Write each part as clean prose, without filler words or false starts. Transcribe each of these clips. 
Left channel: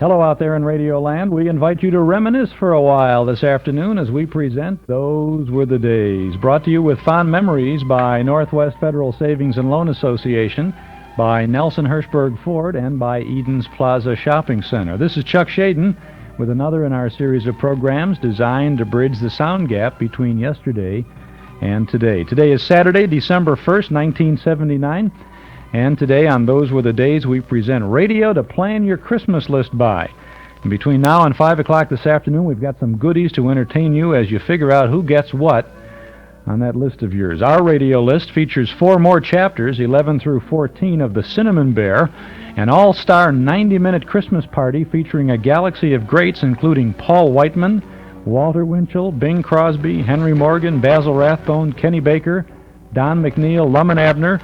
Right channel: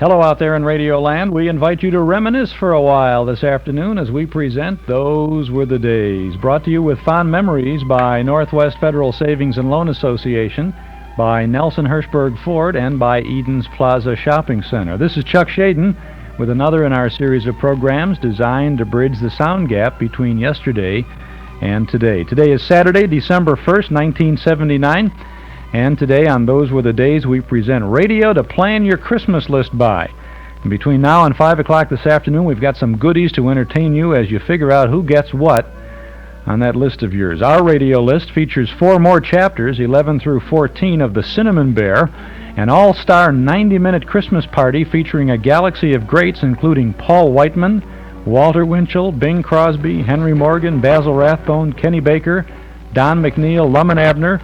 Hello out there in Radio Land. We invite you to reminisce for a while this afternoon as we present Those Were the Days. Brought to you with fond memories by Northwest Federal Savings and Loan Association, by Nelson Hirschberg Ford, and by Eden's Plaza Shopping Center. This is Chuck Shaden with another in our series of programs designed to bridge the sound gap between yesterday and today. Today is Saturday, December 1st, 1979. And today on Those Were the Days, we present radio to plan your Christmas list by. And between now and 5 o'clock this afternoon, we've got some goodies to entertain you as you figure out who gets what on that list of yours. Our radio list features 4 more chapters, 11 through 14, of The Cinnamon Bear, an all-star 90-minute Christmas party featuring a galaxy of greats including Paul Whiteman, Walter Winchell, Bing Crosby, Henry Morgan, Basil Rathbone, Kenny Baker, Don McNeill, Lum and Abner,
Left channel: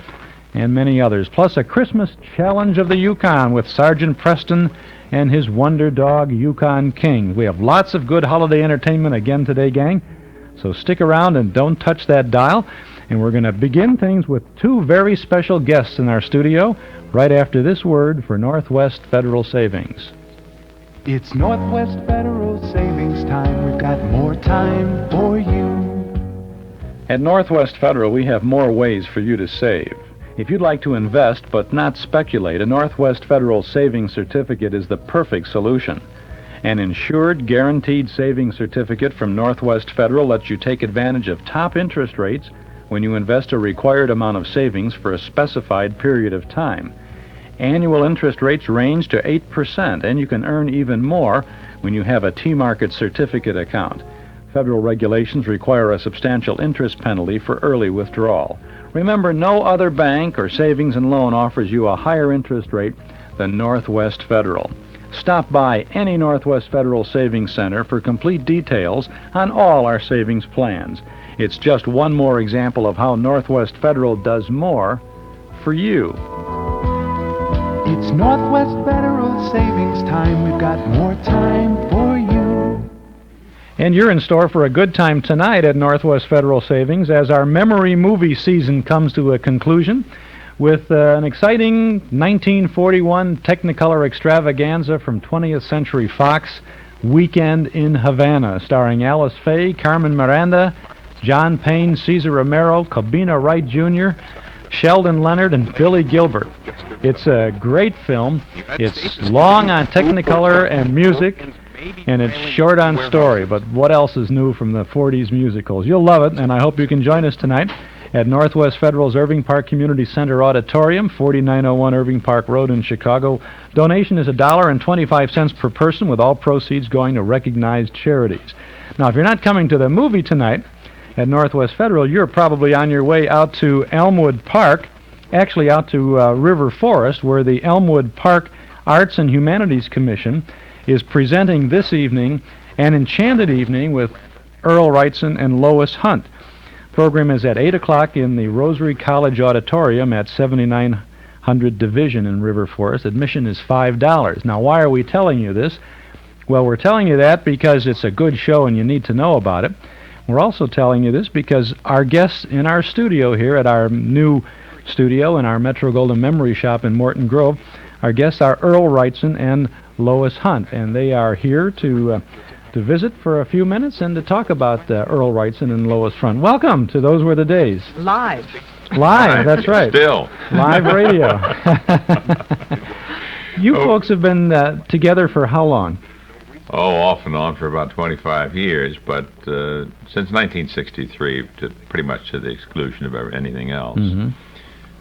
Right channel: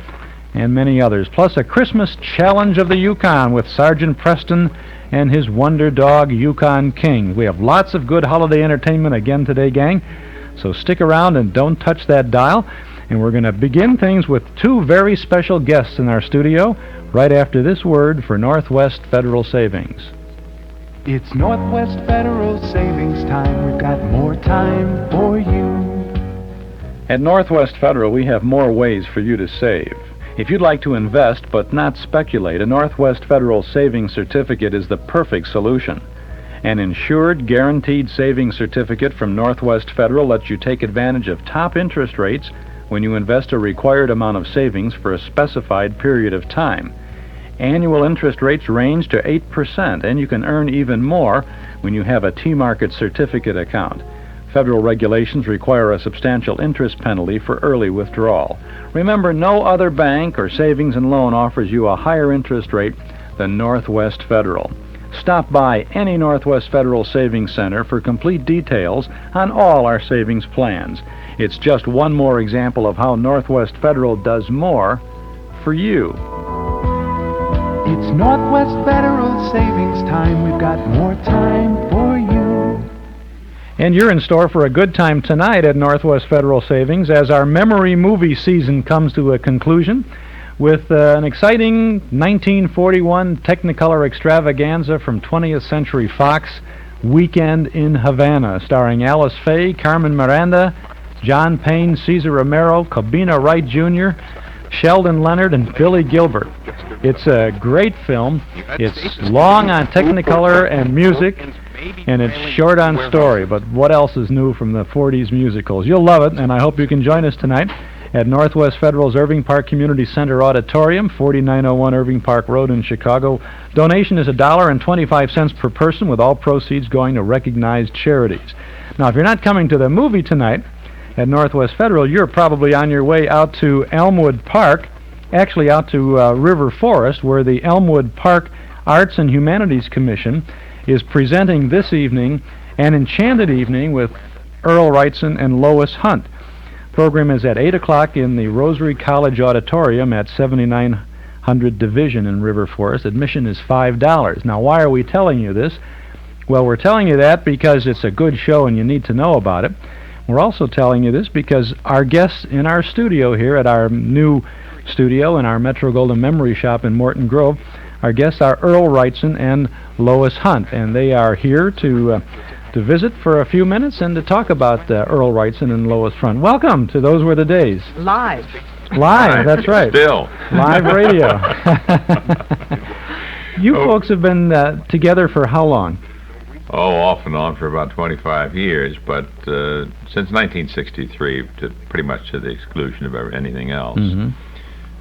and many others, plus a Christmas challenge of the Yukon with Sergeant Preston and his wonder dog, Yukon King. We have lots of good holiday entertainment again today, gang, so stick around and don't touch that dial. And we're going to begin things with 2 very special guests in our studio right after this word for Northwest Federal Savings. It's Northwest Federal Savings time. We've got more time for you. At Northwest Federal, we have more ways for you to save. If you'd like to invest but not speculate, a Northwest Federal Savings Certificate is the perfect solution. An insured, guaranteed savings certificate from Northwest Federal lets you take advantage of top interest rates when you invest a required amount of savings for a specified period of time. Annual interest rates range to 8%, and you can earn even more when you have a T-Market certificate account. Federal regulations require a substantial interest penalty for early withdrawal. Remember, no other bank or savings and loan offers you a higher interest rate than Northwest Federal. Stop by any Northwest Federal Savings Center for complete details on all our savings plans. It's just one more example of how Northwest Federal does more for you. It's Northwest Federal Savings time. We've got more time for you. And you're in store for a good time tonight at Northwest Federal Savings as our memory movie season comes to a conclusion with an exciting 1941 Technicolor extravaganza from 20th Century Fox, Weekend in Havana, starring Alice Faye, Carmen Miranda, John Payne, Cesar Romero, Cabina Wright Jr., Sheldon Leonard, and Billy Gilbert. It's a great film. It's long on Technicolor and music, and it's short on story, but what else is new from the 40s musicals? You'll love it, and I hope you can join us tonight at Northwest Federal's Irving Park Community Center Auditorium, 4901 Irving Park Road in Chicago. Donation is $1.25 per person, with all proceeds going to recognized charities. Now, if you're not coming to the movie tonight at Northwest Federal, you're probably on your way out to Elmwood Park, actually out to River Forest, where the Elmwood Park Arts and Humanities Commission is presenting this evening an enchanted evening with Earl Wrightson and Lois Hunt. Program is at 8 o'clock in the Rosary College Auditorium at 7900 Division in River Forest. Admission is $5. Now, why are we telling you this? Well, we're telling you that because it's a good show and you need to know about it. We're also telling you this because our guests in our studio here at our new studio in our Metro-Goldwyn Memory Shop in Morton Grove, our guests are Earl Wrightson and Lois Hunt, and they are here to visit for a few minutes and to talk about Earl Wrightson and Lois Hunt. Welcome to Those Were the Days. Live, that's right. Still. Live radio. You folks have been together for how long? Oh, off and on for about 25 years, but since 1963, pretty much to the exclusion of anything else. Mm-hmm.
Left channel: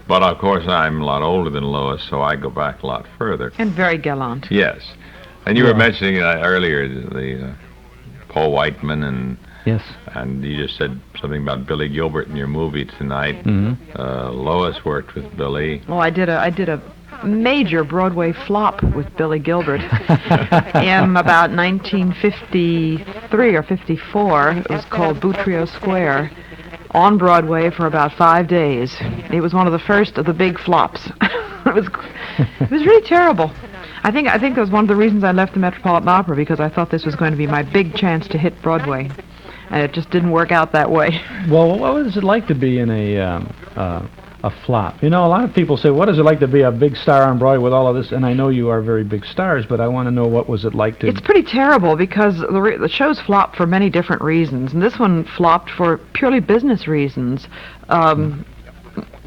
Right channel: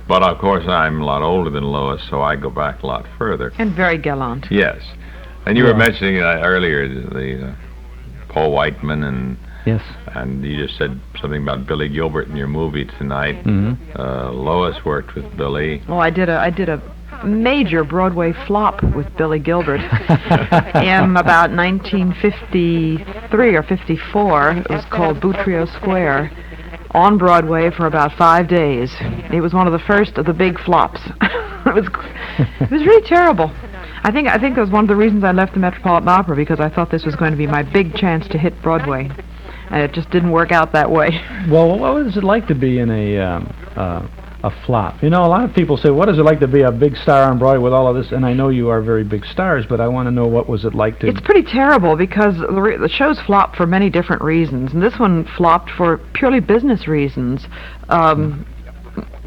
But, of course, I'm a lot older than Lois, so I go back a lot further. and very gallant. Yes. And you were mentioning earlier the Paul Whiteman, Yes. and you just said something about Billy Gilbert in your movie tonight. Mm-hmm. Lois worked with Billy. Oh, I did a major Broadway flop with Billy Gilbert in about 1953 or 54. It was called Boutrio Square, on Broadway for about 5 days. It was one of the first of the big flops. It was really terrible. I think that was one of the reasons I left the Metropolitan Opera, because I thought this was going to be my big chance to hit Broadway, and it just didn't work out that way. Well, what was it like to be in a a flop? You know, a lot of people say, what is it like to be a big star on Broadway with all of this? And I know you are very big stars, but I want to know what was it like to... It's pretty terrible because the show's flopped for many different reasons, and this one flopped for purely business reasons.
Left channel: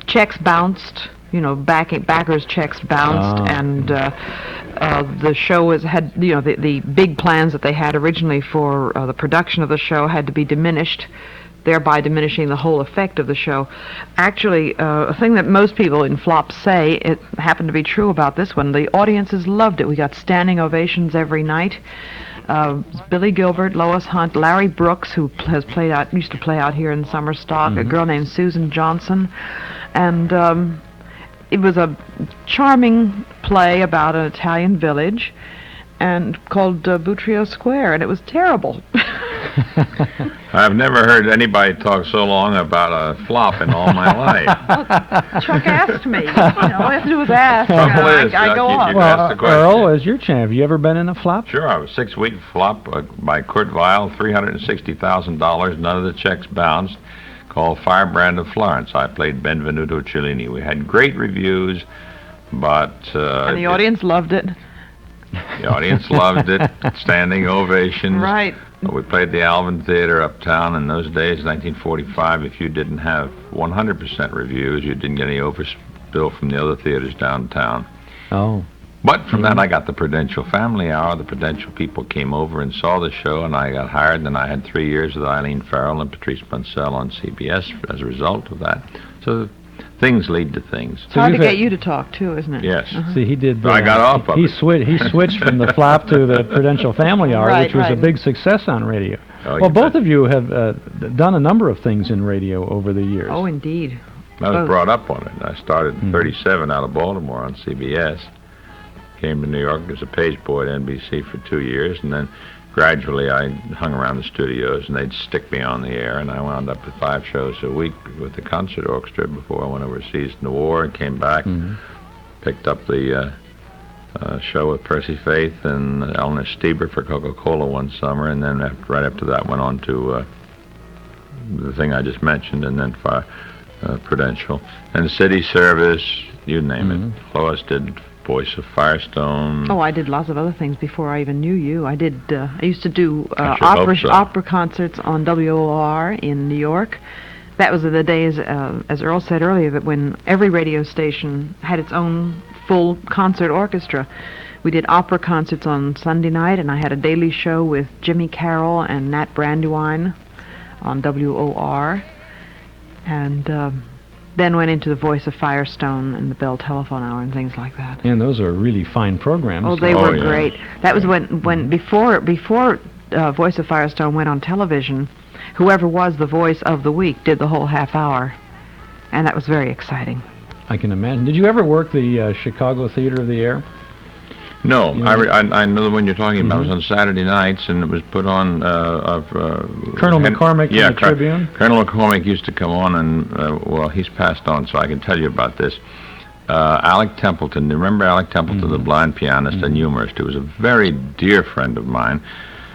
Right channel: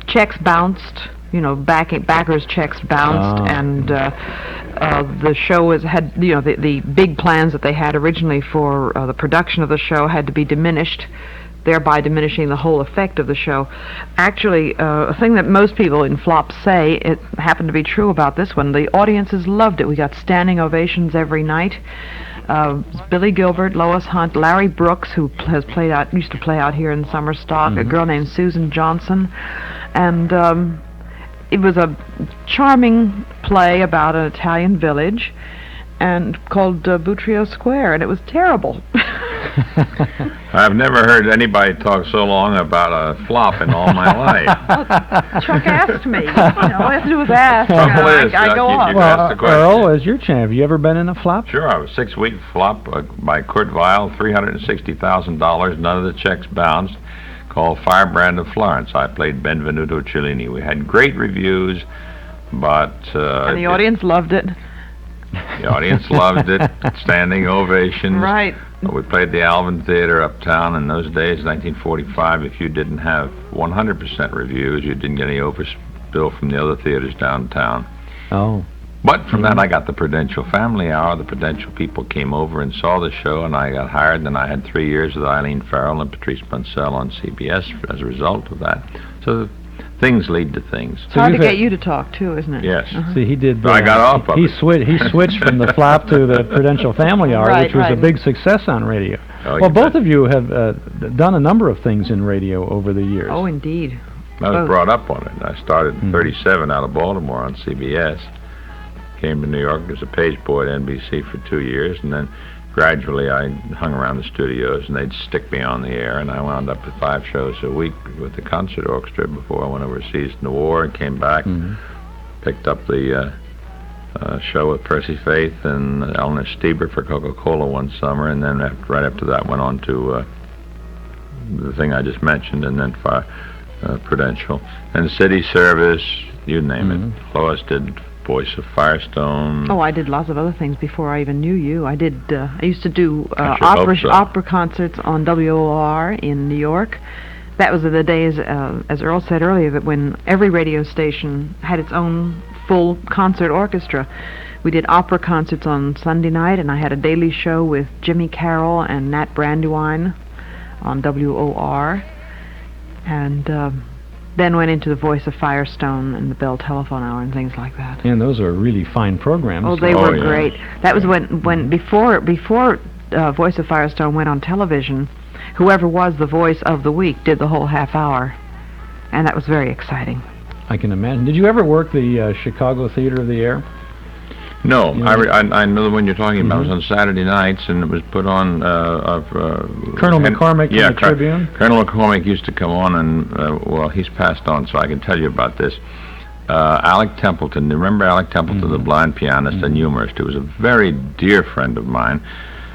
Checks bounced, backers' checks bounced, and the show had, the big plans that they had originally for the production of the show had to be diminished, thereby diminishing the whole effect of the show. Actually, a thing that most people in flops say, it happened to be true about this one. The audiences loved it. We got standing ovations every night. Billy Gilbert, Lois Hunt, Larry Brooks, who used to play out here in Summer Stock, a girl named Susan Johnson, and it was a charming play about an Italian village, and called Boutrio Square, and it was terrible. I've never heard anybody talk so long about a flop in all my life. Chuck asked me. All I have to do is ask. I go off. Well, Earl, as your champ, have you ever been in a flop? Sure, I was 6-week flop by Kurt Weill, $360,000, none of the checks bounced, called Firebrand of Florence. I played Benvenuto Cellini. We had great reviews, but... and the audience loved it. The audience loved it, standing ovations. Right. We played the Alvin Theater uptown in those days, 1945. If you didn't have 100% reviews, you didn't get any overspill from the other theaters downtown. Oh. But from that, I got the Prudential Family Hour. The Prudential people came over and saw the show, and I got hired. Then I had 3 years with Eileen Farrell and Patrice Bunsell on CBS as a result of that. So things lead to things. It's hard to get you to talk, too, isn't it? Yes. See, he did... I got off of he it. He switched from the flop to the Prudential Family Hour, which was a big success on radio. Oh, well, both of you have done a number of things in radio over the years. Oh, indeed. I was brought up on it. I started in 37 out of Baltimore on CBS. Came to New York as a page boy at NBC for 2 years, and then gradually I hung around the studios, and they'd stick me on the air, and I wound up with 5 shows a week with the concert orchestra before I went overseas in the war and came back, picked up the show with Percy Faith and Eleanor Stieber for Coca-Cola one summer, and then right after that went on to the thing I just mentioned, and then Prudential. And City Service, you name it. Lois did Voice of Firestone. Oh, I did lots of other things before I even knew you. I used to do opera concerts on WOR in New York. That was in the days, as Earl said earlier, that when every radio station had its own full concert orchestra. We did opera concerts on Sunday night, and I had a daily show with Jimmy Carroll and Nat Brandywine on WOR. And then went into the Voice of Firestone and the Bell Telephone Hour and things like that. And those are really fine programs. Oh, they were great. That was when before Voice of Firestone went on television, whoever was the voice of the week did the whole half hour, and that was very exciting. I can imagine. Did you ever work the Chicago Theater of the Air? No, I know the one you're talking about. It was on Saturday nights, and it was put on... Colonel McCormick in the Tribune? Colonel McCormick used to come on, and, well, he's passed on, so I can tell you about this. Alec Templeton, remember Alec Templeton, the blind pianist and humorist, who was a very dear friend of mine,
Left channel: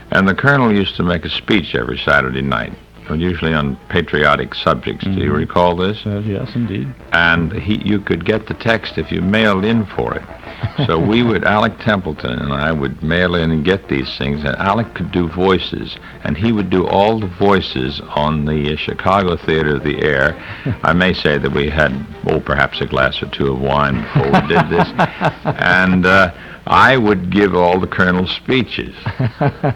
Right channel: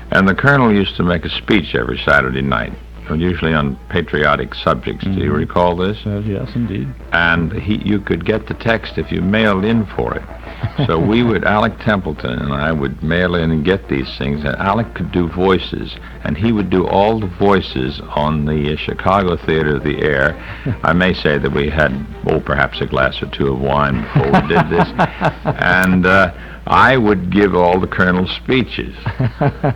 and the Colonel used to make a speech every Saturday night, usually on patriotic subjects. Do you recall this? Yes, indeed. And you could get the text if you mailed in for it. So Alec Templeton and I would mail in and get these things, and Alec could do voices, and he would do all the voices on the Chicago Theater of the Air. I may say that we had, perhaps a glass or two of wine before we did this, and I would give all the Colonel's speeches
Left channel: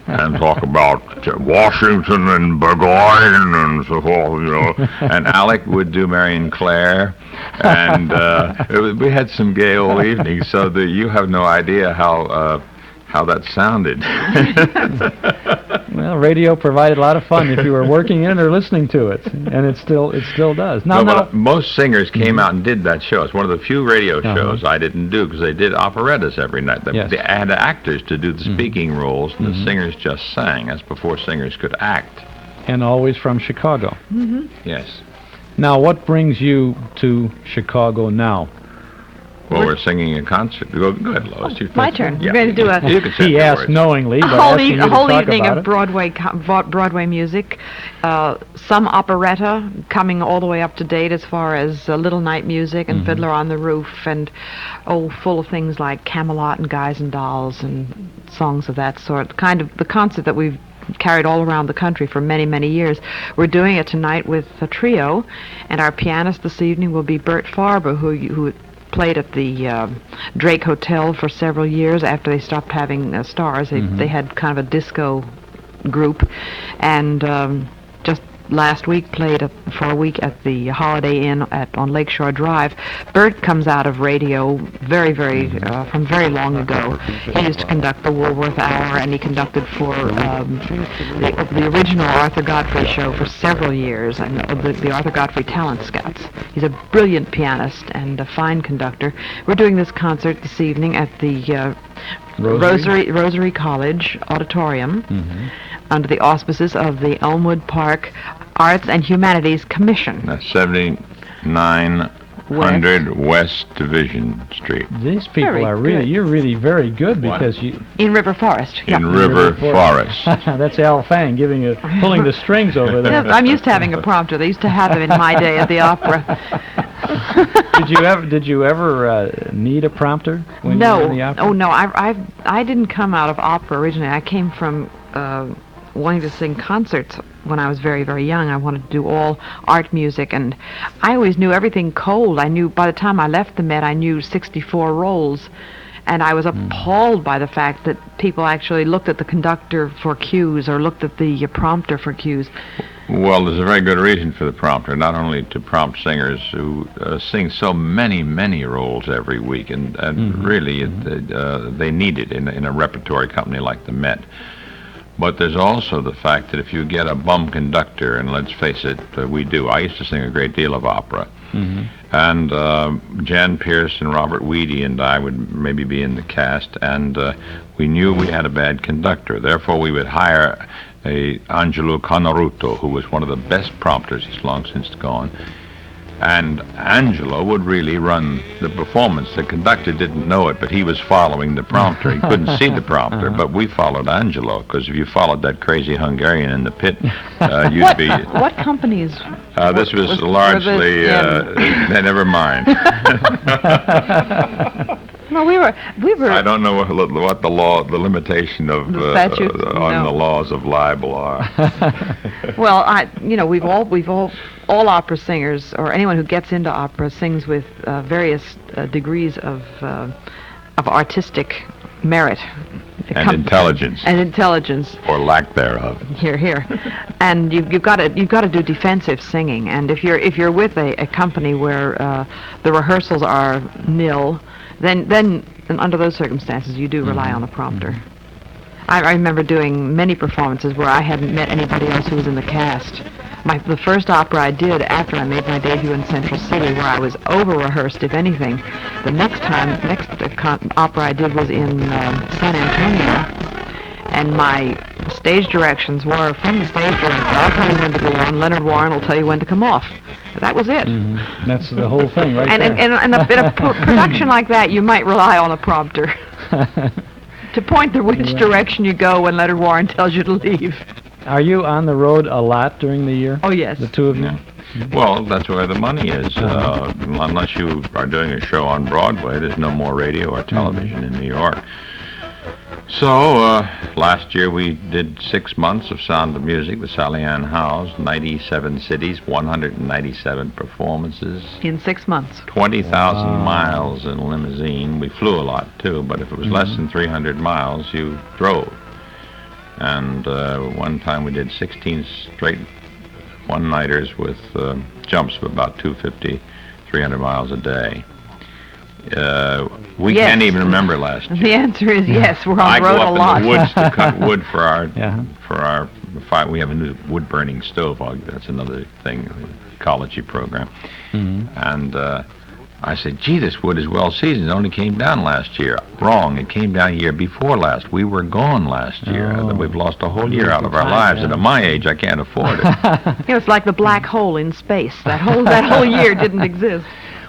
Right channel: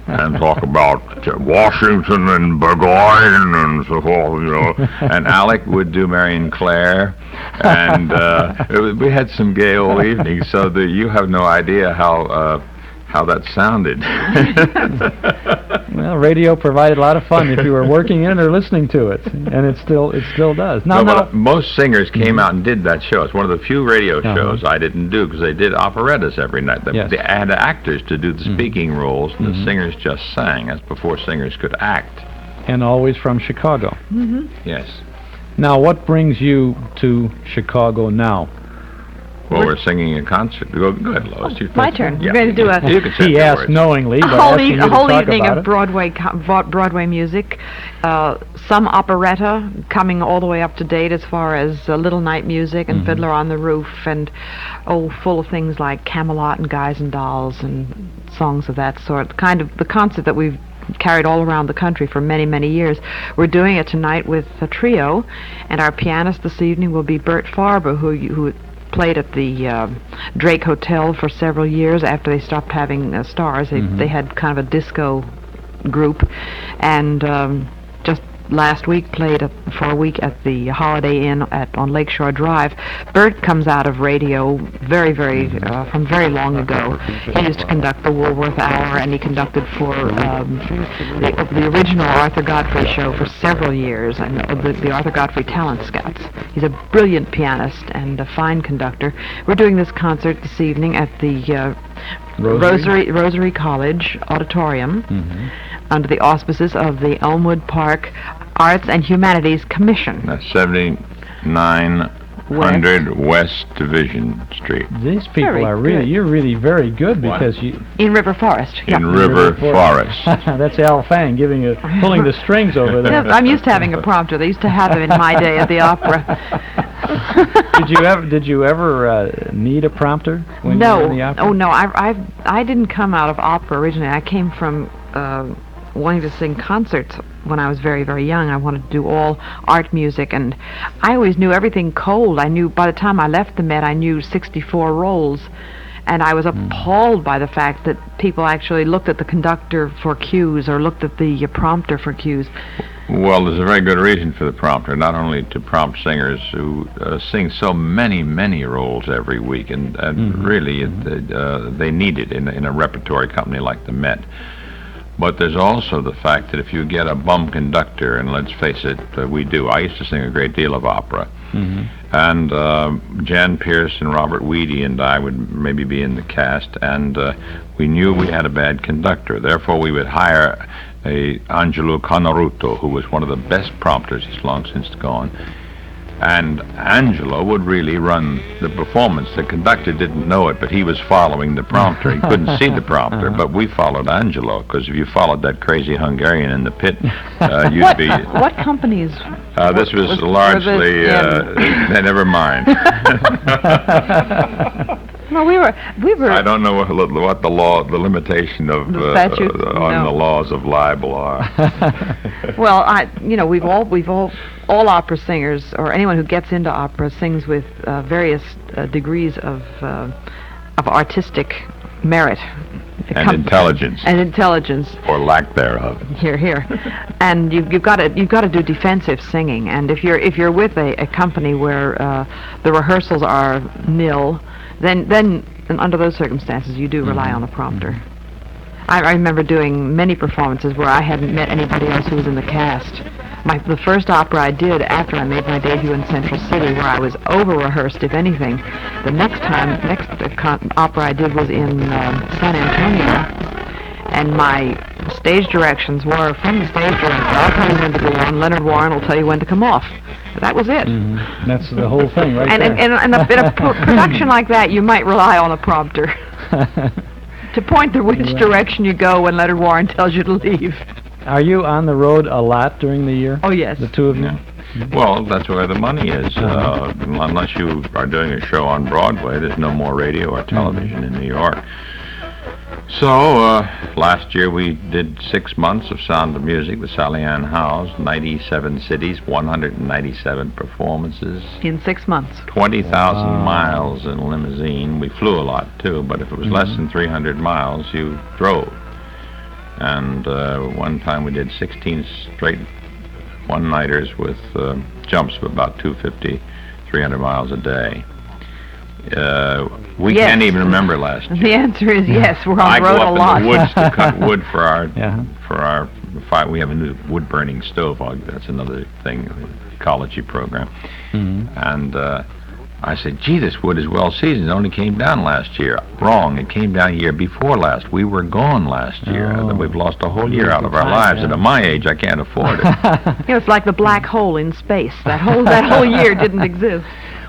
and talk about Washington and Burgoyne and so forth, and Alec would do Marion Clare, and we had some gay old evenings, so that you have no idea how that sounded. Well, radio provided a lot of fun if you were working in or listening to it, and it still does. But most singers came out and did that show. It's one of the few radio shows I didn't do, because they did operettas every night. They had actors to do the speaking roles, and the singers just sang. That's before singers could act. And always from Chicago. Yes. Now, what brings you to Chicago now? Well, we're singing a concert. Go good, Lois. My turn. Yeah. We're going to do You can say He the asked words. knowingly, but asking you a to whole talk evening about of it. Broadway music, some operetta coming all the way up to date as far as Little Night Music and Fiddler on the Roof, and full of things like Camelot and Guys and Dolls and songs of that sort. Kind of the concert that we've carried all around the country for many, many years. We're doing it tonight with a trio, and our pianist this evening will be Bert Farber, who played at the Drake Hotel for several years after they stopped having stars. They had kind of a disco group, and just last week played for a week at the Holiday Inn on Lakeshore Drive. Bert comes out of radio very, very from very long ago. He used to conduct the Woolworth Hour, and he conducted for the original Arthur Godfrey show for several years, and the Arthur Godfrey Talent Scouts. He's a brilliant pianist and a fine conductor. We're doing this concert this evening at the Rosary College Auditorium under the auspices of the Elmwood Park Arts and Humanities Commission. That's 7900 West Division Street. These people Very are really, good. you're really very good because you... In River Forest. In River Forest. That's Al Fang pulling the strings over there. Yes, I'm used to having a prompter. They used to have them in my day at the opera. Did you ever need a prompter when you were in the opera? Oh no, I didn't come out of opera originally. I came from wanting to sing concerts when I was very, very young. I wanted to do all art music, and I always knew everything cold. I knew by the time I left the Met, I knew 64 rolls, and I was appalled by the fact that people actually looked at the conductor for cues or looked at the prompter for cues. Well, there's a very good reason for the prompter, not only to prompt singers who sing so many, many roles every week, and really they need it in a repertory company like the Met. But there's also the fact that if you get a bum conductor, and let's face it, we do. I used to sing a great deal of opera. And Jan Pierce and Robert Weedy and I would maybe be in the cast, and we knew we had a bad conductor. Therefore, we would hire a Angelo Conaruto, who was one of the best prompters. He's long since gone. And Angelo would really run the performance. The conductor didn't know it, but he was following the prompter. He couldn't see the prompter, but we followed Angelo, because if you followed that crazy Hungarian in the pit, you'd be... What companies? This was largely... never mind. Well, we were. I don't know what the limitation of The statute? on the laws of libel are. Well, we've all opera singers, or anyone who gets into opera, sings with various degrees of artistic merit And intelligence. and intelligence. Or lack thereof. Here, and you've got to do defensive singing. And if you're with a company where the rehearsals are nil, then under those circumstances you do rely on a prompter. I remember doing many performances where I hadn't met anybody else who was in the cast. The first opera I did after I made my debut in Central City, where I was over-rehearsed, if anything. The next opera I did was in San Antonio, and my stage directions were from the stage director. I'll tell you when to go on. Leonard Warren will tell you when to come off. That was it. That's the whole thing, right And there. in a production like that, you might rely on a prompter to point the which direction you go when Leonard Warren tells you to leave. Are you on the road a lot during the year? Oh, yes. The two of you? Well, that's where the money is. Unless you are doing a show on Broadway, there's no more radio or television in New York. So, last year we did 6 months of Sound of Music with Sally Ann Howes, 97 cities, 197 performances. In 6 months. 20,000 miles in a limousine. We flew a lot, too, but if it was less than 300 miles, you drove. And one time we did 16 straight one-nighters with jumps of about 250, 300 miles a day. We Yes. can't even remember last year. The answer is yes. We're on I the go road up a lot. in the woods to cut wood for our fire. We have a new wood-burning stove. That's another thing, ecology program. And I said, gee, this wood is well seasoned. It only came down last year. Wrong. It came down year before last. We were gone last year. We've lost a whole year out of our lives. And at my age, I can't afford it. It's like the black hole in space. That whole year didn't exist.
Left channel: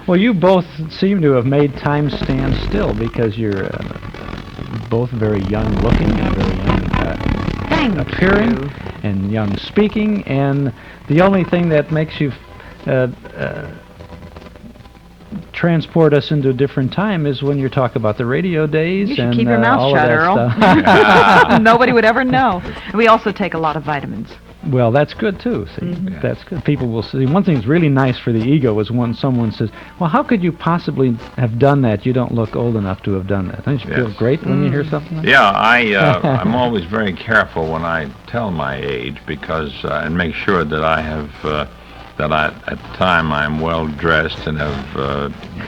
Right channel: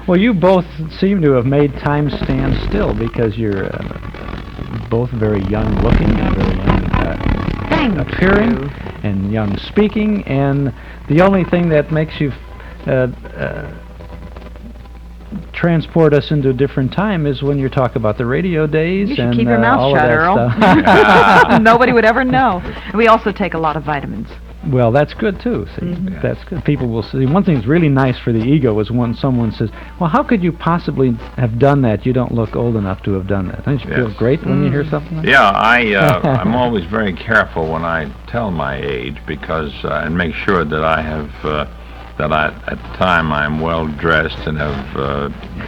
Well, you both seem to have made time stand still because you're both very young looking and very young appearing and young speaking, and the only thing that makes you transport us into a different time is when you talk about the radio days. You should and keep your mouth all shut, of that Earl. stuff. Nobody would ever know. We also take a lot of vitamins. Well, that's good too. See, that's good. People will see. One thing that's really nice for the ego is when someone says, "Well, how could you possibly have done that? You don't look old enough to have done that." Don't you feel great when you hear something like that? Yeah, I'm always very careful when I tell my age because and make sure that I have that at the time I'm well dressed and have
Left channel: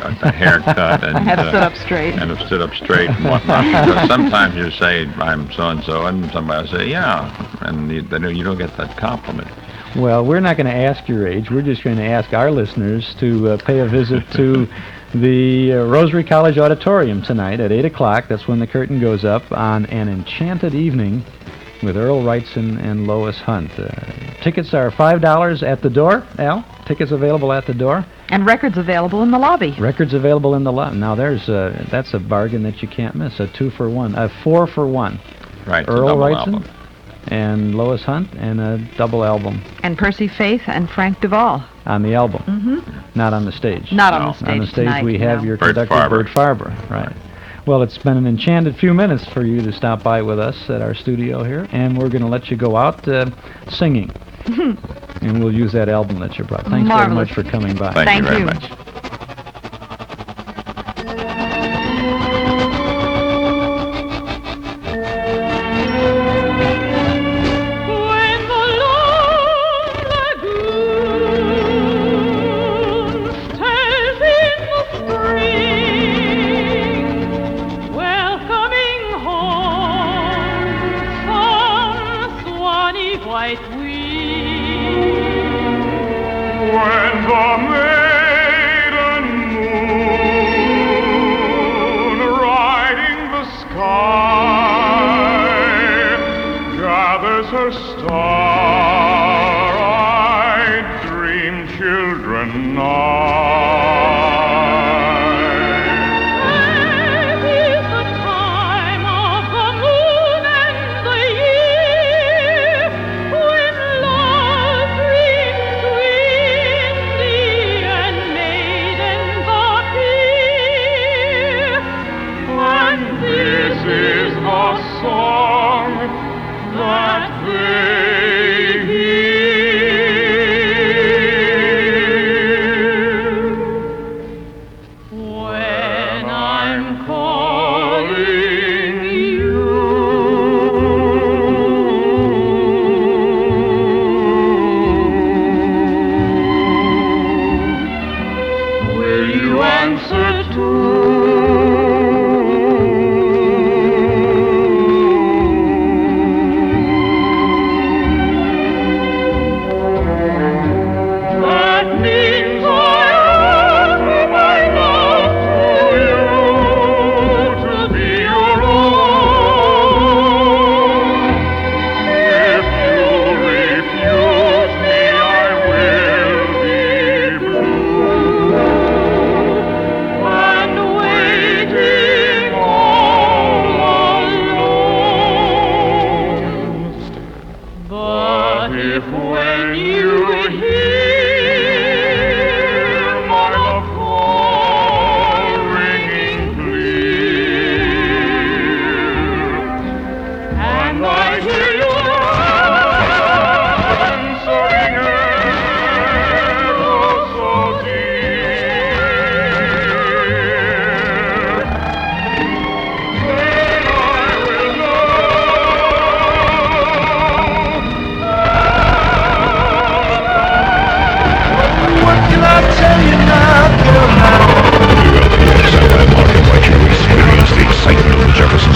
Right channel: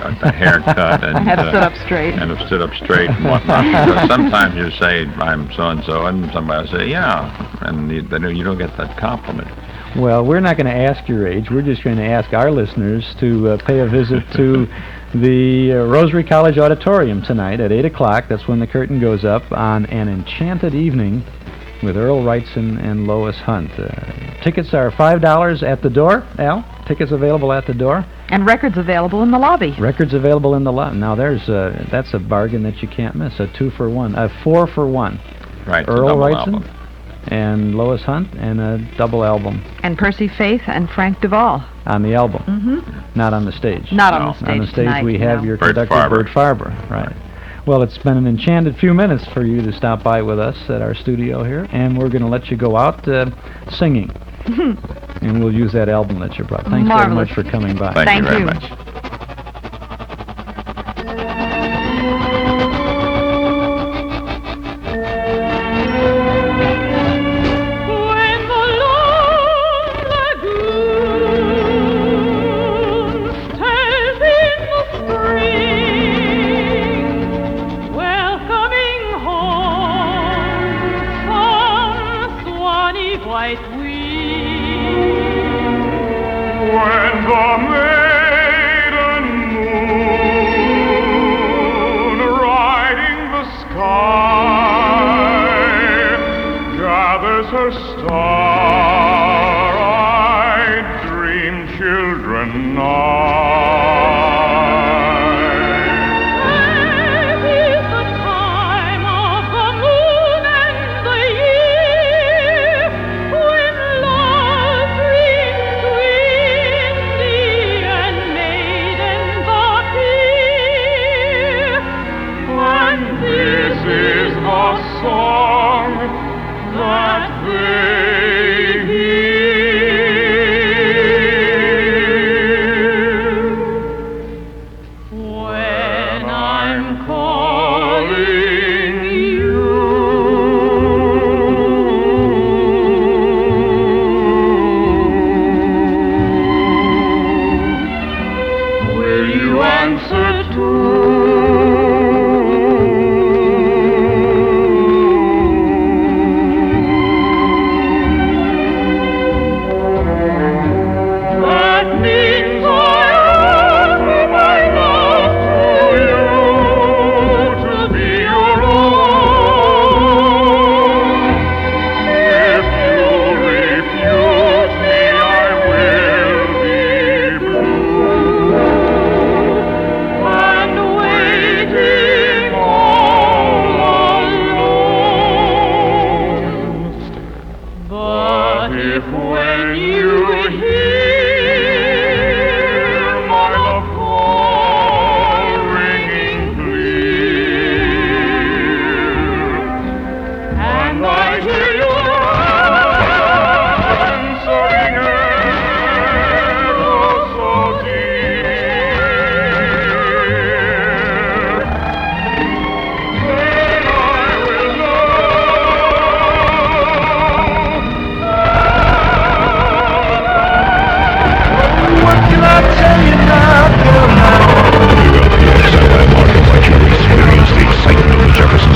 got the haircut and have stood up straight. And have stood up straight and whatnot. Because sometimes you say I'm so and so, and somebody will say yeah, and you don't get that compliment. Well, we're not going to ask your age. We're just going to ask our listeners to pay a visit to the Rosary College Auditorium tonight at 8 o'clock. That's when the curtain goes up on an enchanted evening with Earl Wrightson and Lois Hunt. Tickets are $5 at the door. Al, tickets available at the door. And records available in the lobby. Records available in the lobby. Now, that's a bargain that you can't miss. A 2-for-1, a 4-for-1. Right. Earl Wrightson and Lois Hunt, and a double album. And Percy Faith and Frank Duvall. On the album. Not on the stage. Not on the stage. On the stage tonight, we have your conductor, Bert Farber. Right. Well, it's been an enchanted few minutes for you to stop by with us at our studio here, and we're going to let you go out singing. And we'll use that album that you brought. Thanks very much for coming by. Thank you very much.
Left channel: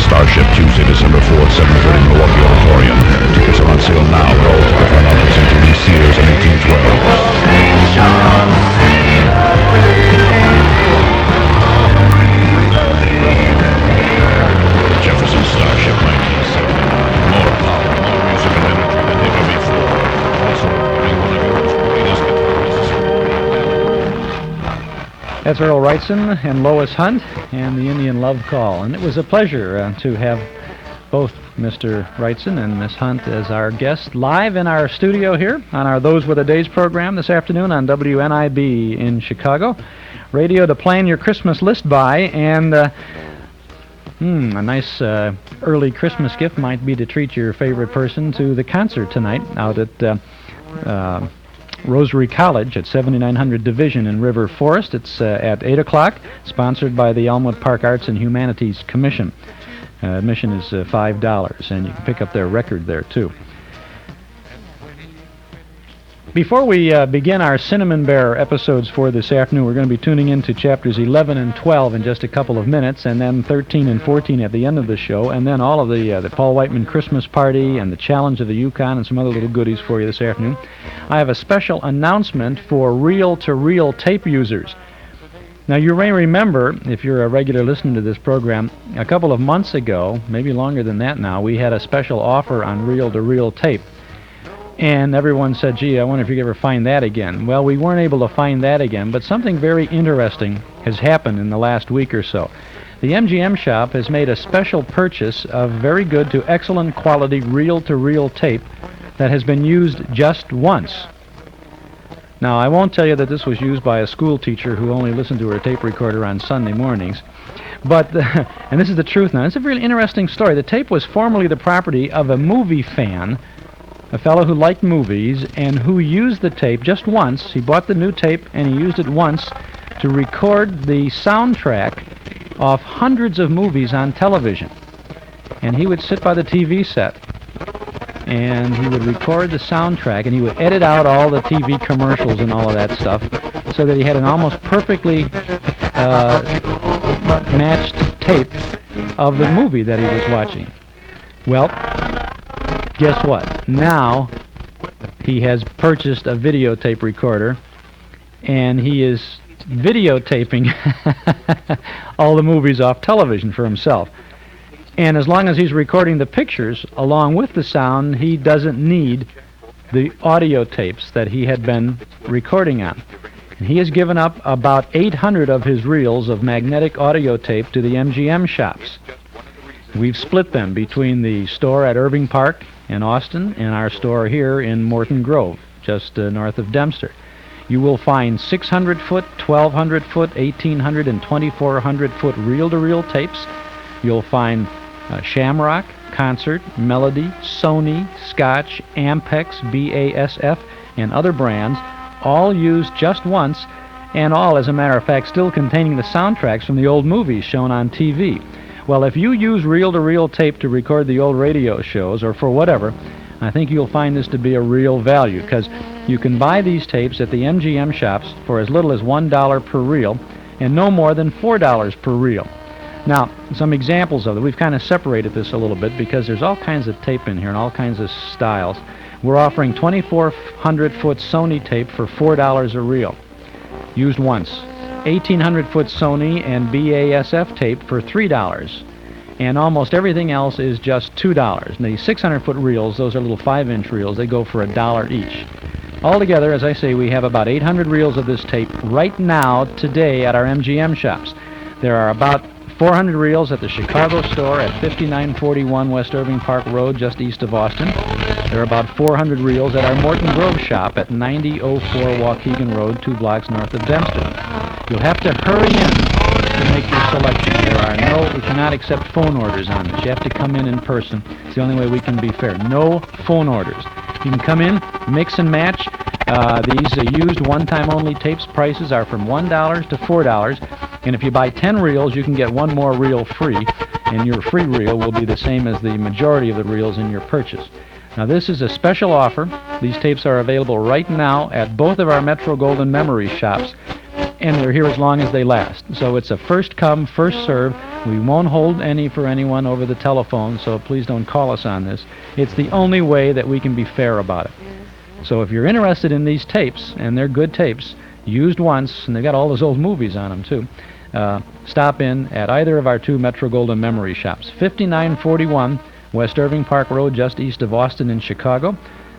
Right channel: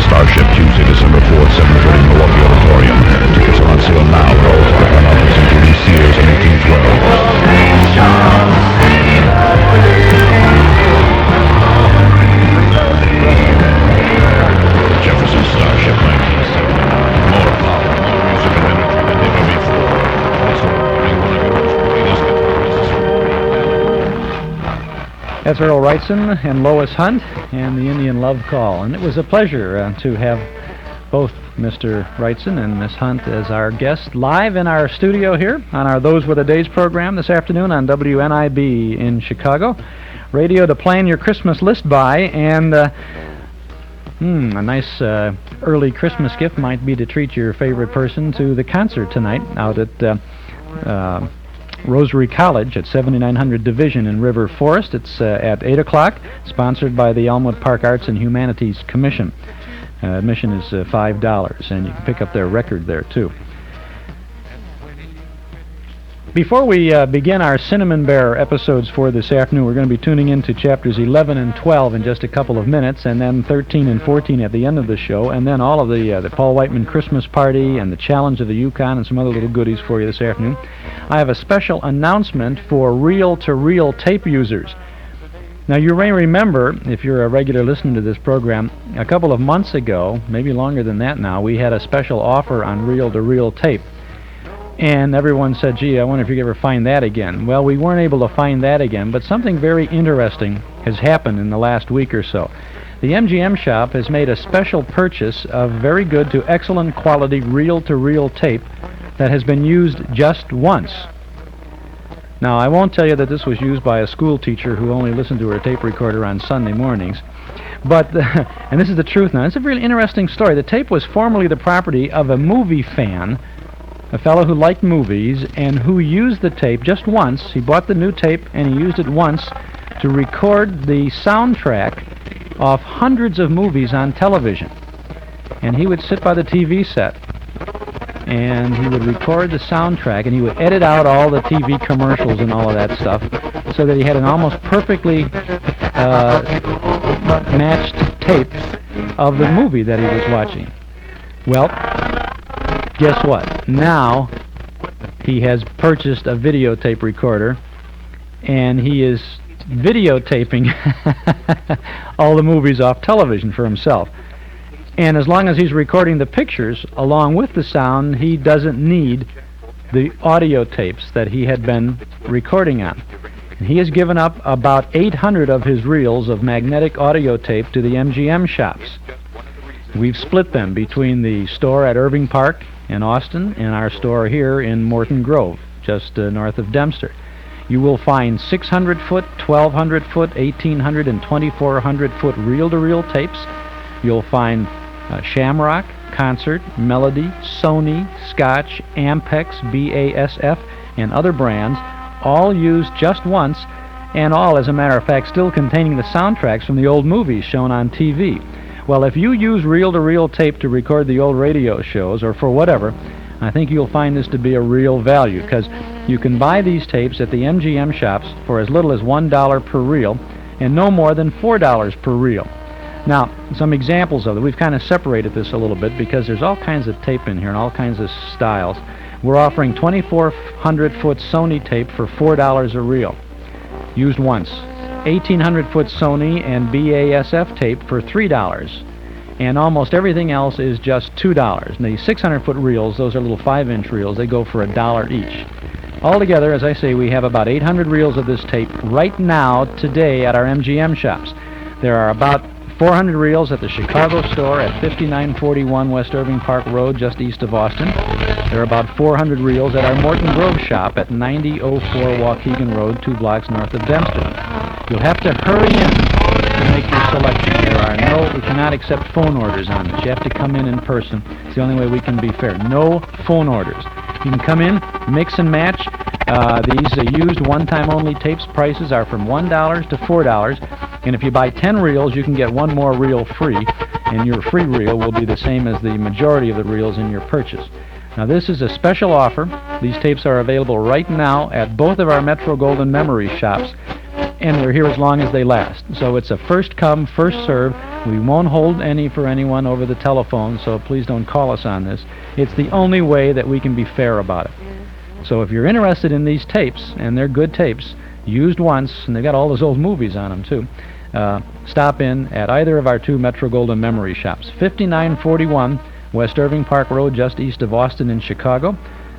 Starship Tuesday, December 4th, 7:30, Milwaukee Auditorium. That's Earl Wrightson and Lois Hunt and the Indian Love Call. And it was a pleasure to have both Mr. Wrightson and Miss Hunt as our guests live in our studio here on our Those Were the Days program this afternoon on WNIB in Chicago. Radio to plan your Christmas list by, and a nice early Christmas gift might be to treat your favorite person to the concert tonight out at Rosary College at 7900 Division in River Forest. It's at 8 o'clock, sponsored by the Elmwood Park Arts and Humanities Commission. Admission is $5, and you can pick up their record there, too. Before we begin our Cinnamon Bear episodes for this afternoon, we're going to be tuning into chapters 11 and 12 in just a couple of minutes, and then 13 and 14 at the end of the show, and then all of the Paul Whiteman Christmas Party and the Challenge of the Yukon and some other little goodies for you this afternoon. I have a special announcement for reel-to-reel tape users. Now, you may remember, if you're a regular listener to this program, a couple of months ago, maybe longer than that now, we had a special offer on reel-to-reel tape. And everyone said, gee, I wonder if you could ever find that again. Well, we weren't able to find that again, but something very interesting has happened in the last week or so. The MGM shop has made a special purchase of very good to excellent quality reel-to-reel tape that has been used just once. Now, I won't tell you that this was used by a school teacher who only listened to her tape recorder on Sunday mornings, but, and this is the truth now, it's a really interesting story. The tape was formerly the property of a movie fan, a fellow who liked movies and who used the tape just once. He bought the new tape and he used it once to record the soundtrack of hundreds of movies on television. And he would sit by the TV set and he would record the soundtrack and he would edit out all the TV commercials and all of that stuff so that he had an almost perfectly matched tape of the movie that he was watching. Well, guess what? Now he has purchased a videotape recorder and he is videotaping all the movies off television for himself. And as long as he's recording the pictures along with the sound, he doesn't need the audio tapes that he had been recording on. And he has given up about 800 of his reels of magnetic audio tape to the MGM shops. We've split them between the store at Irving Park in Austin and our store here in Morton Grove, just north of Dempster. You will find 600-foot, 1,200-foot, 1,800, and 2,400-foot reel-to-reel tapes. You'll find Shamrock, Concert, Melody, Sony, Scotch, Ampex, BASF, and other brands, all used just once, and all, as a matter of fact, still containing the soundtracks from the old movies shown on TV. Well, if you use reel-to-reel tape to record the old radio shows, or for whatever, I think you'll find this to be a real value, because you can buy these tapes at the MGM shops for as little as $1 per reel, and no more than $4 per reel. Now, some examples of it. We've kind of separated this a little bit because there's all kinds of tape in here and all kinds of styles. We're offering 2,400-foot Sony tape for $4 a reel, used once. 1,800-foot Sony and BASF tape for $3. And almost everything else is just $2. And the 600-foot reels, those are little 5-inch reels, they go for $1 each. Altogether, as I say, we have about 800 reels of this tape right now, today, at our MGM shops. There are about 400 reels at the Chicago store at 5941 West Irving Park Road, just east of Austin. There are about 400 reels at our Morton Grove shop at 9004 Waukegan Road, 2 blocks north of Dempster. You'll have to hurry in to make your selection. We cannot accept phone orders on this. You have to come in person. It's the only way we can be fair. No phone orders. You can come in, mix and match. These used one-time only tapes prices are from $1 to $4. And if you buy 10 reels, you can get one more reel free, and your free reel will be the same as the majority of the reels in your purchase. Now, this is a special offer. These tapes are available right now at both of our Metro Golden Memories shops, and they're here as long as they last. So it's a first come, first serve. We won't hold any for anyone over the telephone, so please don't call us on this. It's the only way that we can be fair about it. So if you're interested in these tapes, and they're good tapes, used once, and they've got all those old movies on them too, stop in at either of our 2 Metro Golden Memory shops. 5941 West Irving Park Road, just east of Austin in Chicago.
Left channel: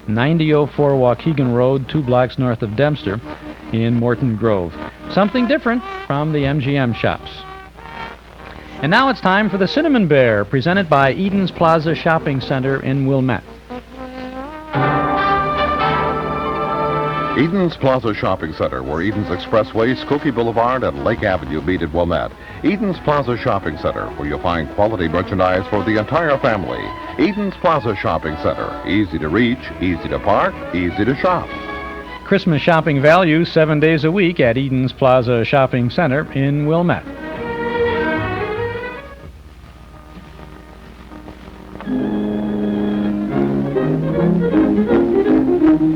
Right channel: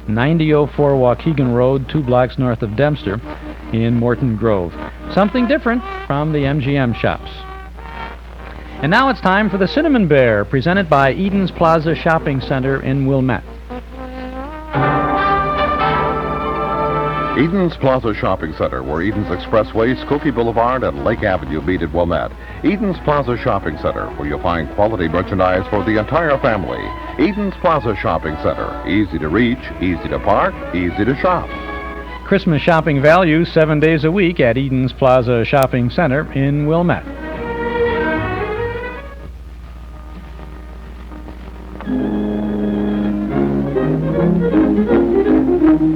9004 Waukegan Road, 2 blocks north of Dempster. in Morton Grove. Something different from the MGM shops. And now it's time for the Cinnamon Bear, presented by Eden's Plaza Shopping Center in Wilmette. Eden's Plaza Shopping Center, where Eden's Expressway, Skokie Boulevard, and Lake Avenue meet at Wilmette. Eden's Plaza Shopping Center, where you'll find quality merchandise for the entire family. Eden's Plaza Shopping Center, easy to reach, easy to park, easy to shop. Christmas shopping value 7 days a week at Eden's Plaza Shopping Center in Wilmette.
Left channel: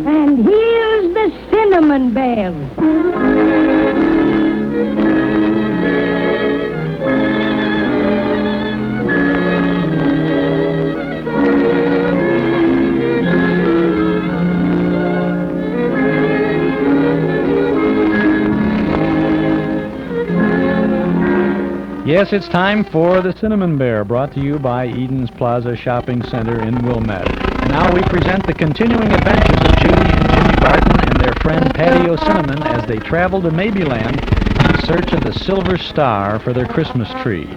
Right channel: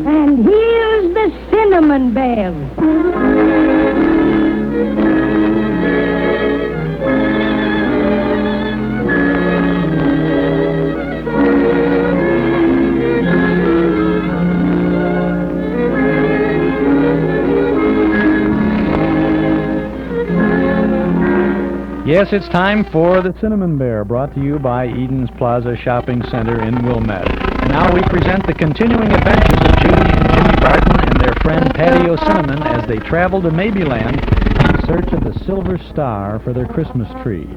And here's the Cinnamon Bear. Yes, it's time for the Cinnamon Bear, brought to you by Eden's Plaza Shopping Center in Wilmette. And now we present the continuing adventures of Judy and Jimmy Barton and their friend Paddy O'Cinnamon as they travel to Maybeland in search of the silver star for their Christmas tree.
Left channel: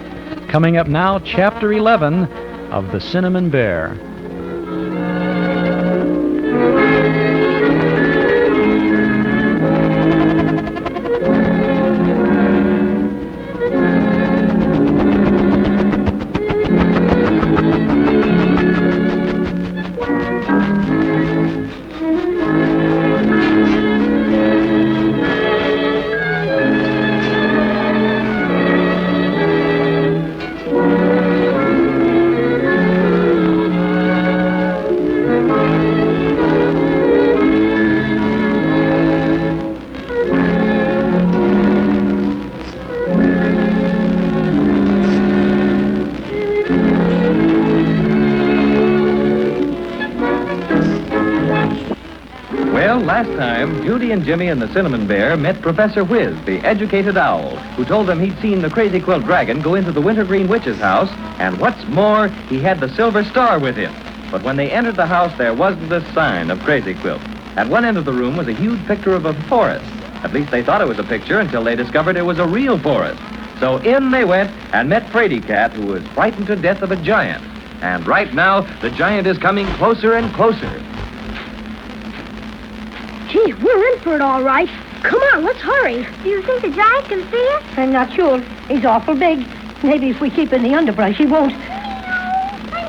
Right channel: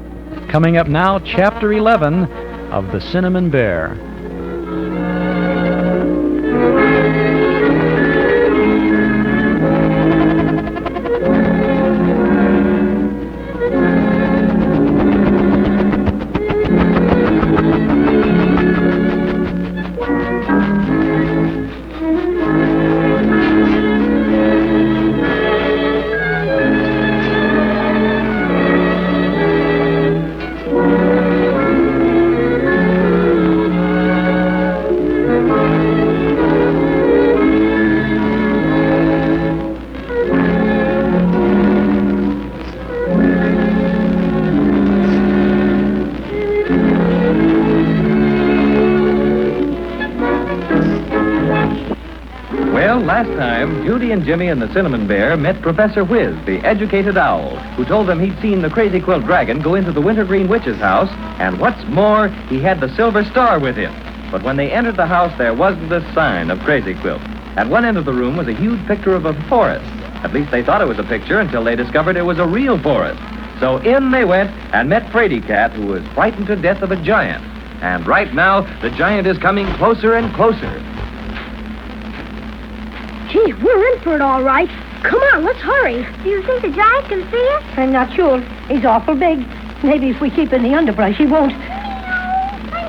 Coming up now, Chapter 11 of the Cinnamon Bear. Jimmy and the Cinnamon Bear met Professor Whiz, the educated owl, who told them he'd seen the crazy quilt dragon go into the wintergreen witch's house, and what's more, he had the silver star with him. But when they entered the house, there wasn't a sign of Crazy Quilt. At one end of the room was a huge picture of a forest. At least they thought it was a picture until they discovered it was a real forest. So in they went and met Fraidy Cat, who was frightened to death of a giant. And right now, the giant is coming closer and closer. Gee, we're in for it all right. Come on, let's hurry. Do you think the giant can see us? I'm not sure. He's awful big. Maybe if we keep in the underbrush, he won't. I'm so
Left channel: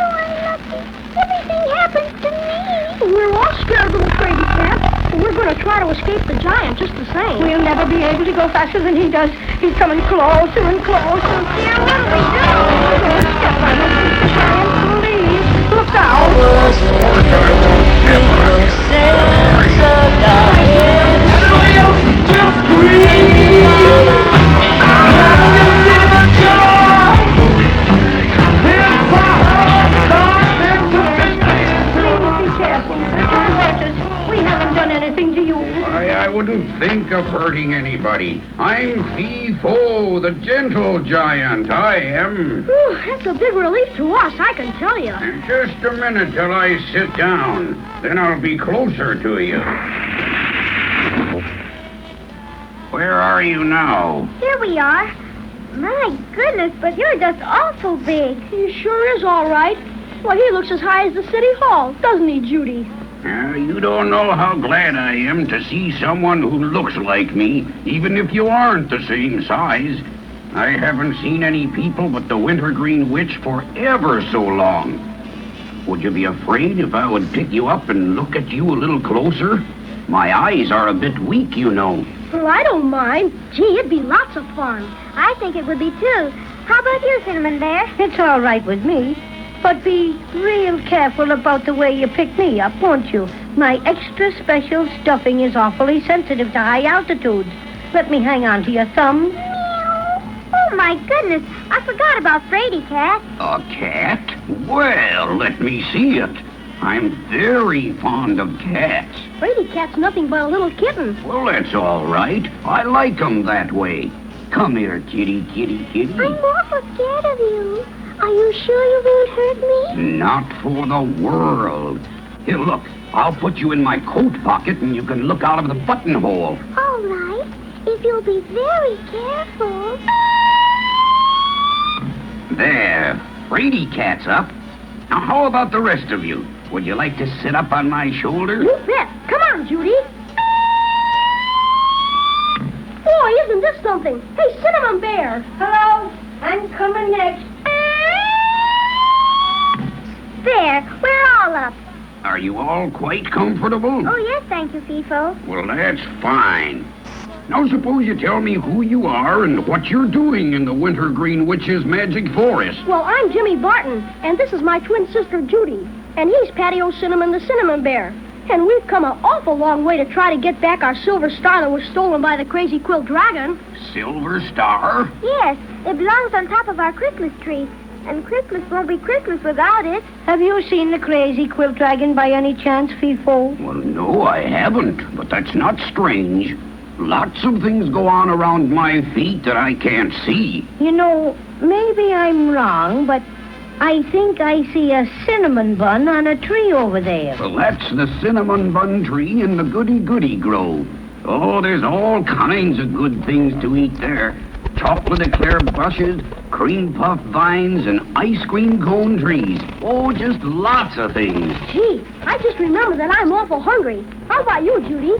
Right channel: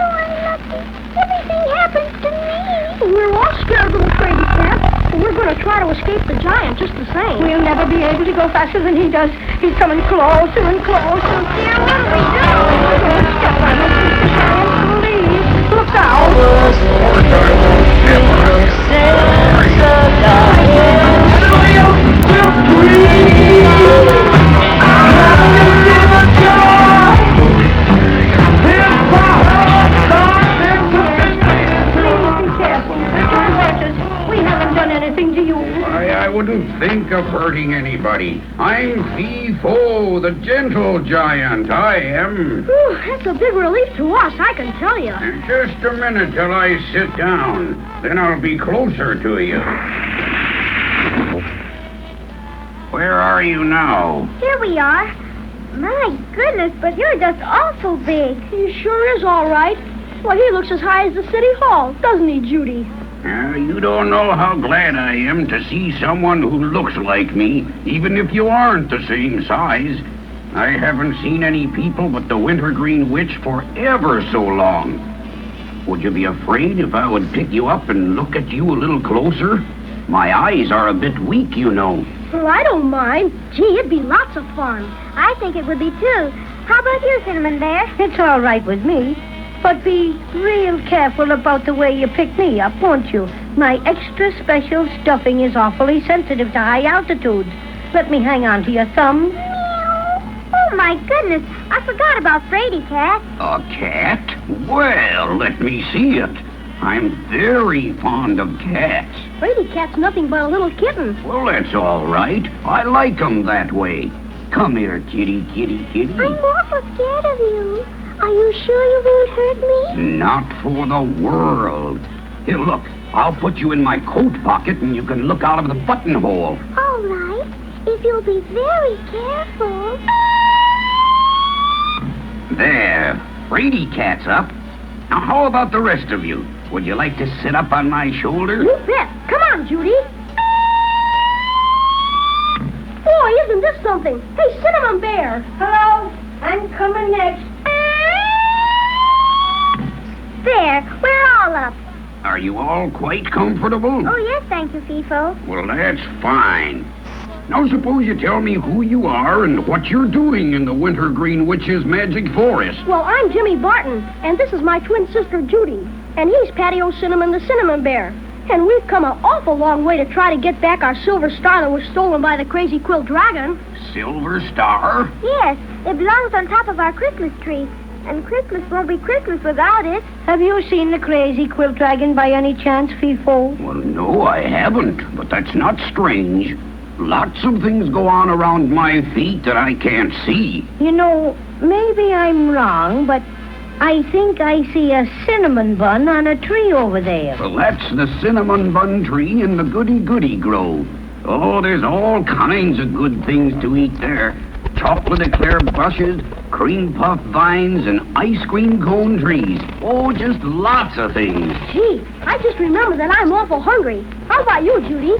unlucky. Everything happens to me. We're all scared of the crazy cat. We're going to try to escape the giant just the same. We'll never be able to go faster than he does. He's coming closer and closer. Yeah, what do we do? Step on it. The giant leaves. Look out. We haven't done anything to you. I wouldn't think of hurting anybody. I'm Fee-Fo, the gentle giant. I am. Ooh, that's a big relief to us, I can tell you. Just a minute till I sit down. Then I'll be closer to you. Where are you now? Here we are. My goodness, but you're just awful big. He sure is all right. Well, he looks as high as the city hall, doesn't he, Judy? You don't know how glad I am to see someone who looks like me, even if you aren't the same size. I haven't seen any people but the Wintergreen Witch for ever so long. Would you be afraid if I would pick you up and look at you a little closer? My eyes are a bit weak, you know. Well, I don't mind. Gee, it'd be lots of fun. I think it would be too. How about you, Cinnamon Bear? It's all right with me. But be real careful about the way you pick me up, won't you? My extra special stuffing is awfully sensitive to high altitudes. Let me hang on to your thumb. Oh, my goodness. I forgot about Fraidy Cat. A cat? Well, let me see it. I'm very fond of cats. Fraidy Cat's nothing but a little kitten. Well, that's all right. I like 'em that way. Come here, kitty, kitty, kitty. I'm awful scared of you. Are you sure you won't hurt me? Not for the world. Here, look. I'll put you in my coat pocket and you can look out of the buttonhole. All right, if you'll be very careful. There. Brady cat's up. Now, how about the rest of you? Would you like to sit up on my shoulder? You bet. Come on, Judy. Boy, isn't this something? Hey, Cinnamon Bear. Hello. I'm coming next. There, we're all up. Are you all quite comfortable? Oh, yes, thank you, FIFO. Well, that's fine. Now, suppose you tell me who you are and what you're doing in the Wintergreen Witch's magic forest. Well, I'm Jimmy Barton, and this is my twin sister, Judy. And he's Paddy O'Cinnamon, the Cinnamon Bear. And we've come an awful long way to try to get back our silver star that was stolen by the crazy Quilt dragon. Silver Star? Yes, it belongs on top of our Christmas tree. And Christmas won't be Christmas without it. Have you seen the crazy Quilt dragon by any chance, FIFO? Well, no, I haven't. But that's not strange. Lots of things go on around my feet that I can't see. You know, maybe I'm wrong, but I think I see a cinnamon bun on a tree over there. Well, that's the cinnamon bun tree in the goody-goody grove. Oh, there's all kinds of good things to eat there. Chocolate eclair bushes, cream puff vines, and ice cream cone trees. Oh, just lots of things. Gee, I just remembered that I'm awful hungry. How about you, Judy?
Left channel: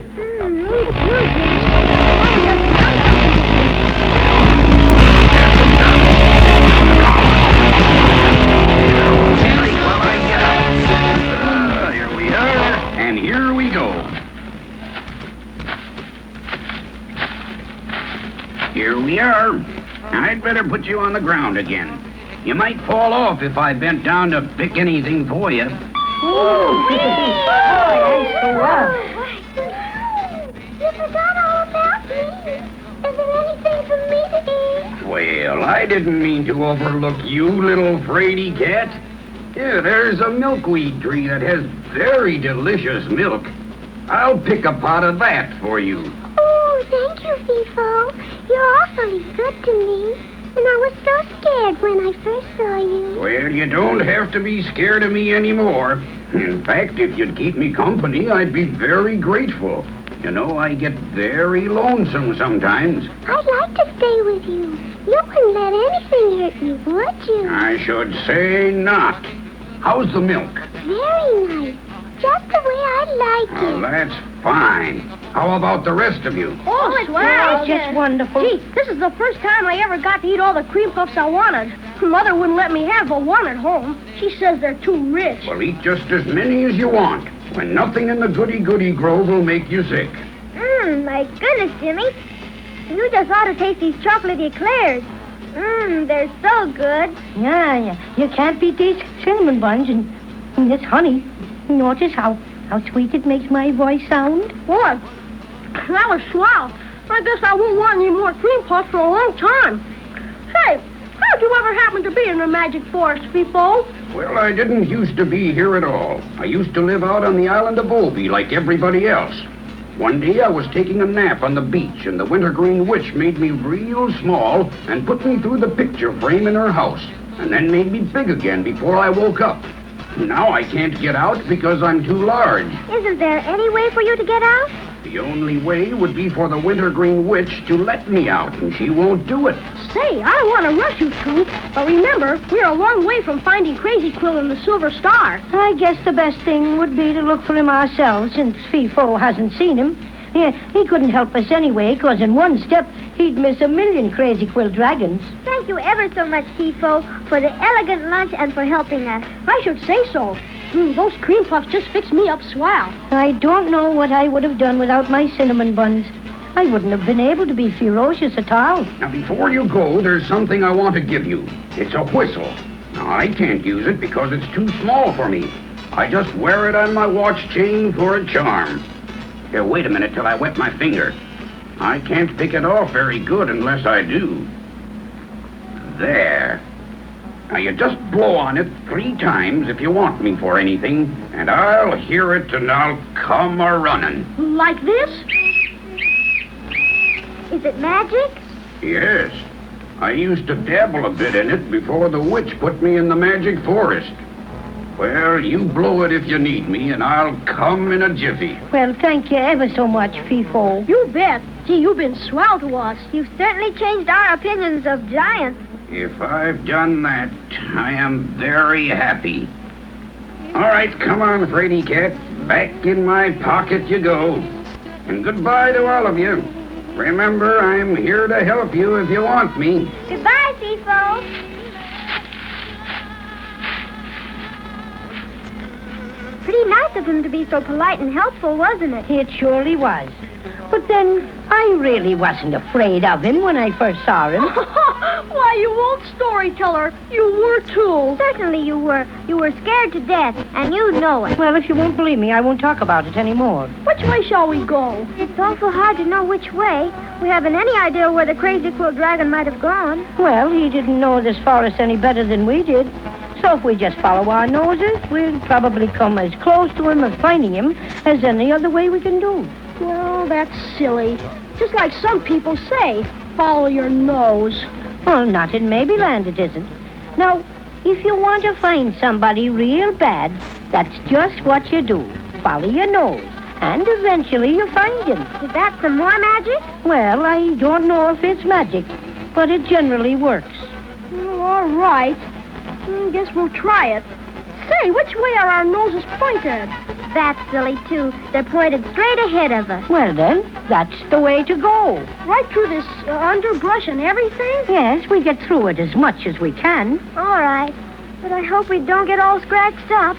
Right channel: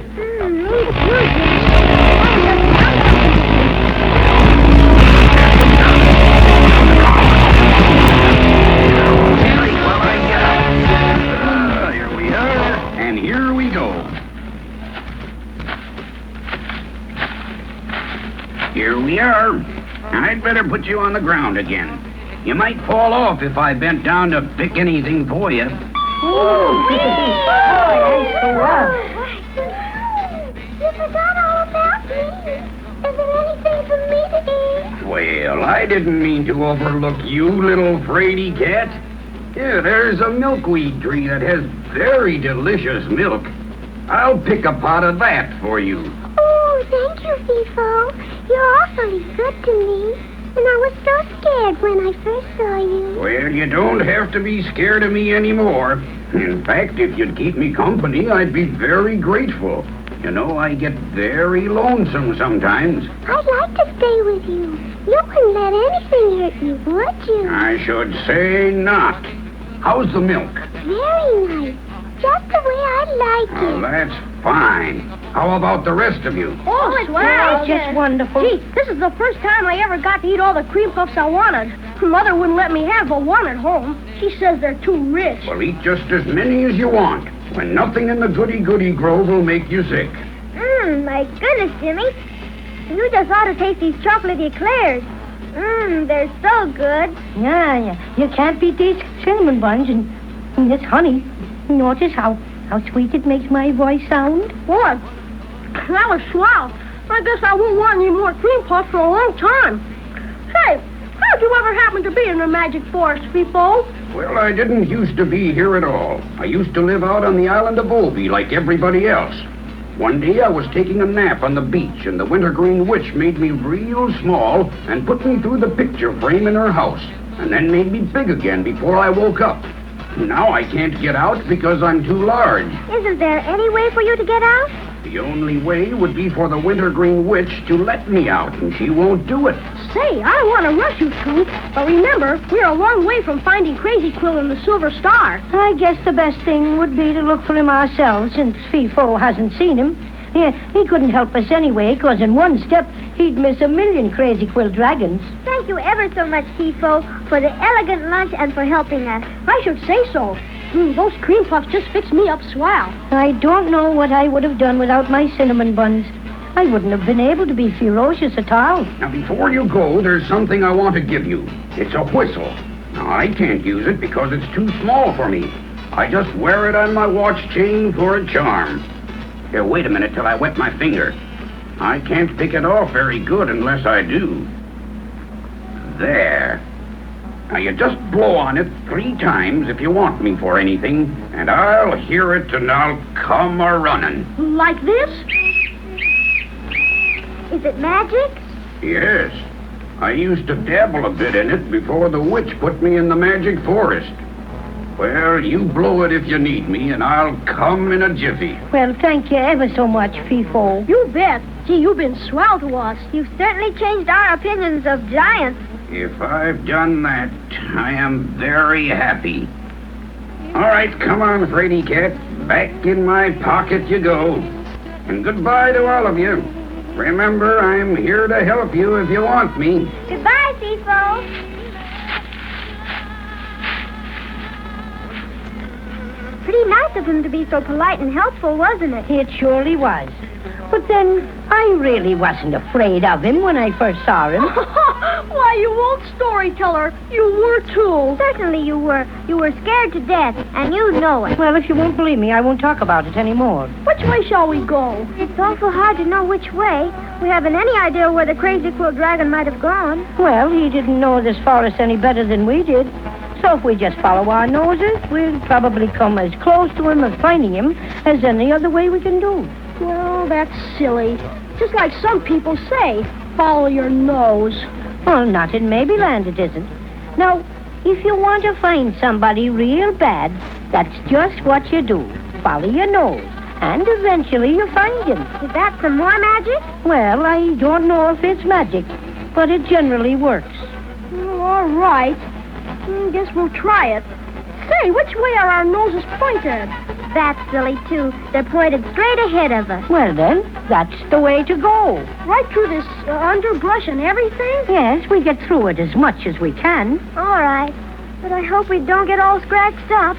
Here we are, and here we go. Here we are. I'd better put you on the ground again. You might fall off if I bent down to pick anything for you. You forgot all about me. Is there anything for me to eat? Well, I didn't mean to overlook you, little fraidy cat. Yeah, there's a milkweed tree that has very delicious milk. I'll pick a pot of that for you. Oh, thank you, FIFO. You're awfully good to me. And I was so scared when I first saw you. Well, you don't have to be scared of me anymore. In fact, if you'd keep me company, I'd be very grateful. You know, I get very lonesome sometimes. I'd like to stay with you. You wouldn't let anything hurt you, would you? I should say not. How's the milk? Very nice. Just the way I like Oh, it. that's fine. How about the rest of you? Oh, it's swell. nice. It's just wonderful. Gee, this is the first time I ever got to eat all the cream puffs I wanted. Mother wouldn't let me have but one at home. She says they're too rich. Well, eat just as many as you want, when nothing in the goody-goody grove will make you sick. My goodness, Jimmy. You just ought to taste these chocolate eclairs. They're so good. Yeah. You can't beat these cinnamon buns and this honey. Notice how sweet it makes my voice sound? What? That was swell. I guess I won't want any more cream puffs for a long time. Hey, how'd you ever happen to be in the magic forest, FIFO? Well, I didn't used to be here at all. I used to live out on the island of Bumble Bee like everybody else. One day I was taking a nap on the beach, and the Wintergreen Witch made me real small and put me through the picture frame in her house, and then made me big again before I woke up. Now I can't get out because I'm too large. Isn't there any way for you to get out? The only way would be for the Wintergreen Witch to let me out, and she won't do it. Say, I don't want to rush you two, but remember, we're a long way from finding Crazy Quill and the Silver Star. I guess the best thing would be to look for him ourselves, since FIFO hasn't seen him. Yeah, he couldn't help us anyway, because in one step, he'd miss a million Crazy Quill dragons. Thank you ever so much, FIFO, for the elegant lunch and for helping us. I should say so. Those cream puffs just fix me up swell. I don't know what I would have done without my cinnamon buns. I wouldn't have been able to be ferocious at all. Now, before you go, there's something I want to give you. It's a whistle. Now, I can't use it because it's too small for me. I just wear it on my watch chain for a charm. Here, wait a minute till I wet my finger. I can't pick it off very good unless I do. There. Now, you just blow on it 3 times if you want me for anything, and I'll hear it and I'll come a-running. Like this? Is it magic? Yes. I used to dabble a bit in it before the witch put me in the magic forest. Well, you blow it if you need me, and I'll come in a jiffy. Well, thank you ever so much, Fifo. You bet. Gee, you've been swell to us. You've certainly changed our opinions of giants. If I've done that, I am very happy. All right, come on, Fraidy Cat. Back in my pocket you go. And goodbye to all of you. Remember, I'm here to help you if you want me. Goodbye, Fifo. Pretty nice of him to be so polite and helpful, wasn't it? It surely was. But then, I really wasn't afraid of him when I first saw him. Why, you old storyteller. You were, too. Certainly you were. You were scared to death, and you know it. Well, if you won't believe me, I won't talk about it anymore. Which way shall we go? It's awful hard to know which way. We haven't any idea where the crazy quilt dragon might have gone. Well, he didn't know this forest any better than we did. So if we just follow our noses, we'll probably come as close to him as finding him as any other way we can do. Well, that's silly. Just like some people say, follow your nose. Well, not in Maryland it isn't. Now, if you want to find somebody real bad, that's just what you do. Follow your nose. And eventually you find him. Is that some more magic? Well, I don't know if it's magic, but it generally works. All right. Guess we'll try it. Say, which way are our noses pointed? That's silly, too. They're pointed straight ahead of us. Well, then, that's the way to go. Right through this underbrush and everything? Yes, we get through it as much as we can. All right. But I hope we don't get all scratched up.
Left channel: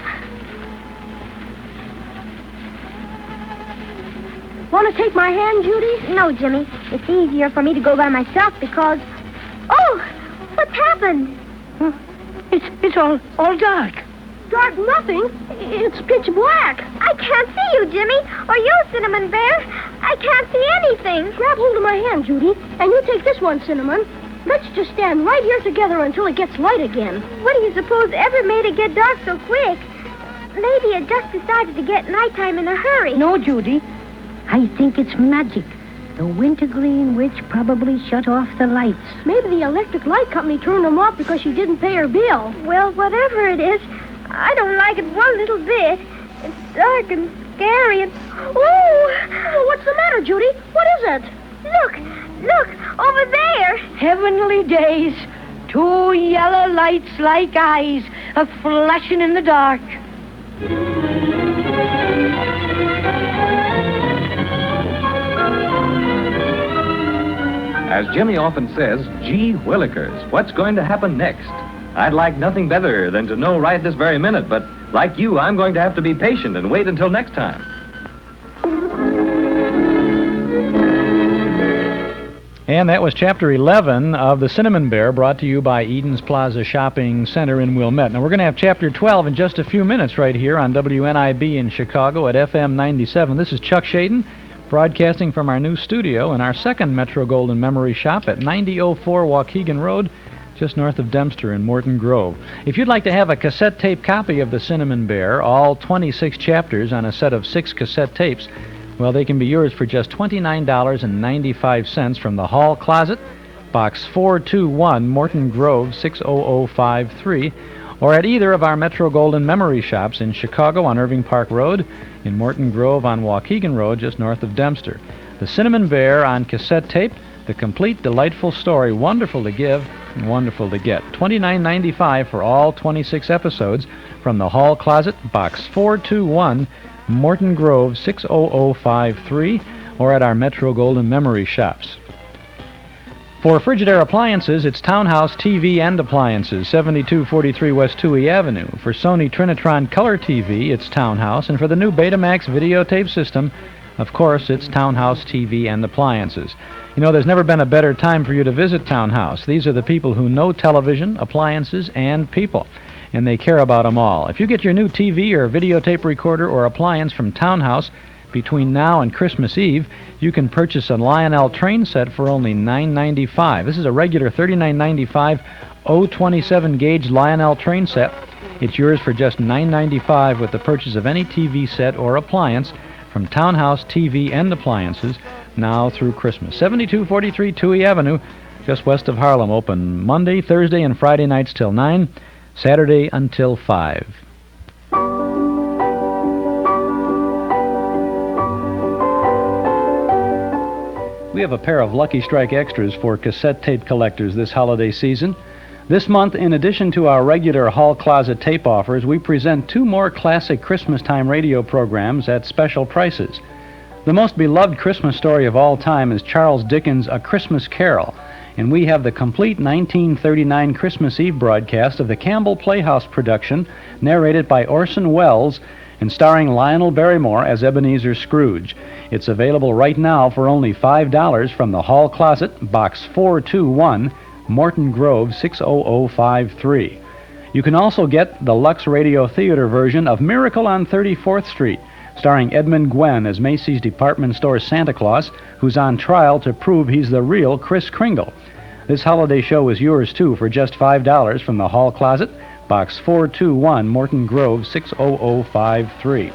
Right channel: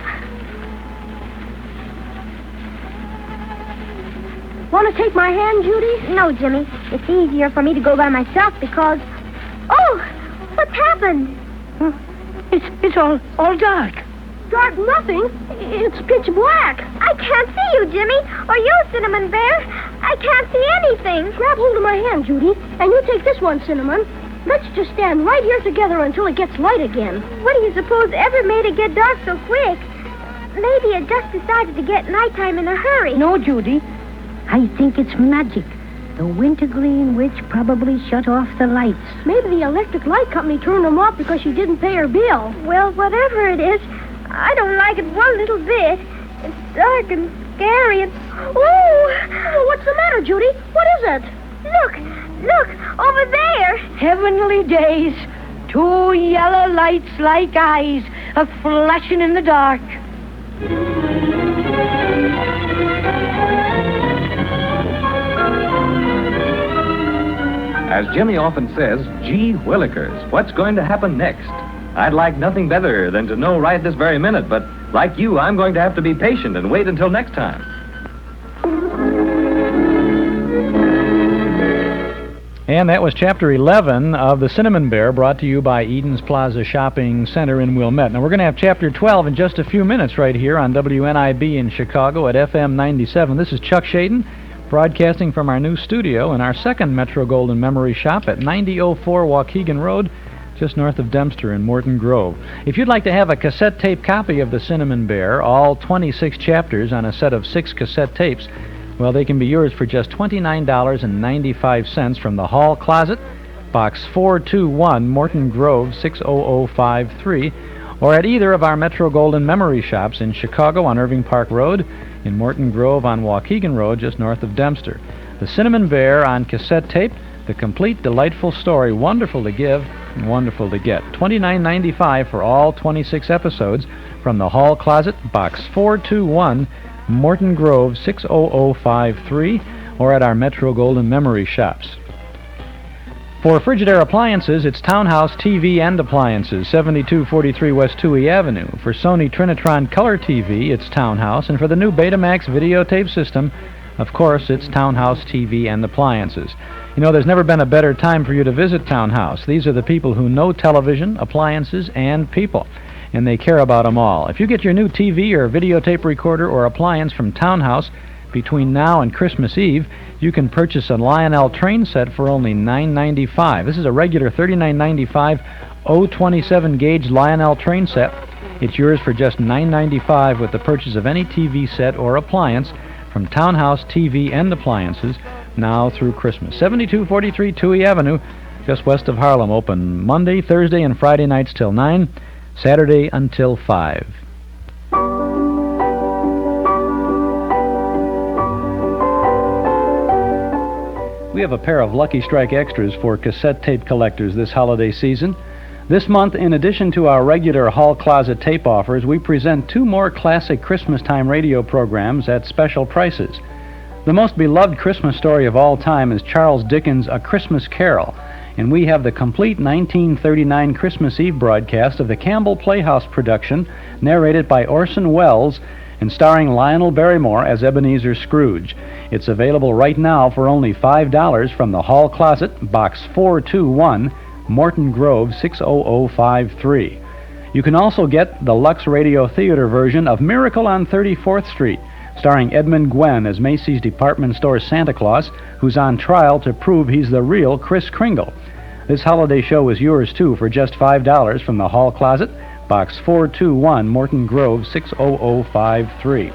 Want to take my hand, Judy? No, Jimmy. It's easier for me to go by myself because... Oh! What's happened? It's all dark. Dark nothing. It's pitch black. I can't see you, Jimmy. Or you, Cinnamon Bear. I can't see anything. Grab hold of my hand, Judy. And you take this one, Cinnamon. Let's just stand right here together until it gets light again. What do you suppose ever made it get dark so quick? Maybe it just decided to get nighttime in a hurry. No, Judy. I think it's magic. The wintergreen witch probably shut off the lights. Maybe the electric light company turned them off because she didn't pay her bill. Well, whatever it is, I don't like it one little bit. It's dark and scary and... Oh! What's the matter, Judy? What is it? Look, over there. Heavenly days. Two yellow lights like eyes, a-flashing in the dark. As Jimmy often says, gee willikers, what's going to happen next? I'd like nothing better than to know right this very minute, but like you, I'm going to have to be patient and wait until next time. And that was Chapter 11 of The Cinnamon Bear, brought to you by Eden's Plaza Shopping Center in Wilmette. Now, we're going to have Chapter 12 in just a few minutes right here on WNIB in Chicago at FM 97. This is Chuck Shaden, broadcasting from our new studio in our second Metro-Goldwyn Memory Shop at 9004 Waukegan Road, just north of Dempster in Morton Grove. If you'd like to have a cassette tape copy of The Cinnamon Bear, all 26 chapters on a set of 6 cassette tapes, well, they can be yours for just $29.95 from the Hall Closet, Box 421, Morton Grove, 60053, or at either of our Metro-Goldwyn Memory Shops in Chicago on Irving Park Road, in Morton Grove on Waukegan Road, just north of Dempster. The Cinnamon Bear on cassette tape, the complete, delightful story, wonderful to give and wonderful to get. $29.95 for all 26 episodes from the Hall Closet, Box 421, Morton Grove, 60053, or at our Metro-Goldwyn Memory Shops. For Frigidaire appliances, it's Townhouse TV and Appliances, 7243 West Touhy Avenue. For Sony Trinitron Color TV, it's Townhouse. And for the new Betamax videotape system, of course, it's Townhouse TV and Appliances. You know, there's never been a better time for you to visit Townhouse. These are the people who know television, appliances, and people, and they care about them all. If you get your new TV or videotape recorder or appliance from Townhouse between now and Christmas Eve, you can purchase a Lionel train set for only $9.95. This is a regular $39.95 027 gauge Lionel train set. It's yours for just $9.95 with the purchase of any TV set or appliance from Townhouse TV and Appliances now through Christmas. 7243 Touhy Avenue, just west of Harlem. Open Monday, Thursday, and Friday nights till 9, Saturday until 5. We have a pair of Lucky Strike Extras for cassette tape collectors this holiday season. This month, in addition to our regular Hall Closet tape offers, we present 2 more classic Christmas-time radio programs at special prices. The most beloved Christmas story of all time is Charles Dickens' A Christmas Carol, and we have the complete 1939 Christmas Eve broadcast of the Campbell Playhouse production, narrated by Orson Welles and starring Lionel Barrymore as Ebenezer Scrooge. It's available right now for only $5 from the Hall Closet, Box 421, Morton Grove 60053. You can also get the Lux Radio Theater version of Miracle on 34th Street, starring Edmund Gwenn as Macy's department store Santa Claus, who's on trial to prove he's the real Kris Kringle. This holiday show is yours, too, for just $5 from the Hall Closet, Box 421, Morton Grove 60053.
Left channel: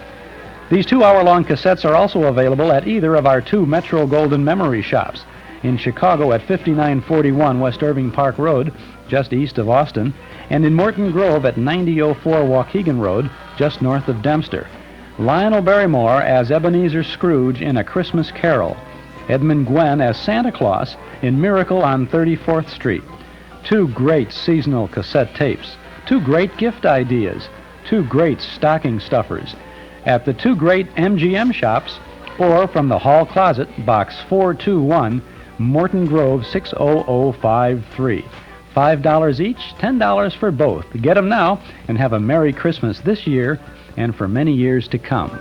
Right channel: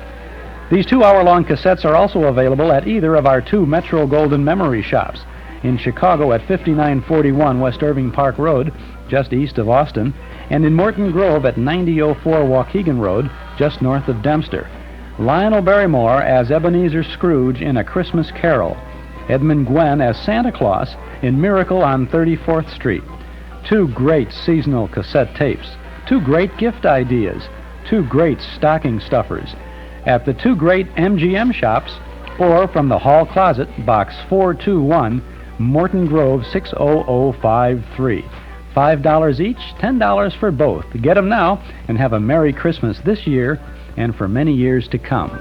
These 2-hour-long cassettes are also available at either of our 2 Metro Golden Memory shops. In Chicago at 5941 West Irving Park Road, just east of Austin, and in Morton Grove at 9004 Waukegan Road, just north of Dempster. Lionel Barrymore as Ebenezer Scrooge in A Christmas Carol. Edmund Gwenn as Santa Claus in Miracle on 34th Street. 2 great seasonal cassette tapes. 2 great gift ideas. 2 great stocking stuffers. At the 2 great MGM shops, or from the Hall Closet, Box 421, Morton Grove 60053. $5 each, $10 for both. Get them now and have a Merry Christmas this year and for many years to come.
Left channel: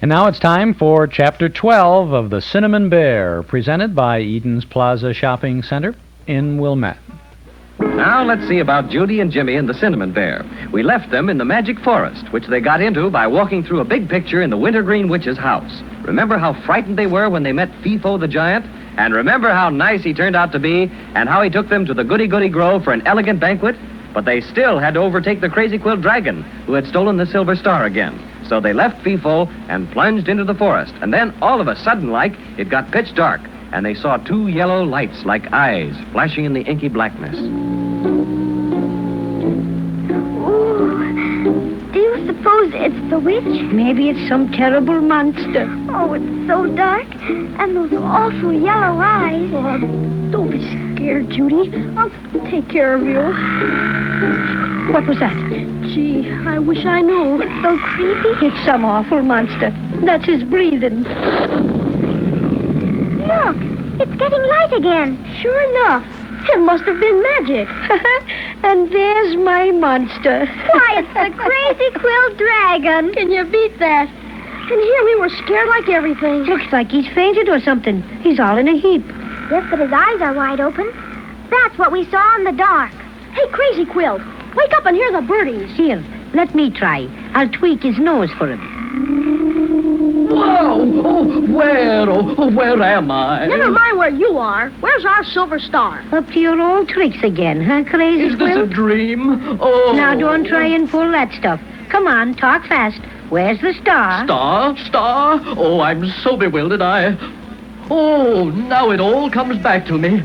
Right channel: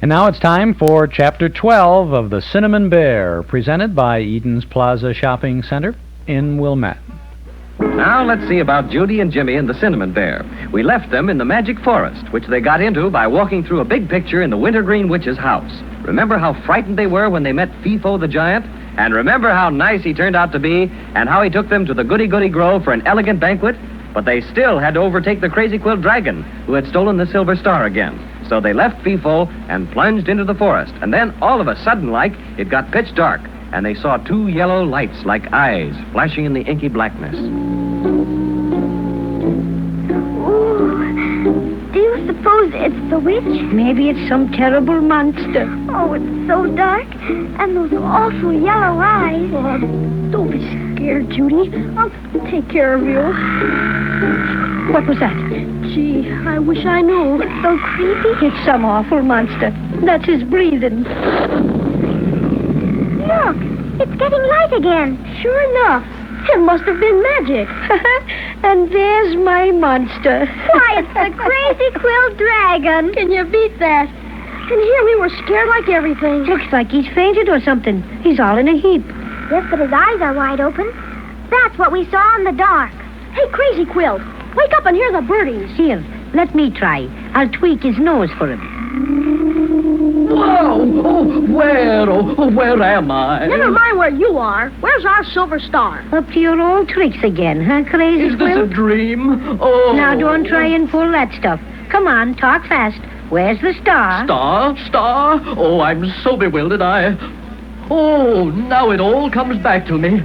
And now it's time for Chapter 12 of The Cinnamon Bear, presented by Eden's Plaza Shopping Center in Wilmette. Now let's see about Judy and Jimmy and the Cinnamon Bear. We left them in the magic forest, which they got into by walking through a big picture in the Wintergreen Witch's house. Remember how frightened they were when they met Fifo the Giant? And remember how nice he turned out to be, and how he took them to the Goody Goody Grove for an elegant banquet? But they still had to overtake the Crazy Quilt Dragon, who had stolen the Silver Star again. So they left Fifo and plunged into the forest. And then, all of a sudden, it got pitch dark, and they saw 2 yellow lights like eyes flashing in the inky blackness. Do you suppose it's the witch? Maybe it's some terrible monster. Oh, it's so dark. And those awful yellow eyes. Oh, don't be scared, Judy. I'll take care of you. What was that? Gee, I wish I knew. It's so creepy. It's some awful monster. That's his breathing. Look, it's getting light again. Sure enough. It must have been magic. And there's my monster. Why, it's the Crazy Quilt Dragon. Can you beat that? And here we were scared like everything. Looks like he's fainted or something. He's all in a heap. Yes, but his eyes are wide open. That's what we saw in the dark. Hey, Crazy Quilt, wake up and hear the birdies. Here, let me try. I'll tweak his nose for him. Where am I? Never mind where you are. Where's our Silver Star? Up to your old tricks again, huh, Crazy Is this a Quilt? dream? Oh. Now, don't try and pull that stuff. Come on, talk fast. Where's the star? Star? Oh, I'm so bewildered, Oh, now it all comes back to me.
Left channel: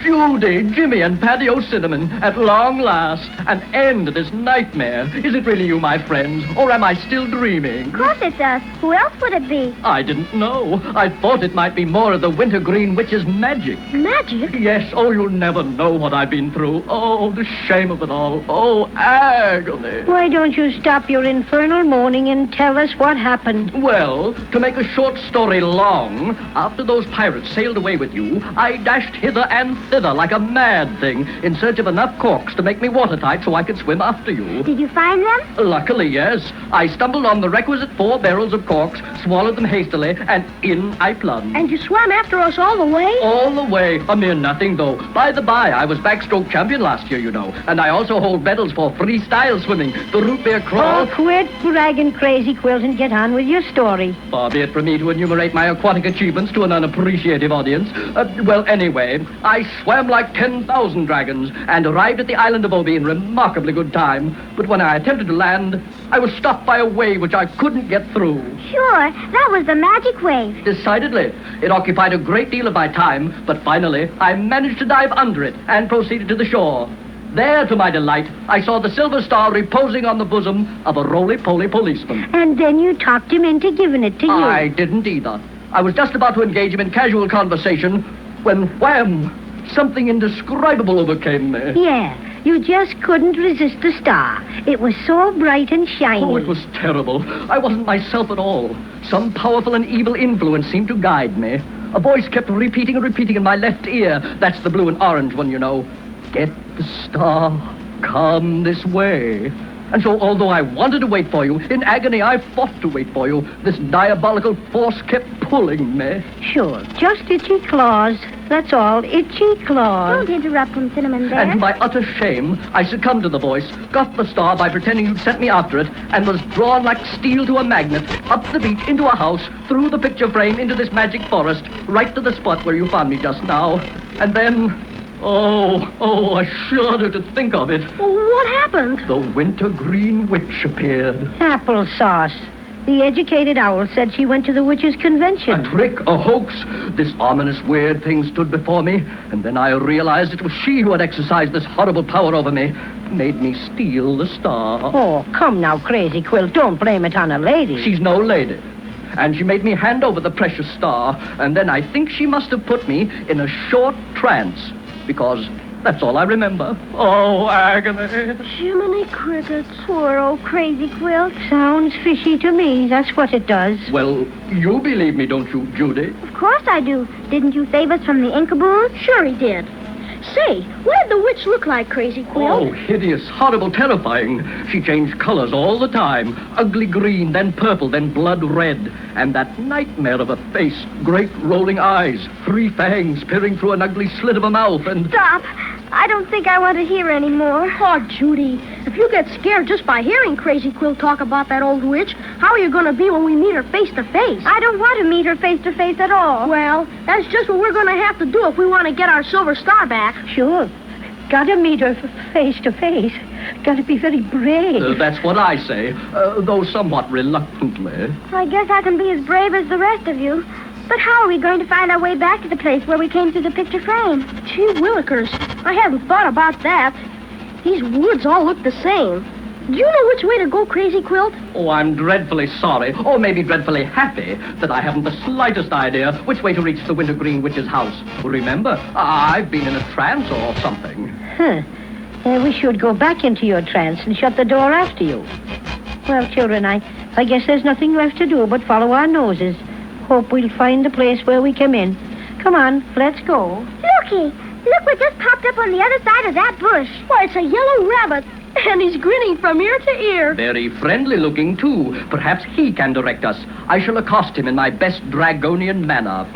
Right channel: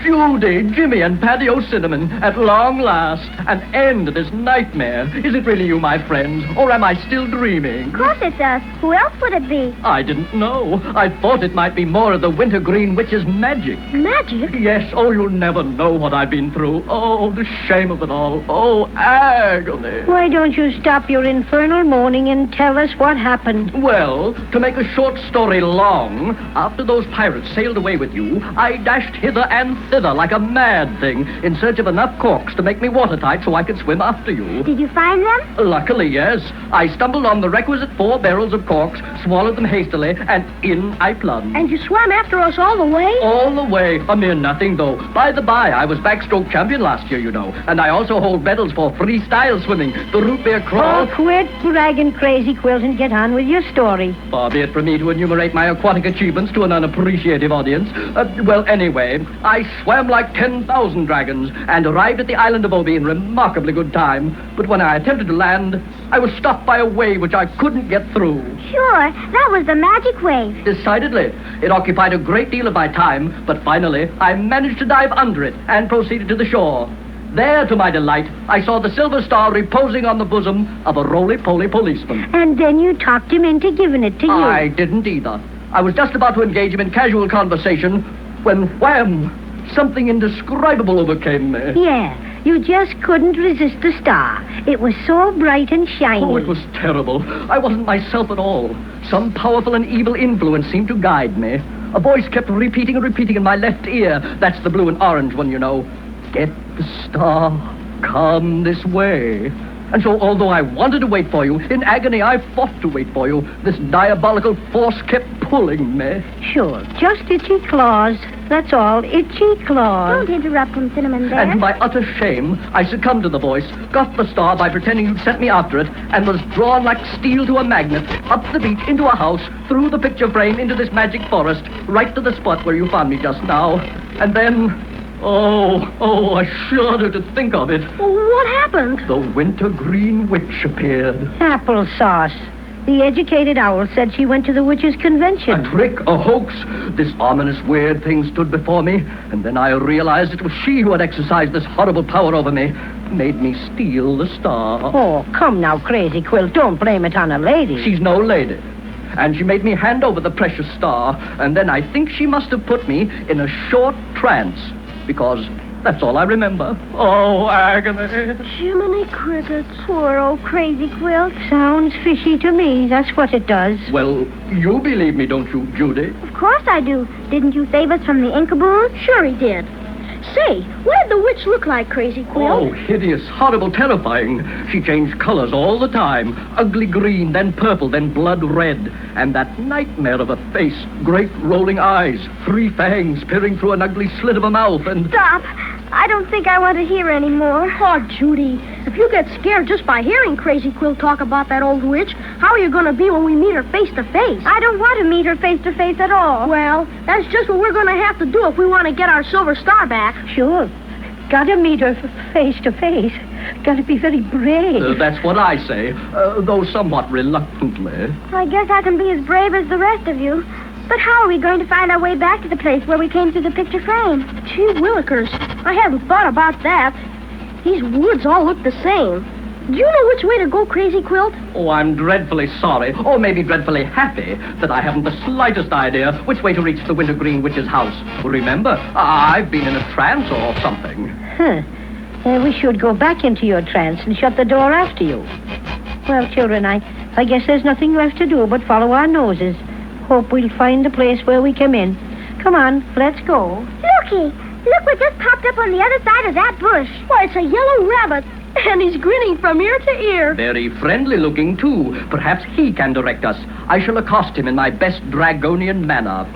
Judy, Jimmy, and Paddy O'Cinnamon, at long last, an end to this nightmare. Is it really you, my friends, or am I still dreaming? Of course it's us. Who else would it be? I didn't know. I thought it might be more of the Wintergreen Witch's magic. Magic? Yes, you'll never know what I've been through. Oh, the shame of it all. Oh, agony. Why don't you stop your infernal moaning and tell us what happened? Well, to make a short story long, after those pirates sailed away with you, I dashed hither and thither like a mad thing in search of enough corks to make me watertight so I could swim after you. Did you find them? Luckily, yes. I stumbled on the requisite 4 barrels of corks, swallowed them hastily, and in I plunged. And you swam after us all the way? All the way. A mere nothing, though. By the by, I was backstroke champion last year, you know, and I also hold medals for freestyle swimming, the root beer crawl. Oh, quit bragging, Crazy Quilt, and get on with your story. Far be it from me to enumerate my aquatic achievements to an unappreciative audience. Well, anyway, I swam like 10,000 dragons and arrived at the island of Obi in remarkably good time. But when I attempted to land, I was stopped by a wave which I couldn't get through. Sure, that was the magic wave. Decidedly. It occupied a great deal of my time, but finally I managed to dive under it and proceeded to the shore. there, to my delight, I saw the silver star reposing on the bosom of a roly-poly policeman. And then you talked him into giving it to you. I didn't either. I was just about to engage him in casual conversation when, wham, something indescribable overcame me. Yeah, you just couldn't resist the star. It was so bright and shiny. Oh, it was terrible. I wasn't myself at all. Some powerful and evil influence seemed to guide me. A voice kept repeating and repeating in my left ear. That's the blue and orange one, you know. Get the star. Come this way. And so, although I wanted to wait for you, in agony I fought to wait for you. This diabolical force kept pulling me. Sure, just itchy claws. That's all, itchy claws. Don't interrupt him, Cinnamon Bear. And to my utter shame, I succumbed to the voice, got the star by pretending you'd sent me after it, and was drawn like steel to a magnet, up the beach, into a house, through the picture frame, into this magic forest, right to the spot where you found me just now. And then... Oh, I shudder to think of it. Well, what happened? The wintergreen witch appeared. Applesauce. The educated owl said she went to the witches' convention. A trick, a hoax. This ominous, weird thing stood before me, and then I realized it was she who had exercised this horrible power over me, made me steal the star. Oh, come now, Crazy Quilt. Don't blame it on a lady. She's no lady. And she made me hand over the precious star, and then I think she must have put me in a short trance. Because that's all I remember. Oh, agony. Jiminy crickets. Poor old Crazy Quilt. Sounds fishy to me. That's what it does. Well, you believe me, don't you, Judy? Of course I do. Didn't you save us from the Inkaboon? Sure he did. Say, what did the witch look like, Crazy Quilt? Oh, hideous, horrible, terrifying. She changed colors all the time. Ugly green, then purple, then blood red. And that nightmare of a face. Great rolling eyes. 3 fangs peering through an ugly slit of a mouth and... Stop. I don't think I want to hear any more. Oh, Judy, if you get scared just by hearing Crazy Quilt talk about that old witch, how are you going to be when we meet her face to face? I don't want to meet her face to face at all. Well, that's just what we're going to have to do if we want to get our silver star back. Sure. Gotta meet her face to face. Gotta be very brave. That's what I say, though somewhat reluctantly. I guess I can be as brave as the rest of you. But how are we going to find our way back to the place where we came through the picture frame? Gee willikers, I hadn't thought about that. These woods all look the same. Do you know which way to go, Crazy Quilt? Oh, I'm dreadfully sorry, or maybe dreadfully happy, that I haven't the slightest idea which way to reach the Wintergreen Witch's house. Remember, I've been in a trance or something. We should go back into your trance and shut the door after you. Well, children, I guess there's nothing left to do but follow our noses. Hope we'll find the place where we came in. Come on, let's go. Looky! Look what just popped up on the other side of that bush. Why, it's a yellow rabbit, and he's grinning from ear to ear. Very friendly looking, too. Perhaps he can direct us. I shall accost him in my best dragonian manner.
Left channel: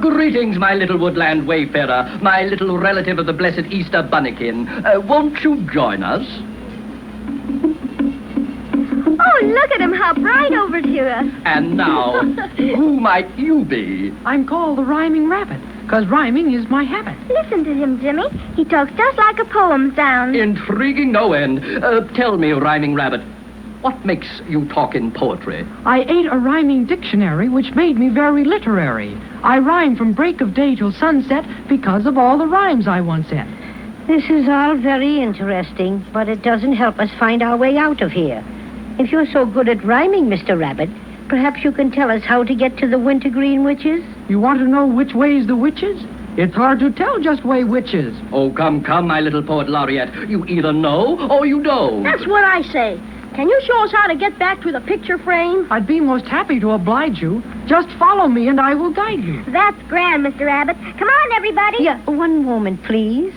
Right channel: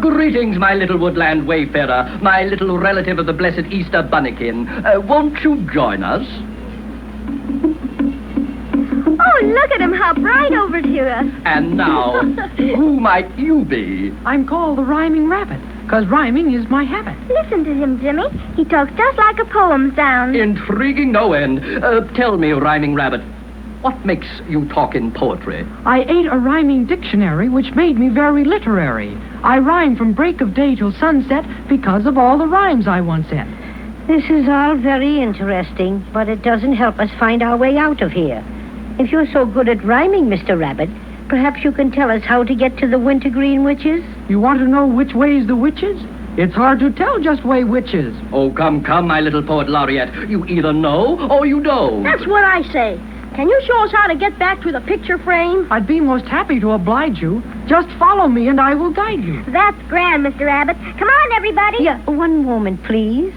Greetings, my little woodland wayfarer, my little relative of the blessed Easter bunnikin. Won't you join us? Oh, look at him hop right over to us. And now, who might you be? I'm called the Rhyming Rabbit, because rhyming is my habit. Listen to him, Jimmy. He talks just like a poem sounds. Intriguing no end. Tell me, Rhyming Rabbit, what makes you talk in poetry? I ate a rhyming dictionary, which made me very literary. I rhyme from break of day till sunset because of all the rhymes I once had. This is all very interesting, but it doesn't help us find our way out of here. If you're so good at rhyming, Mr. Rabbit, perhaps you can tell us how to get to the Wintergreen Witches? You want to know which way's the witches? It's hard to tell just way which is. Oh, come, my little poet laureate. You either know or you don't. That's what I say. Can you show us how to get back to the picture frame? I'd be most happy to oblige you. Just follow me and I will guide you. That's grand, Mr. Rabbit. Come on, everybody. Yeah, one moment, please.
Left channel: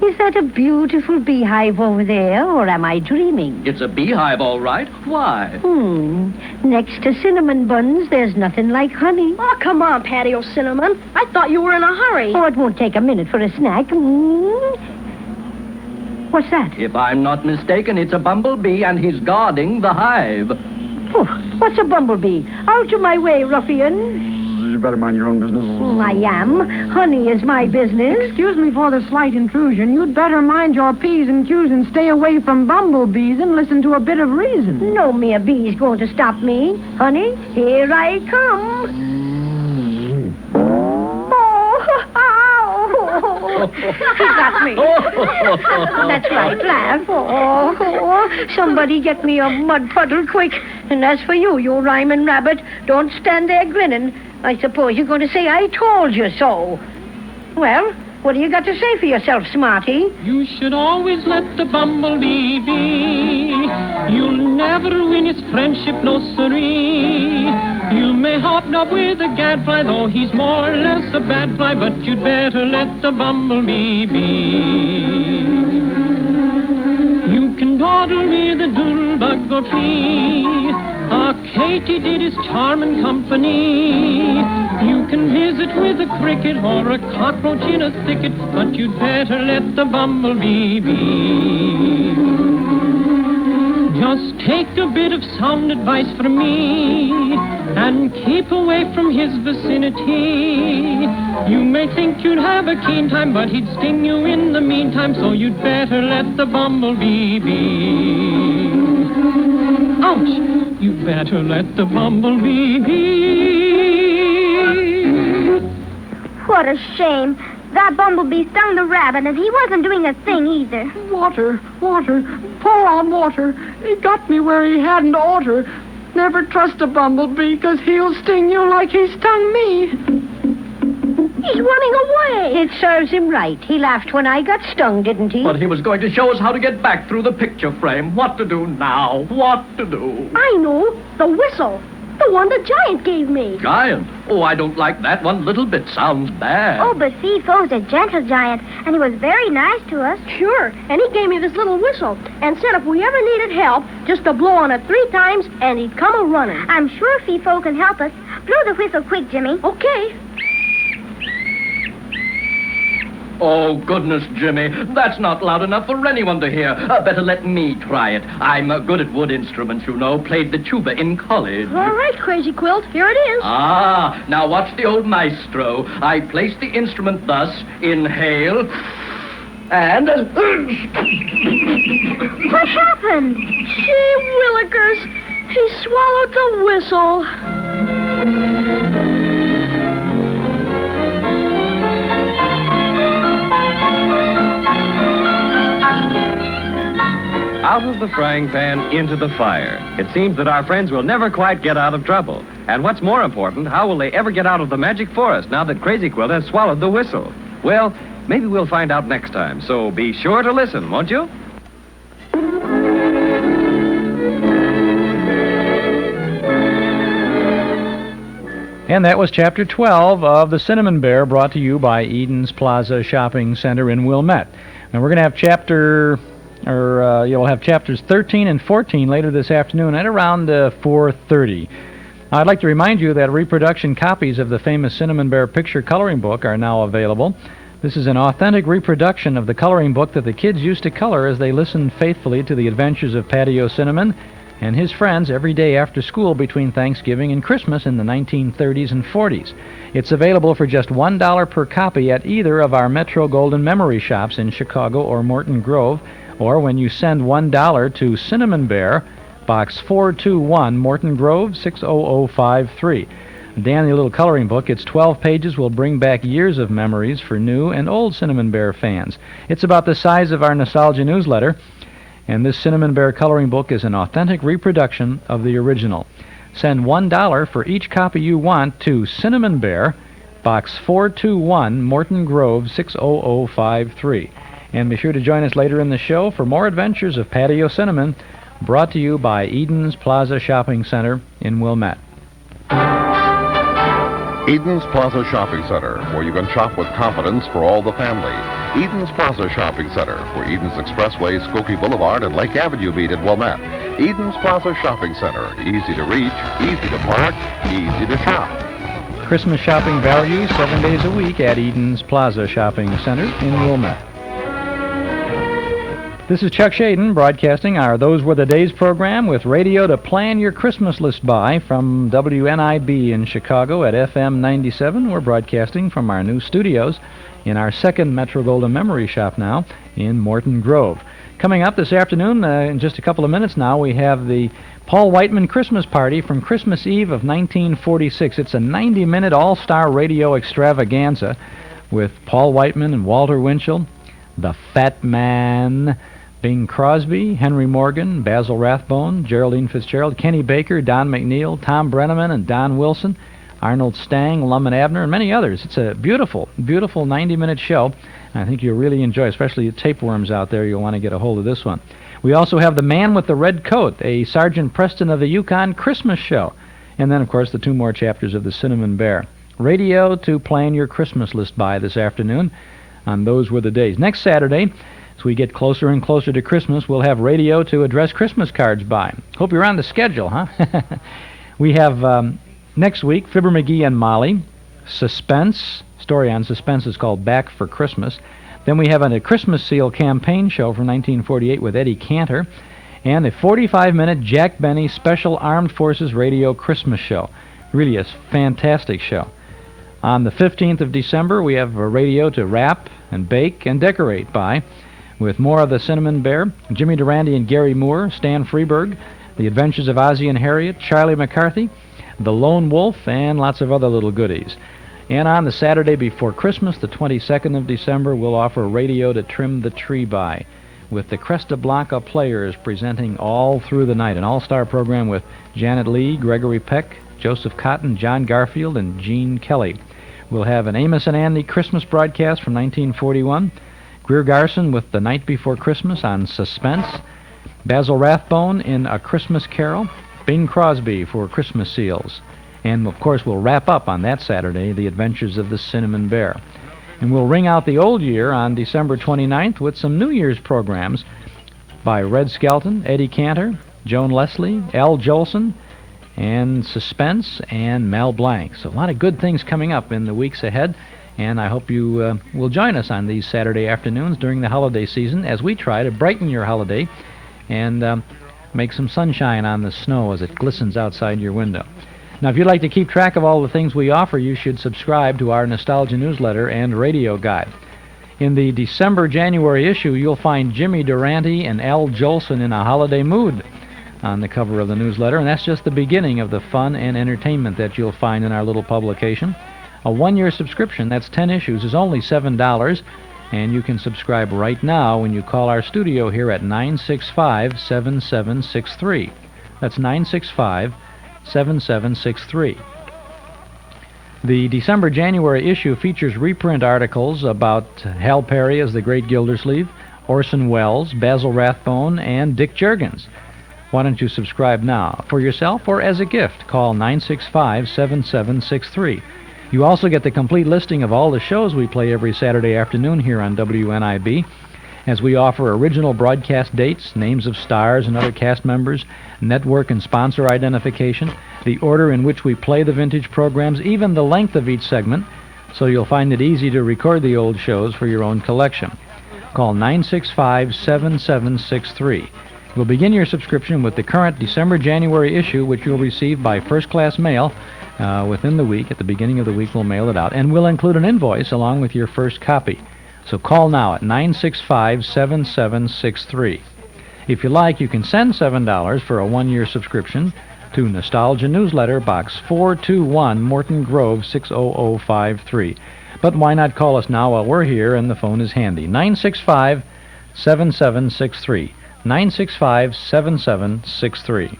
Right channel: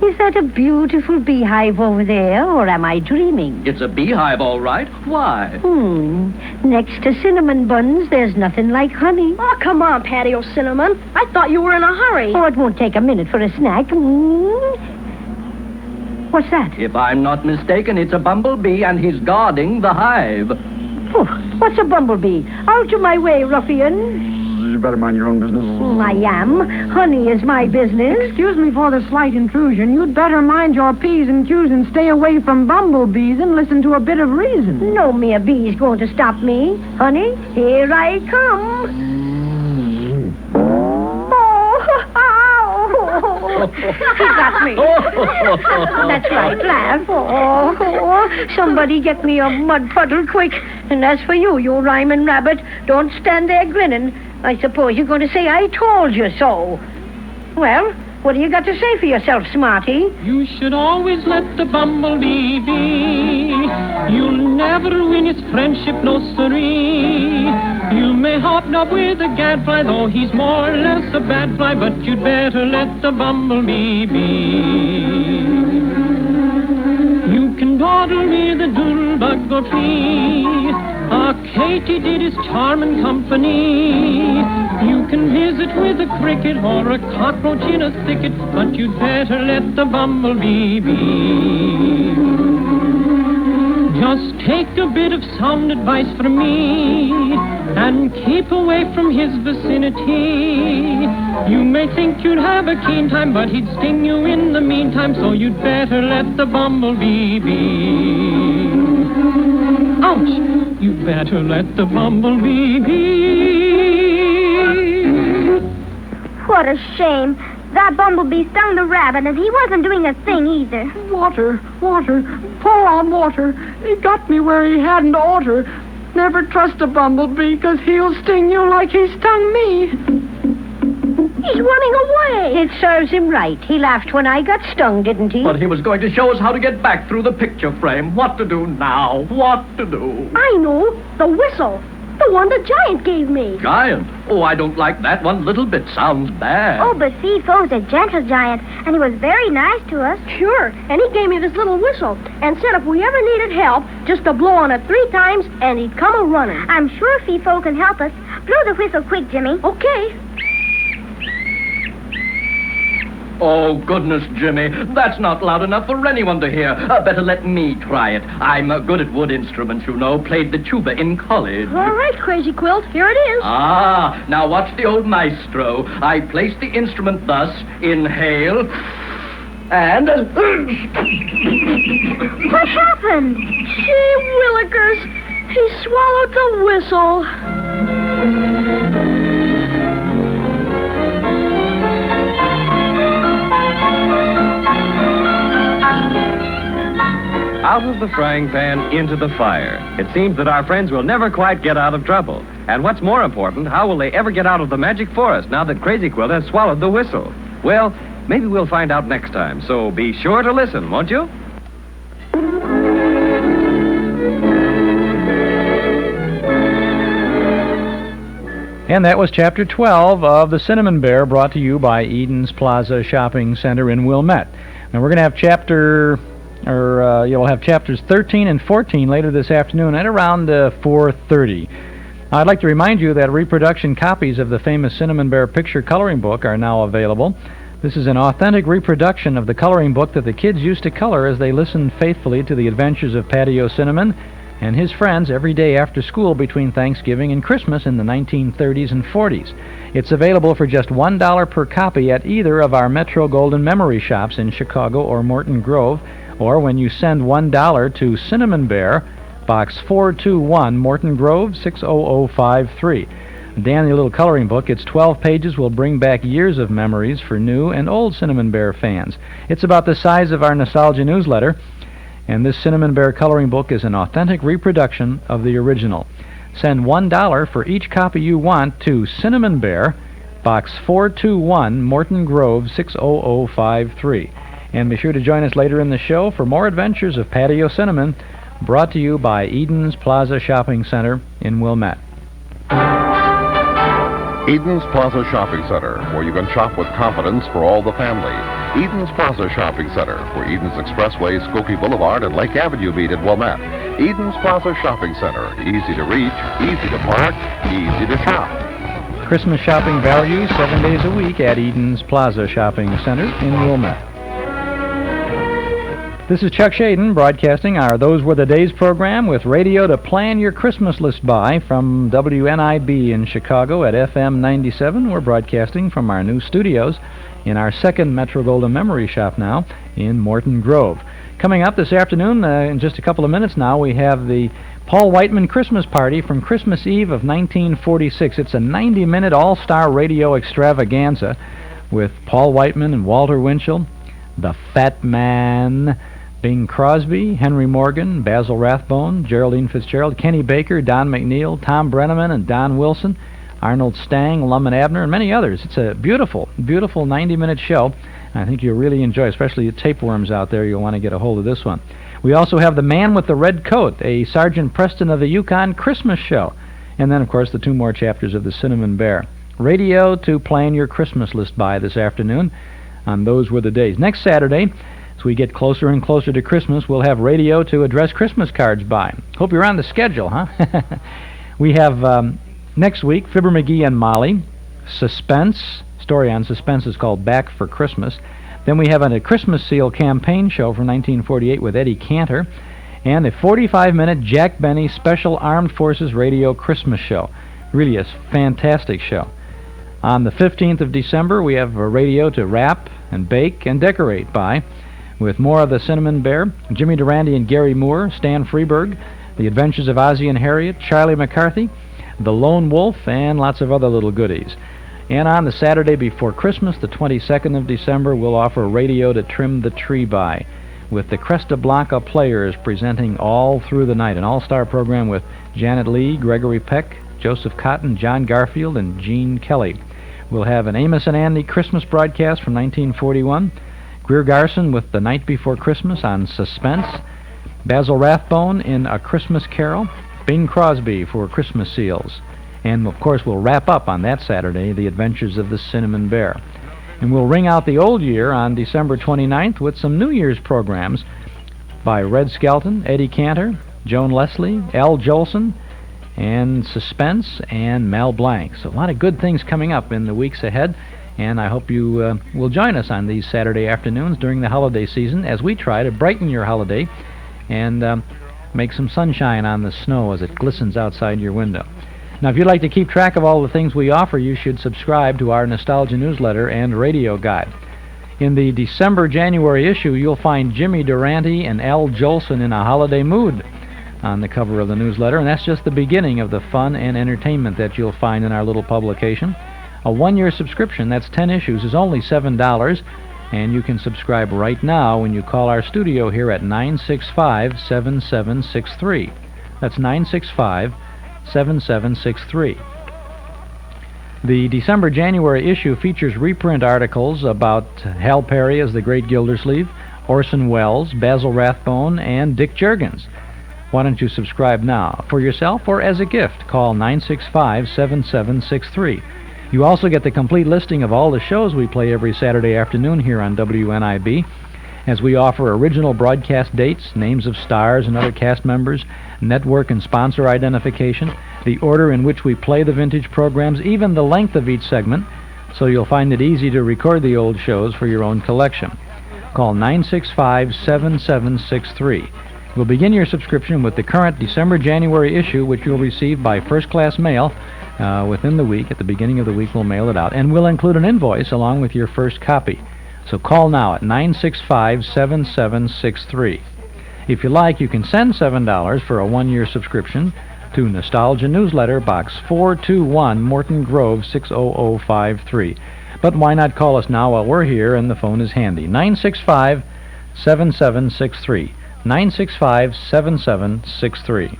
Is that a beautiful beehive over there, or am I dreaming? It's a beehive, all right. Why? Next to cinnamon buns, there's nothing like honey. Oh, come on, Paddy O'Cinnamon. I thought you were in a hurry. Oh, it won't take a minute for a snack. What's that? If I'm not mistaken, it's a bumblebee, and he's guarding the hive. Oh, what's a bumblebee? Out of my way, ruffian. You better mind your own business. I am. Honey is my business. Excuse me for the slight intrusion. You'd better mind your P's and Q's and stay away from bumblebees and listen to a bit of reason. No mere bee's going to stop me. Honey, here I come. got me. That's right, laugh. Oh, somebody get me a mud puddle quick. And as for you, you rhyming rabbit, don't stand there grinning. I suppose you're going to say I told you so. Well, what do you got to say for yourself, Smarty? You should always let the bumblebee be. You'll never win his friendship, no siree. You may hobnob with a gadfly, though he's more or less a bad fly, but you'd better let the bumblebee be. You can dawdle with a doodlebug or flea. A katydid is charming company. You can visit with a cricket or a cockroach in a thicket, but you'd better let the bumblebee be. Just take a bit of sound advice from me and keep away from his vicinity. You may think you'd have a keen time, but he'd sting you in the meantime, so you'd better let the bumblebee be. Ouch! You better let the bumblebee be. What a shame. That bumblebee stung the rabbit, and he wasn't doing a thing either. Water, pour on water. He got me where he hadn't oughter. Never trust a bumblebee, 'cause he'll sting you like he stung me. He's running away. It serves him right. He laughed when I got stung, didn't he? But he was going to show us how to get back through the picture frame. What to do now? What to do? I know. The whistle. The one the giant gave me. Giant? Oh, I don't like that one little bit. Sounds bad. Oh, but Fifo's a gentle giant, and he was very nice to us. Sure, and he gave me this little whistle and said if we ever needed help, just to blow on it 3 times, and he'd come a-running. I'm sure Fifo can help us. Blow the whistle quick, Jimmy. Okay. Oh, goodness, Jimmy. That's not loud enough for anyone to hear. Better let me try it. I'm good at wood instruments, you know. Played the tuba in college. All right, Crazy Quilt. Here it is. Ah, now watch the old maestro. I place the instrument thus. Inhale. And... What happened? Gee willikers. He swallowed the whistle. Out of the frying pan into the fire. It seems that our friends will never quite get out of trouble. And what's more important, how will they ever get out of the magic forest now that Crazy Quilt has swallowed the whistle? Well, maybe we'll find out next time, so be sure to listen, won't you? And that was Chapter 12 of The Cinnamon Bear, brought to you by Eden's Plaza Shopping Center in Wilmette. And we're going to have you'll have chapters 13 and 14 later this afternoon at around 4:30. I'd like to remind you that reproduction copies of the famous Cinnamon Bear picture coloring book are now available. This is an authentic reproduction of the coloring book that the kids used to color as they listened faithfully to the adventures of Paddy O'Cinnamon and his friends every day after school between Thanksgiving and Christmas in the 1930s and 40s. It's available for just $1 per copy at either of our Metro Golden Memory shops in Chicago or Morton Grove, or when you send $1 to Cinnamon Bear, Box 421, Morton Grove, 60053. Dandy little coloring book. Its 12 pages will bring back years of memories for new and old Cinnamon Bear fans. It's about the size of our Nostalgia newsletter, and this Cinnamon Bear coloring book is an authentic reproduction of the original. Send $1 for each copy you want to Cinnamon Bear, Box 421, Morton Grove, 60053. And be sure to join us later in the show for more adventures of Paddy O'Cinnamon, brought to you by Eden's Plaza Shopping Center in Wilmette. Eden's Plaza Shopping Center, where you can shop with confidence for all the family. Eden's Plaza Shopping Center, where Eden's Expressway, Skokie Boulevard, and Lake Avenue meet at Wilmette. Eden's Plaza Shopping Center, easy to reach, easy to park, easy to shop. Christmas shopping value 7 days a week at Eden's Plaza Shopping Center in Wilmette. This is Chuck Shaden broadcasting our Those Were the Days program with radio to plan your Christmas list by from WNIB in Chicago at FM 97. We're broadcasting from our new studios in our second Metro Golden Memory Shop now in Morton Grove. Coming up this afternoon, in just a couple of minutes now, we have the Paul Whiteman Christmas Party from Christmas Eve of 1946. It's a 90-minute all-star radio extravaganza with Paul Whiteman and Walter Winchell, the Fat Man, Bing Crosby, Henry Morgan, Basil Rathbone, Geraldine Fitzgerald, Kenny Baker, Don McNeill, Tom Brennaman, and Don Wilson, Arnold Stang, Lum and Abner, and many others. It's a beautiful, beautiful 90-minute show. I think you'll really enjoy, especially the tapeworms out there. You'll want to get a hold of this one. We also have The Man with the Red Coat, a Sergeant Preston of the Yukon Christmas show. And then, of course, the 2 more chapters of The Cinnamon Bear. Radio to plan your Christmas list by this afternoon on Those Were the Days. Next Saturday, as we get closer and closer to Christmas, we'll have radio to address Christmas cards by. Hope you're on the schedule, huh? We have next week, Fibber McGee and Molly, Suspense. Story on Suspense is called Back for Christmas. Then we have a Christmas Seal campaign show from 1948 with Eddie Cantor, and a 45-minute Jack Benny Special Armed Forces Radio Christmas show. Really a fantastic show. On the 15th of December, we have a radio to wrap and bake and decorate by, with more of the Cinnamon Bear, Jimmy Durante and Gary Moore, Stan Freeberg, The Adventures of Ozzie and Harriet, Charlie McCarthy, The Lone Wolf, and lots of other little goodies. And on the Saturday before Christmas, the 22nd of December, we'll offer radio to trim the tree by, with the Cresta Blanca Players presenting all through the night, an all-star program with Janet Leigh, Gregory Peck, Joseph Cotton, John Garfield, and Gene Kelly. We'll have an Amos and Andy Christmas broadcast from 1941, Greer Garson with The Night Before Christmas on Suspense, Basil Rathbone in A Christmas Carol, Bing Crosby for Christmas Seals. And, of course, we'll wrap up on that Saturday, The Adventures of the Cinnamon Bear. And we'll ring out the old year on December 29th with some New Year's programs by Red Skelton, Eddie Cantor, Joan Leslie, Al Jolson, and Suspense, and Mel Blanc. So a lot of good things coming up in the weeks ahead, and I hope you will join us on these Saturday afternoons during the holiday season as we try to brighten your holiday and make some sunshine on the snow as it glistens outside your window. Now, if you'd like to keep track of all the things we offer, you should subscribe to our Nostalgia newsletter and radio guide. In the December-January issue, you'll find Jimmy Durante and Al Jolson in a holiday mood on the cover of the newsletter, and that's just the beginning of the fun and entertainment that you'll find in our little publication. A 1-year subscription, that's 10 issues, is only $7, and you can subscribe right now when you call our studio here at 965-7763. That's 965-7763. The December-January issue features reprint articles about Hal Perry as the Great Gildersleeve, Orson Welles, Basil Rathbone, and Dick Juergens. Why don't you subscribe now? For yourself or as a gift, call 965-7763. You also get the complete listing of all the shows we play every Saturday afternoon here on WNIB, as we offer original broadcast dates, names of stars and other cast members, network and sponsor identification, the order in which we play the vintage programs, even the length of each segment, so you'll find it easy to record the old shows for your own collection. Call 965-7763. We'll begin your subscription with the current December-January issue, which you'll receive by first-class mail within the week. At the beginning of the week, we'll mail it out. And we'll include an invoice along with your first copy. So call now at 965-7763. If you like, you can send $7 for a 1-year subscription to Nostalgia Newsletter, Box 421, Morton Grove, 60053. But why not call us now while we're here and the phone is handy? 965-7763. 965-7763.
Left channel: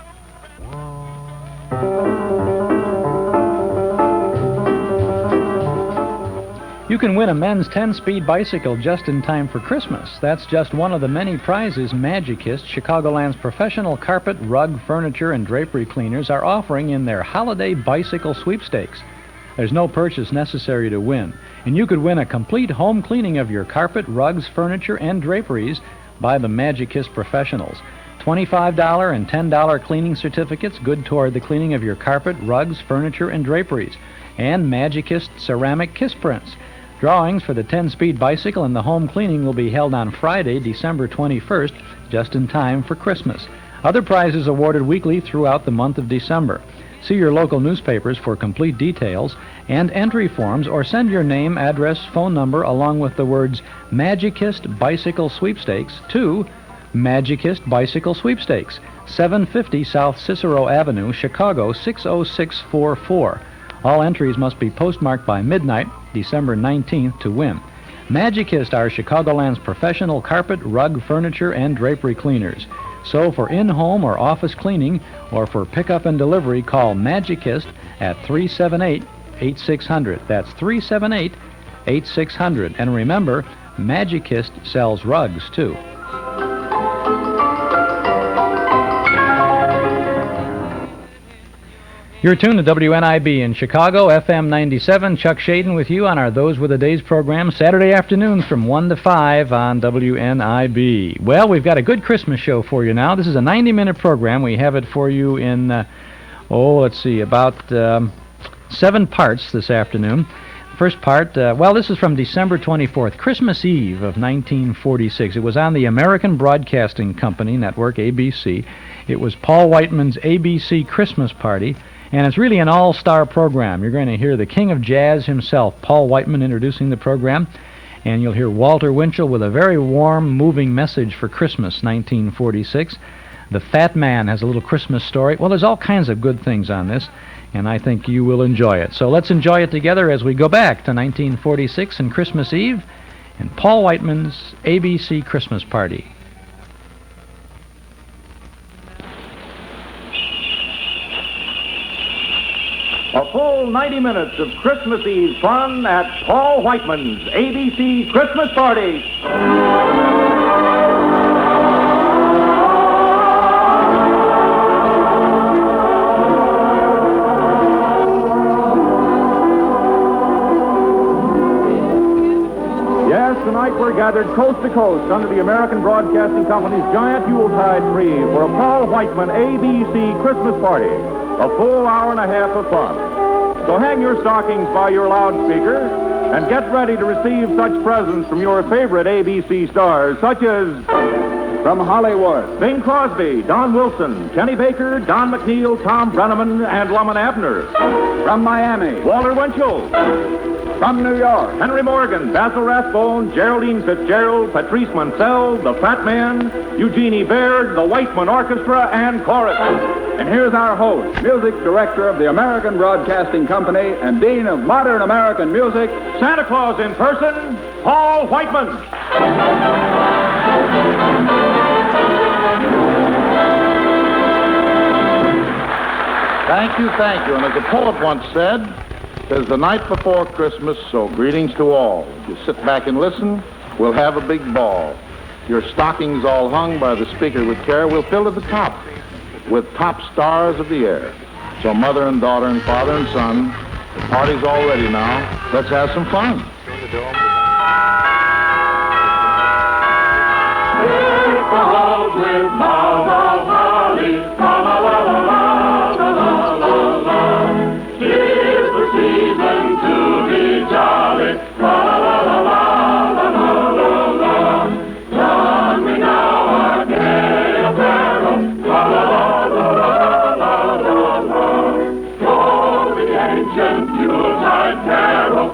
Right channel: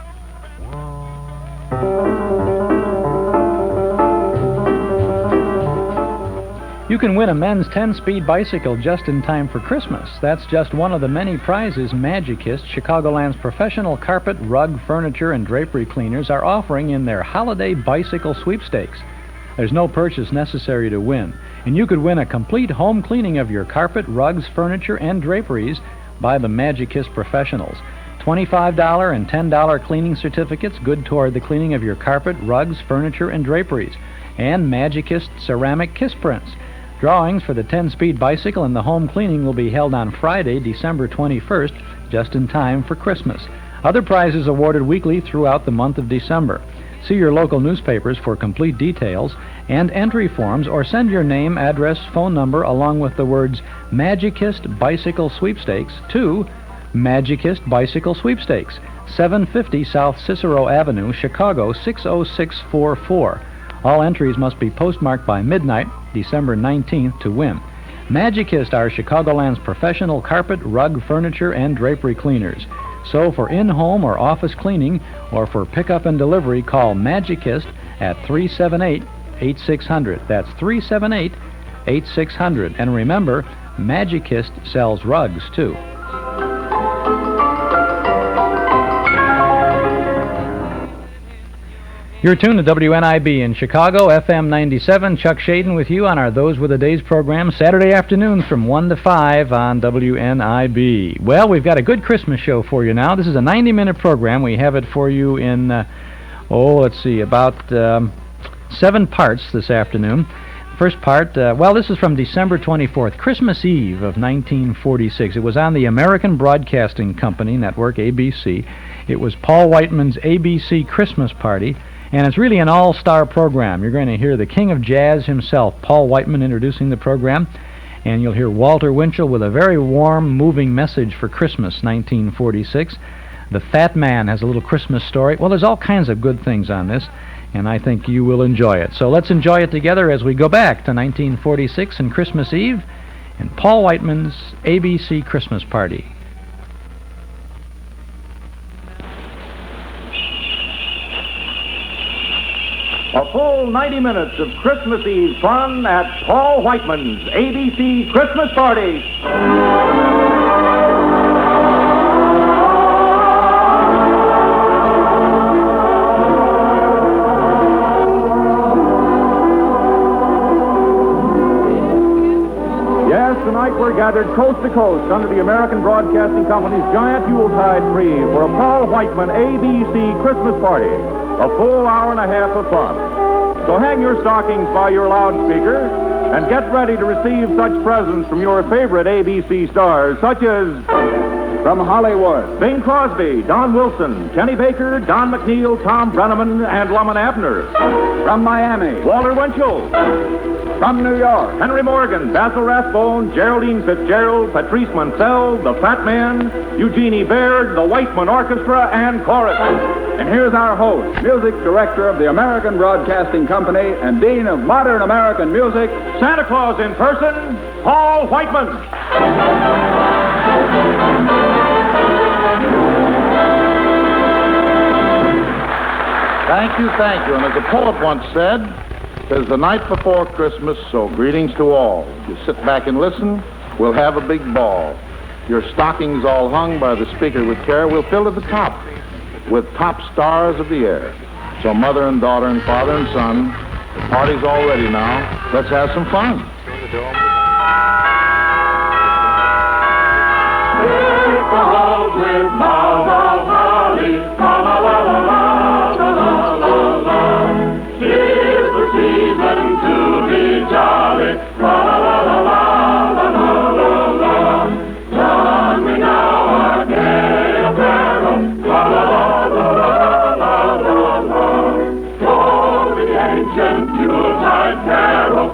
You can win a men's 10-speed bicycle just in time for Christmas. That's just one of the many prizes Magicist, Chicagoland's professional carpet, rug, furniture, and drapery cleaners, are offering in their holiday bicycle sweepstakes. There's no purchase necessary to win, and you could win a complete home cleaning of your carpet, rugs, furniture, and draperies by the Magicist professionals. $25 and $10 cleaning certificates good toward the cleaning of your carpet, rugs, furniture, and draperies, and Magicist ceramic kiss prints. Drawings for the 10-speed bicycle and the home cleaning will be held on Friday, December 21st, just in time for Christmas. Other prizes awarded weekly throughout the month of December. See your local newspapers for complete details and entry forms, or send your name, address, phone number, along with the words Magicist Bicycle Sweepstakes to Magicist Bicycle Sweepstakes, 750 South Cicero Avenue, Chicago, 60644. All entries must be postmarked by midnight December 19th, to win. Magicist are Chicagoland's professional carpet, rug, furniture, and drapery cleaners. So for in-home or office cleaning, or for pickup and delivery, call Magicist at 378-8600. That's 378-8600. And remember, Magicist sells rugs, too. You're tuned to WNIB in Chicago, FM 97. Chuck Shaden with you on our Those Were the Days program, Saturday afternoons from 1 to 5 on WNIB. Well, we've got a good Christmas show for you now. This is a 90-minute program. We have it for you in, about 7 parts this afternoon. First part, this is from December 24th, Christmas Eve of 1946. It was on the American Broadcasting Company network, ABC. It was Paul Whiteman's ABC Christmas Party. And it's really an all-star program. You're going to hear the king of jazz himself, Paul Whiteman, introducing the program. And you'll hear Walter Winchell with a very warm, moving message for Christmas, 1946. The Fat Man has a little Christmas story. Well, there's all kinds of good things on this, and I think you will enjoy it. So let's enjoy it together as we go back to 1946 and Christmas Eve in Paul Whiteman's ABC Christmas Party. A full 90 minutes of Christmas Eve fun at Paul Whiteman's ABC Christmas Party. Yes, tonight we're gathered coast to coast under the American Broadcasting Company's giant Yuletide tree for a Paul Whiteman ABC Christmas Party. A full hour and a half of fun. So hang your stockings by your loudspeaker and get ready to receive such presents from your favorite ABC stars, such as from Hollywood, Bing Crosby, Don Wilson, Kenny Baker, Don McNeill, Tom Brennaman, and Lemon Abner. From Miami, Walter Winchell. From New York, Henry Morgan, Basil Rathbone, Gegraldine Fitzgerald, Patrice Munsell, the Fat Man, Eugenie Baird, the Whiteman Orchestra, and Chorus. And here's our host, music director of the American Broadcasting Company and Dean of Modern American Music, Santa Claus in person, Paul Whiteman. Thank you. And as a poet once said, "'Tis the night before Christmas, so greetings to all. You sit back and listen, we'll have a big ball. Your stockings all hung by the speaker with care, we'll fill to the top with top stars of the air. So mother and daughter and father and son, the party's all ready now. Let's have some fun." With Mama Holly, tis the season to be jolly, Run me now a gay carol, for the ancient Yuletide carol,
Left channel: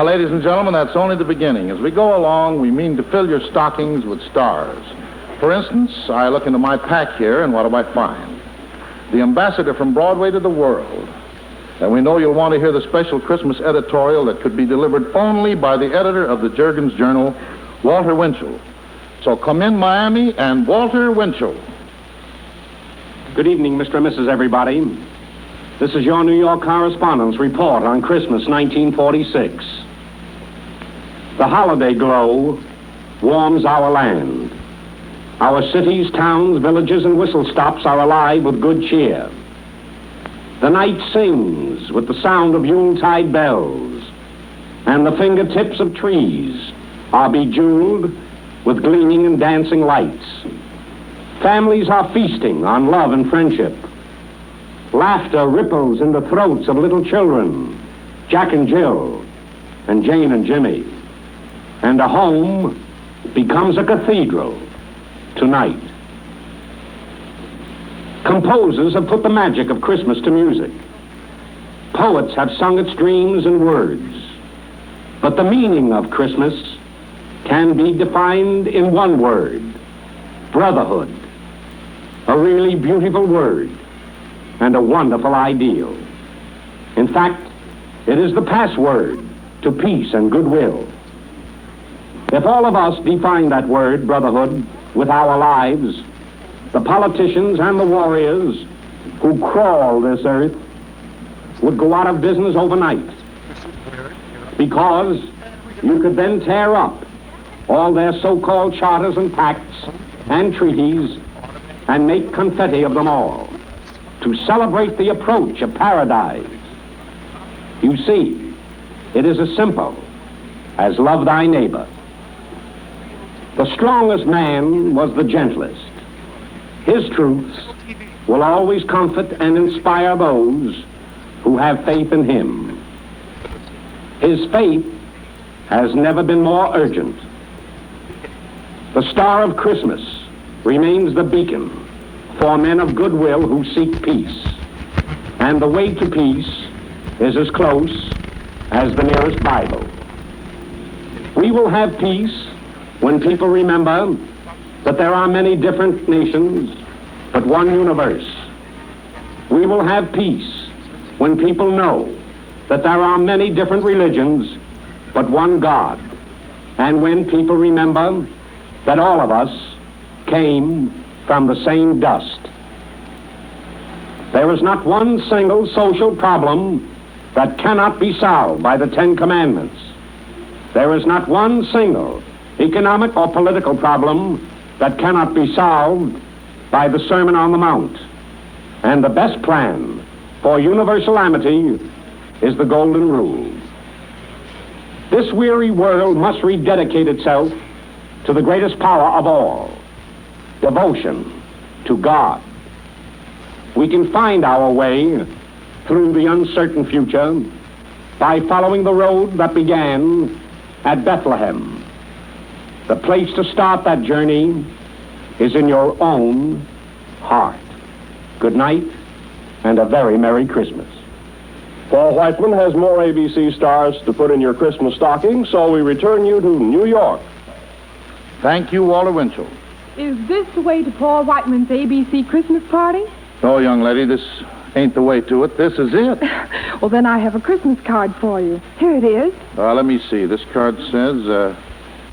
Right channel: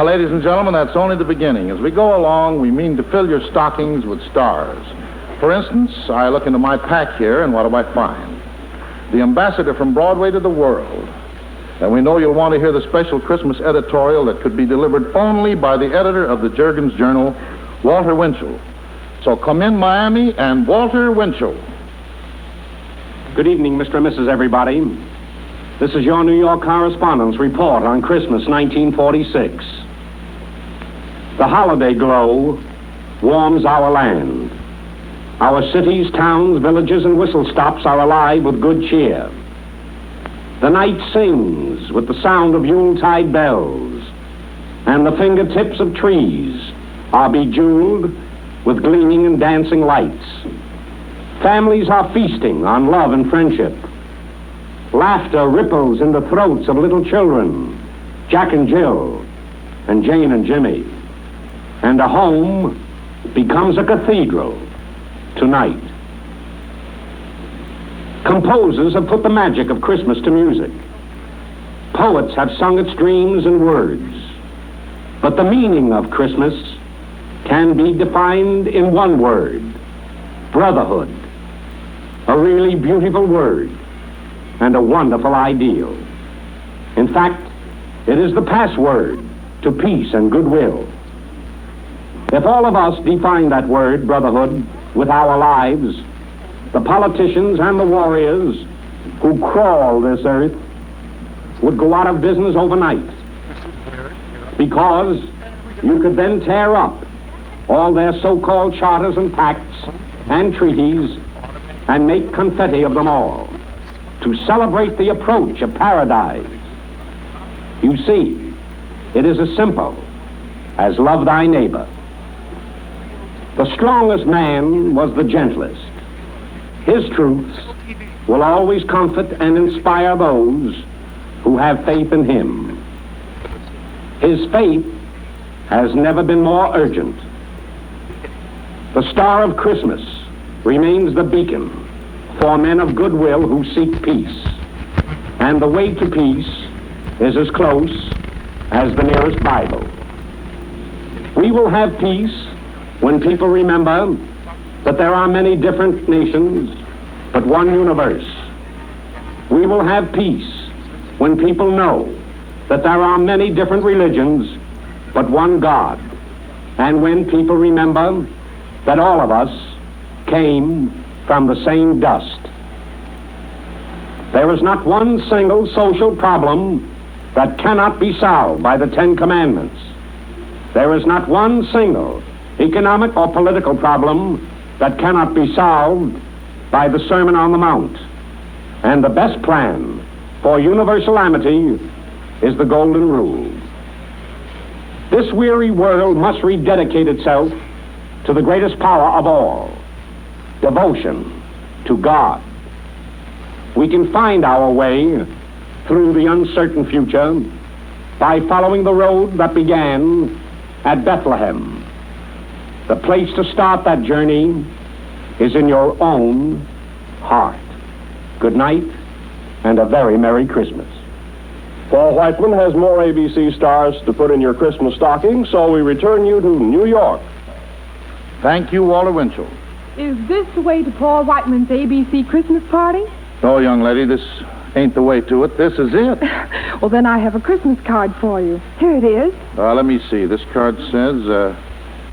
Ladies and gentlemen, that's only the beginning. As we go along, we mean to fill your stockings with stars. For instance, I look into my pack here, and what do I find? the ambassador from Broadway to the world. And we know you'll want to hear the special Christmas editorial that could be delivered only by the editor of the Juergens Journal, Walter Winchell. So come in, Miami, and Walter Winchell. Good evening, Mr. and Mrs. Everybody. This is your New York correspondent's report on Christmas 1946. The holiday glow warms our land. Our cities, towns, villages, and whistle stops are alive with good cheer. The night sings with the sound of Yuletide bells, and the fingertips of trees are bejeweled with gleaming and dancing lights. Families are feasting on love and friendship. Laughter ripples in the throats of little children, Jack and Jill, and Jane and Jimmy. And a home becomes a cathedral tonight. Composers have put the magic of Christmas to music. Poets have sung its dreams and words. But the meaning of Christmas can be defined in one word: brotherhood. A really beautiful word and a wonderful ideal. In fact, it is the password to peace and goodwill. If all of us define that word, brotherhood, with our lives, the politicians and the warriors who crawl this earth would go out of business overnight. Because you could then tear up all their so-called charters and pacts and treaties and make confetti of them all to celebrate the approach of paradise. You see, it is as simple as love thy neighbor. The strongest man was the gentlest. His truths will always comfort and inspire those who have faith in him. His faith has never been more urgent. The star of Christmas remains the beacon for men of goodwill who seek peace. And the way to peace is as close as the nearest Bible. We will have peace when people remember that there are many different nations, but one universe. We will have peace when people know that there are many different religions, but one God. And when people remember that all of us came from the same dust. There is not one single social problem that cannot be solved by the Ten Commandments. There is not one single economic or political problem that cannot be solved by the Sermon on the Mount. And the best plan for universal amity is the Golden Rule. This weary world must rededicate itself to the greatest power of all, devotion to God. We can find our way through the uncertain future by following the road that began at Bethlehem. The place to start that journey is in your own heart. Good night, and a very Merry Christmas. Paul Whiteman has more ABC stars to put in your Christmas stocking, so we return you to New York. Thank you, Walter Winchell. Is this the way to Paul Whiteman's ABC Christmas party? No, young lady, this ain't the way to it. This is it. Well, then I have a Christmas card for you. Here it is. Let me see. This card says,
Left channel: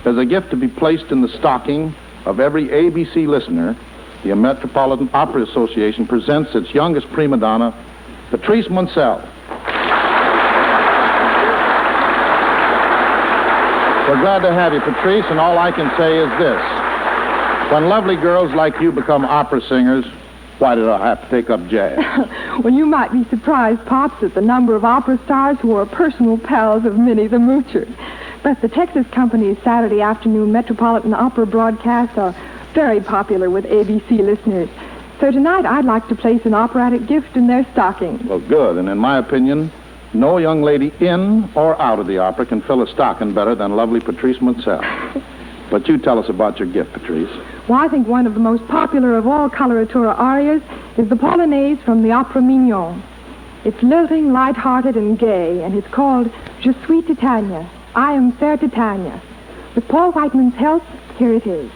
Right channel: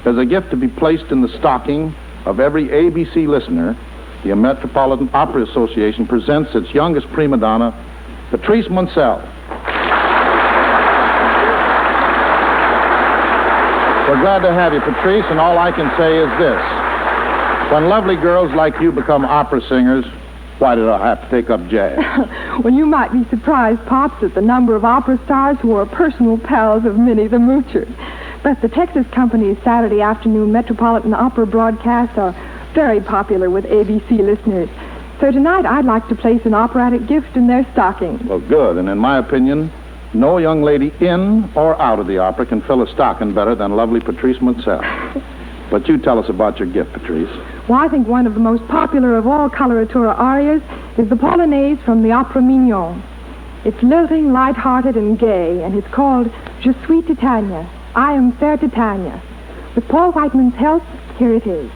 as a gift to be placed in the stocking of every ABC listener, the Metropolitan Opera Association presents its youngest prima donna, Patrice Munsell. We're glad to have you, Patrice, and all I can say is this. When lovely girls like you become opera singers, why did I have to take up jazz? Well, you might be surprised, Pops, at the number of opera stars who are personal pals of Minnie the Moocher. But the Texas Company's Saturday afternoon Metropolitan Opera broadcasts are very popular with ABC listeners. So tonight I'd like to place an operatic gift in their stocking. Well, good. And in my opinion, no young lady in or out of the opera can fill a stocking better than lovely Patrice Munsell. But you tell us about your gift, Patrice. Well, I think one of the most popular of all coloratura arias is the Polonaise from the Opera Mignon. It's lilting, light-hearted, and gay, and it's called Je suis Titania. I am fair Titania. With Paul Whiteman's help, here it is.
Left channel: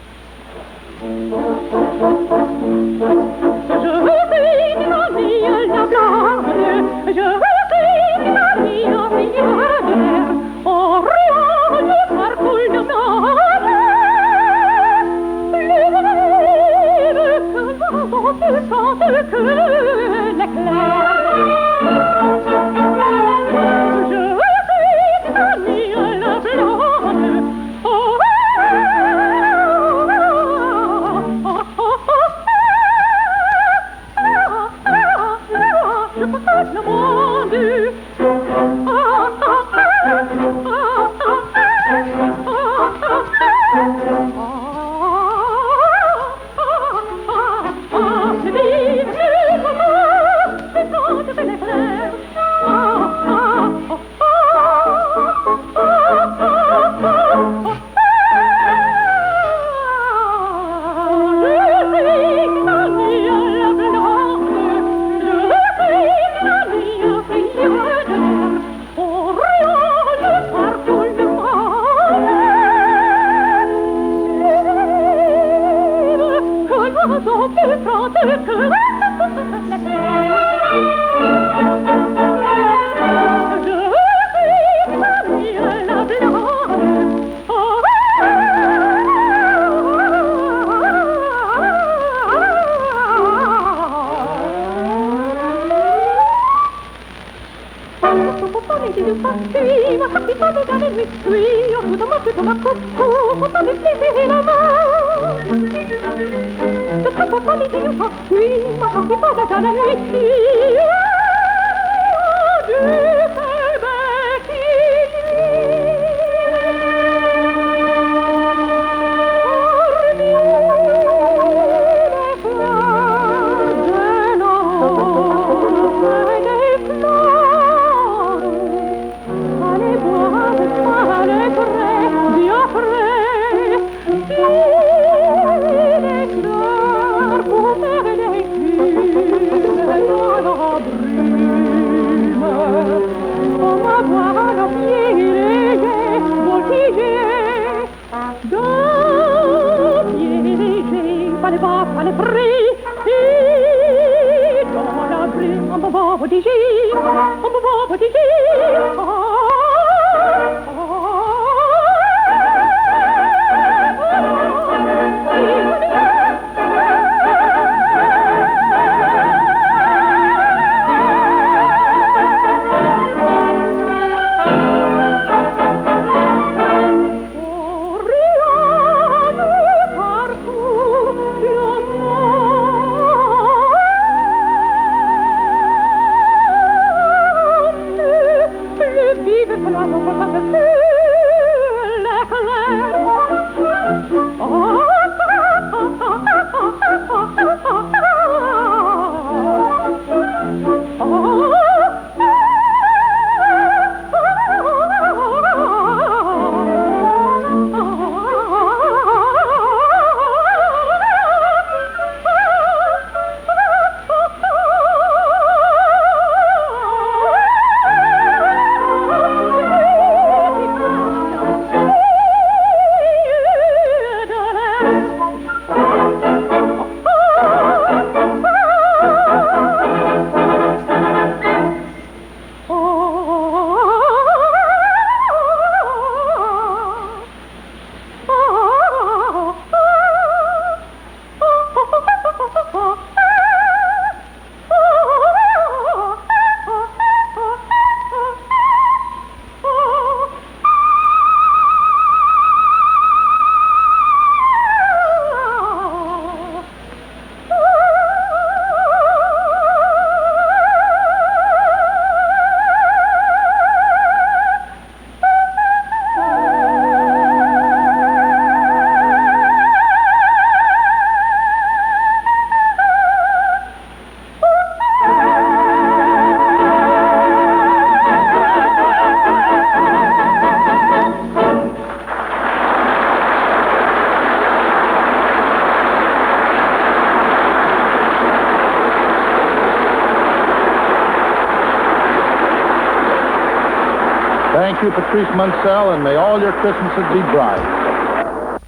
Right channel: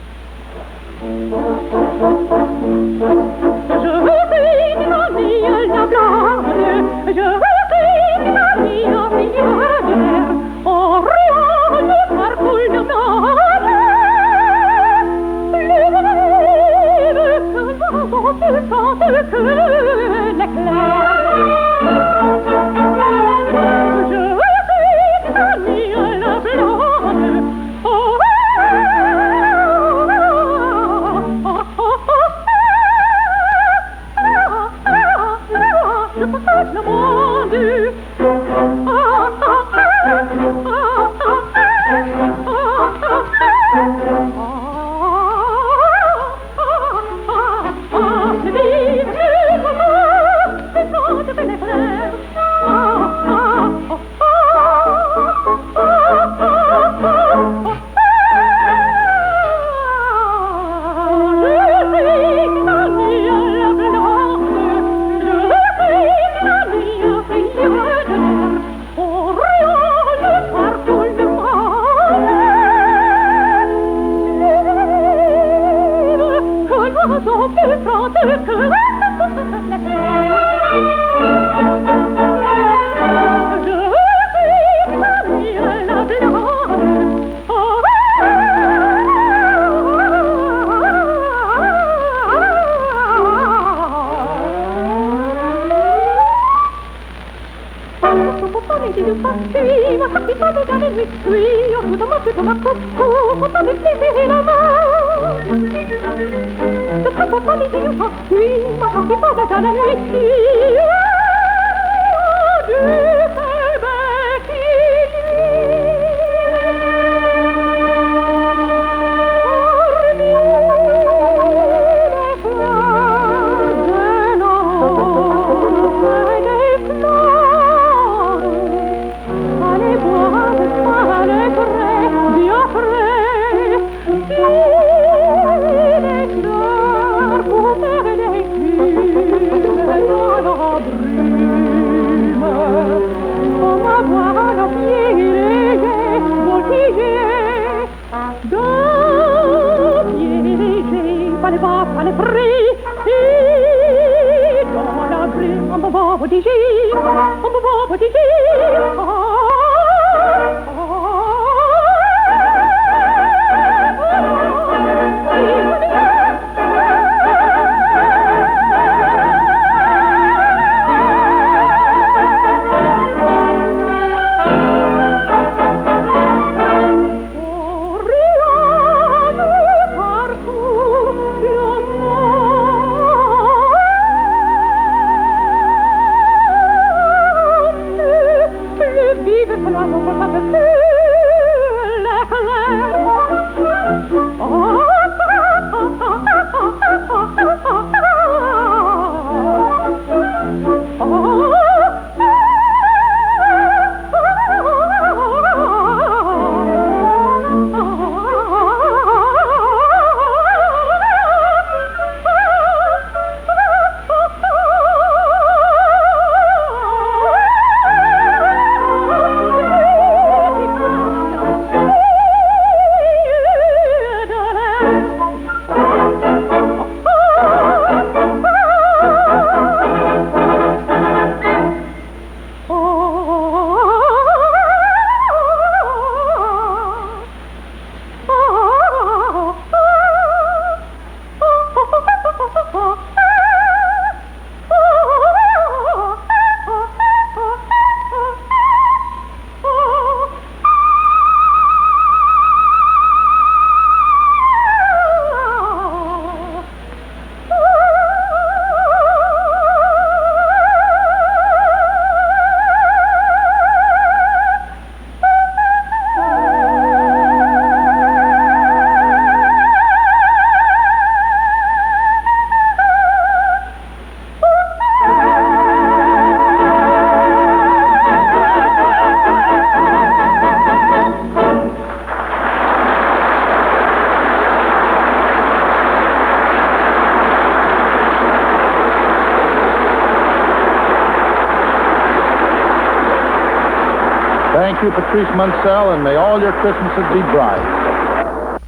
Thank you, Patrice Munsell, and may all your Christmases be bright.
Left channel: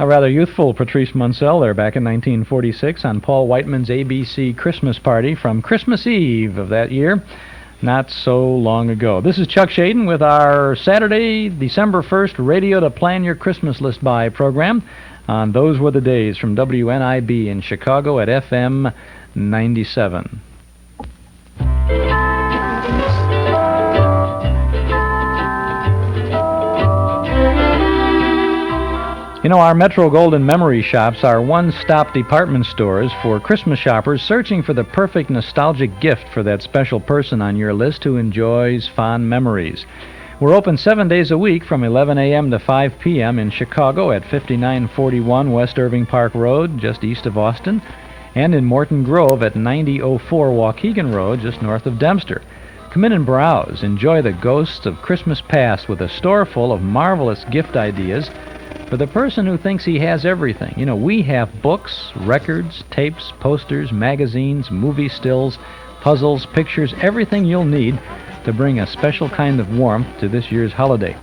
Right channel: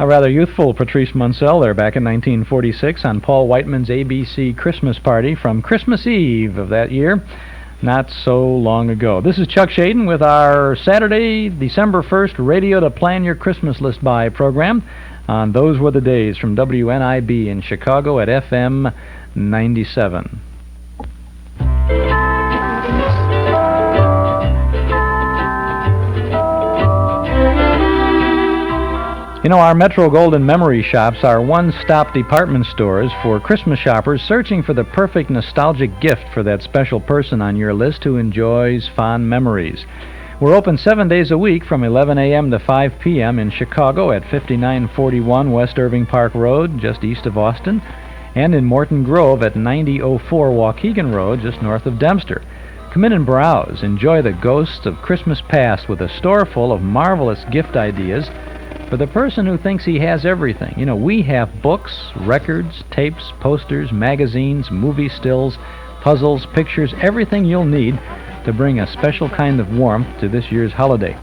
A rather youthful Patrice Munsell there back in 1946 on Paul Whiteman's ABC Christmas Party from Christmas Eve of that year, not so long ago. This is Chuck Shaden with our Saturday, December 1st Radio to Plan Your Christmas List By program on Those Were the Days from WNIB in Chicago at FM 97. You know, our Metro Golden Memory Shops are one-stop department stores for Christmas shoppers searching for the perfect nostalgic gift for that special person on your list who enjoys fond memories. We're open 7 days a week from 11 a.m. to 5 p.m. in Chicago at 5941 West Irving Park Road, just east of Austin, and in Morton Grove at 9004 Waukegan Road, just north of Dempster. Come in and browse. Enjoy the ghosts of Christmas past with a store full of marvelous gift ideas for the person who thinks he has everything. You know, we have books, records, tapes, posters, magazines, movie stills, puzzles, pictures, everything you'll need to bring a special kind of warmth to this year's holiday.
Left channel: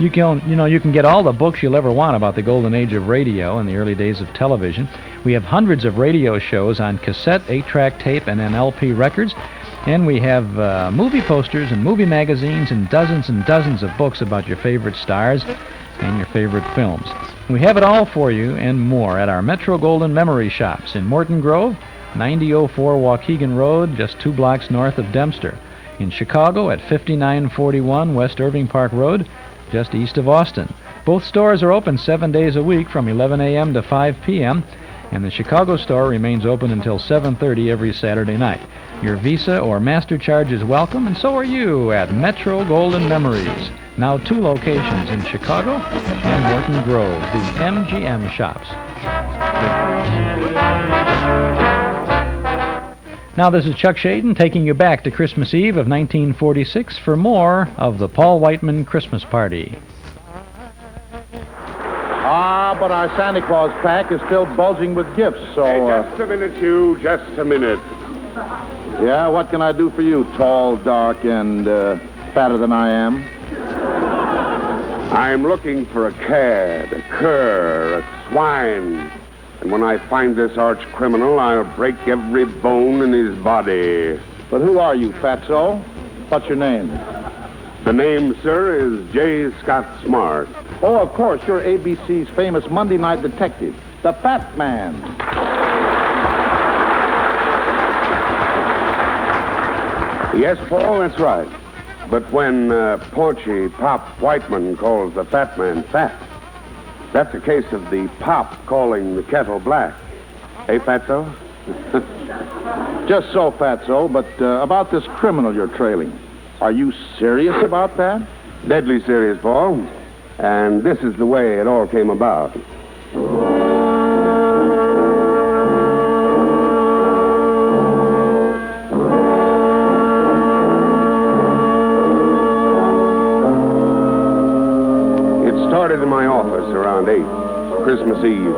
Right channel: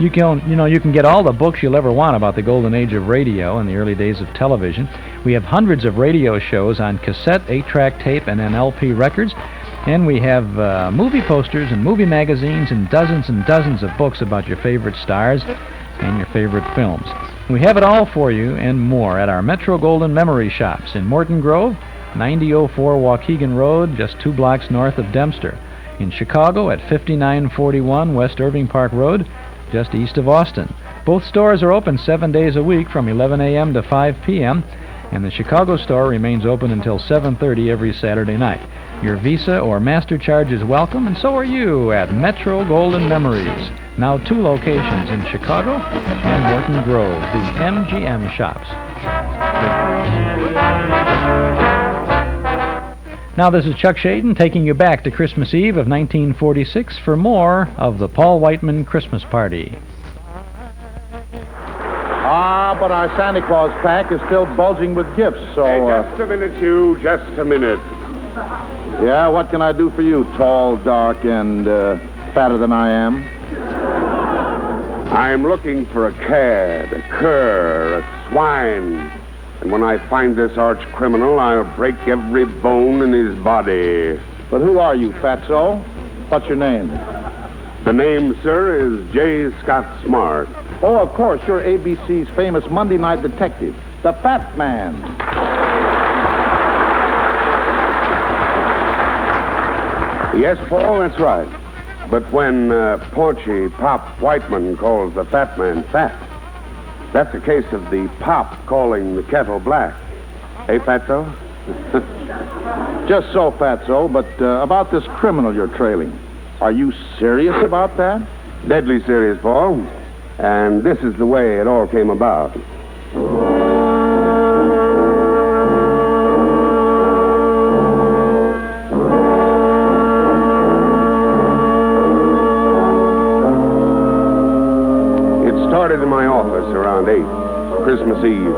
You can get all the books you'll ever want about the golden age of radio and the early days of television. We have hundreds of radio shows on cassette, 8-track tape, and LP records. And we have movie posters and movie magazines and dozens of books about your favorite stars and your favorite films. We have it all for you and more at our Metro Golden Memory Shops in Morton Grove, 9004 Waukegan Road, just 2 blocks north of Dempster. In Chicago at 5941 West Irving Park Road, just east of Austin. Both stores are open 7 days a week from 11 a.m. to 5 p.m., and the Chicago store remains open until 7:30 every Saturday night. Your Visa or Master charge is welcome, and so are you at Metro Golden Memories. Now 2 locations in Chicago and Morton Grove, the MGM shops. Now this is Chuck Shaden taking you back to Christmas Eve of 1946 for more of the Paul Whiteman Christmas Party. But our Santa Claus pack is still bulging with gifts, so... Hey, just a minute, Hugh, just a minute. Yeah, what can I do for you, tall, dark, and fatter than I am? I'm looking for a cad, a cur, a swine. And when I find this arch criminal, I'll break every bone in his body. But who are you, Fatso? What's your name? The name, sir, is J. Scott Smart. Oh, of course, you're ABC's famous Monday night detective, the Fat Man. Yes, Paul, that's right. But when paunchy Pop Whiteman calls the Fat Man fat, that's a case of the Pop calling the kettle black. Hey, Fatso? Just so, Fatso, but about this criminal you're trailing. Are you serious about that? Deadly serious, Paul. And this is the way it all came about. It started in my office around 8, Christmas Eve.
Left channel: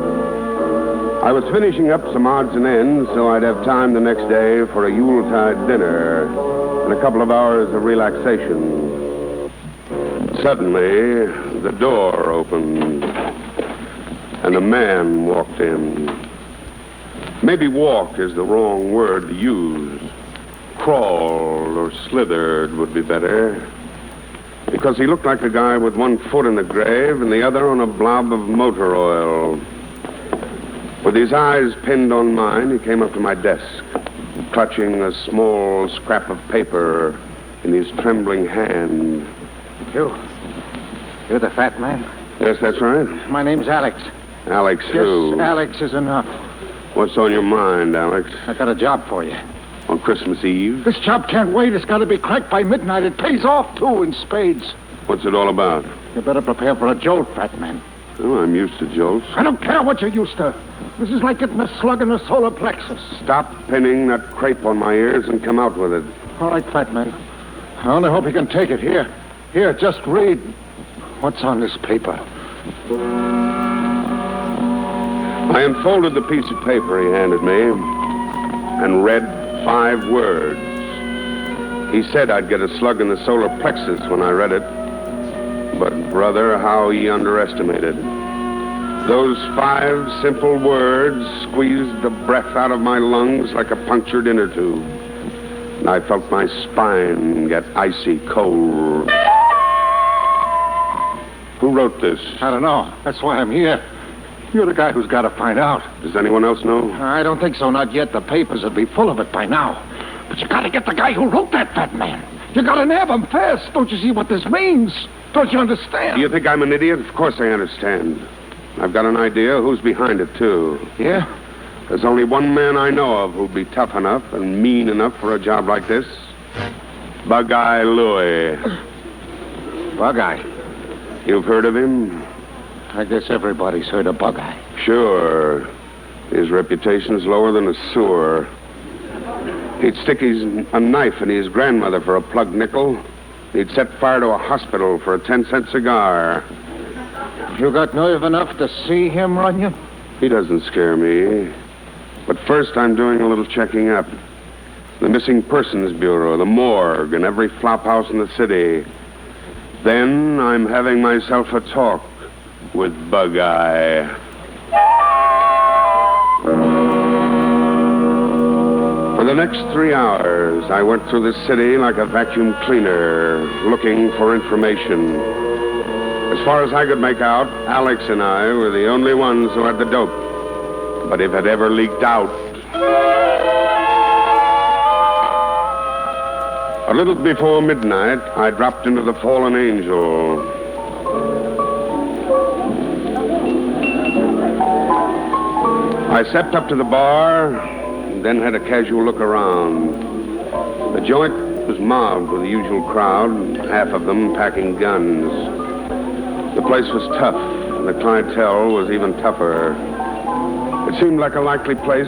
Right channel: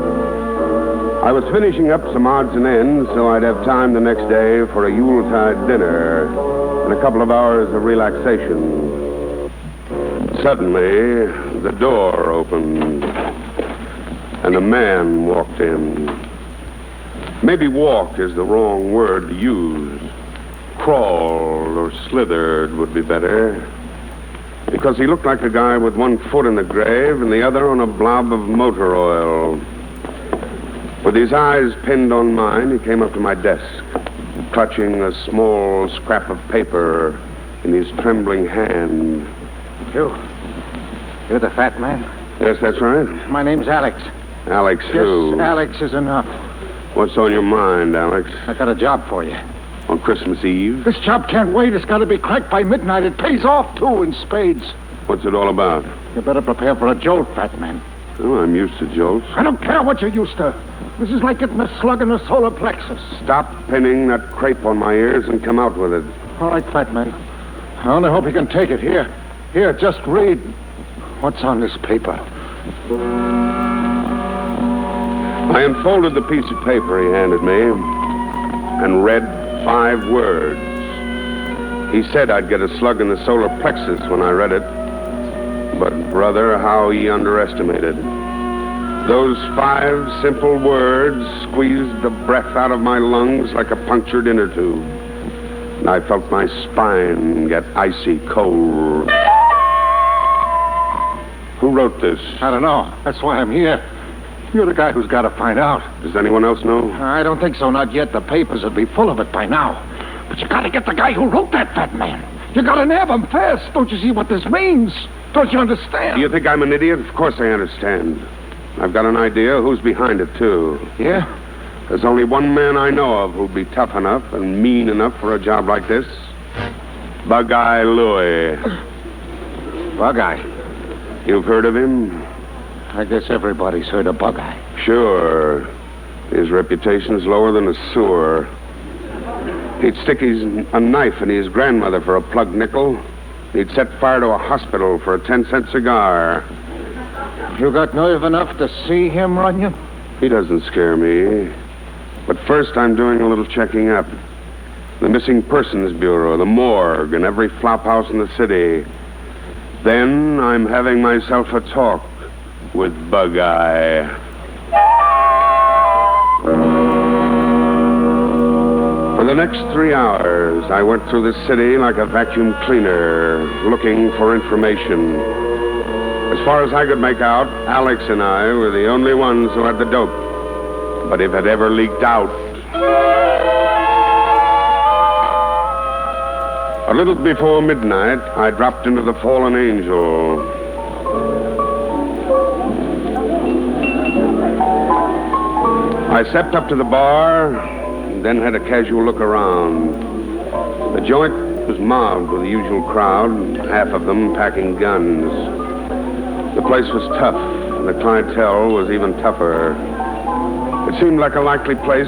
I was finishing up some odds and ends so I'd have time the next day for a Yuletide dinner and a couple of hours of relaxation. Suddenly, the door opened, and a man walked in. Maybe walk is the wrong word to use. Crawled or slithered would be better, because he looked like a guy with one foot in the grave and the other on a blob of motor oil. With his eyes pinned on mine, he came up to my desk, clutching a small scrap of paper in his trembling hand. You're the Fat Man? Yes, that's right. My name's Alex. Alex who? Yes, Alex is enough. What's on your mind, Alex? I got a job for you. On Christmas Eve? This job can't wait. It's got to be cracked by midnight. It pays off, too, in spades. What's it all about? You better prepare for a jolt, Fat Man. Oh, I'm used to jolts. I don't care what you're used to. This is like getting a slug in the solar plexus. Stop pinning that crepe on my ears and come out with it. All right, Fat Man. I only hope you can take it. Here, just read. What's on this paper? I unfolded the piece of paper he handed me and read 5 words. He said I'd get a slug in the solar plexus when I read it. But, brother, how he underestimated. Those 5 simple words squeezed the breath out of my lungs like a punctured inner tube. And I felt my spine get icy cold. Who wrote this? I don't know. That's why I'm here. You're the guy who's got to find out. Does anyone else know? I don't think so, not yet. The papers would be full of it by now. But you got to get the guy who wrote that, fat man. You got to nab him fast. Don't you see what this means? Don't you understand? Do you think I'm an idiot? Of course I understand. I've got an idea who's behind it, too. Yeah? There's only one man I know of who'd be tough enough and mean enough for a job like this. Bug-Eye Louie. Bug-Eye? You've heard of him? I guess everybody's heard of Bug-Eye. Sure. His reputation's lower than a sewer. He'd stick a knife in his grandmother for a plug nickel. He'd set fire to a hospital for a 10-cent cigar. You got nerve enough to see him, Runyon? He doesn't scare me. But first, I'm doing a little checking up. The Missing Persons Bureau, the morgue, and every flop house in the city. Then I'm having myself a talk with Bug-Eye. For the next 3 hours, I went through the city like a vacuum cleaner, looking for information. As far as I could make out, Alex and I were the only ones who had the dope. But if it ever leaked out... A little before midnight, I dropped into the Fallen Angel. I stepped up to the bar, and then had a casual look around. The joint was mobbed with the usual crowd, half of them packing guns. The place was tough, and the clientele was even tougher. It seemed like a likely place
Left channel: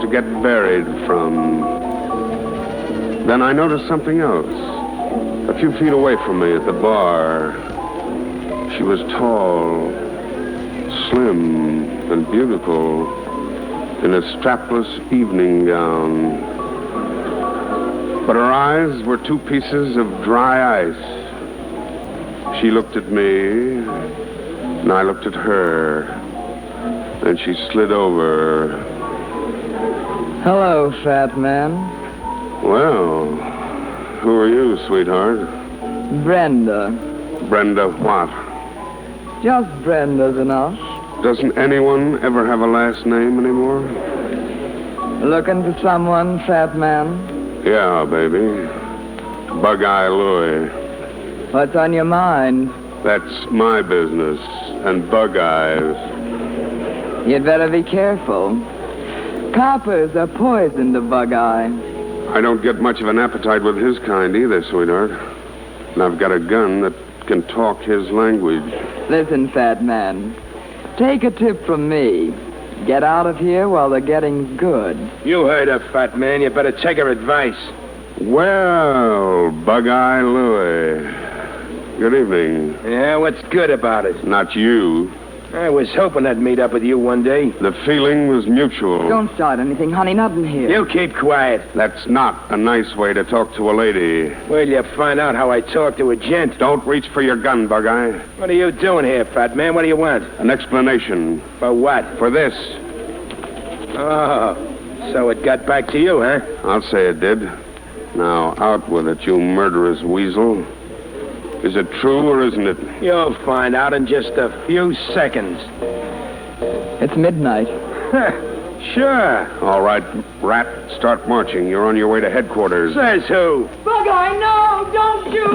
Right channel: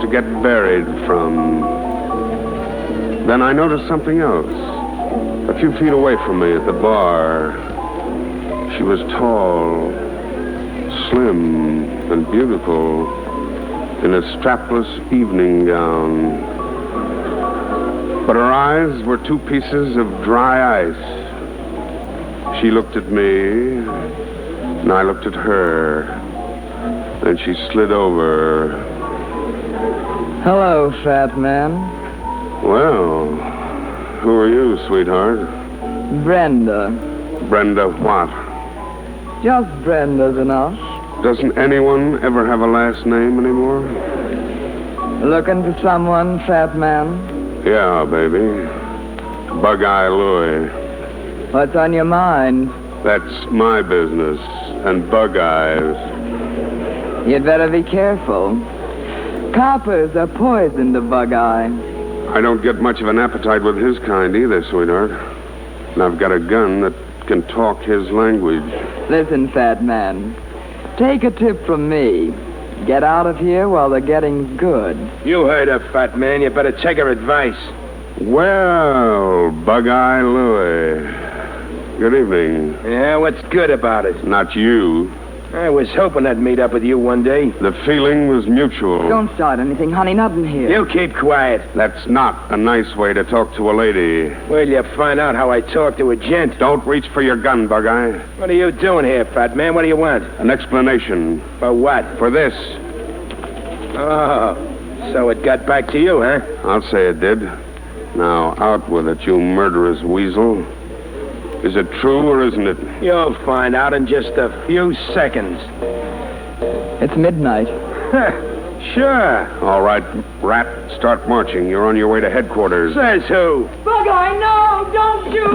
to get buried from. Then I noticed something else. A few feet away from me at the bar, she was tall, slim, and beautiful, in a strapless evening gown. But her eyes were 2 pieces of dry ice. She looked at me, and I looked at her. Then she slid over. Hello, fat man. Well, who are you, sweetheart? Brenda. Brenda what? Just Brenda's enough. Doesn't anyone ever have a last name anymore? Looking for someone, fat man? Yeah, baby. Bug-Eye Louie. What's on your mind? That's my business, and Bug-Eye's. You'd better be careful. Coppers are poison to Bug-Eye. I don't get much of an appetite with his kind either, sweetheart. And I've got a gun that can talk his language. Listen, fat man. Take a tip from me. Get out of here while the getting's good. You heard her, fat man. You better take her advice. Well, Bug-Eye Louie. Good evening. Yeah, what's good about it? Not you. I was hoping I'd meet up with you one day. The feeling was mutual. Don't start anything, honey. Nothing here. You keep quiet. That's not a nice way to talk to a lady. Well, you find out how I talk to a gent. Don't reach for your gun, Bug-Eye. What are you doing here, fat man? What do you want? An explanation. For what? For this. Oh, so it got back to you, huh? I'll say it did. Now, out with it, you murderous weasel. Is it true or isn't it? You'll find out in just a few seconds. It's midnight. Sure. All right, rat, start marching. You're on your way to headquarters. Says who? Bug-Eye, no, don't you!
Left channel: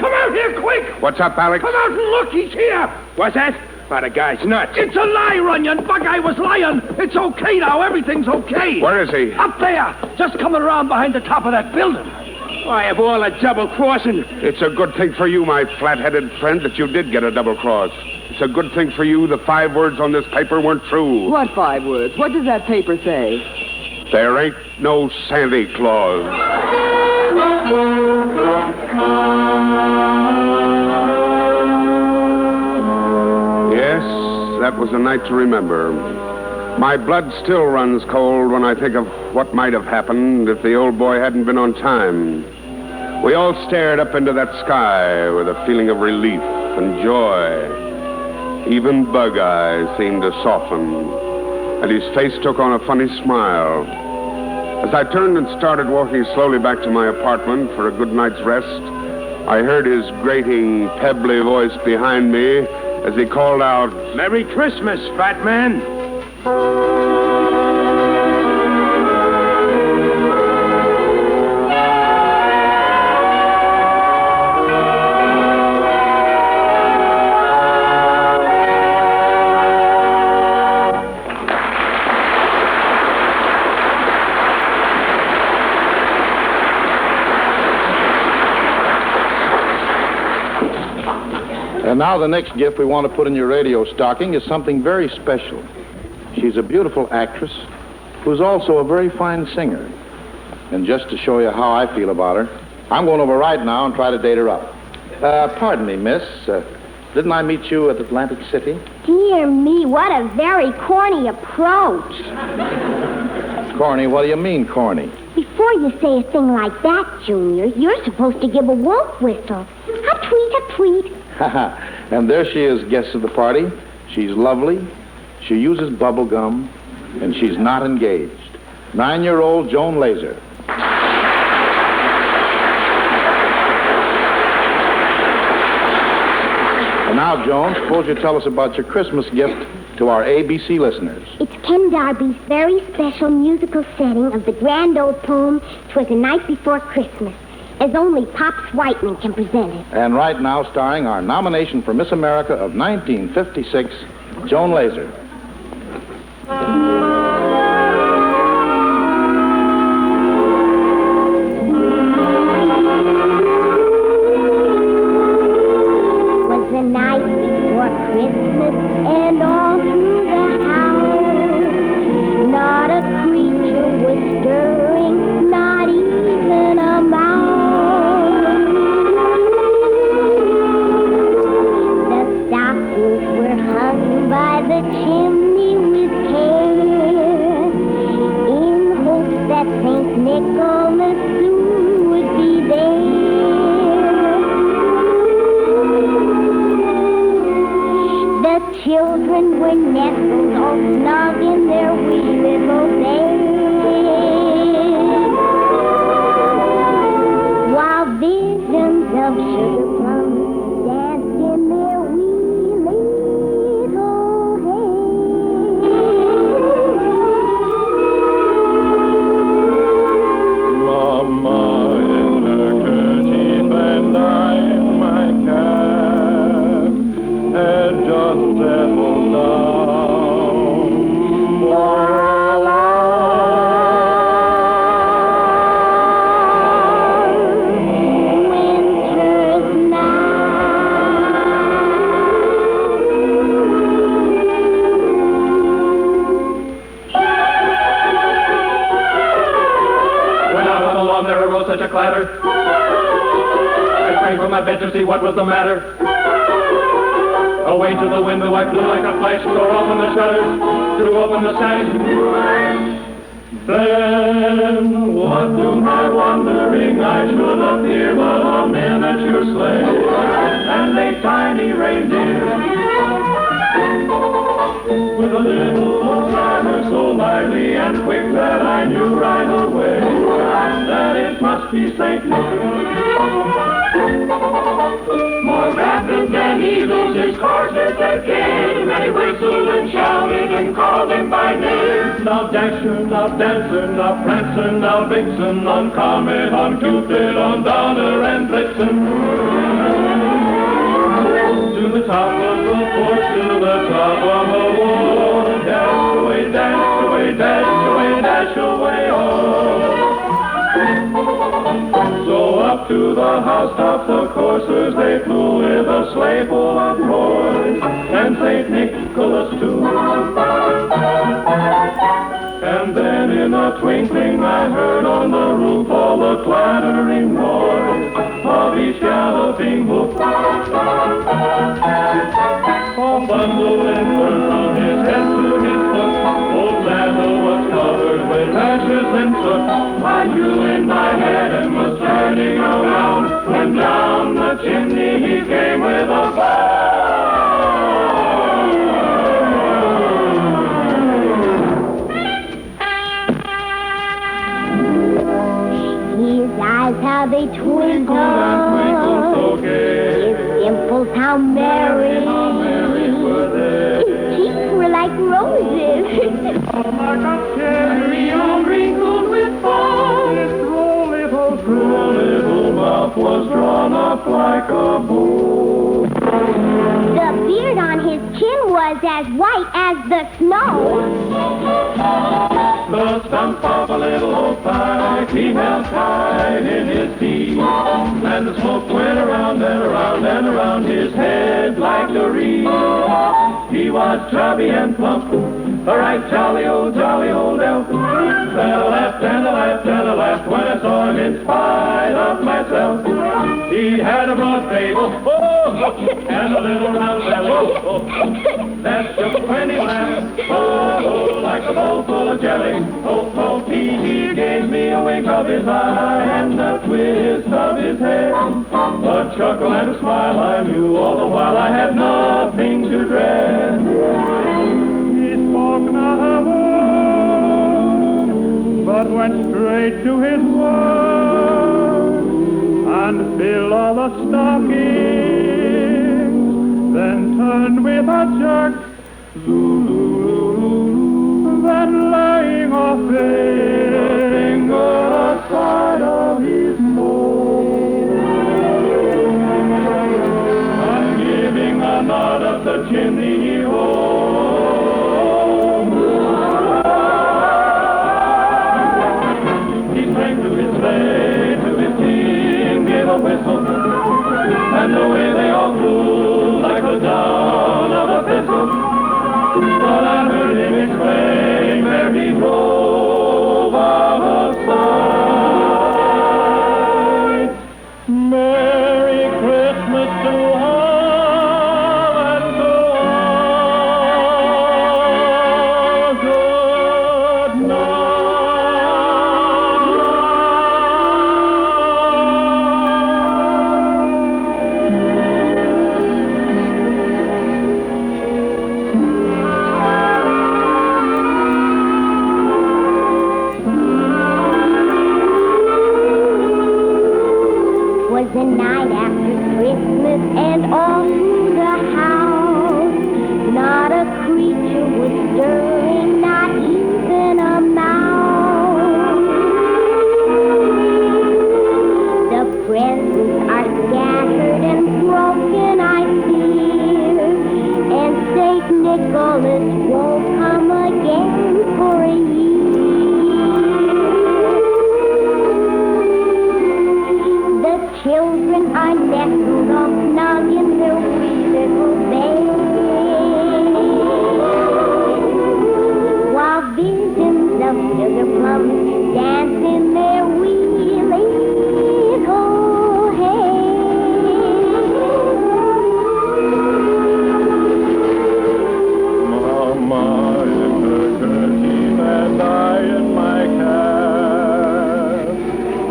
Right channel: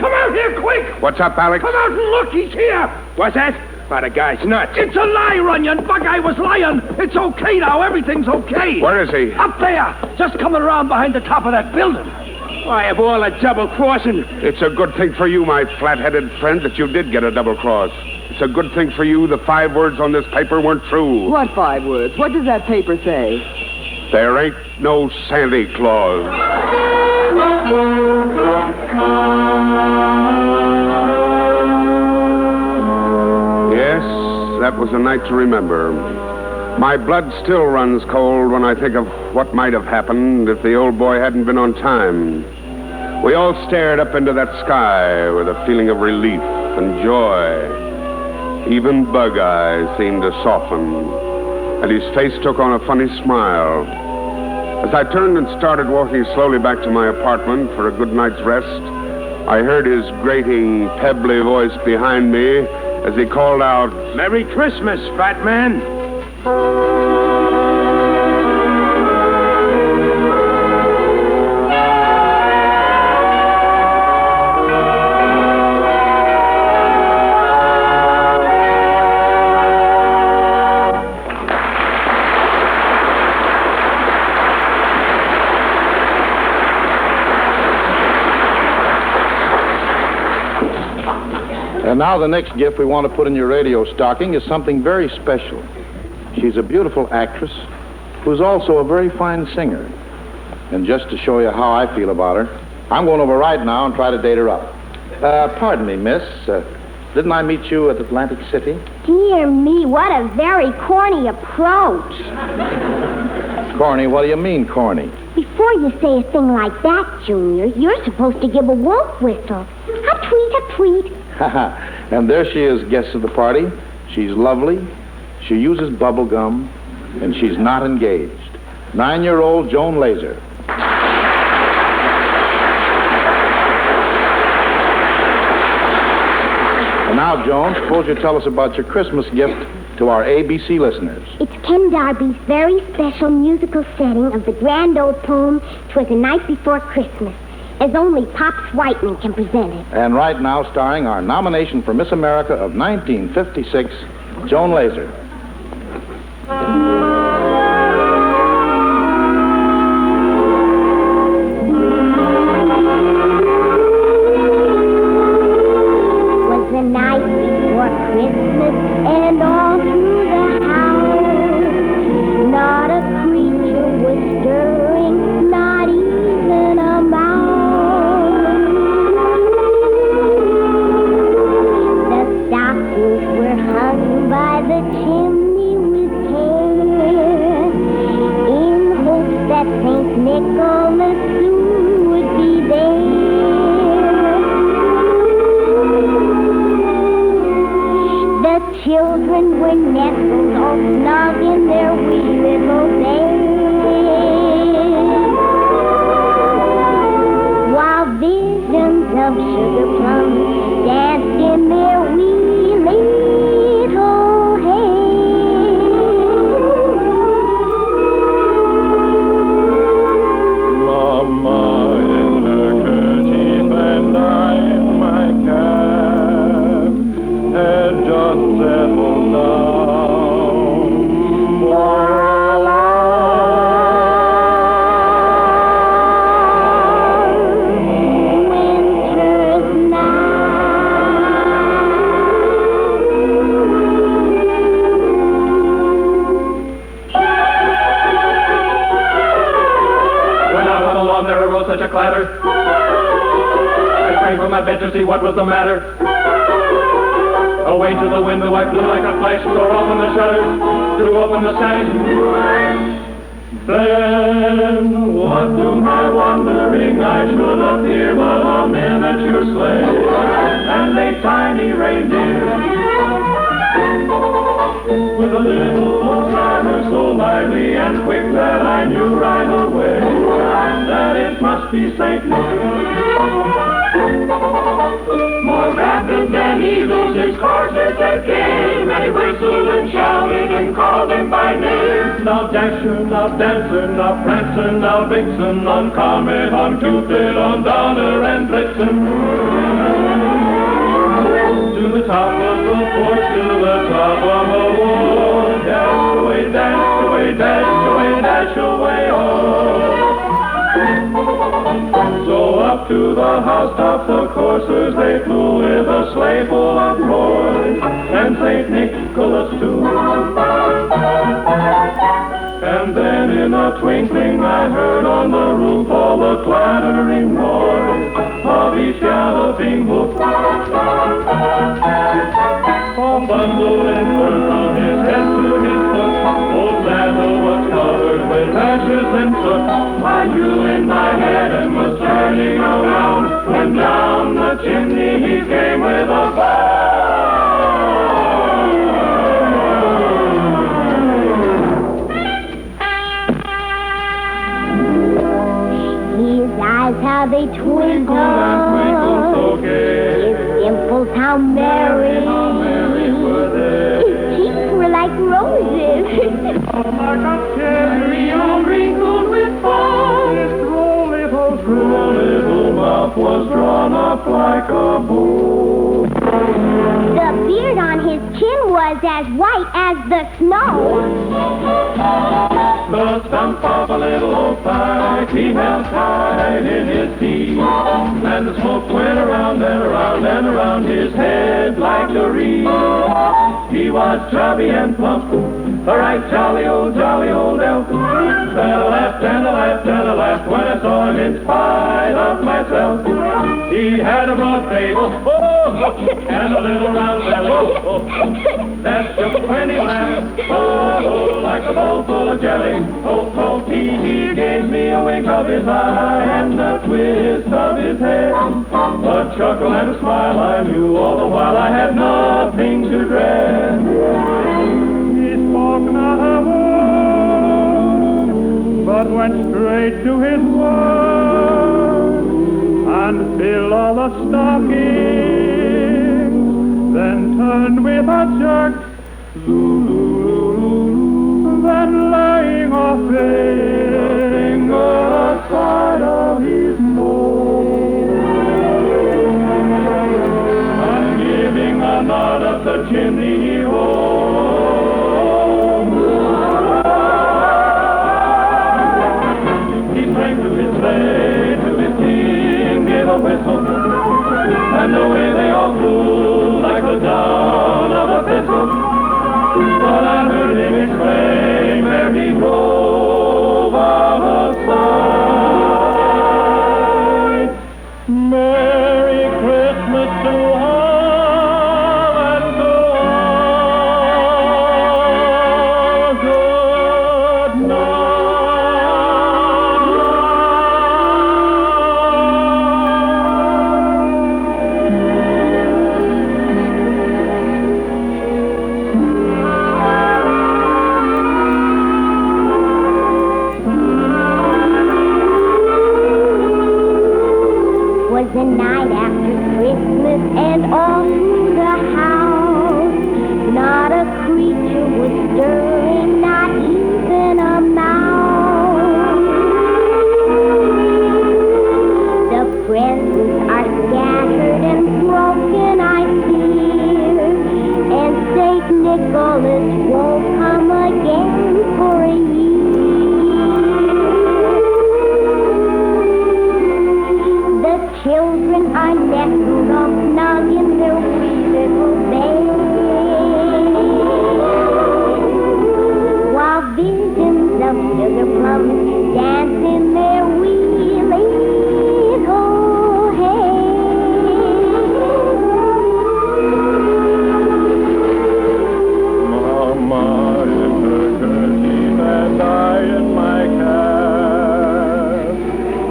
Come out here, quick! What's up, Alex? Come out and look, he's here! What's that? Why, the guy's nuts. It's a lie, Runyon. Bug-Eye was lying. It's okay now. Everything's okay. Where is he? Up there. Just coming around behind the top of that building. Why, of all the double-crossing... It's a good thing for you, my flat-headed friend, that you did get a double cross. It's a good thing for you the 5 words on this paper weren't true. What 5 words? What does that paper say? There ain't no Santa Claus. Yes, that was a night to remember. My blood still runs cold when I think of what might have happened if the old boy hadn't been on time. We all stared up into that sky with a feeling of relief and joy. Even Bug Eye seemed to soften, and his face took on a funny smile. As I turned and started walking slowly back to my apartment for a good night's rest, I heard his grating, pebbly voice behind me as he called out, "Merry Christmas, fat man!" And now the next gift we want to put in your radio stocking is something very special. She's a beautiful actress who's also a very fine singer. And just to show you how I feel about her, I'm going over right now and try to date her up. Pardon me, miss. Didn't I meet you at Atlantic City? Dear me, what a very corny approach. Corny? What do you mean, corny? Before you say a thing like that, Junior, you're supposed to give a wolf whistle. A tweet, a tweet. And there she is, guest of the party. She's lovely. She uses bubble gum, and she's not engaged. 9-year-old Joan Laser. And now, Joan, suppose you tell us about your Christmas gift to our ABC listeners. It's Ken Darby's very special musical setting of the grand old poem, "'Twas the Night Before Christmas," as only Pops Whiteman can present it. And right now, starring our nomination for Miss America of 1956, Joan Laser. Was the night before Christmas, and all through the house, not a creature was stirring, not even a mouse. The stockings were hung by the chimney with care, in hopes that St. Nicholas soon would be there. The children were nestled all snug in their wee little beds, while visions of sugar plums danced in their wee little Mama in her kerchief and I in my cap had just settled down for a winter's When out on the lawn there arose such a clatter, I sprang from my bed to see what was the matter. Away to the window I flew like a flash, tore open the shutters, threw open the sash. Then, what to my wondering eyes should appear but a miniature sleigh and a tiny reindeer with a little old driver so lively and quick that I knew right away that it must be St. Nick. More rapid than eagles, his horses they came, and he whistled and shouted and called them by name. Now Dasher, now Dancer, now Prancer, now Vixen, on Comet, on Cupid, on Donner and Blitzen. To the top of the porch, to the top of the wall, dash away, dash away, dash away, dash away, oh. So up to the housetop the coursers they flew with a sleigh full of toys and St. Nicholas too. And then in a twinkling I heard on the roof all the clattering noise of each galloping hoof. A bundle and from his head to his foot, old Basil was covered with ashes and soot. My jewel in my head and was turning around when down the chimney he came with a bang. The beard on his chin was as white as the snow. The stump of a little old pipe he held tight in his teeth, and the smoke went around and around and around his head like a wreath. He was chubby and plump, a right jolly old elf. And I laughed and I laughed and I laughed when I saw him in spite of myself. He had a broad fable, and a little round belly. That's just when he laughed, like a bowl full of jelly. He gave me a wink of his eye and a twist of his head. A chuckle and a smile I knew all the while I had nothing to dread. He spoke not a word, but went straight to his work and filled all the stockings, then turned with a jerk, then laying off fading on the side of his nose, and giving a nod up the chimney he and away they all flew like the down of a pistol. But I heard him exclaim ere he drove out of sight. Merry Christmas to all and to all. Good night. The night after Christmas and on the house, not a creature was stirring, not even a mouse. The presents are scattered and broken, I fear, and St. Nicholas won't come again for a year. Children are nestled all snug in their wee little beds, while visions of sugar plums dance in their wee little heads. Mama in her kerchief and I in my cap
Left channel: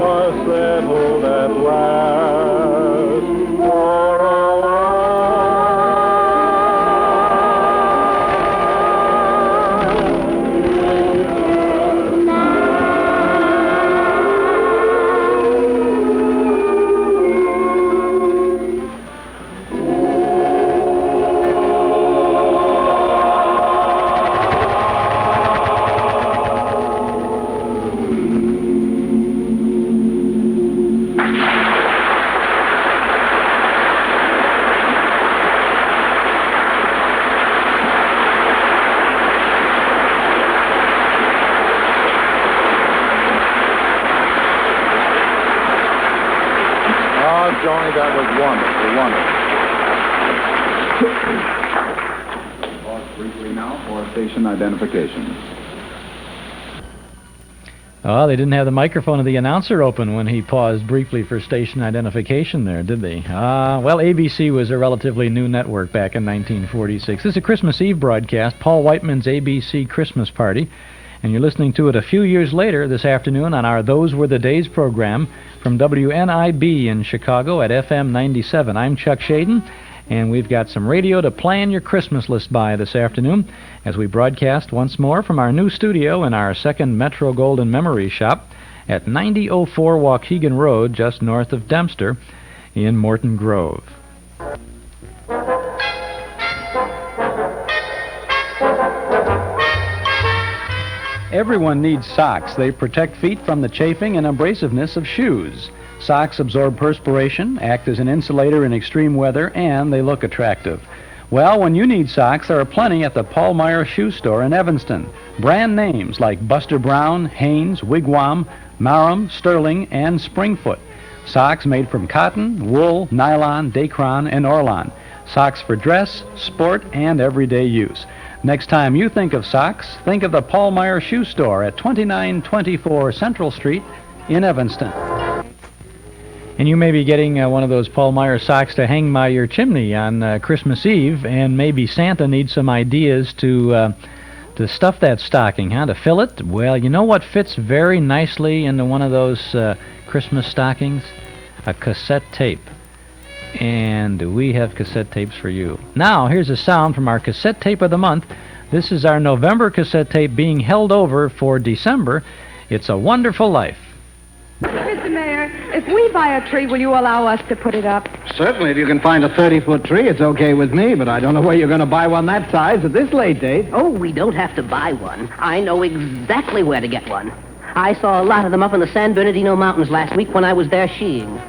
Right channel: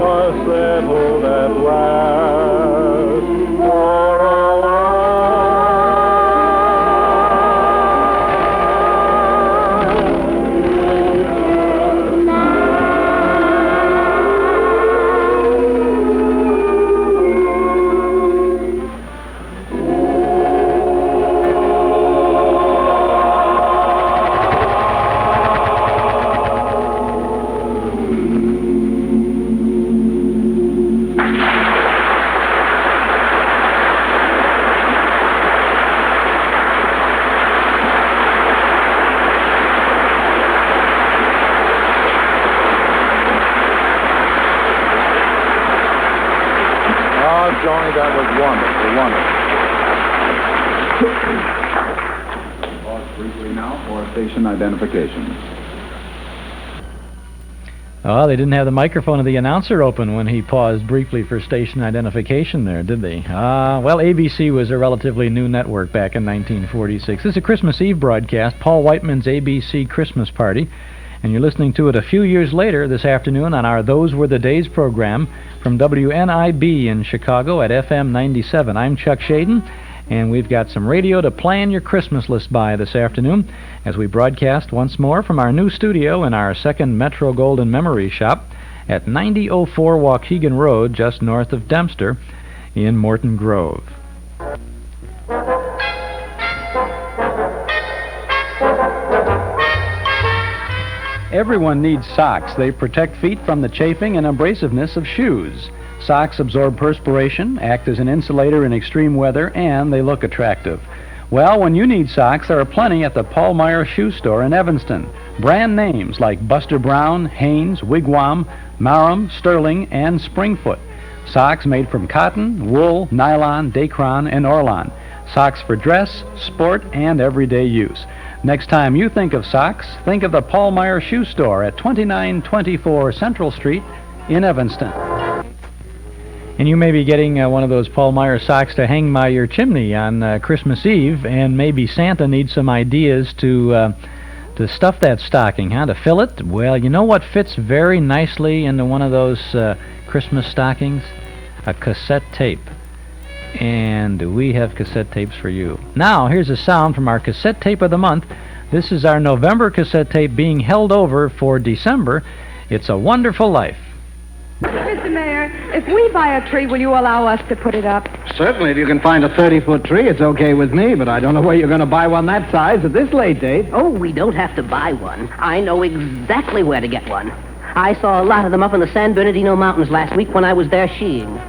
are settled at last. Johnny, that was wonderful, wonderful. Pause briefly now for station identification. Oh, they didn't have the microphone of the announcer open when he paused briefly for station identification there, did they? Well, ABC was a relatively new network back in 1946. This is a Christmas Eve broadcast, Paul Whiteman's ABC Christmas Party, and you're listening to it a few years later this afternoon on our Those Were the Days program from WNIB in Chicago at FM 97. I'm Chuck Shaden, and we've got some radio to plan your Christmas list by this afternoon as we broadcast once more from our new studio in our second Metro Golden Memory Shop at 9004 Waukegan Road, just north of Dempster in Morton Grove. Everyone needs socks. They protect feet from the chafing and abrasiveness of shoes. Socks absorb perspiration, act as an insulator in extreme weather, and they look attractive. Well, when you need socks, there are plenty at the Paul Meyer Shoe Store in Evanston. Brand names like Buster Brown, Hanes, Wigwam, Marham, Sterling, and Springfoot. Socks made from cotton, wool, nylon, Dacron, and Orlon. Socks for dress, sport, and everyday use. Next time you think of socks, think of the Paul Meyer Shoe Store at 2924 Central Street in Evanston. And you may be getting one of those Paul Meyer socks to hang by your chimney on Christmas Eve, and maybe Santa needs some ideas to stuff that stocking, huh? To fill it? Well, you know what fits very nicely into one of those Christmas stockings? A cassette tape. And we have cassette tapes for you. Now, here's a sound from our cassette tape of the month. This is our November cassette tape being held over for December. It's A Wonderful Life. Mr. Mayor, if we buy a tree, will you allow us to put it up? Certainly, if you can find a 30-foot tree, it's okay with me, but I don't know where you're going to buy one that size at this late date. Oh, we don't have to buy one. I know exactly where to get one. I saw a lot of them up in the San Bernardino Mountains last week when I was there skiing.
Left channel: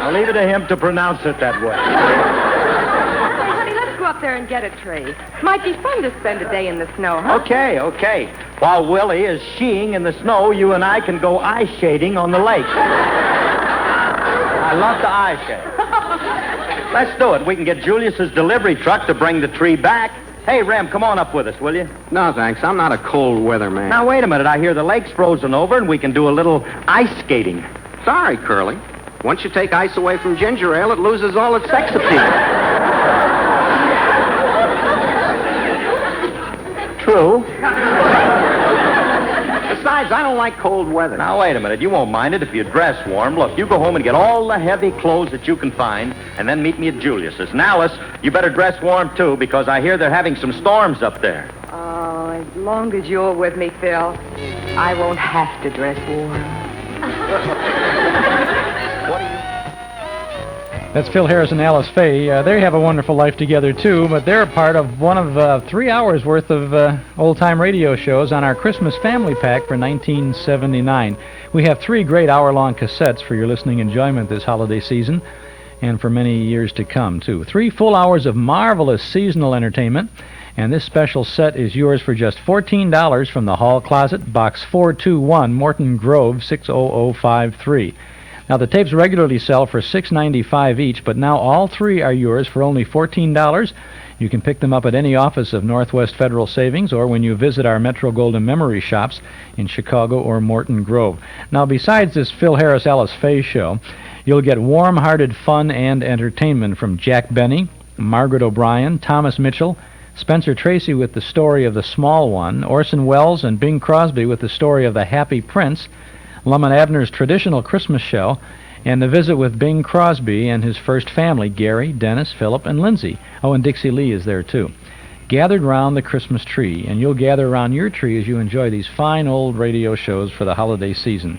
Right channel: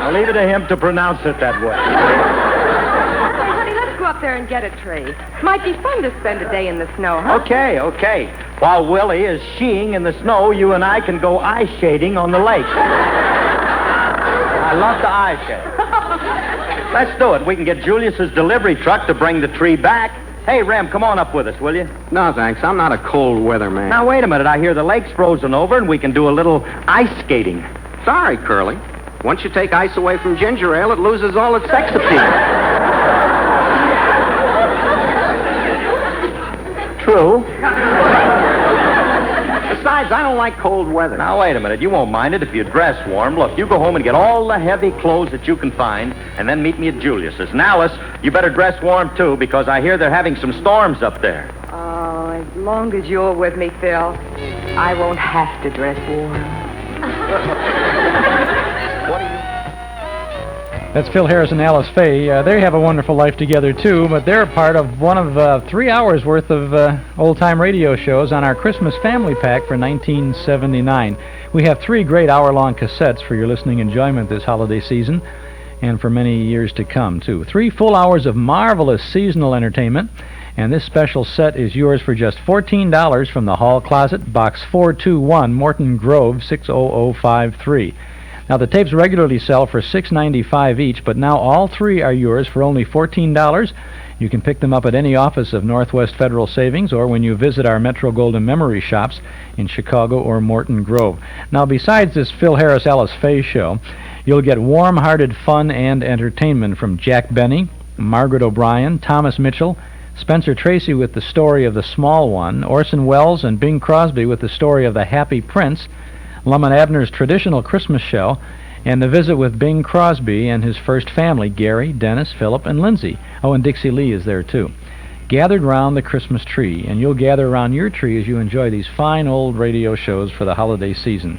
I'll leave it to him to pronounce it that way. Up there and get a tree. Might be fun to spend a day in the snow, huh? Okay. While Willie is skiing in the snow, you and I can go ice shading on the lake. I love to ice shade. Let's do it. We can get Julius's delivery truck to bring the tree back. Hey, Rem, come on up with us, will you? No, thanks. I'm not a cold weather man. Now, wait a minute. I hear the lake's frozen over and we can do a little ice skating. Sorry, Curly. Once you take ice away from ginger ale, it loses all its sex appeal. True. Besides, I don't like cold weather. Now, wait a minute. You won't mind it if you dress warm. Look, you go home and get all the heavy clothes that you can find, and then meet me at Julius's. And Alice, you better dress warm, too, because I hear they're having some storms up there. Oh, as long as you're with me, Phil, I won't have to dress warm. That's Phil Harris and Alice Faye. They have a wonderful life together, too, but they're part of one of 3 hours' worth of old-time radio shows on our Christmas Family Pack for 1979. We have 3 great hour-long cassettes for your listening enjoyment this holiday season and for many years to come, too. 3 full hours of marvelous seasonal entertainment, and this special set is yours for just $14 from the Hall Closet, Box 421, Morton Grove, 60053. Now, the tapes regularly sell for $6.95 each, but now all 3 are yours for only $14. You can pick them up at any office of Northwest Federal Savings or when you visit our Metro Golden Memory shops in Chicago or Morton Grove. Now, besides this Phil Harris, Alice Faye show, you'll get warm-hearted fun and entertainment from Jack Benny, Margaret O'Brien, Thomas Mitchell, Spencer Tracy with the story of The Small One, Orson Welles and Bing Crosby with the story of The Happy Prince, Lum and Abner's traditional Christmas show, and the visit with Bing Crosby and his first family, Gary, Dennis, Philip, and Lindsay. Oh, and Dixie Lee is there, too. Gathered round the Christmas tree, and you'll gather around your tree as you enjoy these fine old radio shows for the holiday season.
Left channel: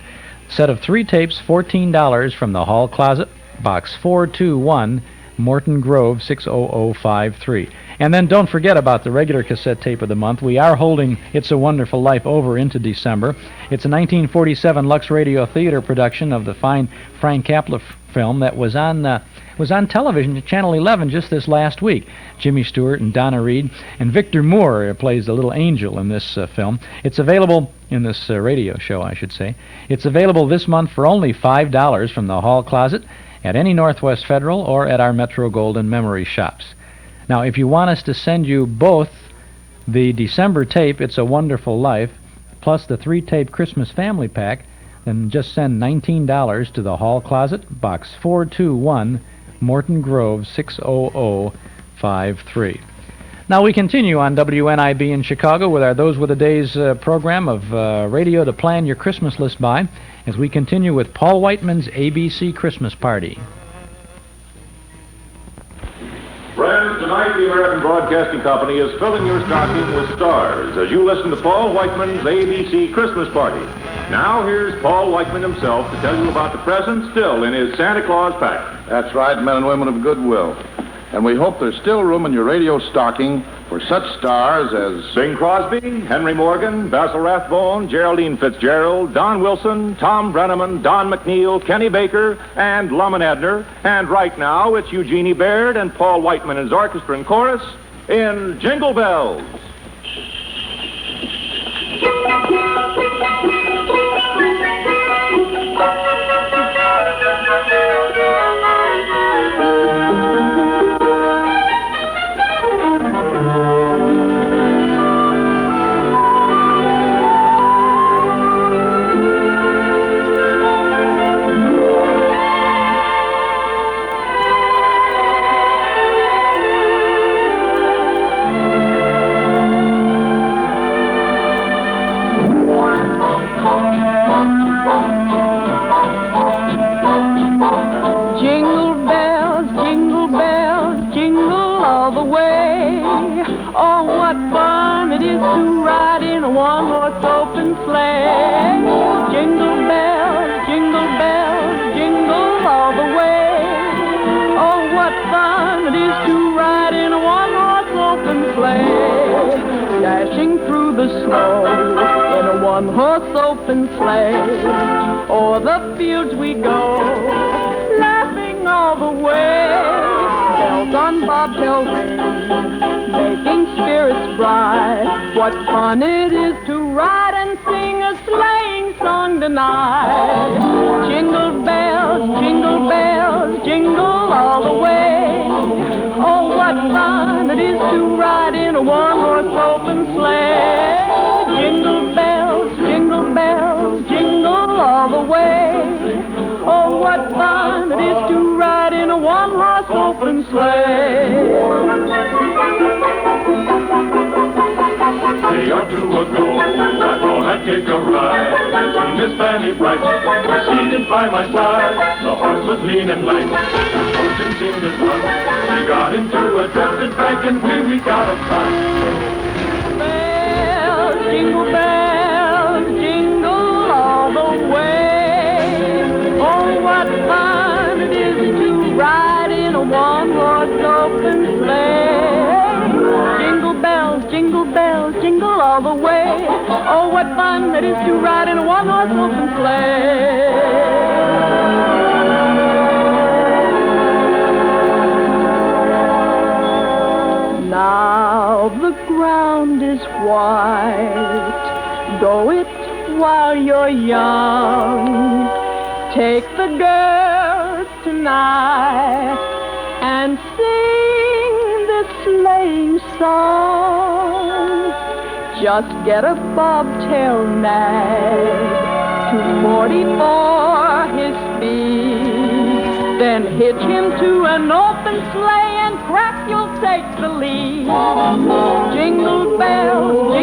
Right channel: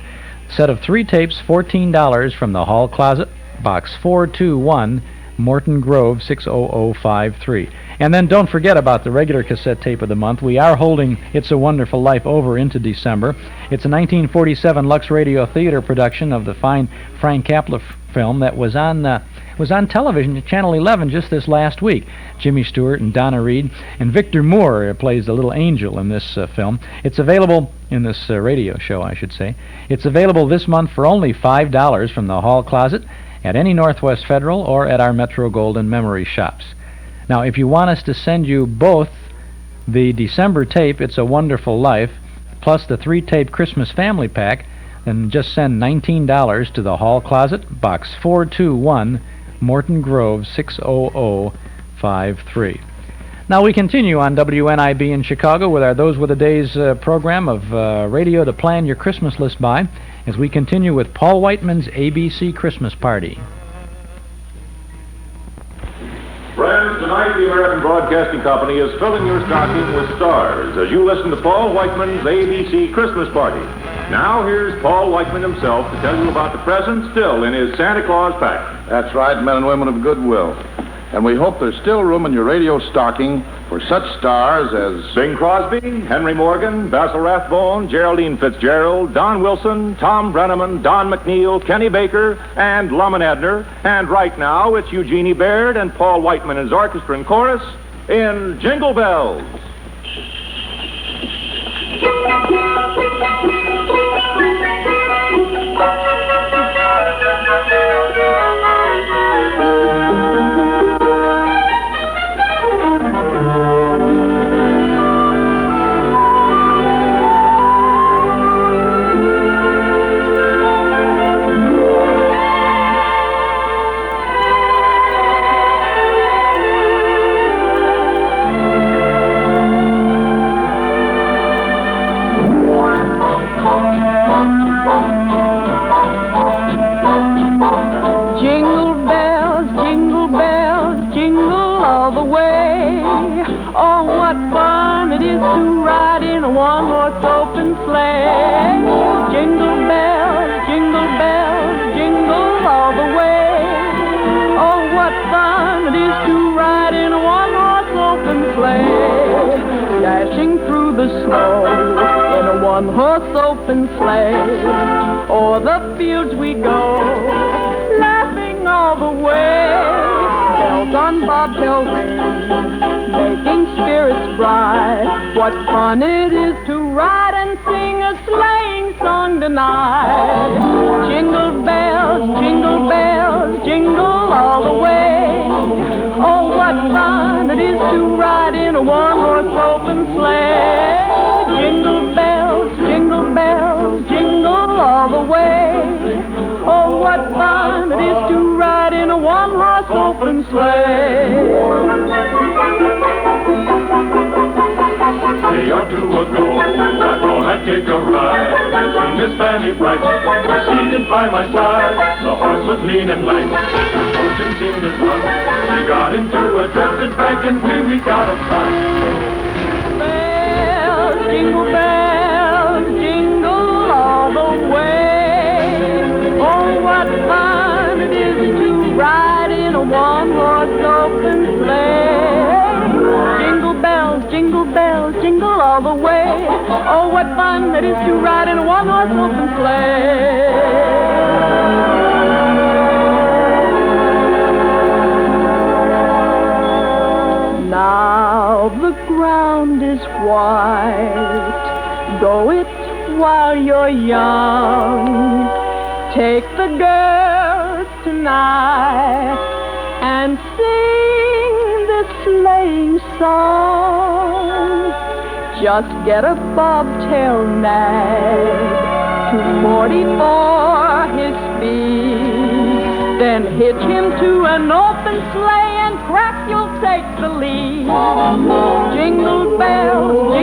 Set of 3 tapes, $14 from the Hall Closet, Box 421, Morton Grove, 60053. And then don't forget about the regular cassette tape of the month. We are holding It's a Wonderful Life over into December. It's a 1947 Lux Radio Theater production of the fine Frank Capra film that was on television at Channel 11 just this last week. Jimmy Stewart and Donna Reed, and Victor Moore plays the little angel in this film. It's available in this radio show, I should say. It's available this month for only $5 from the Hall Closet at any Northwest Federal or at our Metro Golden Memory shops. Now, if you want us to send you both the December tape, It's a Wonderful Life, plus the 3-tape Christmas Family Pack, then just send $19 to the Hall Closet, Box 421, Morton Grove, 60053. Now, we continue on WNIB in Chicago with our Those Were the Days program of radio to plan your Christmas list by, as we continue with Paul Whiteman's ABC Christmas Party. Friends, tonight the American Broadcasting Company is filling your stocking with stars as you listen to Paul Whiteman's ABC Christmas Party. Now here's Paul Whiteman himself to tell you about the presents still in his Santa Claus pack. That's right, men and women of goodwill. And we hope there's still room in your radio stocking for such stars as Bing Crosby, Henry Morgan, Basil Rathbone, Gegraldine Fitzgerald, Don Wilson, Tom Brennaman, Don McNeill, Kenny Baker, and Lum and Edner. And right now, it's Eugenie Baird and Paul Whiteman and his orchestra and chorus in Jingle Bells. O'er the fields we go, laughing all the way. Bells on bobtail ring, making spirits bright. What fun it is to ride and sing a sleighing song tonight. Jingle bells, jingle all the way. Oh, what fun it is to ride in a one-horse open sleigh. Jingle bells, jingle all the way. Oh, what fun it is to ride in a one-horse open sleigh. Say or two ago, I thought I'd take a ride. Miss Fanny Bright, seated by my side. The horse was lean and light, the horse in the sun. She got into a drifted bank and we got a fight. Jingle bells, jingle all the way. Oh, what fun it is to ride in a one-horse open sleigh. Jingle bells, jingle all the way. Oh, what fun it is to ride in a one-horse open sleigh. Now the ground is white. Go it while you're young. Take the girls tonight and sing this sleighing song. Just get a bobtail nag, 240 for his speed. Then hitch him to an open sleigh and crack, you'll take the lead. Jingle bells,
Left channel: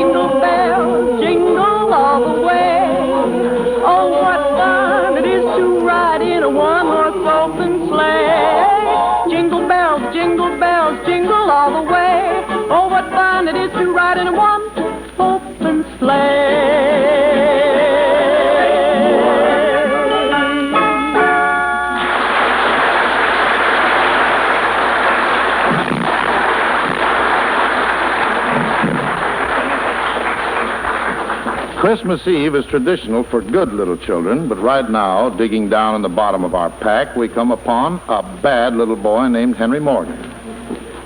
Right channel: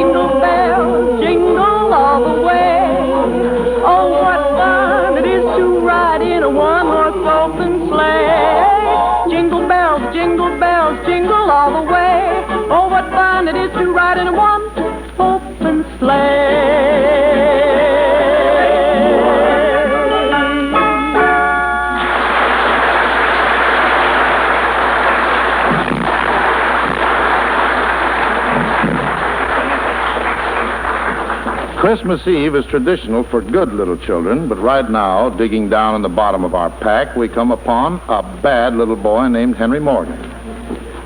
jingle all the way. Oh, what fun it is to ride in a one-horse open sleigh. Jingle bells, jingle all the way. Oh, what fun it is to ride in a one-horse open sleigh. Christmas Eve is traditional for good little children, but right now, digging down in the bottom of our pack, we come upon a bad little boy named Henry Morgan.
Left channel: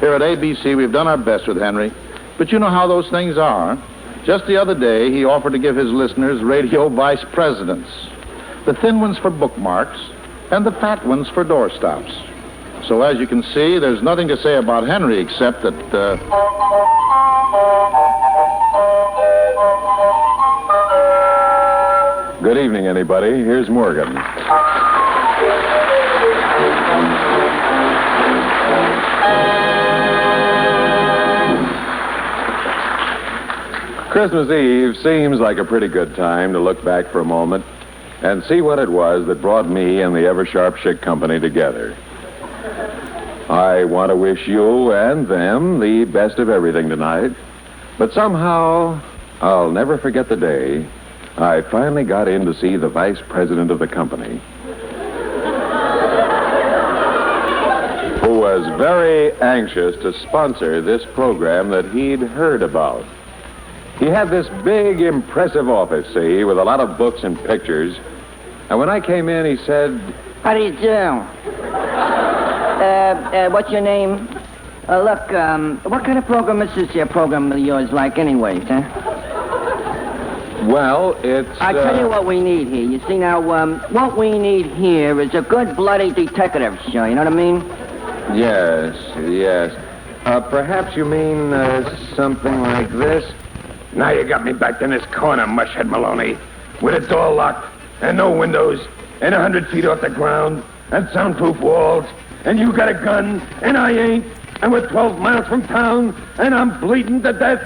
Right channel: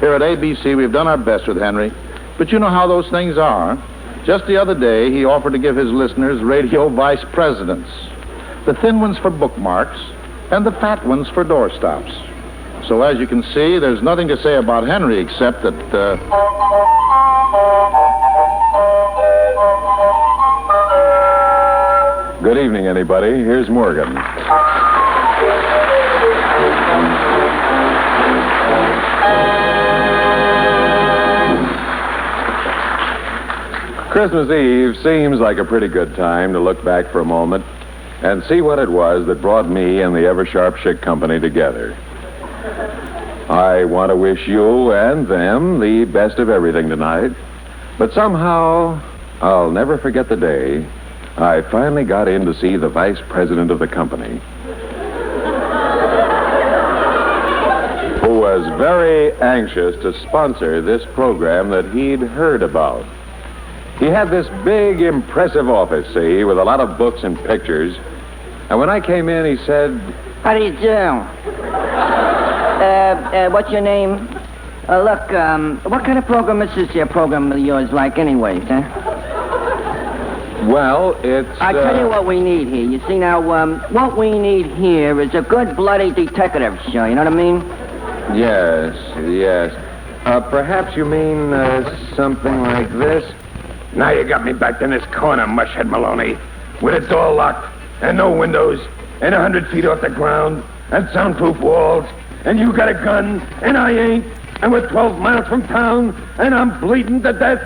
Here at ABC, we've done our best with Henry, but you know how those things are. Just the other day, he offered to give his listeners radio vice presidents, the thin ones for bookmarks and the fat ones for doorstops. So as you can see, there's nothing to say about Henry except that... Good evening, anybody. Here's Morgan. Christmas Eve seems like a pretty good time to look back for a moment and see what it was that brought me and the Ever-Sharp Schick Company together. I want to wish you and them the best of everything tonight, but somehow I'll never forget the day I finally got in to see the vice president of the company. who was very anxious to sponsor this program that he'd heard about. He had this big, impressive office, see, with a lot of books and pictures. And when I came in, he said, "How do you do? What's your name? Look, what kind of program is this here program of yours like anyways, huh?" "Well, it's... I tell you what we need here. You see, now, what we need here is a good bloody detective show, you know what I mean? Yes. Perhaps you mean something like this? Now you got me backed in this corner, mushhead Maloney, with a door locked and no windows and 100 feet off the ground and soundproof walls, and you got a gun and I ain't, and we're 12 miles from town and I'm bleeding to death."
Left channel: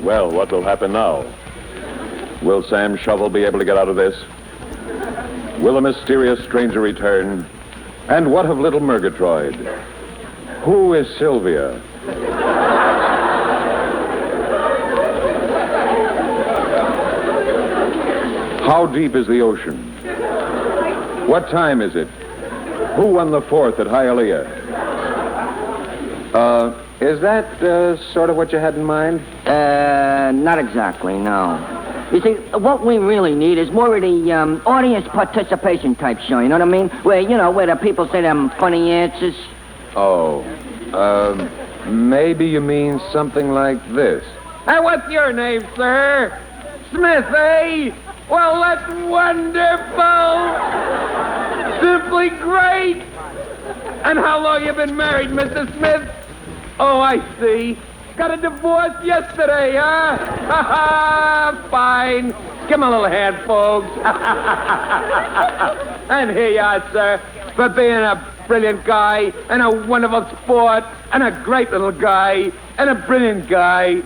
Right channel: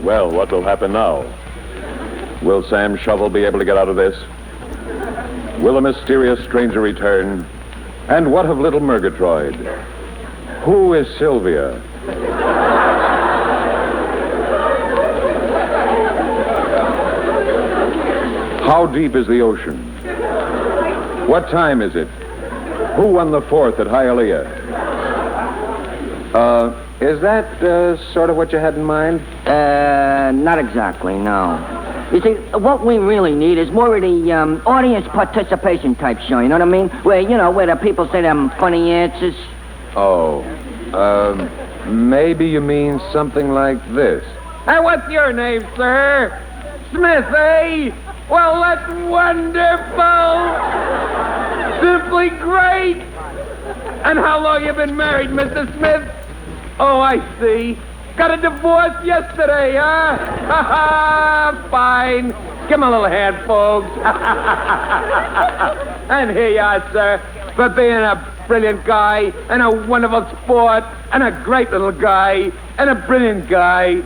Well, what will happen now? Will Sam Shovel be able to get out of this? Will a mysterious stranger return? And what of little Murgatroyd? Who is Sylvia? How deep is the ocean? What time is it? Who won the 4th at Hialeah? Is that sort of what you had in mind? Not exactly, no. You see, what we really need is more of the audience participation type show, you know what I mean? Where the people say them funny answers. Oh, maybe you mean something like this. Hey, what's your name, sir? Smith, eh? Well, that's wonderful. Simply great. And how long you been married, Mr. Smith? Oh, I see. Got a divorce yesterday, huh? Fine. Give him a little hand, folks. And here you are, sir, for being a brilliant guy and a wonderful sport and a great little guy and a brilliant guy.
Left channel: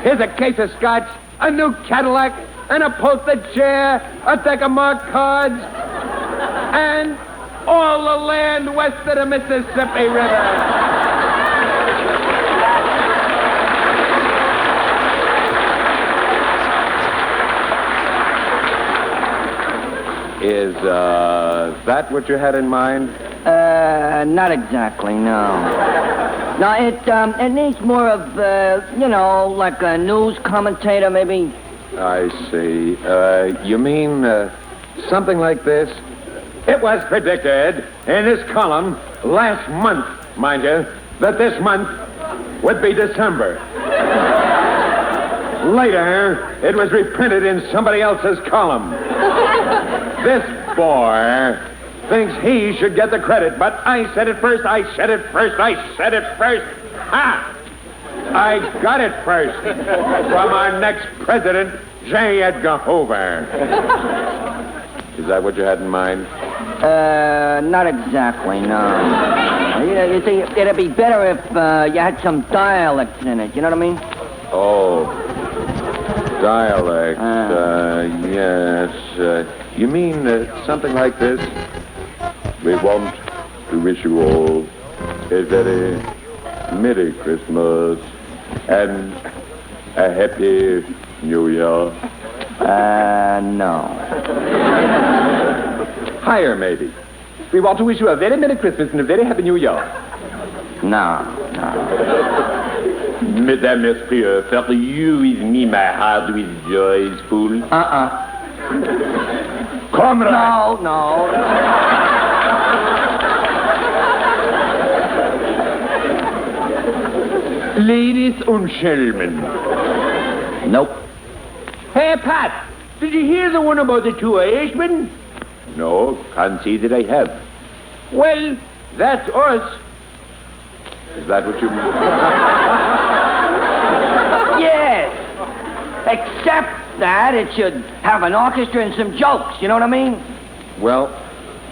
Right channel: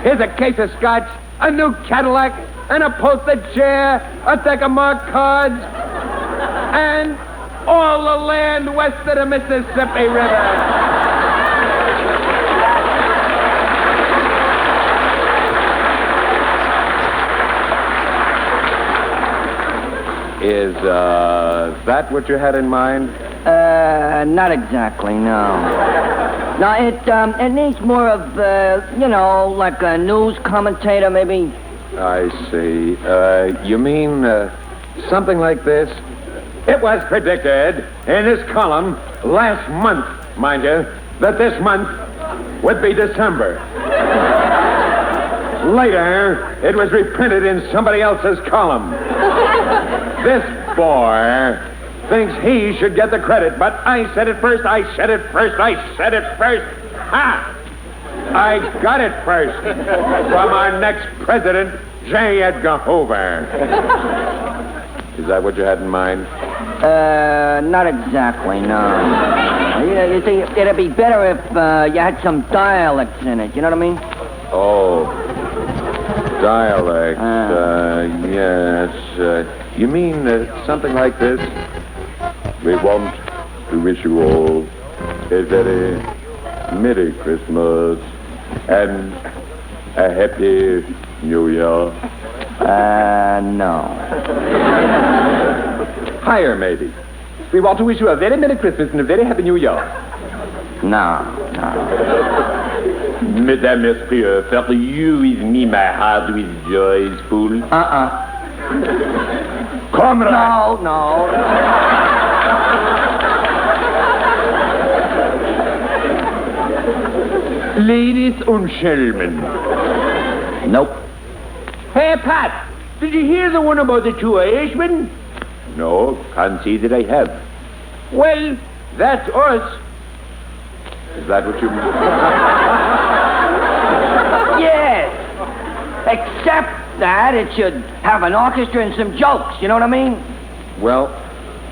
Here's a case of scotch, a new Cadillac, and a posted chair, a deck of marked cards, and all the land west of the Mississippi River. Is that what you had in mind? Not exactly, no. No, it needs more of, like a news commentator, maybe. I see. You mean something like this? It was predicted in this column last month, mind you, that this month would be December. Later, it was reprinted in somebody else's column. This boy thinks he should get the credit, but I said it first, I said it first. Ha! I got it first from our next president, J. Edgar Hoover. Is that what you had in mind? Not exactly, no. You see, it'd be better if you had some dialects in it, you know what I mean? Oh, dialect, yes. You mean something like this? We want to wish you all a very Merry Christmas and a Happy New Year. No. Higher, maybe. We want to wish you a very Merry Christmas and a very Happy New Year. No. Mesdames, Messieurs, for you with me, my heart with joy is full. Comrade. No. Ladies and gentlemen. Nope. Hey, Pat, did you hear the one about the two Irishmen? No, can't say that I have. Well, that's us. Is that what you mean? Yes. Except that it should have an orchestra and some jokes, you know what I mean? Well,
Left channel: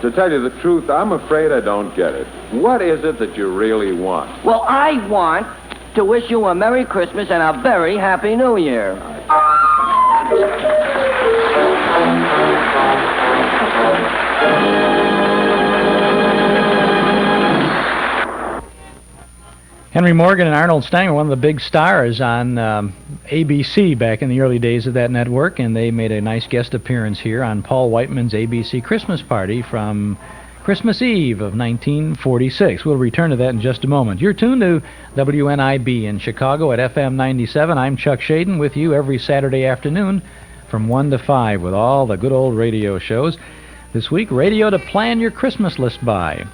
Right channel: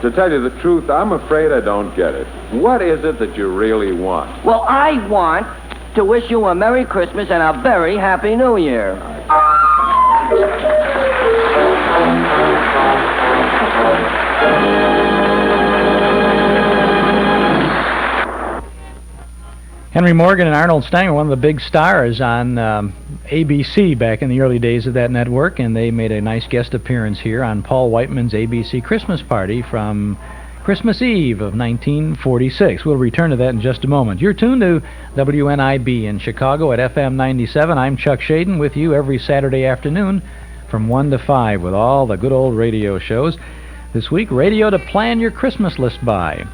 to tell you the truth, I'm afraid I don't get it. What is it that you really want? Well, I want to wish you a Merry Christmas and a very Happy New Year. Henry Morgan and Arnold Stang were one of the big stars on ABC back in the early days of that network, and they made a nice guest appearance here on Paul Whiteman's ABC Christmas Party from Christmas Eve of 1946. We'll return to that in just a moment. You're tuned to WNIB in Chicago at FM 97. I'm Chuck Shaden with you every Saturday afternoon from 1 to 5 with all the good old radio shows. This week, radio to plan your Christmas list by.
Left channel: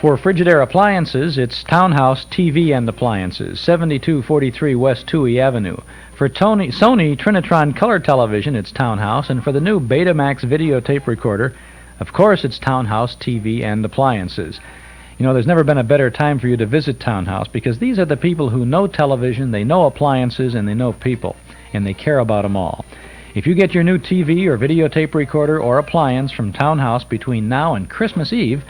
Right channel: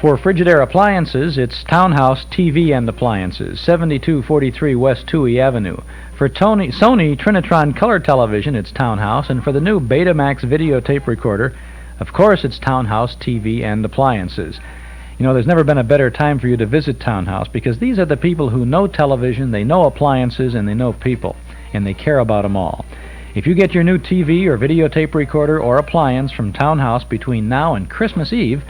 For Frigidaire Appliances, it's Townhouse TV and Appliances, 7243 West Touhy Avenue. For Sony Trinitron Color Television, it's Townhouse. And for the new Betamax videotape recorder, of course, it's Townhouse TV and Appliances. You know, there's never been a better time for you to visit Townhouse because these are the people who know television, they know appliances, and they know people, and they care about them all. If you get your new TV or videotape recorder or appliance from Townhouse between now and Christmas Eve,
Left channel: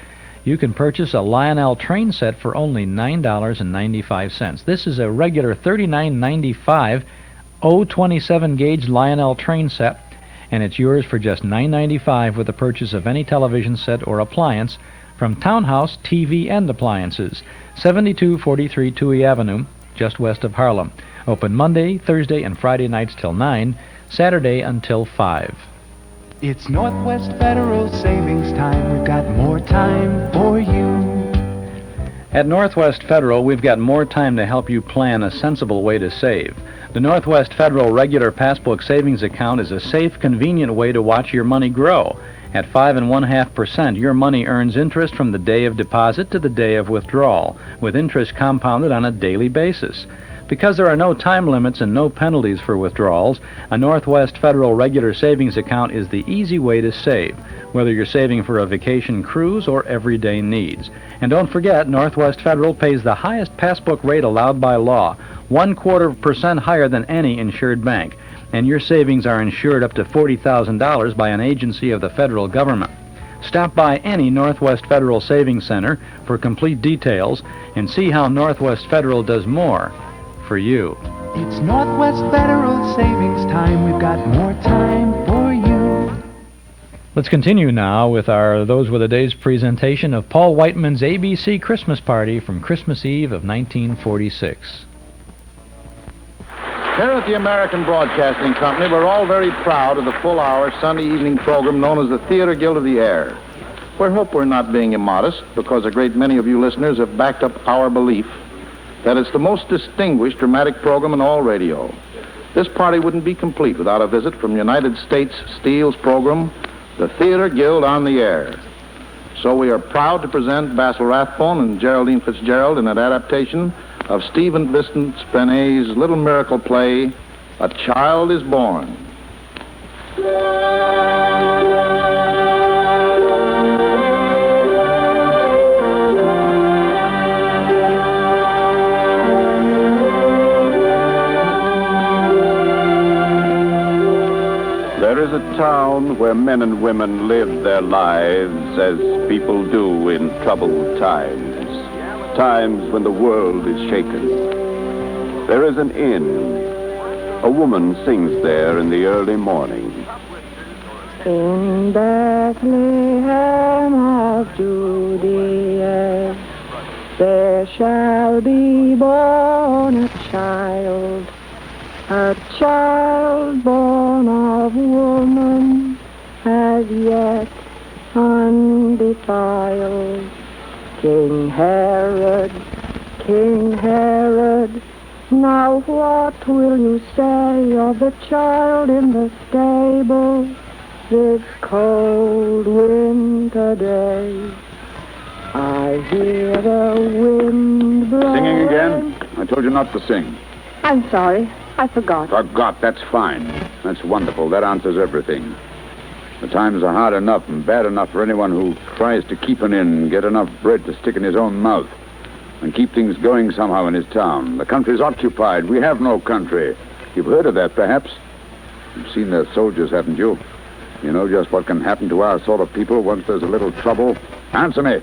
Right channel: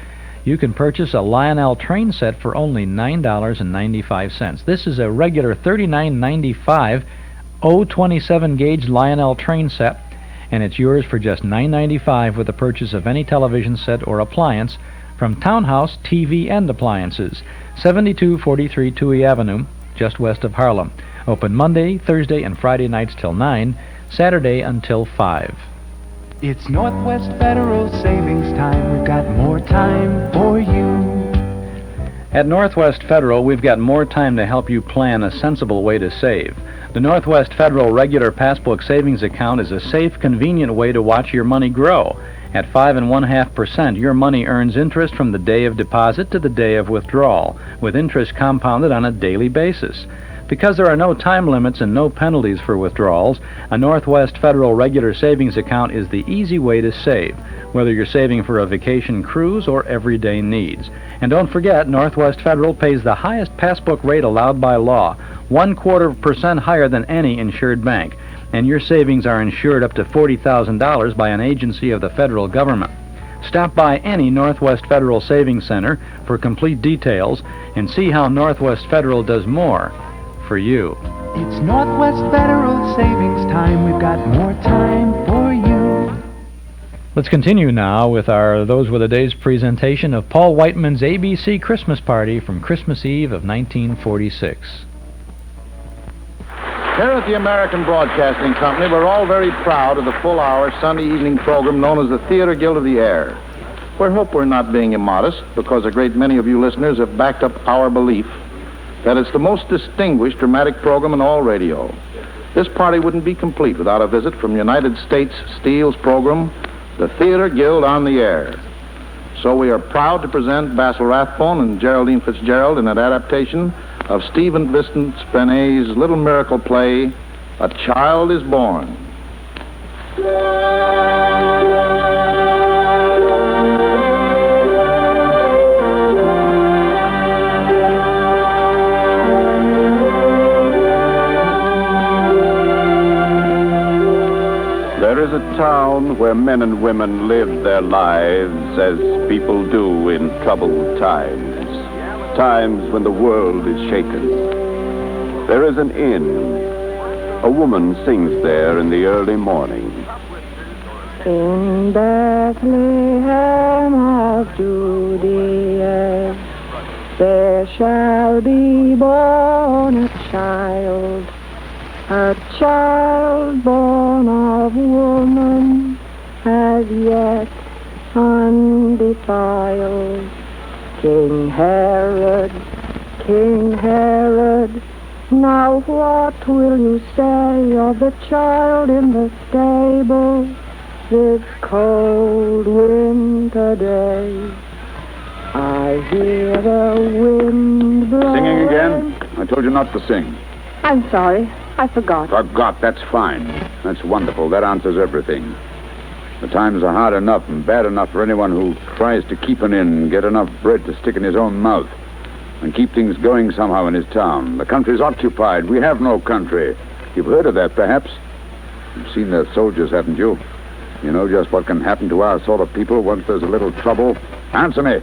you can purchase a Lionel train set for only $9.95. This is a regular $39.95 027 gauge Lionel train set, and it's yours for just $9.95 with the purchase of any television set or appliance from Townhouse TV and Appliances, 7243 Touhy Avenue, just west of Harlem. Open Monday, Thursday, and Friday nights till 9, Saturday until 5. It's Northwest Federal Savings Time. We've got more time for you. At Northwest Federal, we've got more time to help you plan a sensible way to save. The Northwest Federal Regular Passbook Savings Account is a safe, convenient way to watch your money grow. At 5.5%, your money earns interest from the day of deposit to the day of withdrawal, with interest compounded on a daily basis. Because there are no time limits and no penalties for withdrawals, a Northwest Federal Regular Savings Account is the easy way to save, whether you're saving for a vacation cruise or everyday needs. And don't forget, Northwest Federal pays the highest passbook rate allowed by law, 0.25% higher than any insured bank, and your savings are insured up to $40,000 by an agency of the federal government. Stop by any Northwest Federal Savings Center for complete details and see how Northwest Federal does more for you. It's Northwest Federal Savings Time. We've got more time for you. Let's continue now with our Those Were the Days presentation of Paul Whiteman's ABC Christmas Party from Christmas Eve of 1946. Here at the American Broadcasting Company, we're all very proud of the full-hour Sunday evening program known as the Theater Guild of the Air. We hope we're not being immodest, because a great many of you listeners have backed up our belief that it's the most distinguished dramatic program in all radio. This party wouldn't be complete without a visit from United States Steel's program, the Theater Guild on the Air. So we are proud to present Basil Rathbone and Gegraldine Fitzgerald in an adaptation of Stephen Vincent Benet's little miracle play, A Child is Born. There is a town where men and women live their lives as people do in troubled times when the world is shaken. There is an inn. A woman sings there in the early morning. In Bethlehem of Judea, there shall be born a child born of woman, as yet undefiled. King Herod, now what will you say of the child in the stable this cold winter day? I hear the wind blow. Singing again? I told you not to sing. I'm sorry, I forgot. Forgot, that's fine. That's wonderful. That answers everything. The times are hard enough and bad enough for anyone who tries to keep an inn and get enough bread to stick in his own mouth and keep things going somehow in his town. The country's occupied. We have no country. You've heard of that, perhaps? You've seen their soldiers, haven't you? You know just what can happen to our sort of people once there's a little trouble. Answer me.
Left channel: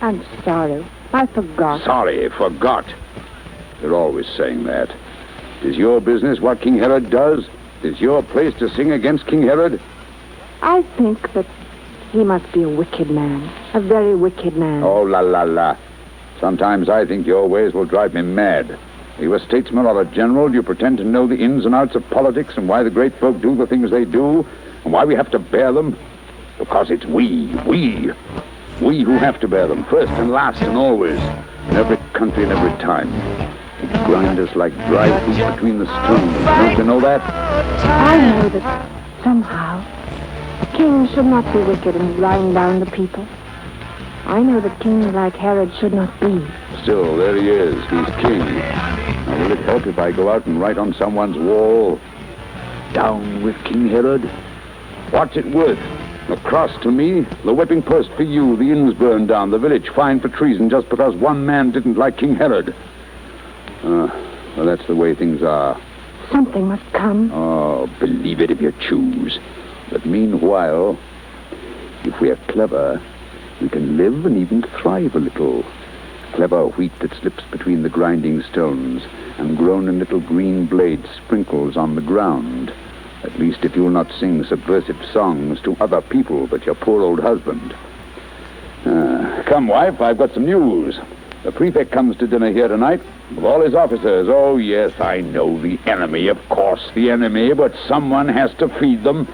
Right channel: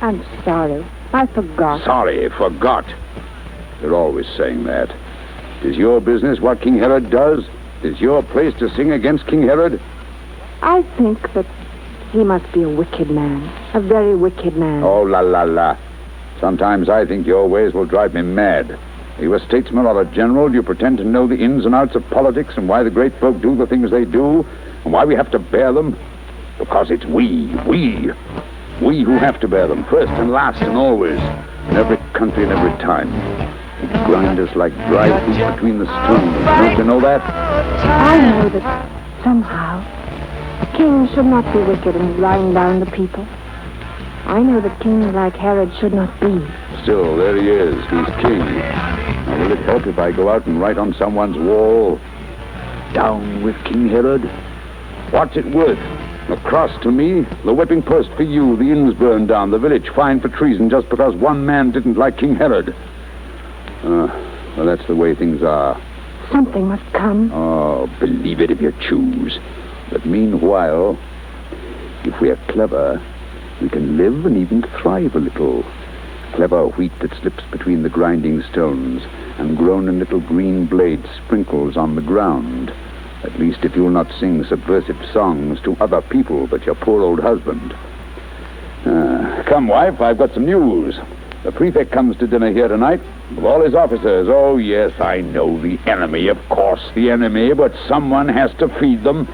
I'm sorry, I forgot. Sorry, forgot. You're always saying that. Is your business what King Herod does? Is your place to sing against King Herod? I think that he must be a wicked man, a very wicked man. Oh, la, la, la. Sometimes I think your ways will drive me mad. Are you a statesman or a general? Do you pretend to know the ins and outs of politics and why the great folk do the things they do and why we have to bear them? Because it's we. We who have to bear them, first and last and always, in every country and every time. They grind us like dry wheat between the stones. Don't you know that? I know that somehow kings should not be wicked and grind down the people. I know that kings like Herod should not be. Still, there he is. He's king. Now, will it help if I go out and write on someone's wall, "Down with King Herod"? What's it worth? A cross to me, the whipping post for you, the inns burned down, the village fined for treason just because one man didn't like King Herod. Well, that's the way things are. Something must come. Oh, believe it if you choose. But meanwhile, if we are clever, we can live and even thrive a little. Clever wheat that slips between the grinding stones and grown in little green blade sprinkles on the ground. At least if you'll not sing subversive songs to other people but your poor old husband. Come, wife, I've got some news. The prefect comes to dinner here tonight with all his officers. Oh, yes, I know the enemy, of course, the enemy, but someone has to feed them.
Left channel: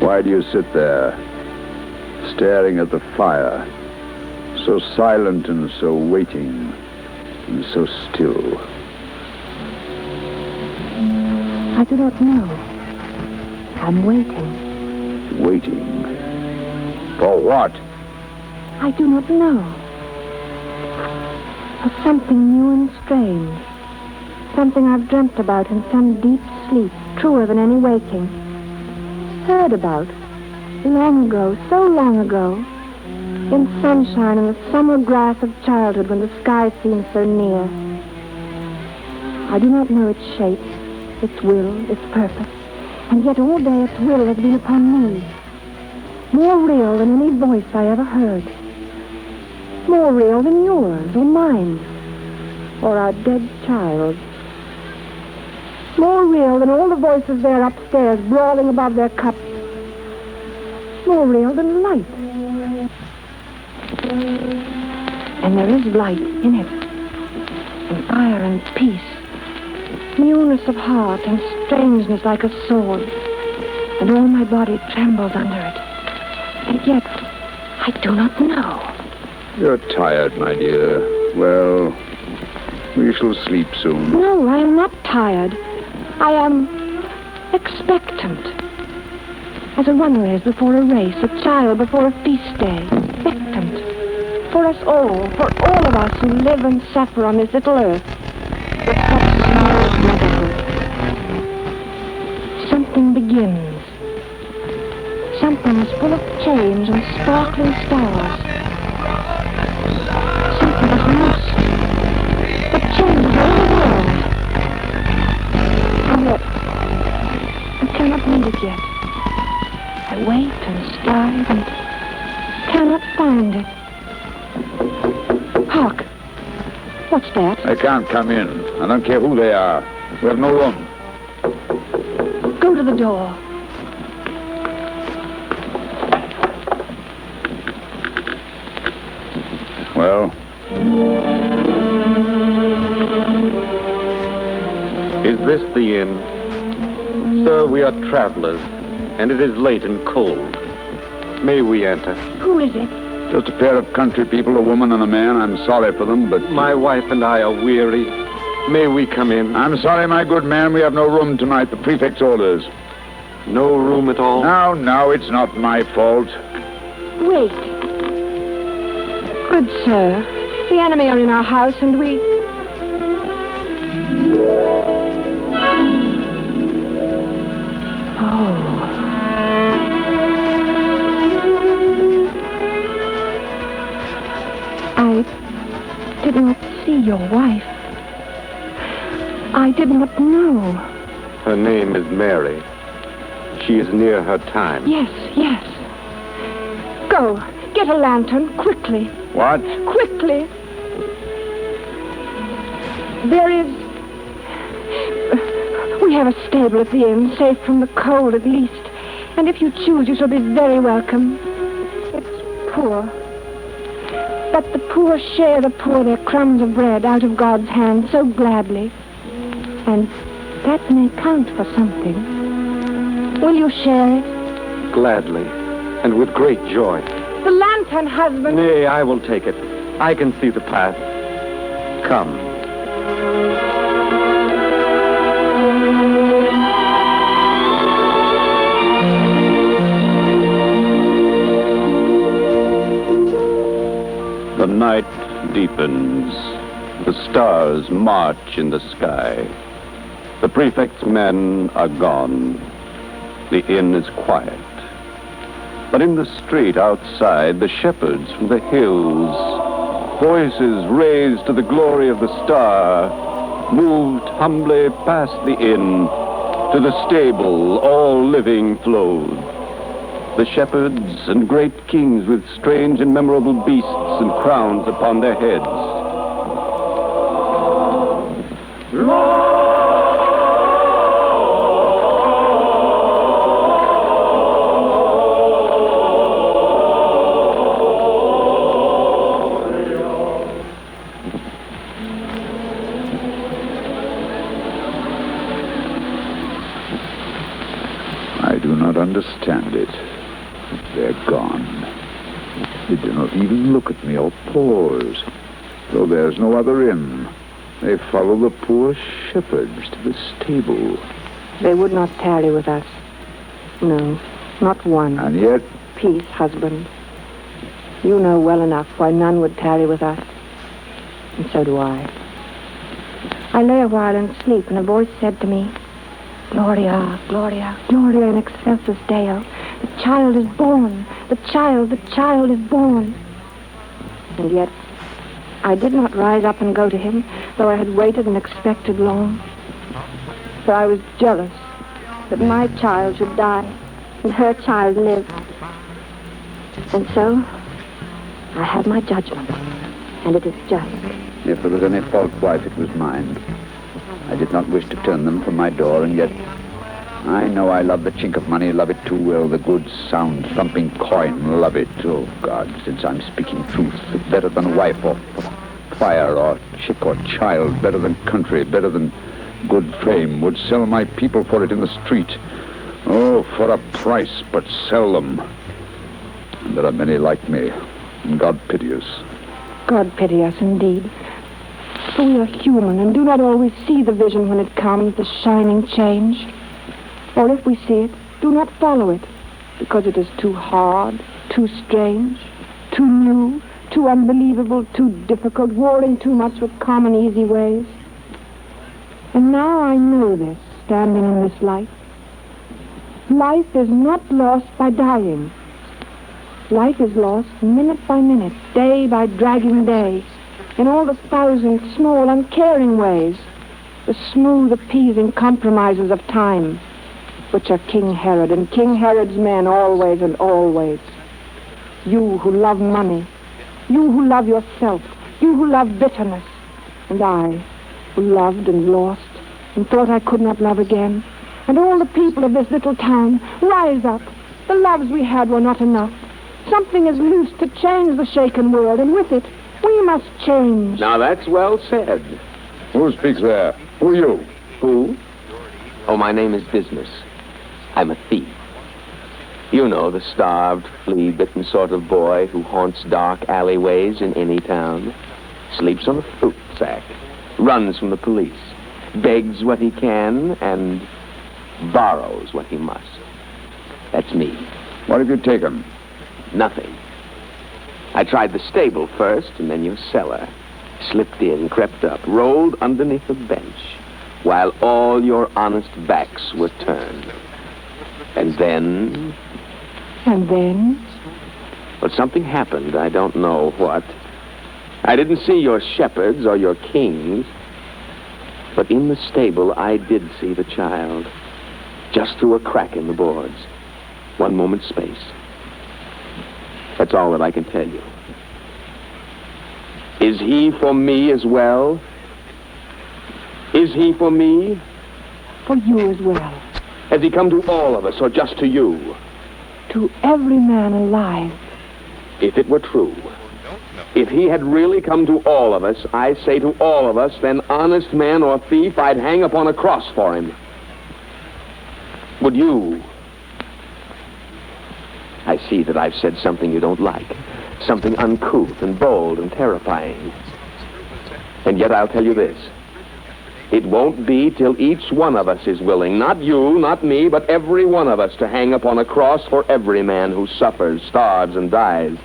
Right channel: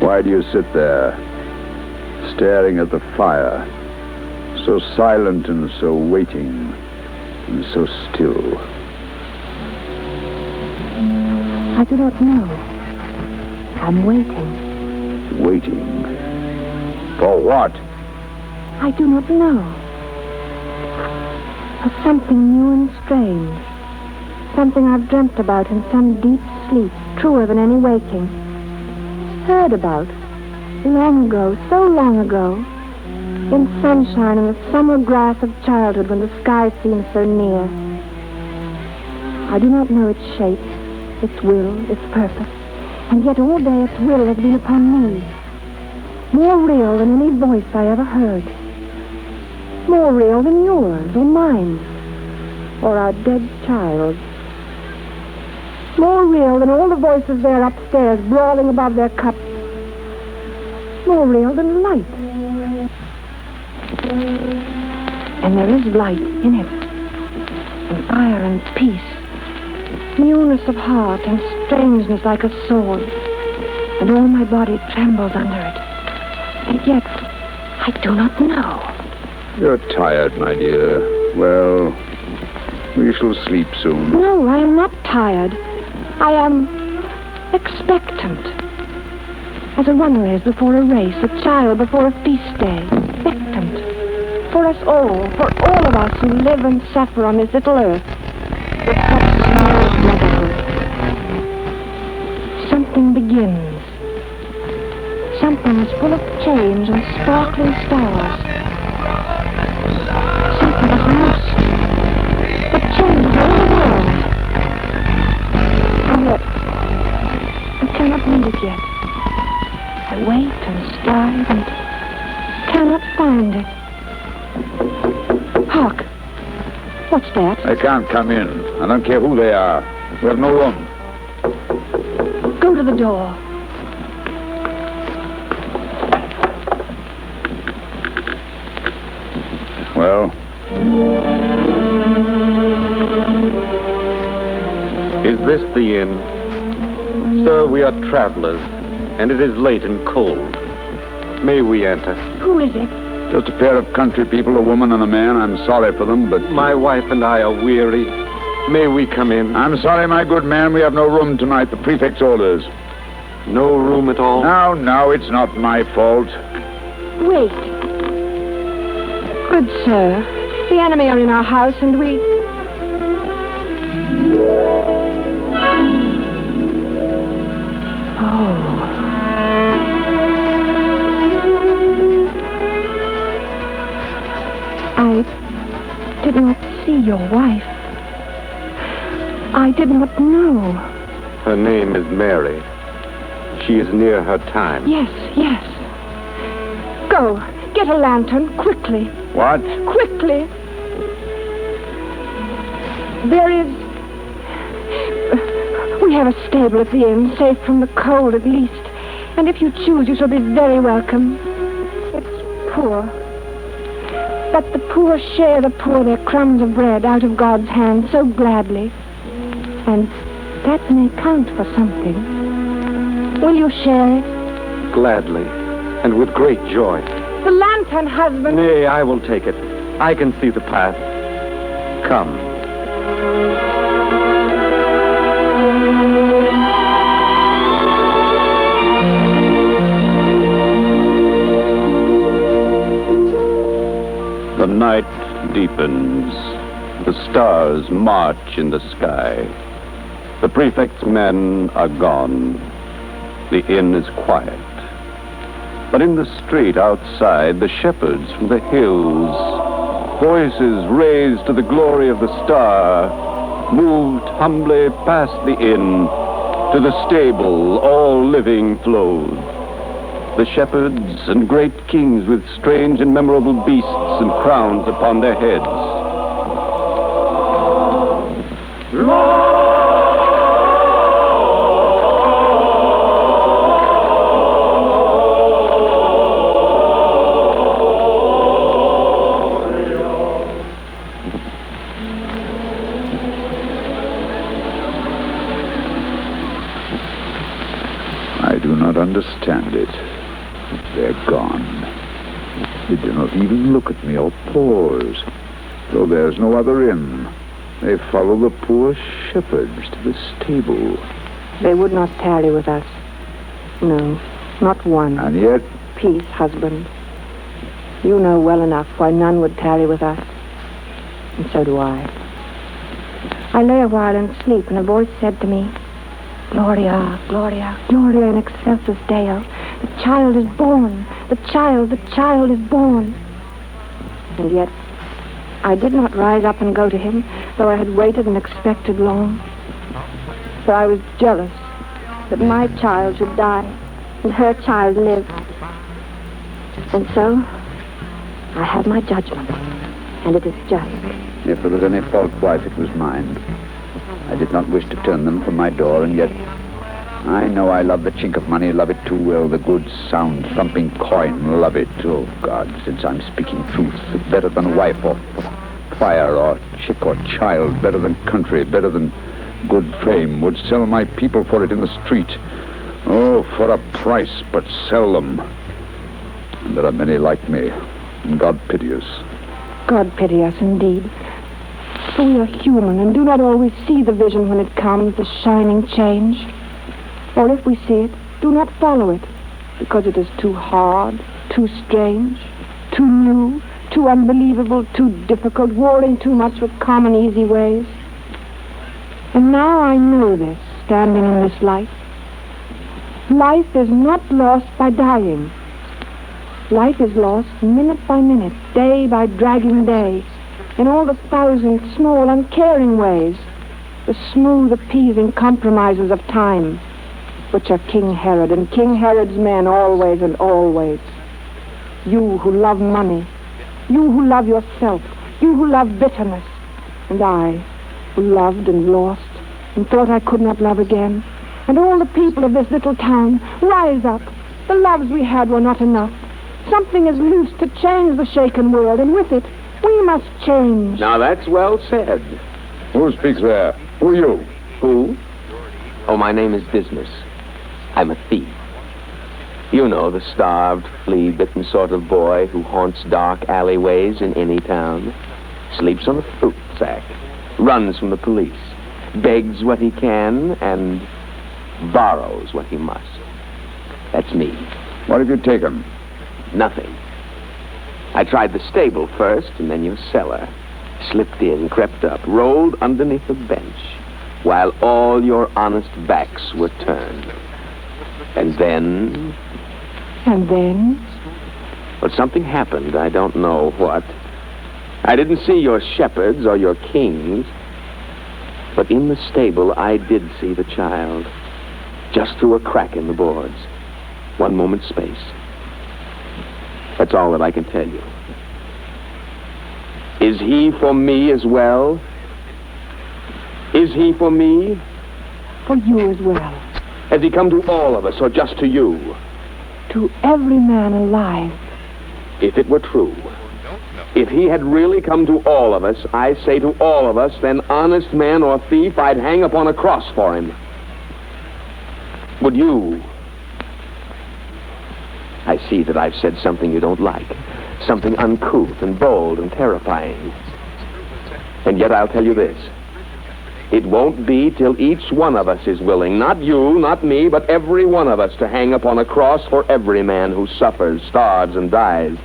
Why do you sit there, staring at the fire, so silent and so waiting and so still? I do not know. I'm waiting. Waiting? For what? I do not know. For something new and strange. Something I've dreamt about in some deep sleep, truer than any waking. Heard about, long ago, so long ago, in sunshine and the summer grass of childhood when the sky seemed so near. I do not know its shape, its will, its purpose, and yet all day its will has been upon me. More real than any voice I ever heard. More real than yours or mine, or our dead child's. More real than all the voices there upstairs brawling above their cups. More real than light. And there is light in it. And fire and peace. Newness of heart and strangeness like a sword. And all my body trembles under it. And yet, I do not know. You're tired, my dear. Well, we shall sleep soon. No, I am not tired. I am expectant. As a runner is before a race, a child before a feast day. Expectant. For us all, for all of us who live and suffer on this little earth, with such small motherhood. Something begins. Something is full of change and sparkling stars. Something is loose. The change of the world. I cannot read it yet. I wait and strive and cannot find it. Hark! What's that? They can't come in. I don't care who they are. We have no room. Go to the door. Well? Is this the inn? Sir, we are travelers, and it is late and cold. May we enter? Who is it? Just a pair of country people, a woman and a man. I'm sorry for them, but... My wife and I are weary. May we come in? I'm sorry, my good man. We have no room tonight. The prefect's orders. No room at all? No, it's not my fault. Wait. Good sir, the enemy are in our house, and we... I did not see your wife. I did not know. Her name is Mary. She is near her time. Yes. Go, get a lantern, quickly. What? Quickly. There is... We have a stable at the inn, safe from the cold at least. And if you choose, you shall be very welcome. It's poor. But the poor share the poor their crumbs of bread out of God's hand so gladly. And that may count for something. Will you share it? Gladly, and with great joy. The lantern, husband. Nay, I will take it. I can see the path. Come. The night deepens. The stars march in the sky. The prefect's men are gone. The inn is quiet. But in the street outside, the shepherds from the hills, voices raised to the glory of the star, moved humbly past the inn to the stable, all living flowed. The shepherds and great kings with strange and memorable beasts and crowns upon their heads. I do not understand it. They're gone. They do not even look at me or pause. Though there's no other inn. They follow the poor shepherds to the stable. They would not tarry with us. No, not one. And yet... Peace, husband. You know well enough why none would tarry with us. And so do I. I lay a while in sleep, and a voice said to me, Gloria, Gloria, Gloria in excelsis Deo. The child is born. The child is born. And yet, I did not rise up and go to him, though I had waited and expected long. For I was jealous that my child should die and her child live. And so, I have my judgment, and it is just. If there was any fault, wife, it was mine. I did not wish to turn them from my door, and yet I know I love the chink of money, love it too well, the good, sound, thumping coin, love it. Oh, God, since I'm speaking truth, it's better than wife or fire or chick or child, better than country, better than good fame, would sell my people for it in the street. Oh, for a price, but sell them. And there are many like me, and God pity us. God pity us, indeed. For we are human and do not always see the vision when it comes, the shining change. Or if we see it, do not follow it, because it is too hard, too strange, too new, too unbelievable, too difficult, warring too much with common easy ways. And now I know this, standing in this light. Life is not lost by dying. Life is lost minute by minute, day by dragging day, in all the thousand small, uncaring ways, the smooth, appeasing compromises of time, which are King Herod and King Herod's men always and always. You who love money, you who love yourself, you who love bitterness, and I, who loved and lost and thought I could not love again, and all the people of this little town, rise up. The loves we had were not enough. Something is loose to change the shaken world, and with it, we must change. Now, that's well said. Who speaks there? Who are you? Who? Oh, my name is Business. I'm a thief. You know, the starved, flea-bitten sort of boy who haunts dark alleyways in any town, sleeps on a fruit sack, runs from the police, begs what he can, and borrows what he must. That's me. What have you taken? Nothing. I tried the stable first, and then your cellar. Slipped in, crept up, rolled underneath a bench, while all your honest backs were turned. And then... And then? Well, something happened. I don't know what. I didn't see your shepherds or your kings, but in the stable I did see the child, just through a crack in the boards. One moment's space. That's all that I can tell you. Is he for me as well? Is he for me? For you as well. Has he come to all of us, or just to you? To every man alive. If it were true, If he had really come to all of us, I say to all of us, then honest man or thief, I'd hang upon a cross for him. Would you? I see that I've said something you don't like. Something uncouth and bold and terrifying. And yet I'll tell you this. It won't be till each one of us is willing, not you, not me, but every one of us, to hang upon a cross for every man who suffers, starves, and dies.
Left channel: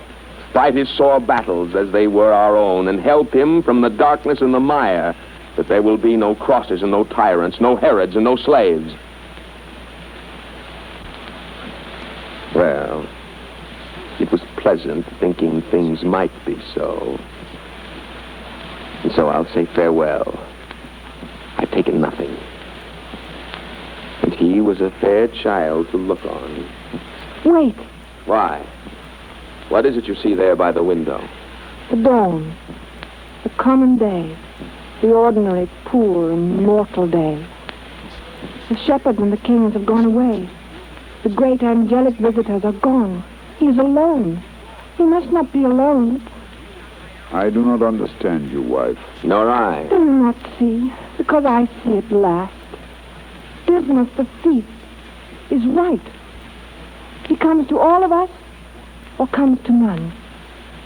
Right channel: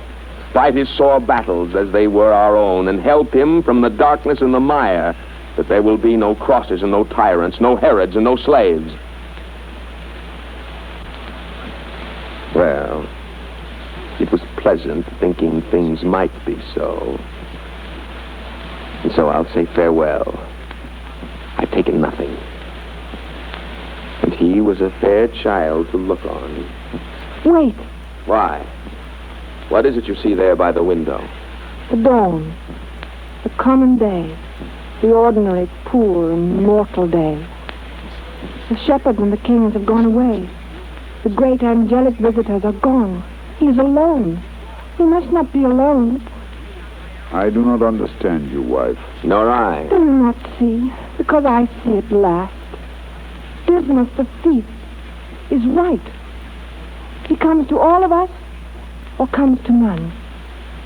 Fight his sore battles as they were our own, and help him from the darkness and the mire, that there will be no crosses and no tyrants, no Herods and no slaves. Well, it was pleasant thinking things might be so. And so I'll say farewell. I've taken nothing. And he was a fair child to look on. Wait. Why? What is it you see there by the window? The dawn. The common day. The ordinary, poor, and mortal day. The shepherds and the kings have gone away. The great angelic visitors are gone. He is alone. He must not be alone. I do not understand you, wife. Nor I. Do you not see? Because I see at last. Dismas the thief is right. He comes to all of us, or comes to none.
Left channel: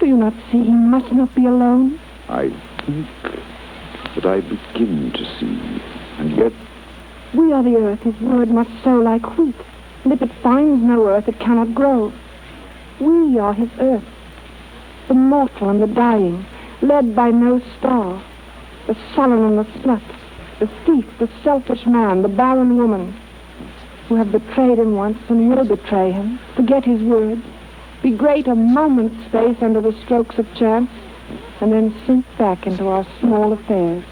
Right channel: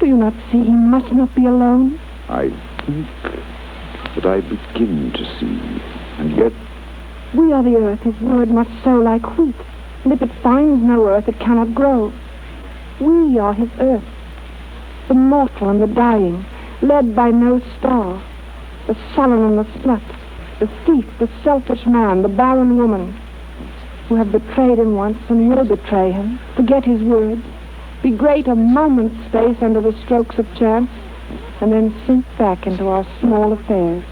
Do you not see he must not be alone? I think that I begin to see. And yet... We are the earth his word must sow like wheat. And if it finds no earth, it cannot grow. We are his earth. The mortal and the dying, led by no star. The sullen and the slut. The thief, the selfish man, the barren woman. Who have betrayed him once and will betray him. Forget his words. Be great a moment's space under the strokes of chance, and then sink back into our small affairs.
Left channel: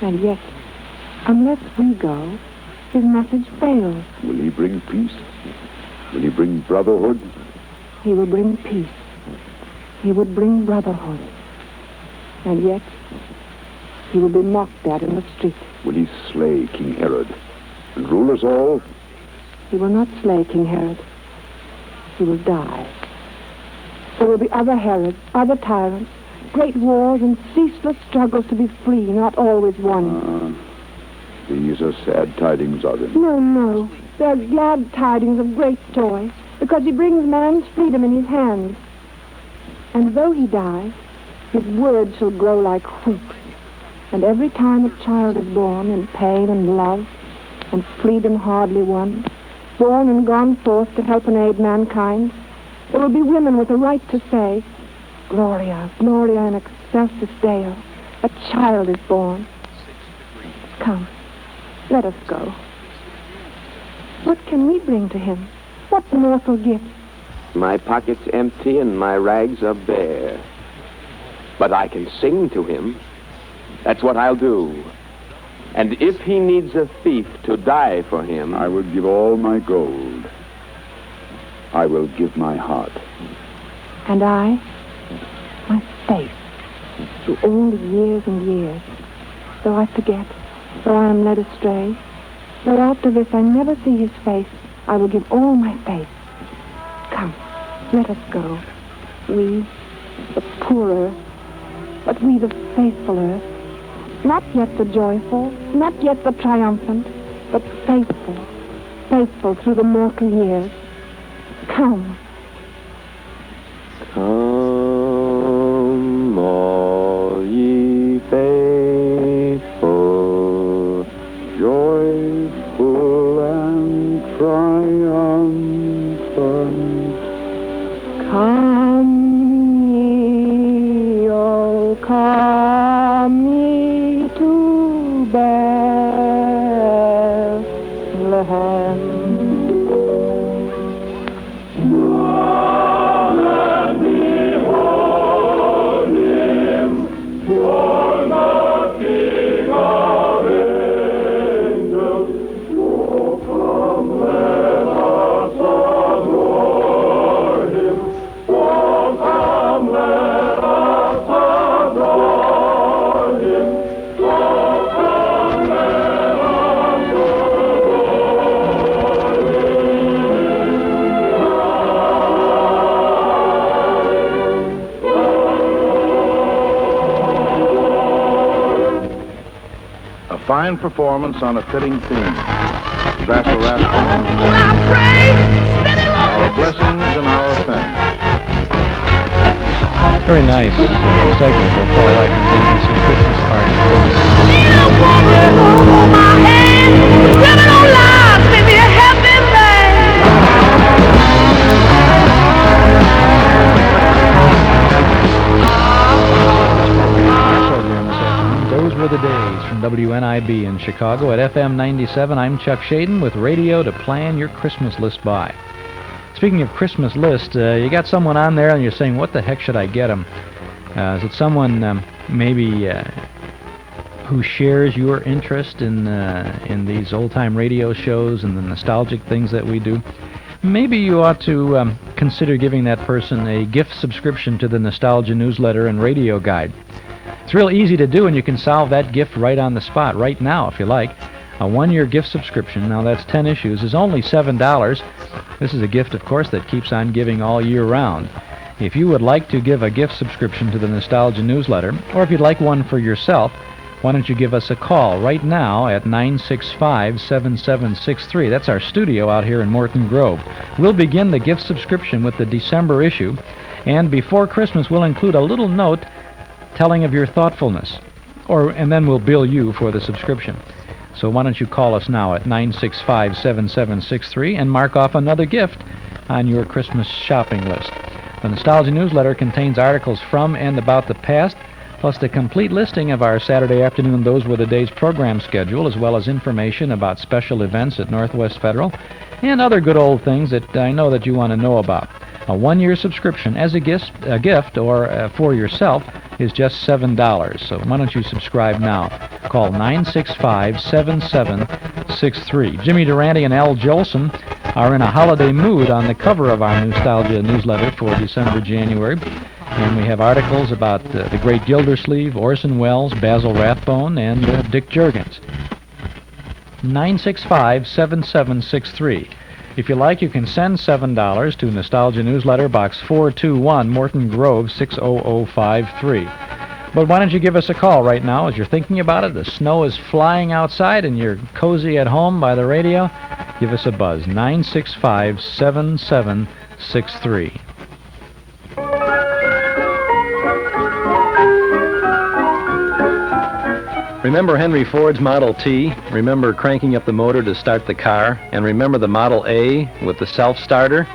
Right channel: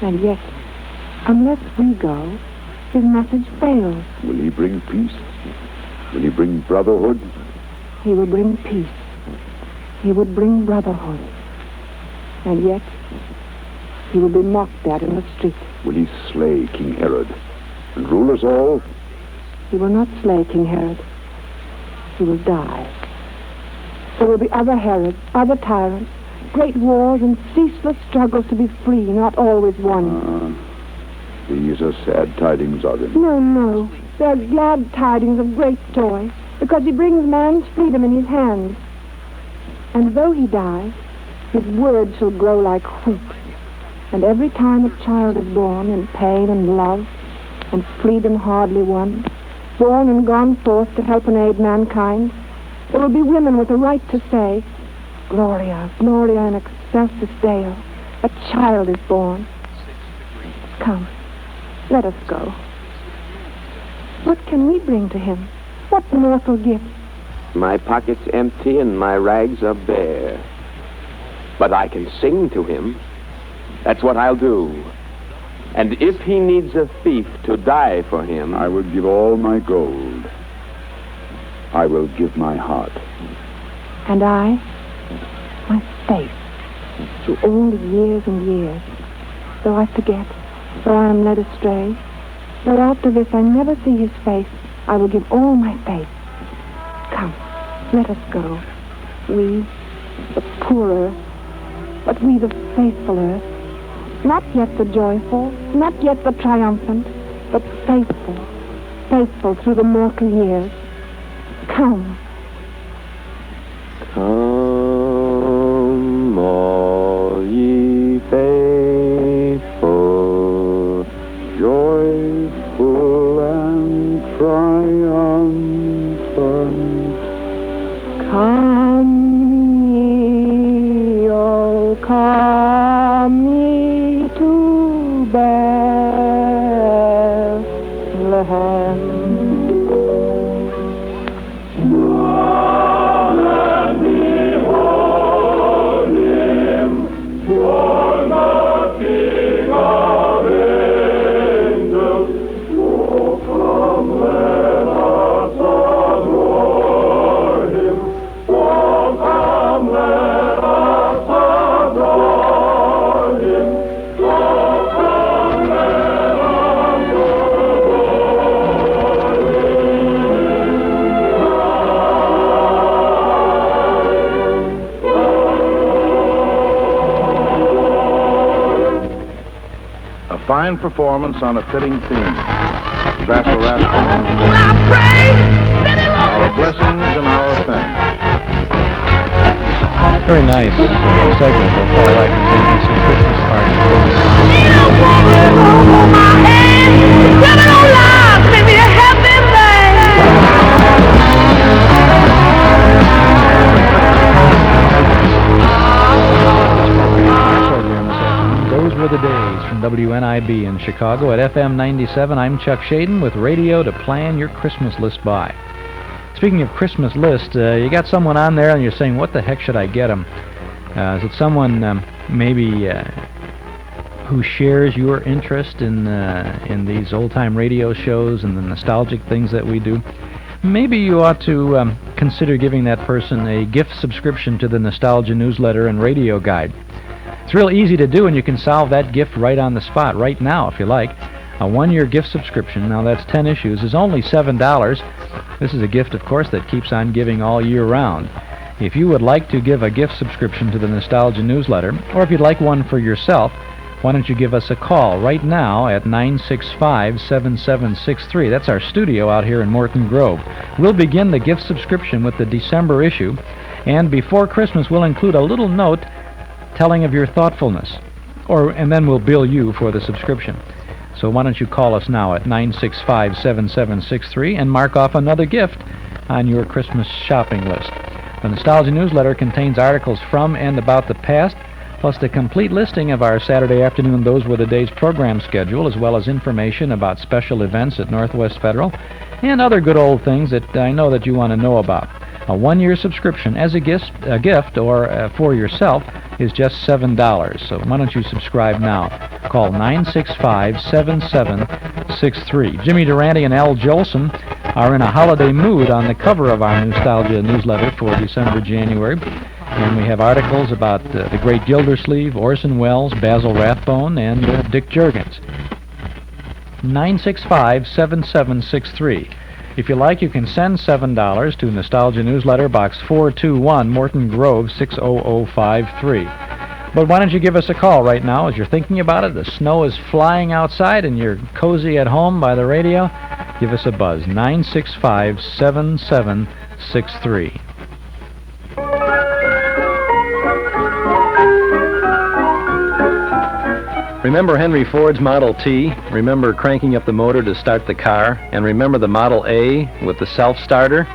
And yet, unless we go, his message fails. Will he bring peace? Will he bring brotherhood? He will bring peace. He will bring brotherhood. And yet, he will be mocked at in the street. Will he slay King Herod and rule us all? He will not slay King Herod. He will die. There will be other Herods, other tyrants, great wars and ceaseless struggles to be free, not always won. These are sad tidings, are they? No, no. They are glad tidings of great joy, because he brings man's freedom in his hands. And though he die, his word shall grow like wheat. And every time a child is born in pain and love, and freedom hardly won, born and gone forth to help and aid mankind, there will be women with a right to say, Gloria, Gloria in excelsis Deo, a child is born. Come, let us go. What can we bring to him? What mortal gift? My pocket's empty and my rags are bare. But I can sing to him. That's what I'll do. And if he needs a thief to die for him... I will give all my gold. I will give my heart. And I, my faith, through all the years and years, though I forget, though I am led astray, though after this I never see his face, I will give all my faith. Come, let us go. We, the poor earth, but we the faithful earth. Not yet the joyful, not yet the triumphant, but faithful, faithful through the mortal years. Come. Come, all ye faithful, joyful and triumphant. Come ye, oh, come ye to Bethlehem. Let me fine performance on a fitting theme. Basil Rathbone, our blessings and our thanks. Very nice segment of Paul Whiteman's ABC Christmas party. Those were the days from WNIB in Chicago at FM 97. I'm Chuck Shaden with radio to plan your Christmas list by. Speaking of Christmas list, you got someone on there and you're saying, what the heck should I get them? Is it someone maybe who shares your interest in these old-time radio shows and the nostalgic things that we do? Maybe you ought to consider giving that person a gift subscription to the Nostalgia newsletter and radio guide. It's real easy to do, and you can solve that gift right on the spot, right now, if you like. A one-year gift subscription, now that's 10 issues, is only $7. This is a gift, of course, that keeps on giving all year round. If you would like to give a gift subscription to the Nostalgia newsletter, or if you'd like one for yourself, why don't you give us a call right now at 965-7763. That's our studio out here in Morton Grove. We'll begin the gift subscription with the December issue, and before Christmas we'll include a little note telling of your thoughtfulness, and then we'll bill you for the subscription. So why don't you call us now at 965-7763 and mark off another gift on your Christmas shopping list. The Nostalgia newsletter contains articles from and about the past, plus the complete listing of our Saturday afternoon Those Were the Days program schedule, as well as information about special events at Northwest Federal, and other good old things that I know that you want to know about. A one-year subscription as a gift or for yourself is just $7. So why don't you subscribe now? Call 965-7763. Jimmy Durante and Al Jolson are in a holiday mood on the cover of our Nostalgia newsletter for December, January. And we have articles about the great Gildersleeve, Orson Welles, Basil Rathbone, and Dick Juergens. 965-7763. If you like, you can send $7 to Nostalgia Newsletter, Box 421, Morton Grove, 60053. But why don't you give us a call right now as you're thinking about it? The snow is flying outside and you're cozy at home by the radio. Give us a buzz, 965-7763. Remember Henry Ford's Model T? Remember cranking up the motor to start the car? And remember the Model A with the self-starter?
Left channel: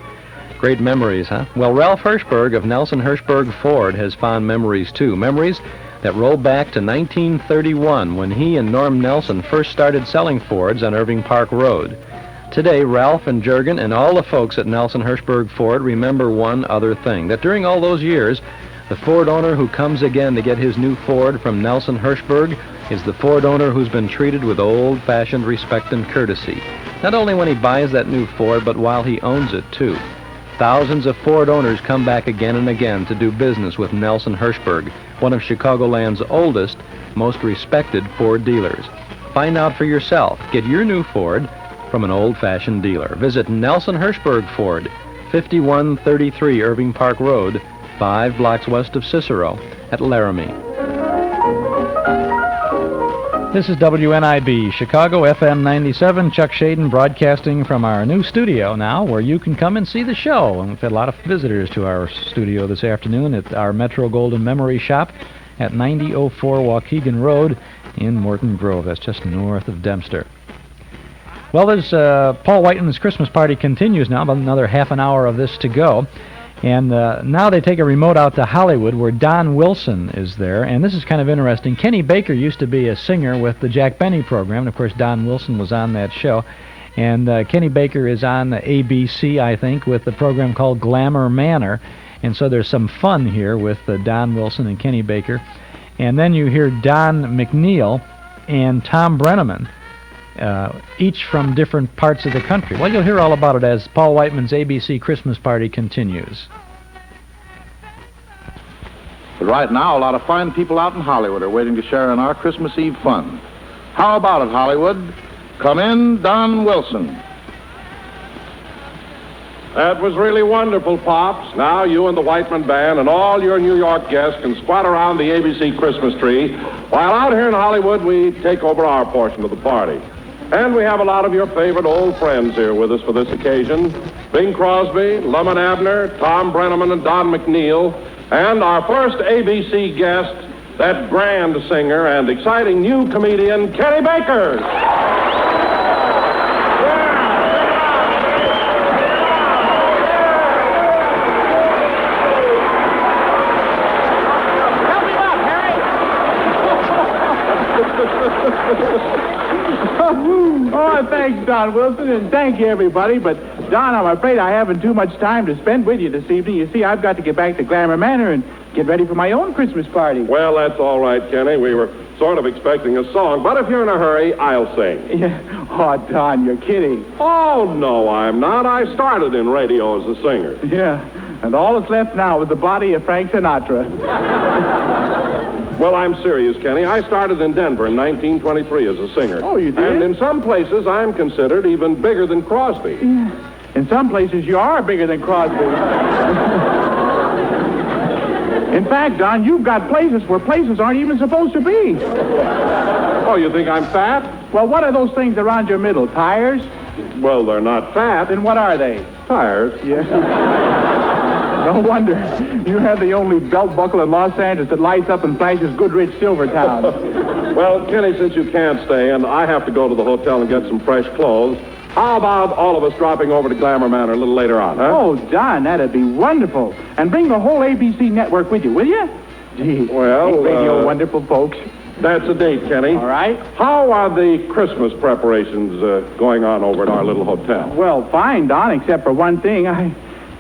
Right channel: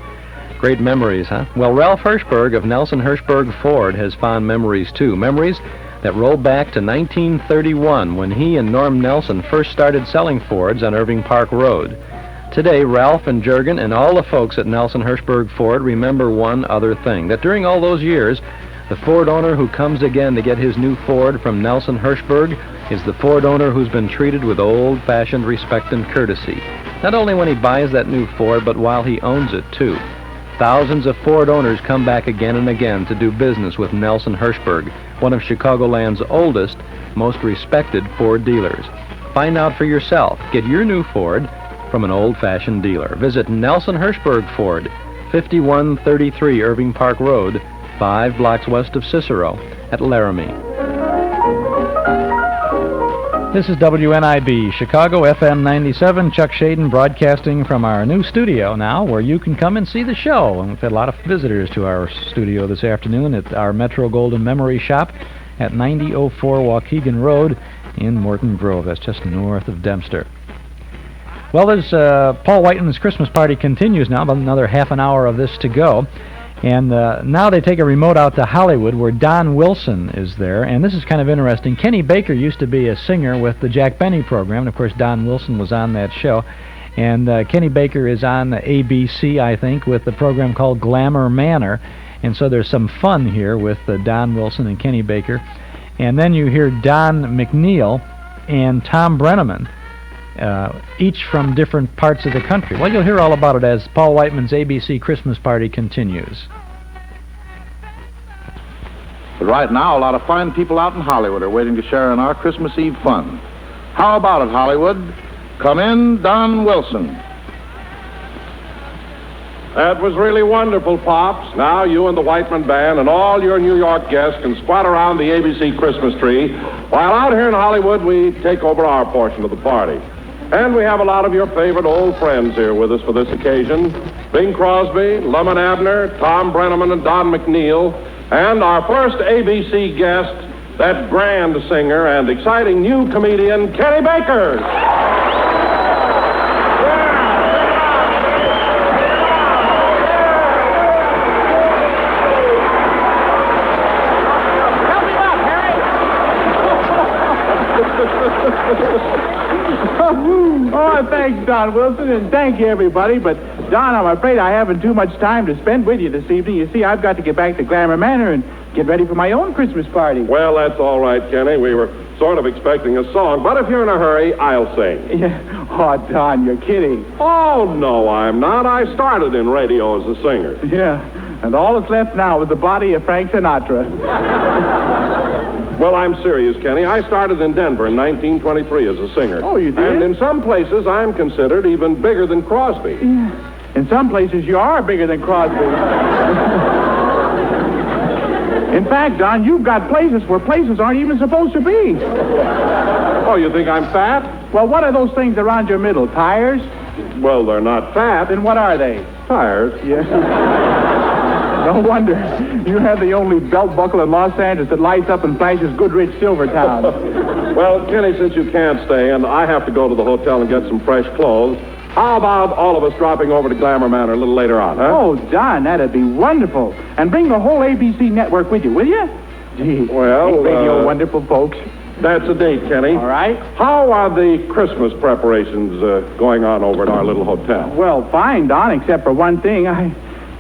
Great memories, huh? Well, Ralph Hirschberg of Nelson Hirschberg Ford has fond memories, too. Memories that roll back to 1931 when he and Norm Nelson first started selling Fords on Irving Park Road. Today, Ralph and Juergen and all the folks at Nelson Hirschberg Ford remember one other thing, that during all those years, the Ford owner who comes again to get his new Ford from Nelson Hirschberg is the Ford owner who's been treated with old-fashioned respect and courtesy. Not only when he buys that new Ford, but while he owns it, too. Thousands of Ford owners come back again and again to do business with Nelson Hirschberg, one of Chicagoland's oldest, most respected Ford dealers. Find out for yourself. Get your new Ford from an old-fashioned dealer. Visit Nelson Hirschberg Ford, 5133 Irving Park Road, 5 blocks west of Cicero at Laramie. This is WNIB, Chicago, FM 97. Chuck Shaden broadcasting from our new studio now, where you can come and see the show. And we've had a lot of visitors to our studio this afternoon at our Metro Golden Memory Shop at 9004 Waukegan Road in Morton Grove. That's just north of Dempster. Well, there's Paul Whiteman's Christmas party continues now, about another half an hour of this to go. And now they take a remote out to Hollywood where Don Wilson is there. And this is kind of interesting. Kenny Baker used to be a singer with the Jack Benny program. And, of course, Don Wilson was on that show. And Kenny Baker is on ABC, I think, with the program called Glamour Manor. And so there's some fun here with Don Wilson and Kenny Baker. And then you hear Don McNeill and Tom Brennaman, each from different parts of the country. Well, you'll hear all about it as Paul Whiteman's ABC Christmas party continues. But right now, a lot of fine people out in Hollywood are waiting to share in our Christmas Eve fun. How about it, Hollywood? Come in, Don Wilson. That was really wonderful, Pops. Now you and the Whiteman Band and all your New York guests can squat around the ABC Christmas tree, while out here in Hollywood we take over our portion of the party. And we have a lot of your favorite old friends here with us for this occasion. Bing Crosby, Lemon Abner, Tom Brennaman, and Don McNeill. And our first ABC guest, that grand singer and exciting new comedian, Kenny Baker. Oh, thanks, Don Wilson, and thank you, everybody. But, Don, I'm afraid I haven't too much time to spend with you this evening. You see, I've got to get back to Glamour Manor and get ready for my own Christmas party. Well, that's all right, Kenny. We were sort of expecting a song, but if you're in a hurry, I'll sing. Yeah. Oh, Don, you're kidding. Oh, no, I'm not. I started in radio as a singer. Yeah, and all that's left now is the body of Frank Sinatra. Well, I'm serious, Kenny. I started in Denver in 1923 as a singer. Oh, you did? And in some places, I'm considered even bigger than Crosby. Yeah. In some places, you are bigger than Crosby. In fact, Don, you've got places where places aren't even supposed to be. Oh, you think I'm fat? Well, what are those things around your middle? Tires? Well, they're not fat. Then what are they? Tires. Yeah. No wonder. You have the only belt buckle in Los Angeles that lights up and flashes Goodrich Silvertown. Well, Kenny, since you can't stay and I have to go to the hotel and get some fresh clothes, how about all of us dropping over to Glamour Manor a little later on, huh? Oh, Don, that'd be wonderful. And bring the whole ABC network with you, will you? Gee, well, radio wonderful folks. That's a date, Kenny. All right. How are the Christmas preparations going on over at our little hotel? Well, fine, Don, except for one thing. I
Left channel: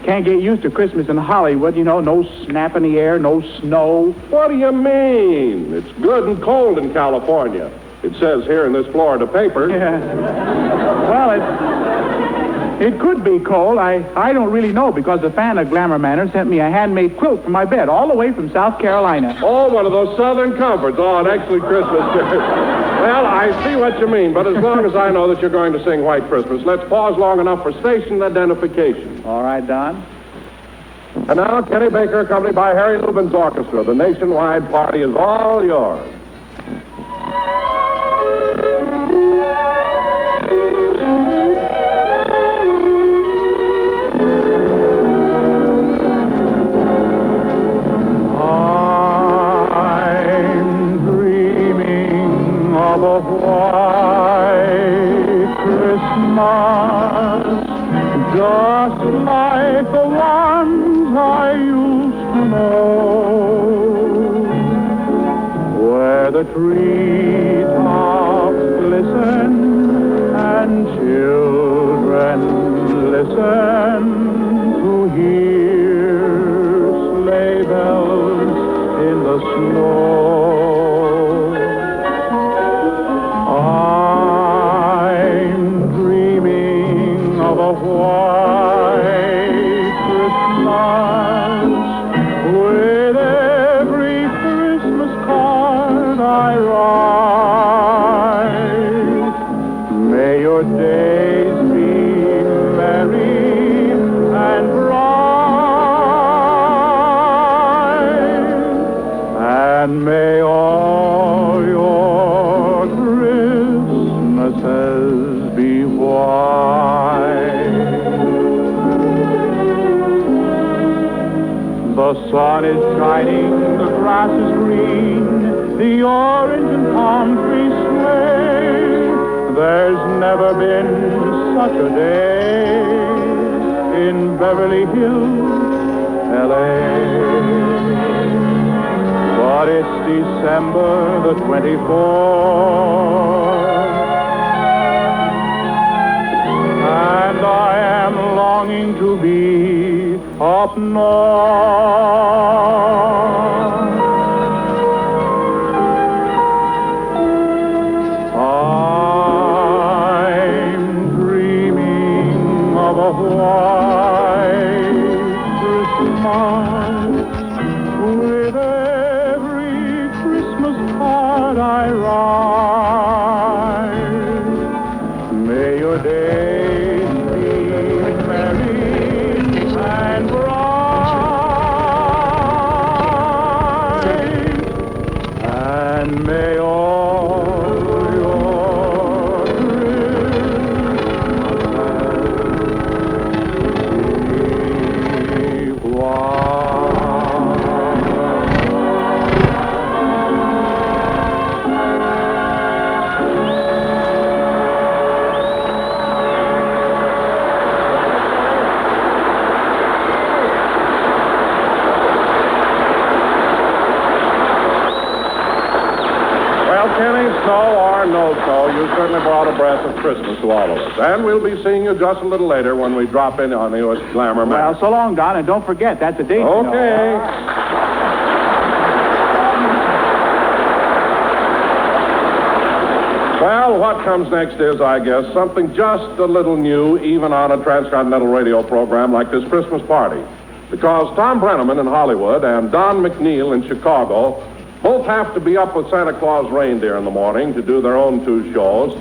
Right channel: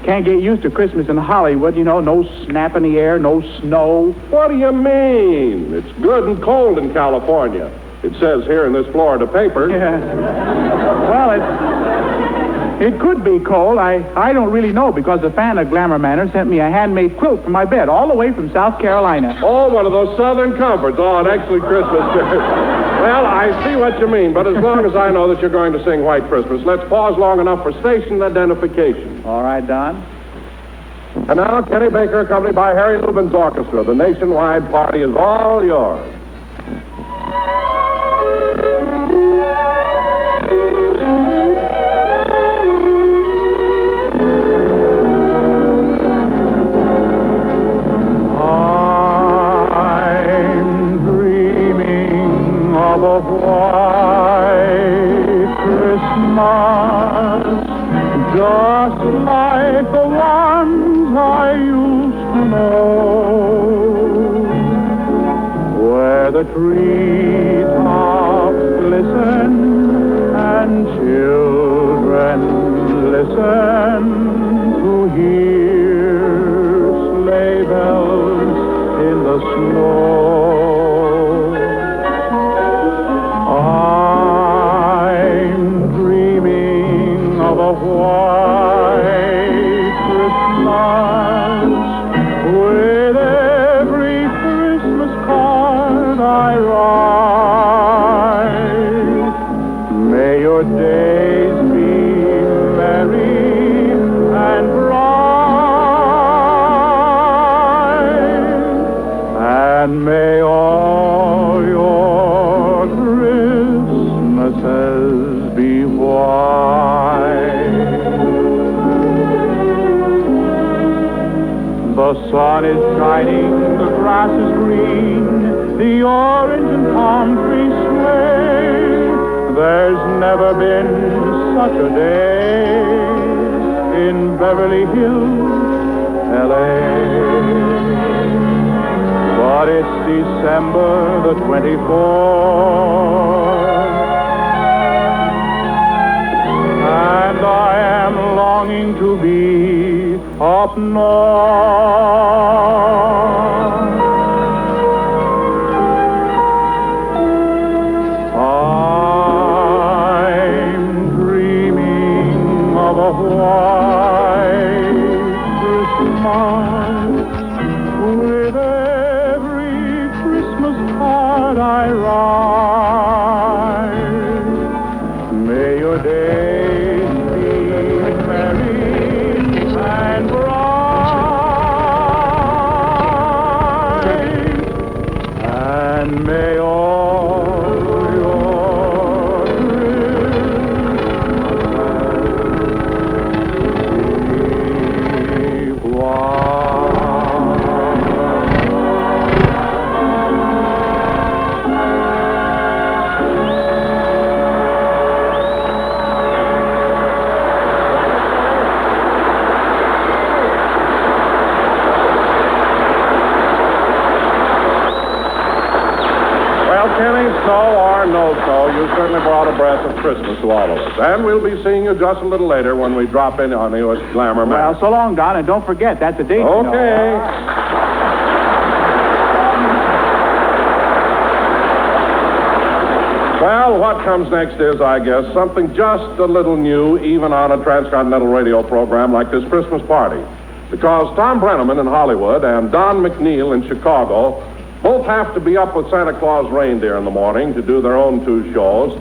can't get used to Christmas in Hollywood. You know, no snap in the air, no snow. What do you mean? It's good and cold in California. It says here in this Florida paper. Yeah. Well, it could be cold. I don't really know because a fan of Glamour Manor sent me a handmade quilt for my bed all the way from South Carolina. Oh, one of those Southern comforts. Oh, an excellent Christmas. Well, I see what you mean, but as long as I know that you're going to sing White Christmas, let's pause long enough for station identification. All right, Don. And now, Kenny Baker, accompanied by Harry Lubin's orchestra. The nationwide party is all yours. Treetops glisten and children listen to hear sleigh bells in the snow. I'm dreaming of a white Christmas with every Christmas card I write. May your days be merry and bright, and may all your Christmases be white. The sun is shining, the grass is green, the orange and palm trees sway. There's never been such a day in Beverly Hills, L.A. But it's December the 24th, and I am longing to be up north. I'm dreaming of a white Christmas with every Christmas card I write. and may all you certainly brought a breath of Christmas to all of us. And we'll be seeing you just a little later when we drop in on you at Glamour Man. Well, so long, Don, and don't forget, that's a date. Okay. Well, what comes next is, I guess, something just a little new, even on a transcontinental radio program like this Christmas party. Because Tom Brennaman in Hollywood and Don McNeill in Chicago both have to be up with Santa Claus reindeer in the morning to do their own two shows,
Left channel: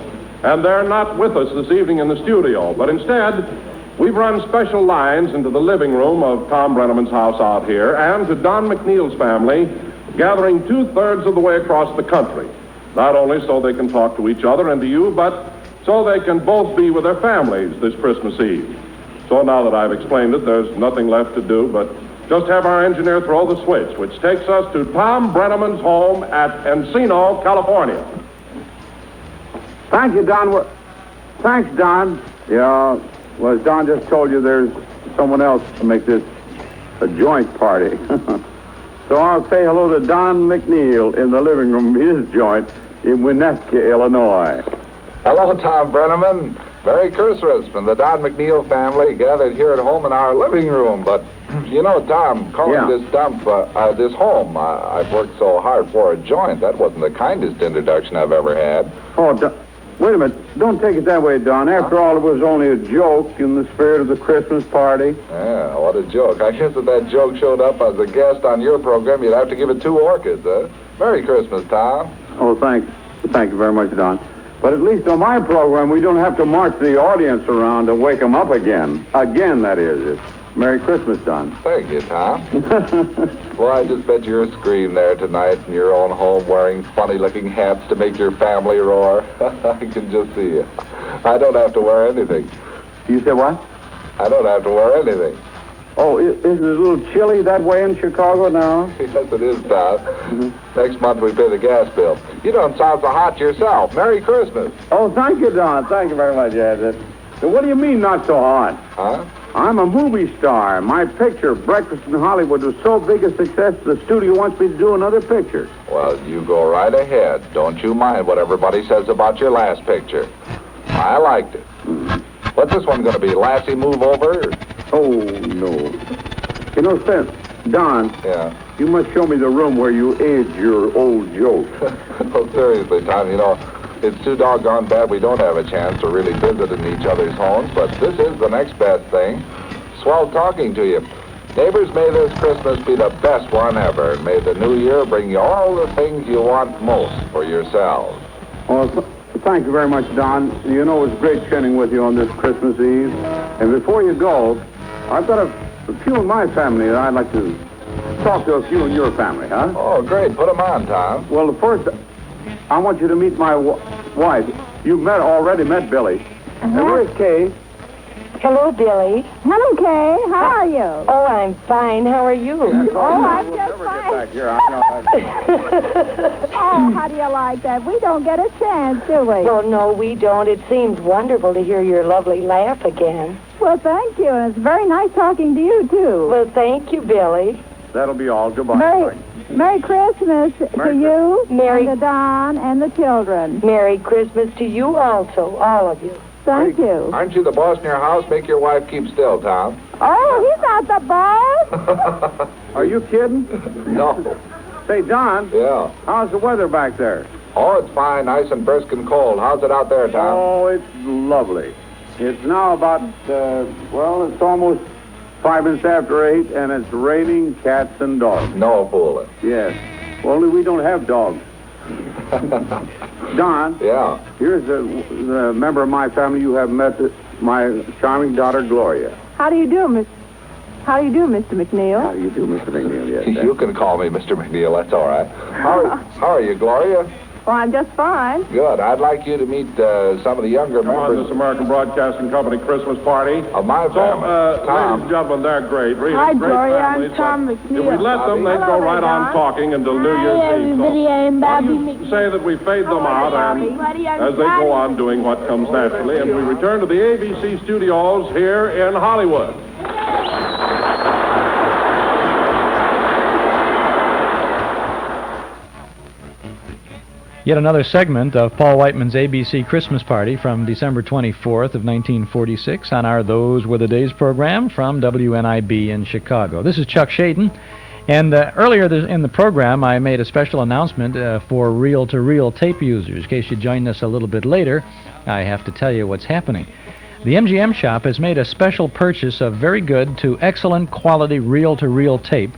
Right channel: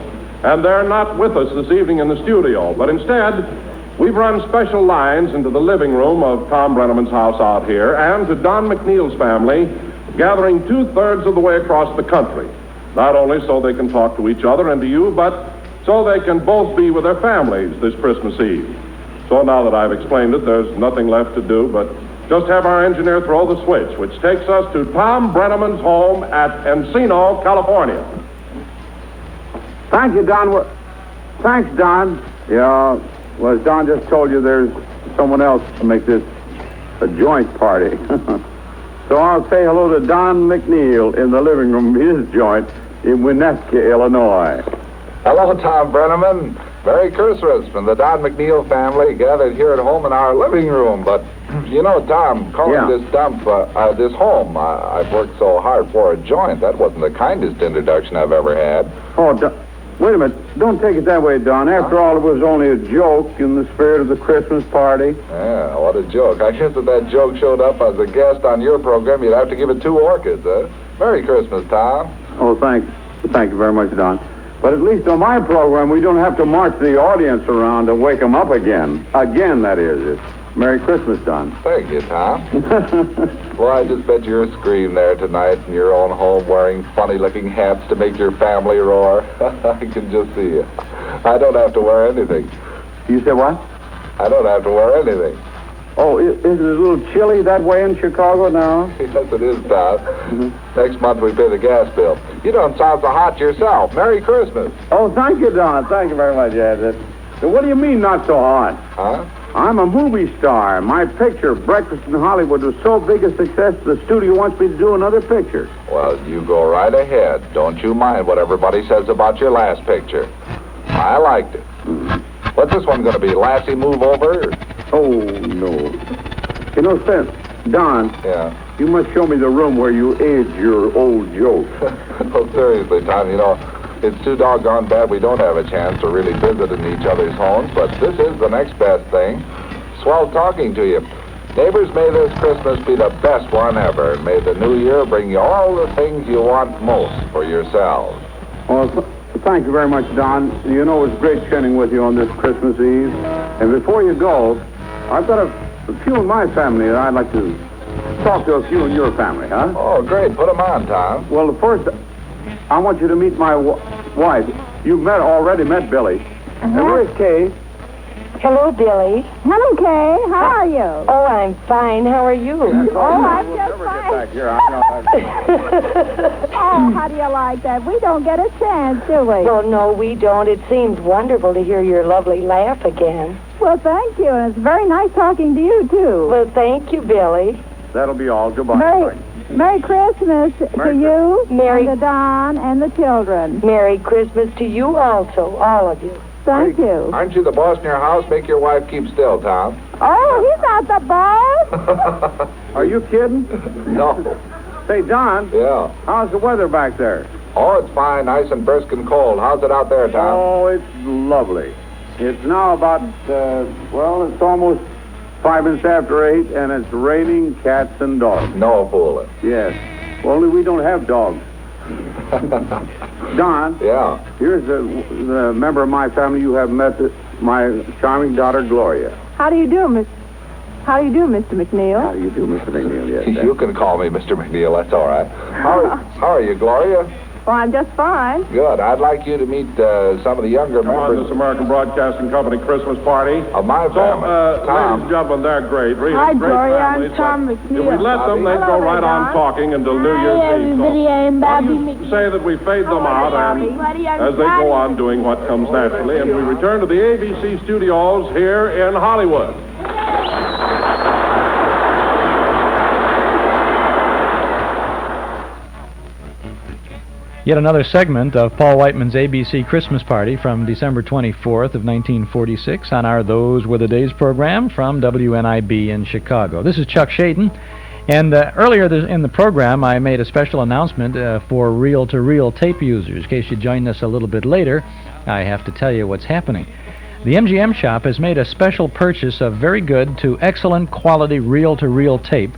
and they're not with us this evening in the studio. But instead, we've run special lines into the living room of Tom Brennaman's house out here and to Don McNeill's family, gathering two-thirds of the way across the country. Not only so they can talk to each other and to you, but so they can both be with their families this Christmas Eve. So now that I've explained it, there's nothing left to do but just have our engineer throw the switch, which takes us to Tom Brennaman's home at Encino, California. Thank you, Don. Thanks, Don. Yeah, well, as Don just told you, there's someone else to make this a joint party. So I'll say hello to Don McNeill in the living room of his joint in Winnetka, Illinois. Hello, Tom Brennaman. Merry Christmas from the Don McNeill family gathered here at home in our living room. But, you know, Tom, calling this home, I've worked so hard for a joint. That wasn't the kindest introduction I've ever had. Oh, wait a minute. Don't take it that way, Don. After all, it was only a joke in the spirit of the Christmas party. Yeah, what a joke. I guess if that joke showed up as a guest on your program, you'd have to give it 2 orchids, huh? Merry Christmas, Tom. Oh, thanks. Thank you very much, Don. But at least on my program, we don't have to march the audience around to wake them up again. Again, that is. It's Merry Christmas, Don. Thank you, Tom. Well, I just bet you're a scream there tonight in your own home wearing funny-looking hats to make your family roar. I can just see you. I don't have to wear anything. You said what? I don't have to wear anything. Oh, is it a little chilly that way in Chicago now? Yes, it is, Tom. Next month we pay the gas bill. You don't sound so hot yourself. Merry Christmas. Oh, thank you, Don. Thank you very much, Ed. What do you mean, not so hot? Huh? I'm a movie star. My picture, Breakfast in Hollywood, was so big a success the studio wants me to do another picture. Well, you go right ahead. Don't you mind what everybody says about your last picture. I liked it. What's this one going to be? Lassie Move Over? Oh, no. You know, Don. Yeah? You must show me the room where you age your old jokes. Oh, seriously, Tom, you know, it's too doggone bad we don't have a chance to really visit in each other's homes, but this is the next best thing. Swell talking to you. Neighbors, may this Christmas be the best one ever, and may the new year bring you all the things you want most for yourselves. Well, thank you very much, Don. You know, it was great chatting with you on this Christmas Eve. And before you go, I've got a few in my family that I'd like to talk to a few in your family, huh? Oh, great. Put them on, Tom. Well, first, I want you to meet my wife. You've already met Billy. And where's Kay? Hello, Billy. Hello, Kay. How are you? Oh, I'm fine. How are you? Oh, I'm just fine. Back here. Oh, how do you like that? We don't get a chance, do we? Well, no, we don't. It seems wonderful to hear your lovely laugh again. Well, thank you. And it's very nice talking to you, too. Well, thank you, Billy. That'll be all. Goodbye. Merry Christmas to you, and to Don, and the children. Merry Christmas to you also, all of you. Thank you. Aren't you the boss in your house? Make your wife keep still, Tom. Oh, he's not the boss. Are you kidding? No. Say, Don. Yeah? How's the weather back there? Oh, it's fine. Nice and brisk and cold. How's it out there, Tom? Oh, it's lovely. It's now about, it's almost 5 minutes after 8, and it's raining cats and dogs. No fooling. Yes. Only we don't have dogs. Don. Yeah? Here's the member of my family you have met, my charming daughter, Gloria. How do you do, Miss? How do you do, Mr. McNeill? How do you do, Mr. McNeill? Yes, you can call me Mr. McNeill. That's all right. How are you, Gloria? Well, I'm just fine. Good. I'd like you to meet some of the younger members of this American Broadcasting Company Christmas party. Of my family. Ladies and gentlemen, they're great. Really Hi, great Gloria. families. I'm Tom If McNeill. we let them, they'd go right on talking until New Year's Eve. Everybody, I'm Bobby You say that we fade them out and as they go on doing what comes naturally, and we return to the ABC studios here in Hollywood. Yet another segment of Paul Whiteman's ABC Christmas Party from December 24th of 1946 on our Those Were the Days program from WNIB in Chicago. This is Chuck Shaden, and earlier in the program I made a special announcement for reel-to-reel tape users. In case you join us a little bit later, I have to tell you what's happening. The MGM shop has made a special purchase of very good to excellent quality reel-to-reel tape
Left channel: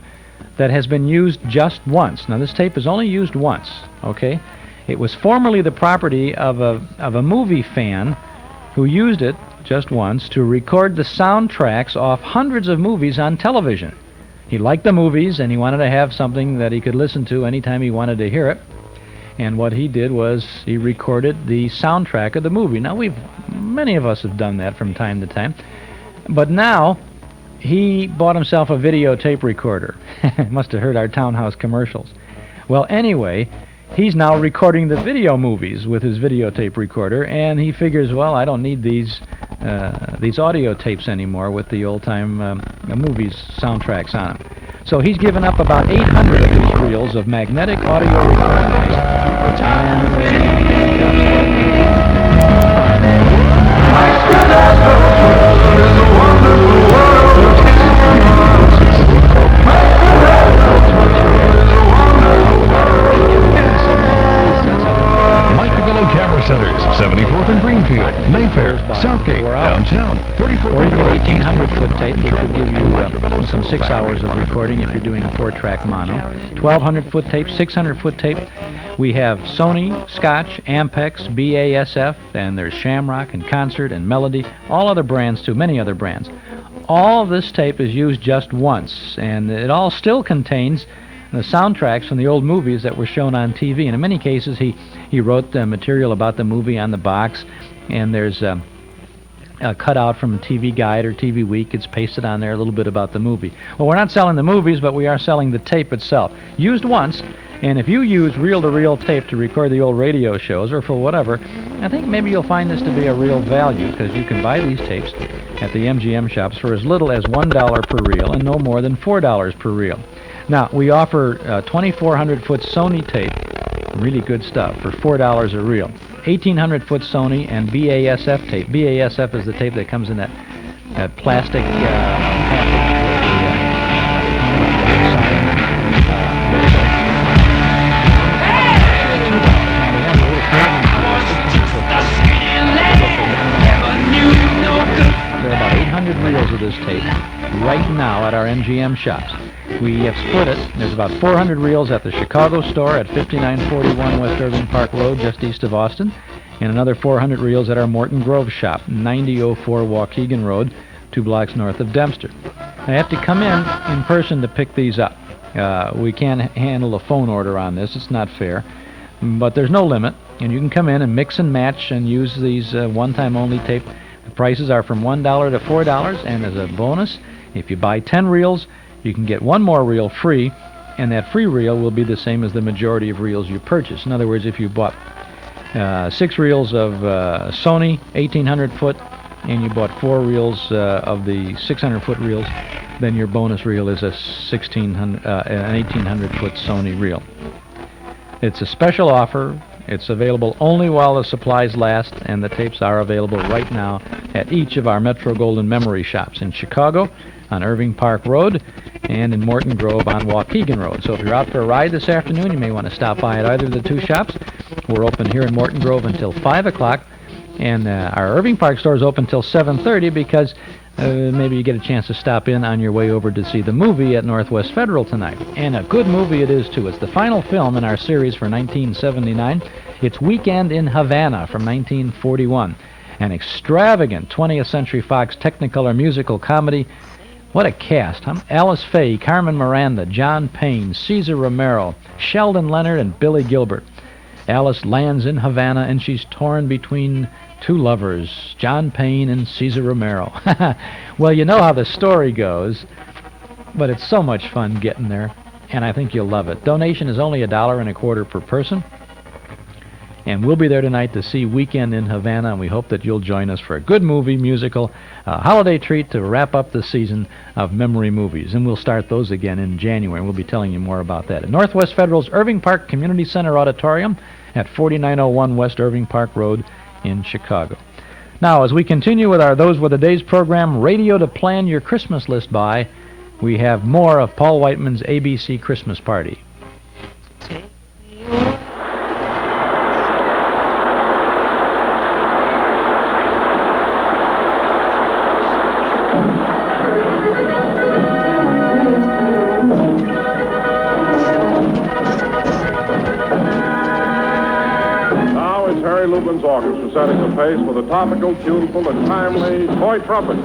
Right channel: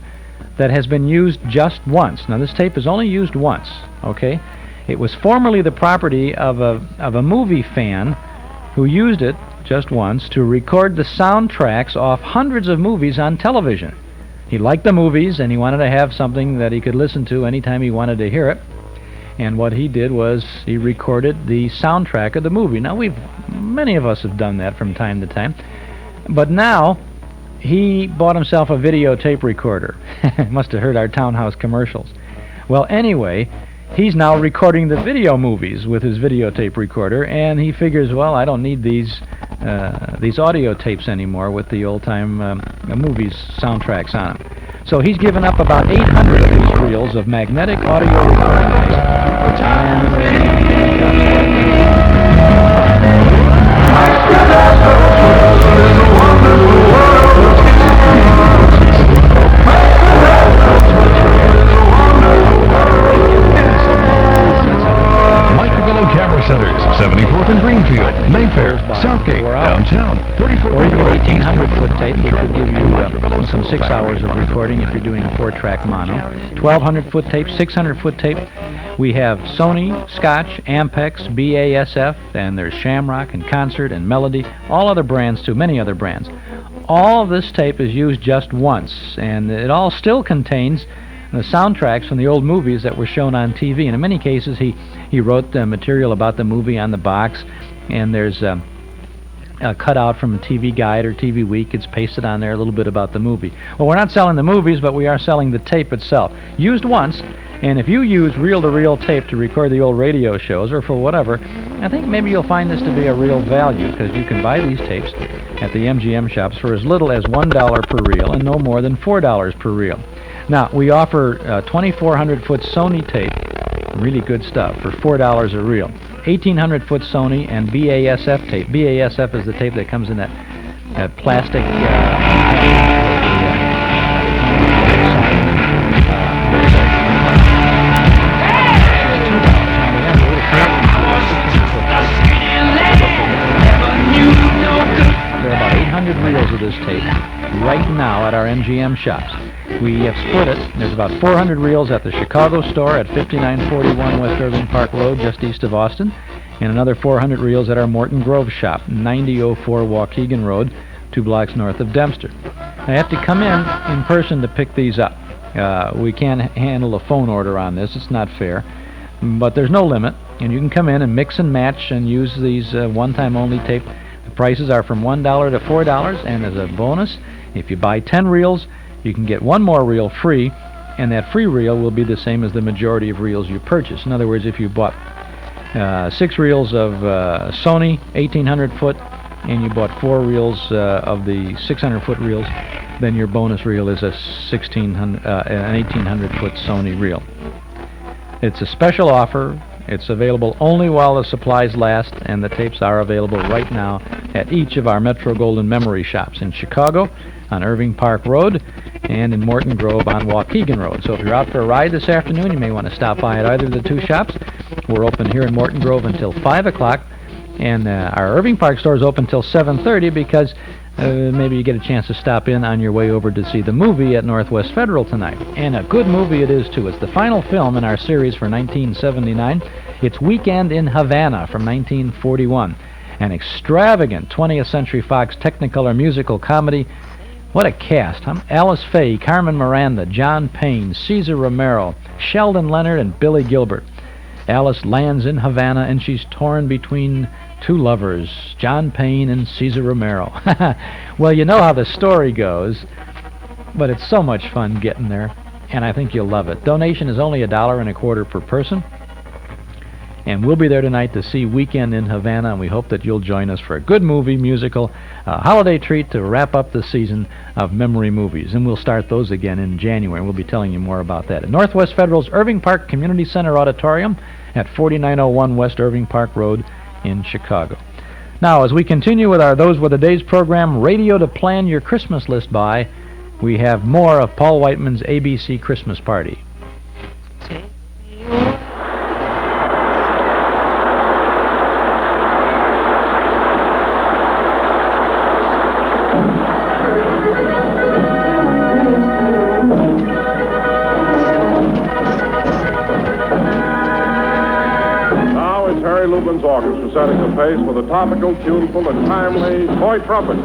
that has been used just once. Now, this tape is only used once, okay? It was formerly the property of a movie fan who used it just once to record the soundtracks off hundreds of movies on television. He liked the movies, and he wanted to have something that he could listen to anytime he wanted to hear it. And what he did was he recorded the soundtrack of the movie. Now, many of us have done that from time to time. But now, he bought himself a videotape recorder. Must have heard our townhouse commercials. Well, anyway, he's now recording the video movies with his videotape recorder, and he figures, well, I don't need these audio tapes anymore with the old-time movies soundtracks on. So he's given up about 800 of these reels of magnetic audio Camera Centers, 74th and Greenfield, Mayfair, Southgate, downtown, 34th. Or even 1,800-foot tape, which would give you some 6 hours of recording if you're doing a 4-track mono. 1,200-foot tape, 600-foot tape. We have Sony, Scotch, Ampex, BASF, and there's Shamrock and Concert and Melody, all other brands too, many other brands. All this tape is used just once, and it all still contains the soundtracks from the old movies that were shown on TV. And in many cases, he wrote the material about the movie on the box, and there's a cutout from a TV Guide or TV Week. It's pasted on there a little bit about the movie. Well, we're not selling the movies, but we are selling the tape itself. Used once, and if you use reel-to-reel tape to record the old radio shows or for whatever, I think maybe you'll find this to be a real value, because you can buy these tapes at the MGM shops for as little as $1 per reel and no more than $4 per reel. Now, we offer 2,400-foot Sony tape, really good stuff, for $4 a reel. 1,800-foot Sony and BASF tape. BASF is the tape that comes in that plastic There are about 800 reels of this tape right now at our MGM shops. We have split it. There's about 400 reels at the Chicago store at 5941 West Irving Park Road, just east of Austin, and another 400 reels at our Morton Grove shop, 9004 Waukegan Road, 2 blocks north of Dempster. I have to come in person to pick these up. We can't handle a phone order on this. It's not fair. But there's no limit, and you can come in and mix and match and use these one-time only tape. The prices are from $1 to $4, and as a bonus, if you buy 10 reels, you can get one more reel free, and that free reel will be the same as the majority of reels you purchase. In other words, if you bought 6 reels of Sony 1,800-foot, and you bought 4 reels of the 600-foot reels, then your bonus reel is an 1,800-foot Sony reel. It's a special offer. It's available only while the supplies last, and the tapes are available right now at each of our Metro-Goldwyn Memory shops in Chicago, on Irving Park Road, and in Morton Grove on Waukegan Road. So if you're out for a ride this afternoon, you may want to stop by at either of the 2 shops. We're open here in Morton Grove until 5 o'clock, and our Irving Park store is open until 7:30 because maybe you get a chance to stop in on your way over to see the movie at Northwest Federal tonight. And a good movie it is, too. It's the final film in our series for 1979. It's Weekend in Havana from 1941, an extravagant 20th Century Fox Technicolor musical comedy What a cast, huh? Alice Faye, Carmen Miranda, John Payne, Cesar Romero, Sheldon Leonard, and Billy Gilbert. Alice lands in Havana, and she's torn between two lovers, John Payne and Cesar Romero. Well, you know how the story goes, but it's so much fun getting there, and I think you'll love it. Donation is only $1.25 per person. And we'll be there tonight to see Weekend in Havana, and we hope that you'll join us for a good movie, musical, holiday treat to wrap up the season of memory movies. And we'll start those again in January, and we'll be telling you more about that. At Northwest Federal's Irving Park Community Center Auditorium at 4901 West Irving Park Road in Chicago. Now, as we continue with our Those Were the Days program, radio to plan your Christmas list by, we have more of Paul Whiteman's ABC Christmas Party. Lubin's orchestra setting the pace with a topical, tuneful, and timely toy trumpet.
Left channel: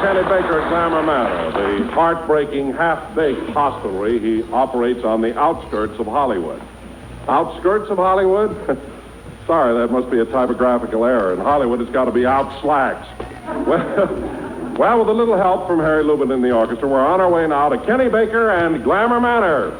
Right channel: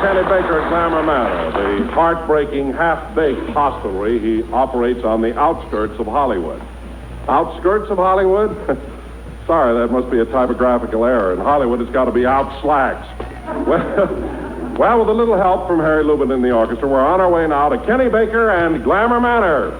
Kenny Baker at Glamour Manor, the heartbreaking, half-baked hostelry he operates on the outskirts of Hollywood. Outskirts of Hollywood? Sorry, that must be a typographical error. In Hollywood, it's got to be out slacks. Well, with a little help from Harry Lubin in the orchestra, we're on our way now to Kenny Baker and Glamour Manor.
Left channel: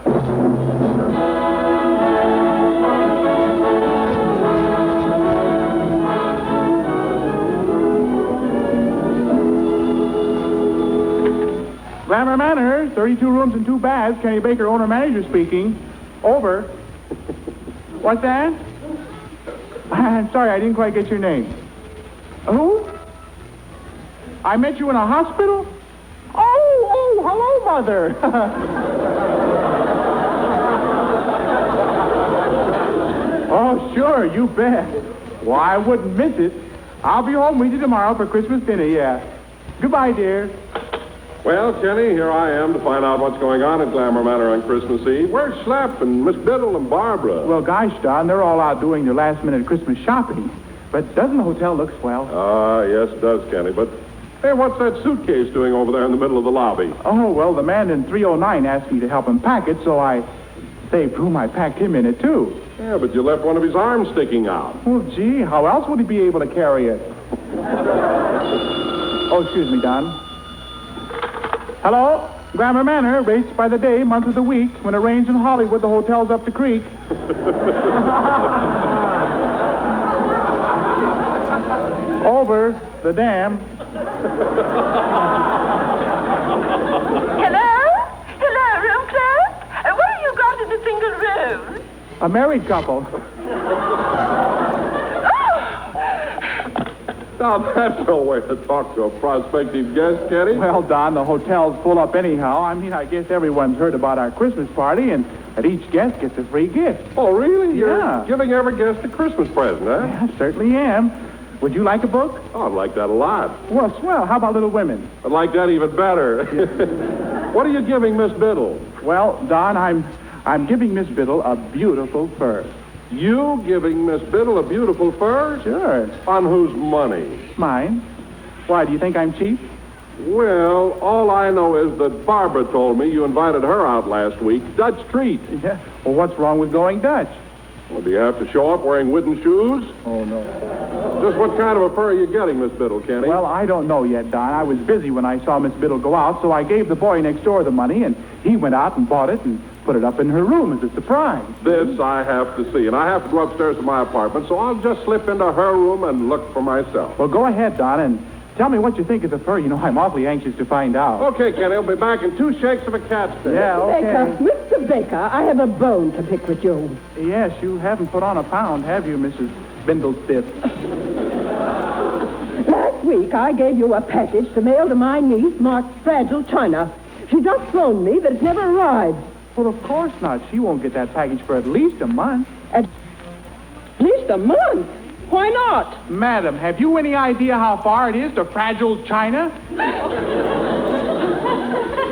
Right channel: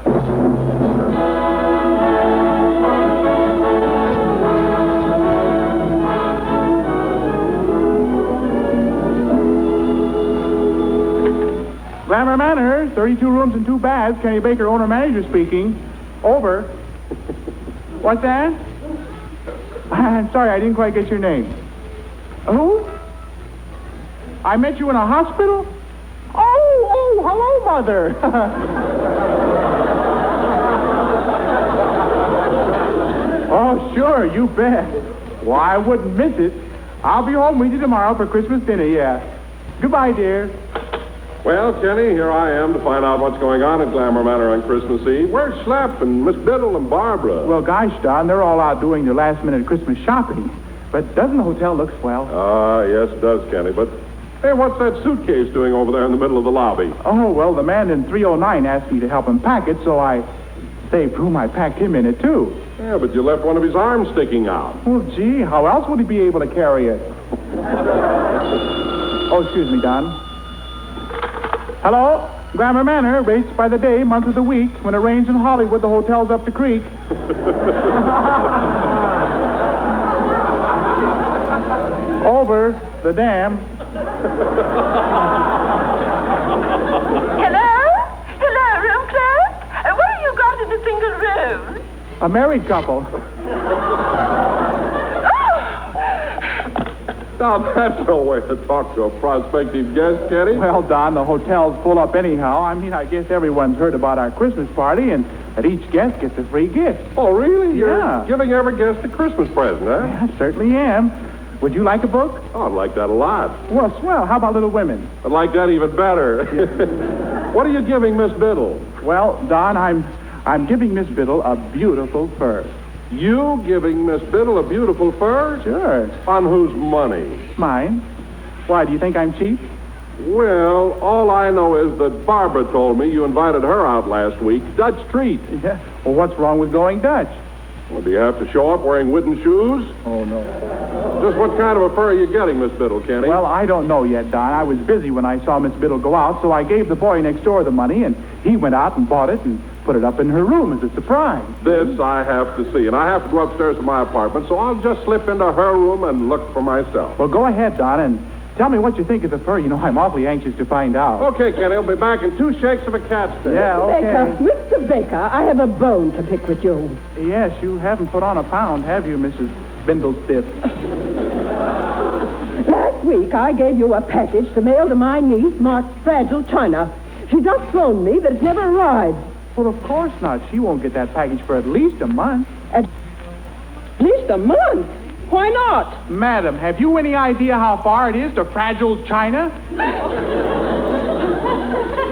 Glamour Manor, 32 rooms and 2 baths. Kenny Baker, owner-manager speaking. Over. What's that? I'm sorry, I didn't quite get your name. Who? I met you in a hospital? Oh, Oh, hello, Mother. Oh, sure, you bet. Well, I wouldn't miss it. I'll be home with you tomorrow for Christmas dinner, yeah. Goodbye, dear. Well, Kenny, here I am to find out what's going on at Glamour Manor on Christmas Eve. Where's Schlepp and Miss Biddle and Barbara? Well, gosh, Don, they're all out doing their last-minute Christmas shopping. But doesn't the hotel look swell? Ah, yes, it does, Kenny. But, hey, what's that suitcase doing over there in the middle of the lobby? Oh, well, the man in 309 asked me to help him pack it, so I saved room. I packed him in it, too. Yeah, but you left one of his arms sticking out. Oh, gee, how else would he be able to carry it? Oh, excuse me, Don. Hello? Glamour Manor, rates by the day, month of the week. When it rains in Hollywood, the hotel's up the creek. Over the dam. Hello? Hello, room clerk? What have you got in a single room? A married couple. Now, that's no way to talk to a prospective guest, Kenny. Well, Don, the hotel's full up anyhow. I mean, I guess everyone's heard about our Christmas party, and that each guest gets a free gift. Oh, really? Yeah. You're giving every guest a Christmas present, huh? Yeah, I certainly am. Would you like a book? Oh, I'd like that a lot. Well, swell. How about Little Women? I'd like that even better. What are you giving Miss Biddle? Well, Don, I'm giving Miss Biddle a beautiful fur. You giving Miss Biddle a beautiful fur? Sure. On whose money? Mine. Why, do you think I'm cheap? Well, all I know is that Barbara told me you invited her out last week. Dutch treat. Yeah. Well, what's wrong with going Dutch? Well, do you have to show up wearing wooden shoes? Oh, no. Just what kind of a fur are you getting, Miss Biddle, Kenny? Well, I don't know yet, Don. I was busy when I saw Miss Biddle go out, so I gave the boy next door the money, and he went out and bought it and put it up in her room as a surprise. This I have to see, and I have to go upstairs to my apartment, so I'll just slip into her room and look for myself. Well, go ahead, Don, and tell me what you think of the fur. You know, I'm awfully anxious to find out. Okay, Kenny, I'll be back in 2 shakes of a cat's tail. Yeah, okay. Mr. Baker, I have a bone to pick with you. Yes, you haven't put on a pound, have you, Mrs. Bindlestiff? Last week, I gave you a package to mail to my niece marked Fragile China. She just phoned me that it's never arrived. Well, of course not. She won't get that package for at least a month. At least a month? Why not? Madam, have you any idea how far it is to Fragile China?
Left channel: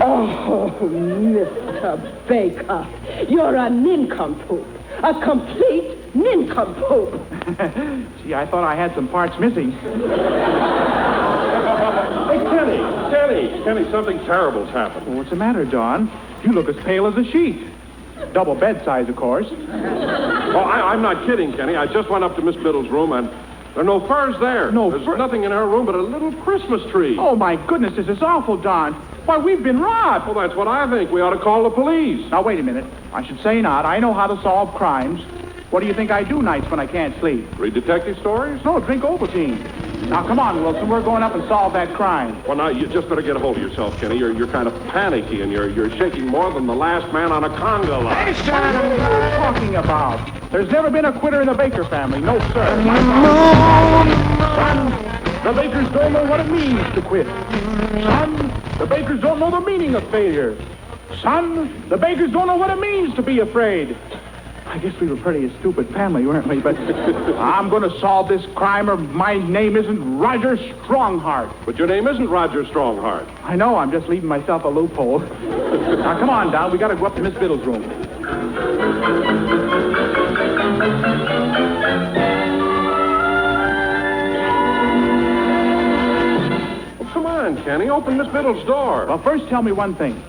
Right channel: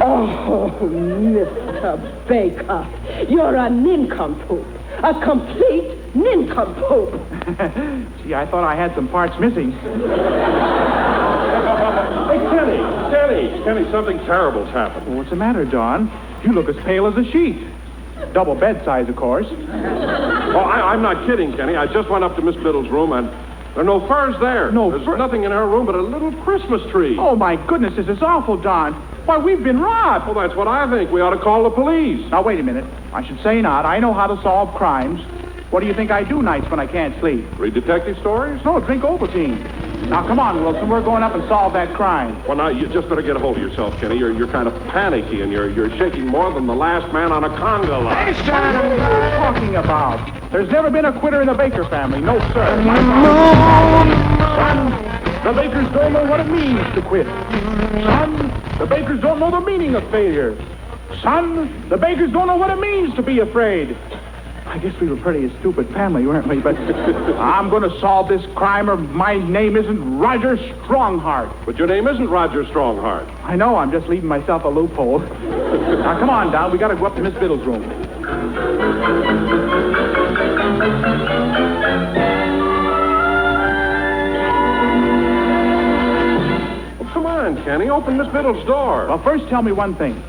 Oh, Mr. Baker, you're a nincompoop. A complete nincompoop. Gee, I thought I had some parts missing. Hey, Kenny, something terrible's happened. What's the matter, Don? You look as pale as a sheet. Double bed size, of course. Well, I'm not kidding, Kenny. I just went up to Miss Biddle's room, and there are no furs there. There's nothing in her room but a little Christmas tree. Oh, my goodness, this is awful, Don. Why, we've been robbed. Well, that's what I think. We ought to call the police. Now, wait a minute. I should say not. I know how to solve crimes. What do you think I do nights when I can't sleep? Read detective stories? No, drink Ovaltine. Now, come on, Wilson. We're going up and solve that crime. Well, now, you just better get a hold of yourself, Kenny. You're kind of panicky, and you're shaking more than the last man on a conga line. What are you talking about? There's never been a quitter in the Baker family. No, sir. Son, the Bakers don't know what it means to quit. Son, the Bakers don't know the meaning of failure. Son, the Bakers don't know what it means to be afraid. I guess we were pretty a stupid family, weren't we? But I'm going to solve this crime, or my name isn't Roger Strongheart. But your name isn't Roger Strongheart. I know. I'm just leaving myself a loophole. Now, come on, Don. We got to go up to Miss Biddle's room. Well, come on, Kenny. Open Miss Biddle's door. Well, first tell me one thing.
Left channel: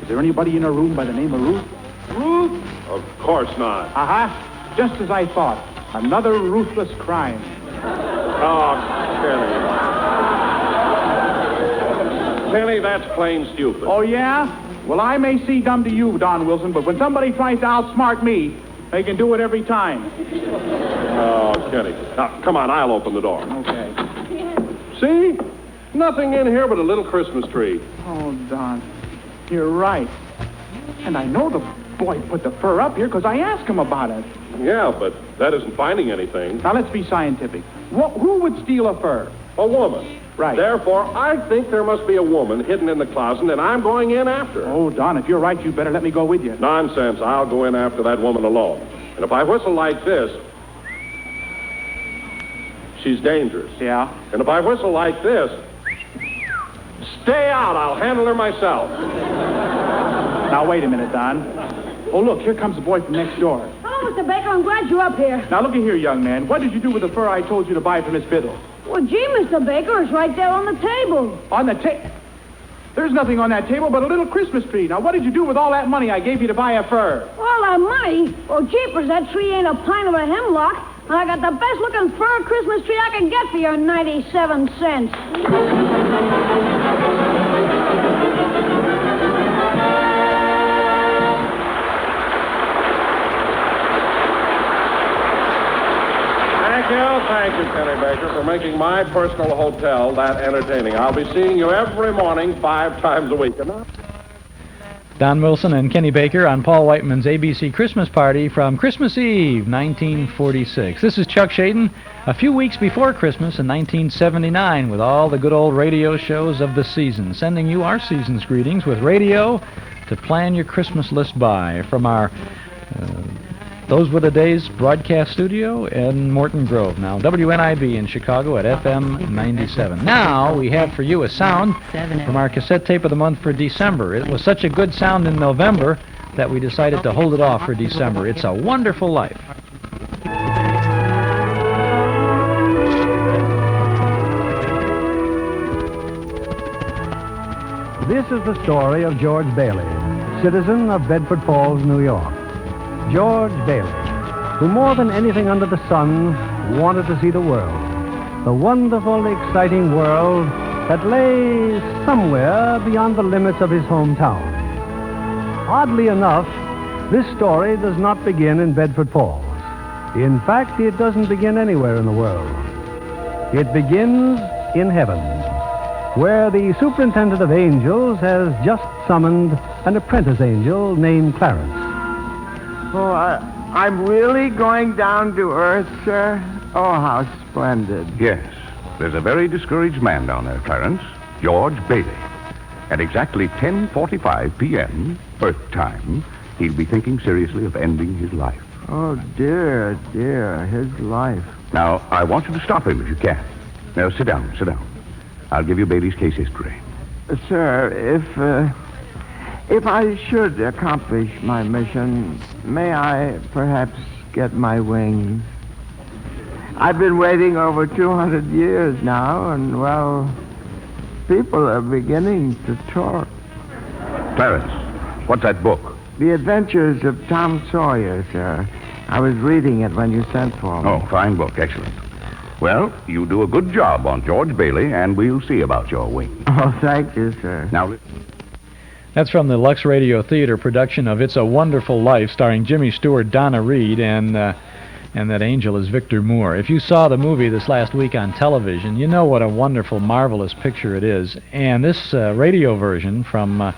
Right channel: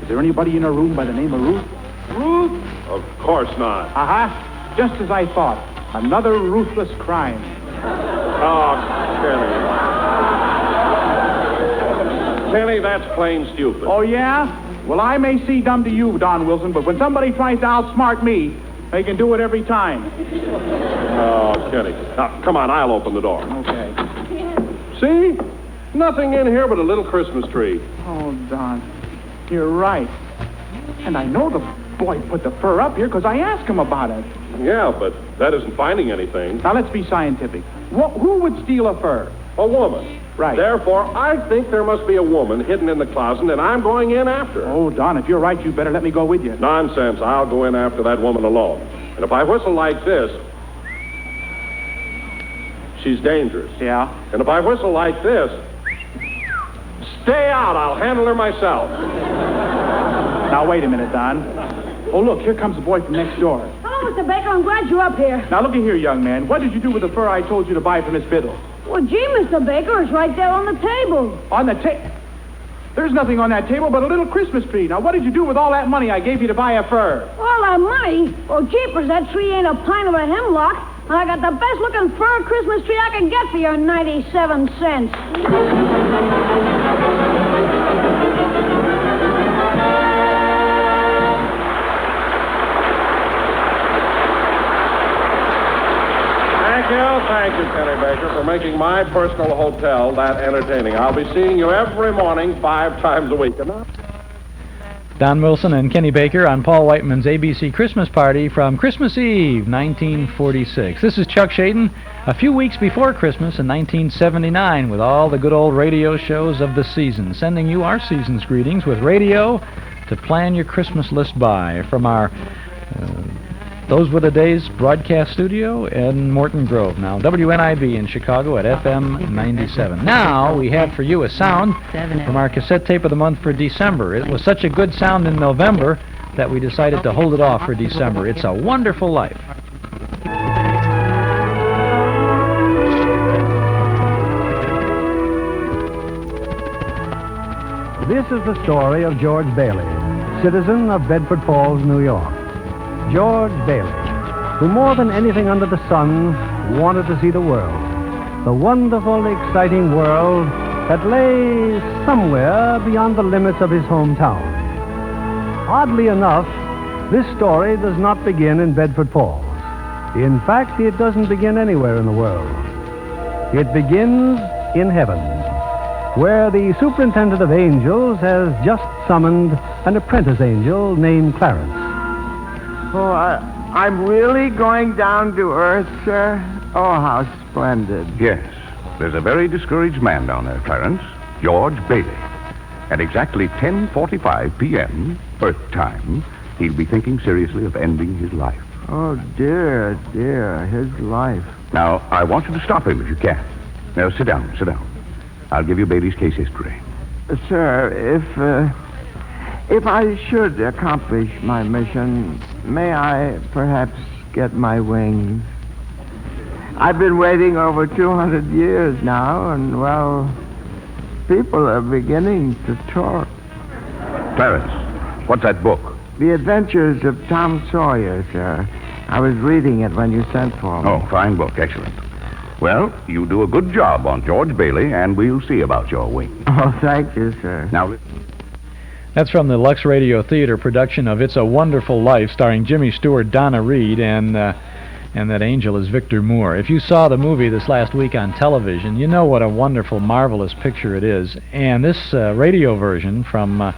Is there anybody in her room by the name of Ruth? Ruth? Of course not. Uh-huh. Just as I thought. Another ruthless crime. Oh, Kenny. Kenny, that's plain stupid. Oh, yeah? Well, I may seem dumb to you, Don Wilson, but when somebody tries to outsmart me, they can do it every time. Oh, Kenny. Now, come on, I'll open the door. Okay. See? Nothing in here but a little Christmas tree. Oh, Don, you're right. And I know the boy put the fur up here because I asked him about it. Yeah, but that isn't finding anything. Now, let's be scientific. Who would steal a fur? A woman. Right. Therefore, I think there must be a woman hidden in the closet, and I'm going in after her. Oh, Don, if you're right, you better let me go with you. Nonsense. I'll go in after that woman alone. And if I whistle like this, she's dangerous. Yeah? And if I whistle like this, stay out. I'll handle her myself. Now, wait a minute, Don. Oh, look, here comes the boy from next door. Hello, Mr. Baker. I'm glad you're up here. Now, looky here, young man. What did you do with the fur I told you to buy for Miss Biddle? Well, gee, Mr. Baker, it's right there on the table. On the table? There's nothing on that table but a little Christmas tree. Now, what did you do with all that money I gave you to buy a fur? All that money? Well, jeepers, that tree ain't a pint of a hemlock. And I got the best-looking fur Christmas tree I can get for your 97 cents. Thank you, Kenny Baker, for making my personal hotel that entertaining. I'll be seeing you every morning 5 times a week. Don Wilson and Kenny Baker on Paul Whiteman's ABC Christmas Party from Christmas Eve, 1946. This is Chuck Shaden, a few weeks before Christmas in 1979, with all the good old radio shows of the season, sending you our season's greetings with radio to plan your Christmas list by from our Those Were the Days broadcast studio in Morton Grove. Now, WNIB in Chicago at FM 97. Now, we have for you a sound from our cassette tape of the month for December. It was such a good sound in November that we decided to hold it off for December. It's A Wonderful Life. This is the story of George Bailey, citizen of Bedford Falls, New York. George Bailey, who more than anything under the sun wanted to see the world, the wonderful, exciting world that lay somewhere beyond the limits of his hometown. Oddly enough, this story does not begin in Bedford Falls. In fact, it doesn't begin anywhere in the world. It begins in heaven, where the superintendent of angels has just summoned an apprentice angel named Clarence. Oh, I'm really going down to Earth, sir? Oh, how splendid. Yes. There's a very discouraged man down there, Clarence. George Bailey. At exactly 10:45 p.m., Earth time, he'll be thinking seriously of ending his life. Oh, dear, dear, his life. Now, I want you to stop him if you can. Now, sit down. I'll give you Bailey's case history. Sir, if I should accomplish my mission, may I perhaps get my wings? I've been waiting over 200 years now, and, well, people are beginning to talk. Clarence, what's that book? The Adventures of Tom Sawyer, sir. I was reading it when you sent for me. Oh, fine book, excellent. Well, you do a good job on George Bailey, and we'll see about your wings. Oh, thank you, sir. Now, that's from the Lux Radio Theater production of It's a Wonderful Life, starring Jimmy Stewart, Donna Reed, and that angel is Victor Moore. If you saw the movie this last week on television, you know what a wonderful, marvelous picture it is. And this radio version from the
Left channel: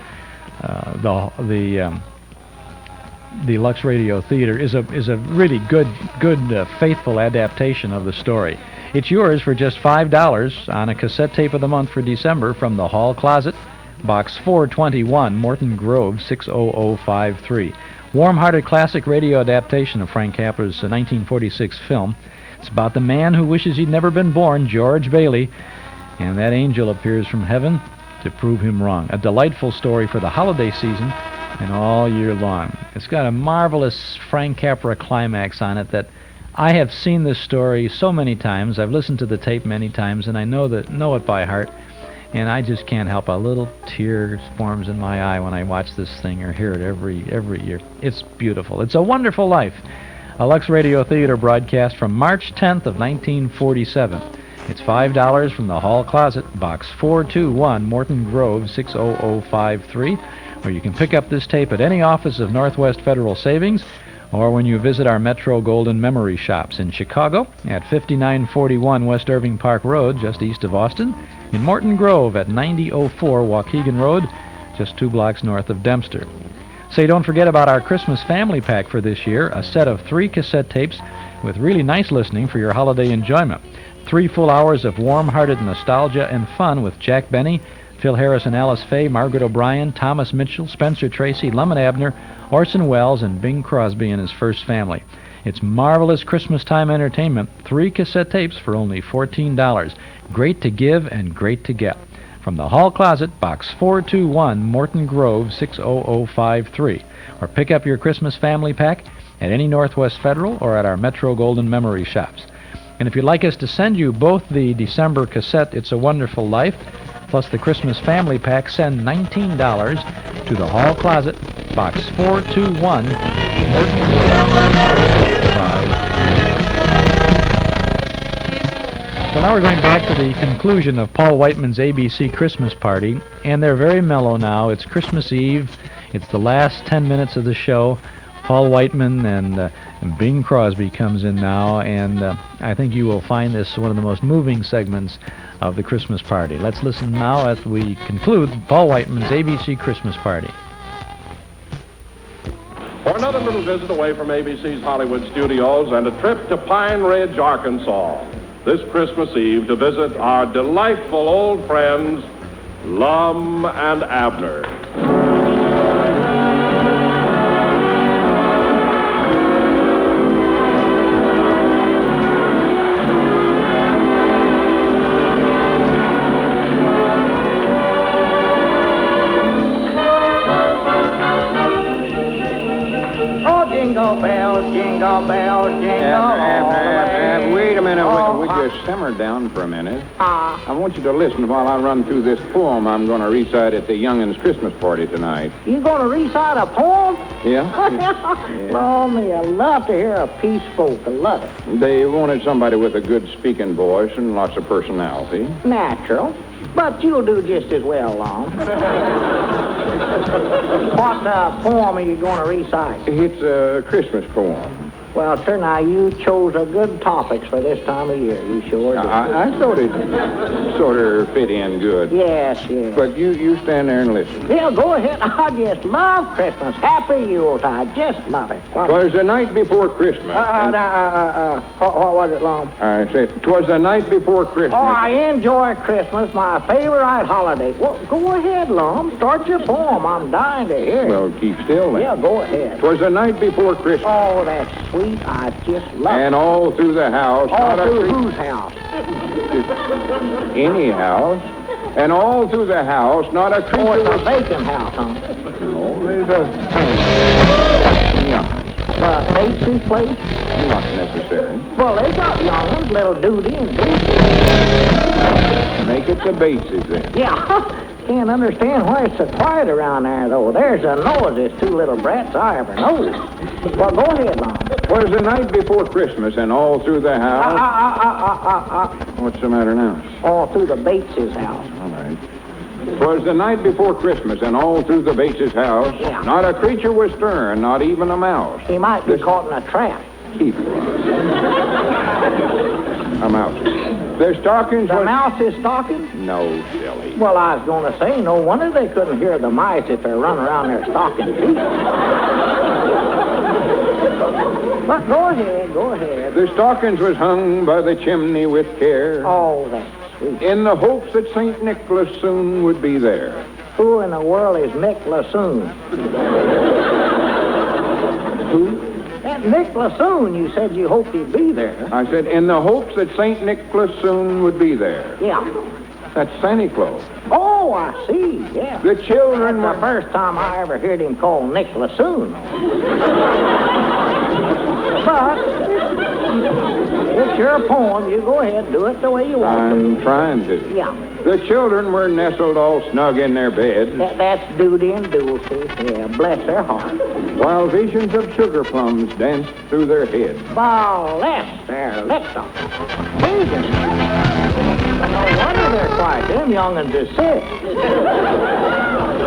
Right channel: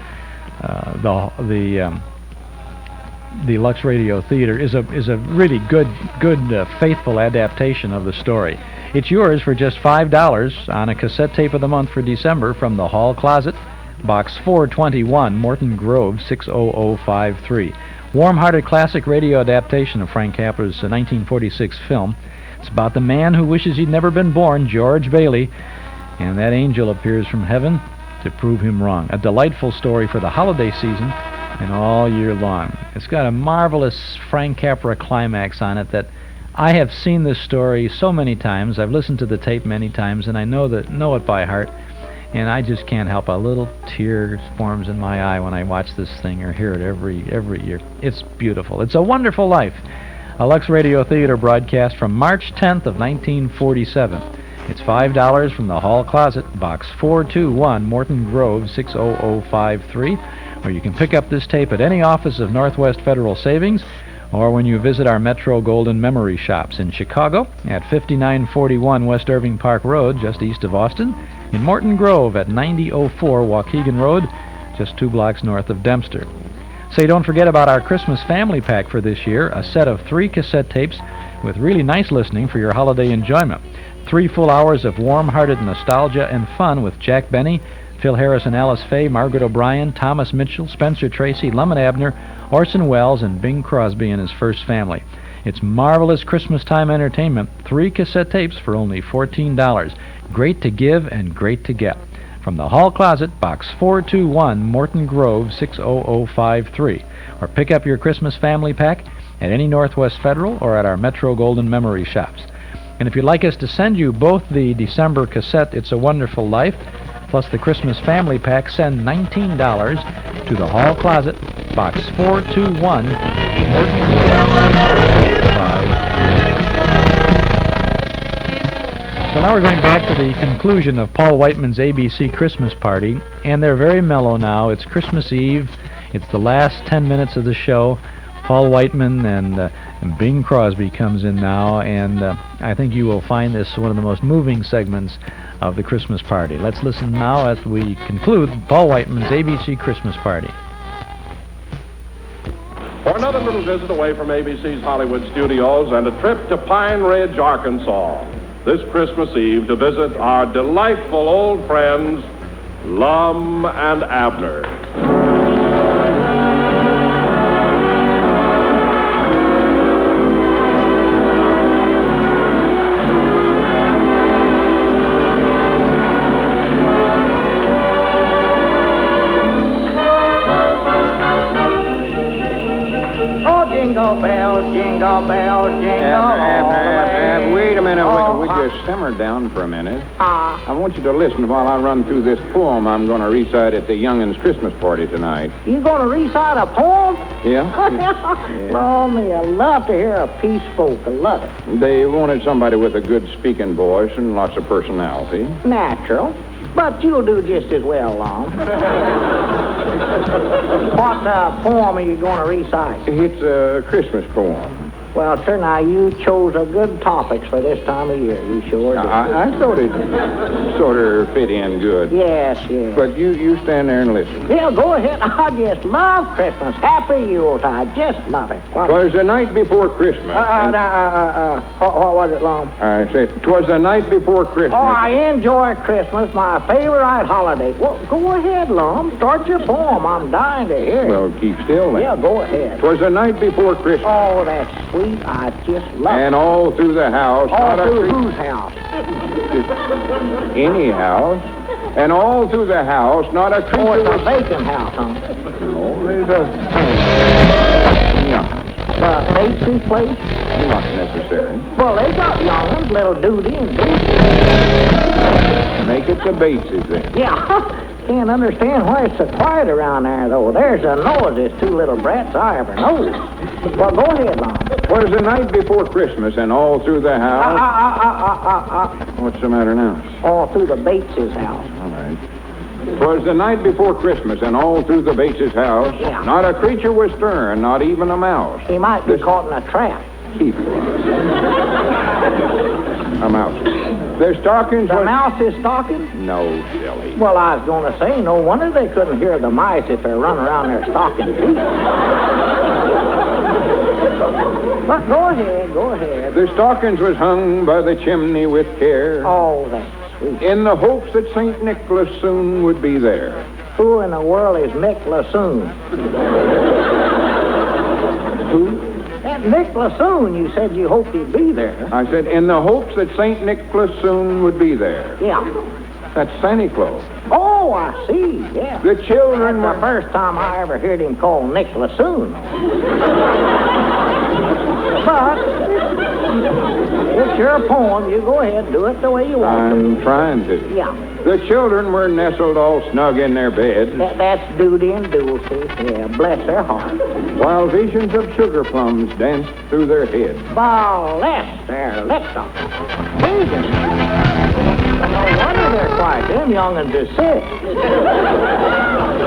Lux Radio Theater is a really good, faithful adaptation of the story. It's yours for just $5 on a cassette tape of the month for December from the Hall Closet, Box 421, Morton Grove, 60053. Warm-hearted classic radio adaptation of Frank Capra's 1946 film. It's about the man who wishes he'd never been born, George Bailey, and that angel appears from heaven to prove him wrong. A delightful story for the holiday season and all year long. It's got a marvelous Frank Capra climax on it that I have seen this story so many times. I've listened to the tape many times, and I know it by heart. And I just can't help a little tear forms in my eye when I watch this thing or hear it every year. It's beautiful. It's a Wonderful Life. A Lux Radio Theater broadcast from March 10th of 1947. It's $5 from the Hall Closet, Box 421, Morton Grove, 60053. Or you can pick up this tape at any office of Northwest Federal Savings, or when you visit our Metro Golden Memory Shops in Chicago at 5941 West Irving Park Road, just east of Austin, in Morton Grove at 9004 Waukegan Road, just 2 blocks north of Dempster. Say, don't forget about our Christmas family pack for this year, a set of 3 cassette tapes with really nice listening for your holiday enjoyment. 3 full hours of warm-hearted nostalgia and fun with Jack Benny, Phil Harris and Alice Faye, Margaret O'Brien, Thomas Mitchell, Spencer Tracy, Lemon Abner, Orson Welles, and Bing Crosby and his first family. It's marvelous Christmas time entertainment. 3 cassette tapes for only $14. Great to give and great to get. From the Hall Closet, Box 421, Morton Grove, 60053. Or pick up your Christmas family pack at any Northwest Federal or at our Metro Golden Memory shops. And if you'd like us to send you both the December cassette, It's a Wonderful Life, plus the Christmas family pack, send $19 to the Hall Closet, Box 421, Morton So now we're going back to the conclusion of Paul Whiteman's ABC Christmas Party, and they're very mellow now. It's Christmas Eve. It's the last 10 minutes of the show. Paul Whiteman and Bing Crosby comes in now, and I think you will find this one of the most moving segments of the Christmas party. Let's listen now as we conclude Paul Whiteman's ABC Christmas Party. For another little visit away from ABC's Hollywood studios and a trip to Pine Ridge, Arkansas, this Christmas Eve to visit our delightful old friends, Lum and Abner. Simmer down for a minute. I want you to listen while I run through this poem I'm going to recite at the young'uns' Christmas party tonight. You going to recite a poem? Yeah. Oh, me, I love to hear a piece spoke. I love it. They wanted somebody with a good speaking voice and lots of personality. Natural. But you'll do just as well, Lon. What poem are you going to recite? It's a Christmas poem. Well, sir, now you chose a good topics for this time of year. You sure did. I thought it sort of fit in good. Yes, yes. But you stand there and listen. Yeah, go ahead. I just love Christmas. Happy Yuletide. Just love it. Twas the night before Christmas. What was it, Lon? I said, 'twas the night before Christmas. Oh, I enjoy Christmas, my favorite holiday. Well, go ahead, Lon. Start your poem. I'm dying to hear it. Well, keep still then. Yeah, go ahead. 'Twas the night before Christmas. Oh, that's sweet. I just love it. And all through the house. All through whose house? Any house. And all through the house, not a creature. Oh, it's a vacant house, huh? No, there's a... No. Pastry place? Not necessary. Well, they got young ones, little Duty and Duty. Make it the Bases then. Yeah. Can't understand why it's so quiet around there, though. There's a noise, there's 2 little brats I ever know. Well, go ahead, Lon. Twas the night before Christmas, and all through the house... What's the matter now? All through the Bates' house. All right. 'Twas the night before Christmas, and all through the Bates' house, not a creature was stirring, not even a mouse. He might be caught in a trap. Keep it. A mouse. Their stockings The was... mouse is stocking? No, silly. Well, I was going to say, no wonder they couldn't hear the mice if they're running around their stocking feet. But go ahead. Their stockings was hung by the chimney with care. Oh, that's sweet. In the hopes that St. Nicholas soon would be there. Who in the world is Nick Lassoon? Who? That Nick Lassoon, you said you hoped he'd be there. I said, in the hopes that St. Nicholas soon would be there. Yeah. That's Santa Claus. Oh, I see, yeah. The children... That's the first time I ever heard him called Nick Lassoon. But it's your poem. You go ahead, do it the way you want I'm trying to. Yeah. The children were nestled all snug in their bed. That's Duty and Dulcie. Yeah, bless their hearts. While visions of sugar plums danced through their heads. Bless their lips up. Jesus. No wonder they're quiet. Them young'uns is sick.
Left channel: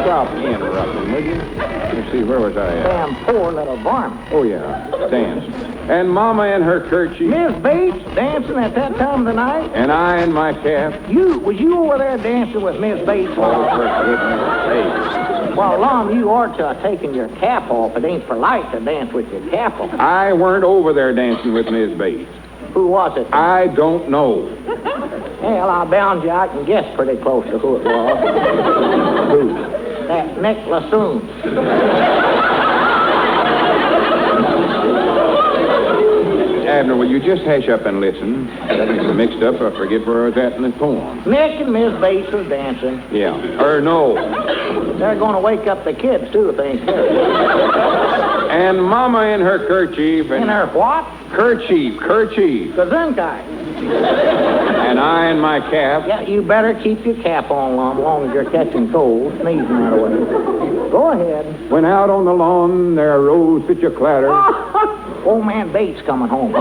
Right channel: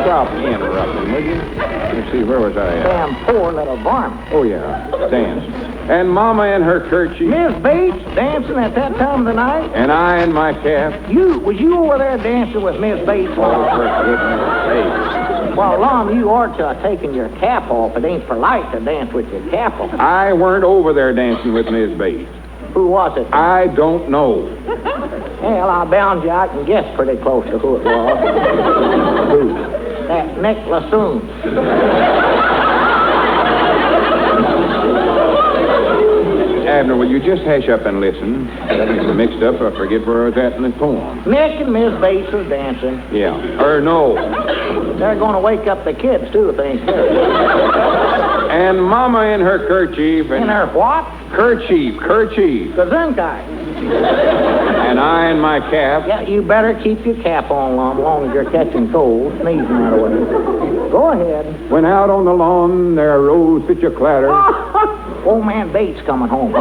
Stop interrupting, will you? Let's see, where was I at? Damn poor little varmint. Oh, yeah, dance. And Mama in her kerchief. Miss Bates dancing at that time of the night? And I in my cap. Was you over there dancing with Miss Bates? Oh, for goodness sake. Well, Lon, you ought to have taken your cap off. It ain't polite to dance with your cap off. I weren't over there dancing with Miss Bates. Who was it? I don't know. Well, I bound you, I can guess pretty close to who it was. Who? That Nick Lassoon. Abner, will you just hash up and listen? That is mixed up. I forget where I was at in the poem. Nick and Miss Bates are dancing. Yeah. Or no. They're going to wake up the kids, too, if they ain't careful. And Mama in her kerchief. In her what? Kerchief. Gesundheit. And I in my cap. Yeah, you better keep your cap on long as you're catching cold, sneezing that away. Go ahead. When out on the lawn there arose such a clatter. Old man Bates coming home.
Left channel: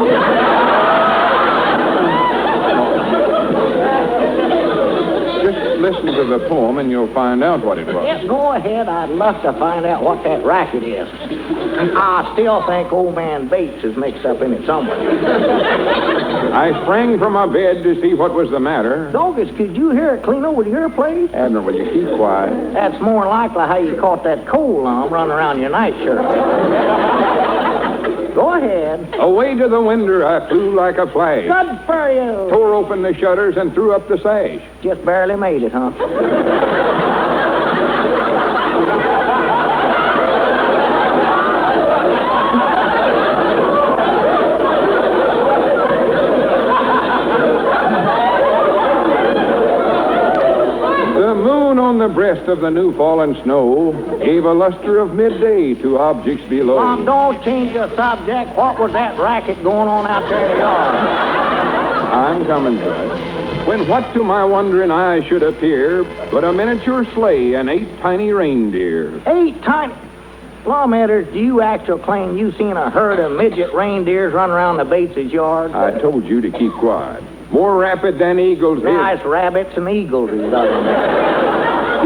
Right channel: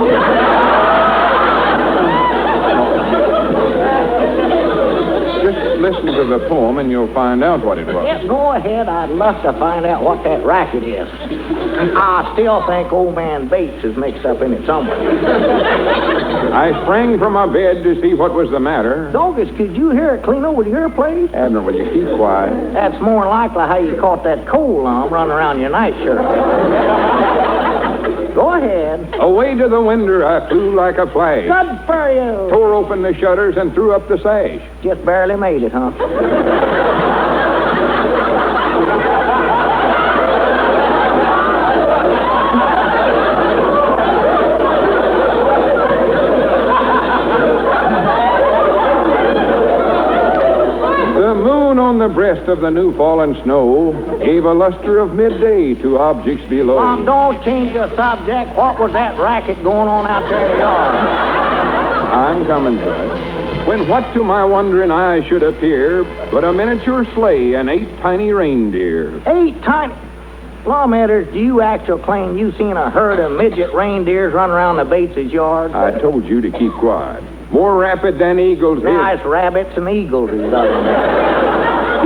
Just listen to the poem and you'll find out what it was. Yes, go ahead. I'd love to find out what that racket is. I still think old man Bates is mixed up in it somewhere. I sprang from my bed to see what was the matter. Doggers, could you hear it clean over to your place? Abner, will you keep quiet? That's more likely how you caught that coal lump running around your nightshirt. Go ahead. Away to the window I flew like a flash. Good for you. Tore open the shutters and threw up the sash. Just barely made it, huh? The moon on the breast of the new fallen snow gave a luster of midday to objects below. Don't change the subject. What was that racket going on out there in the yard? I'm coming to it. When what to my wondering eye should appear but a miniature sleigh and 8 tiny reindeer. 8 tiny... Lawmatters, do you actually claim you seen a herd of midget reindeers run around the Bates' yard? I told you to keep quiet. More rapid than eagles. Nice rabbits and eagles, he doesn't.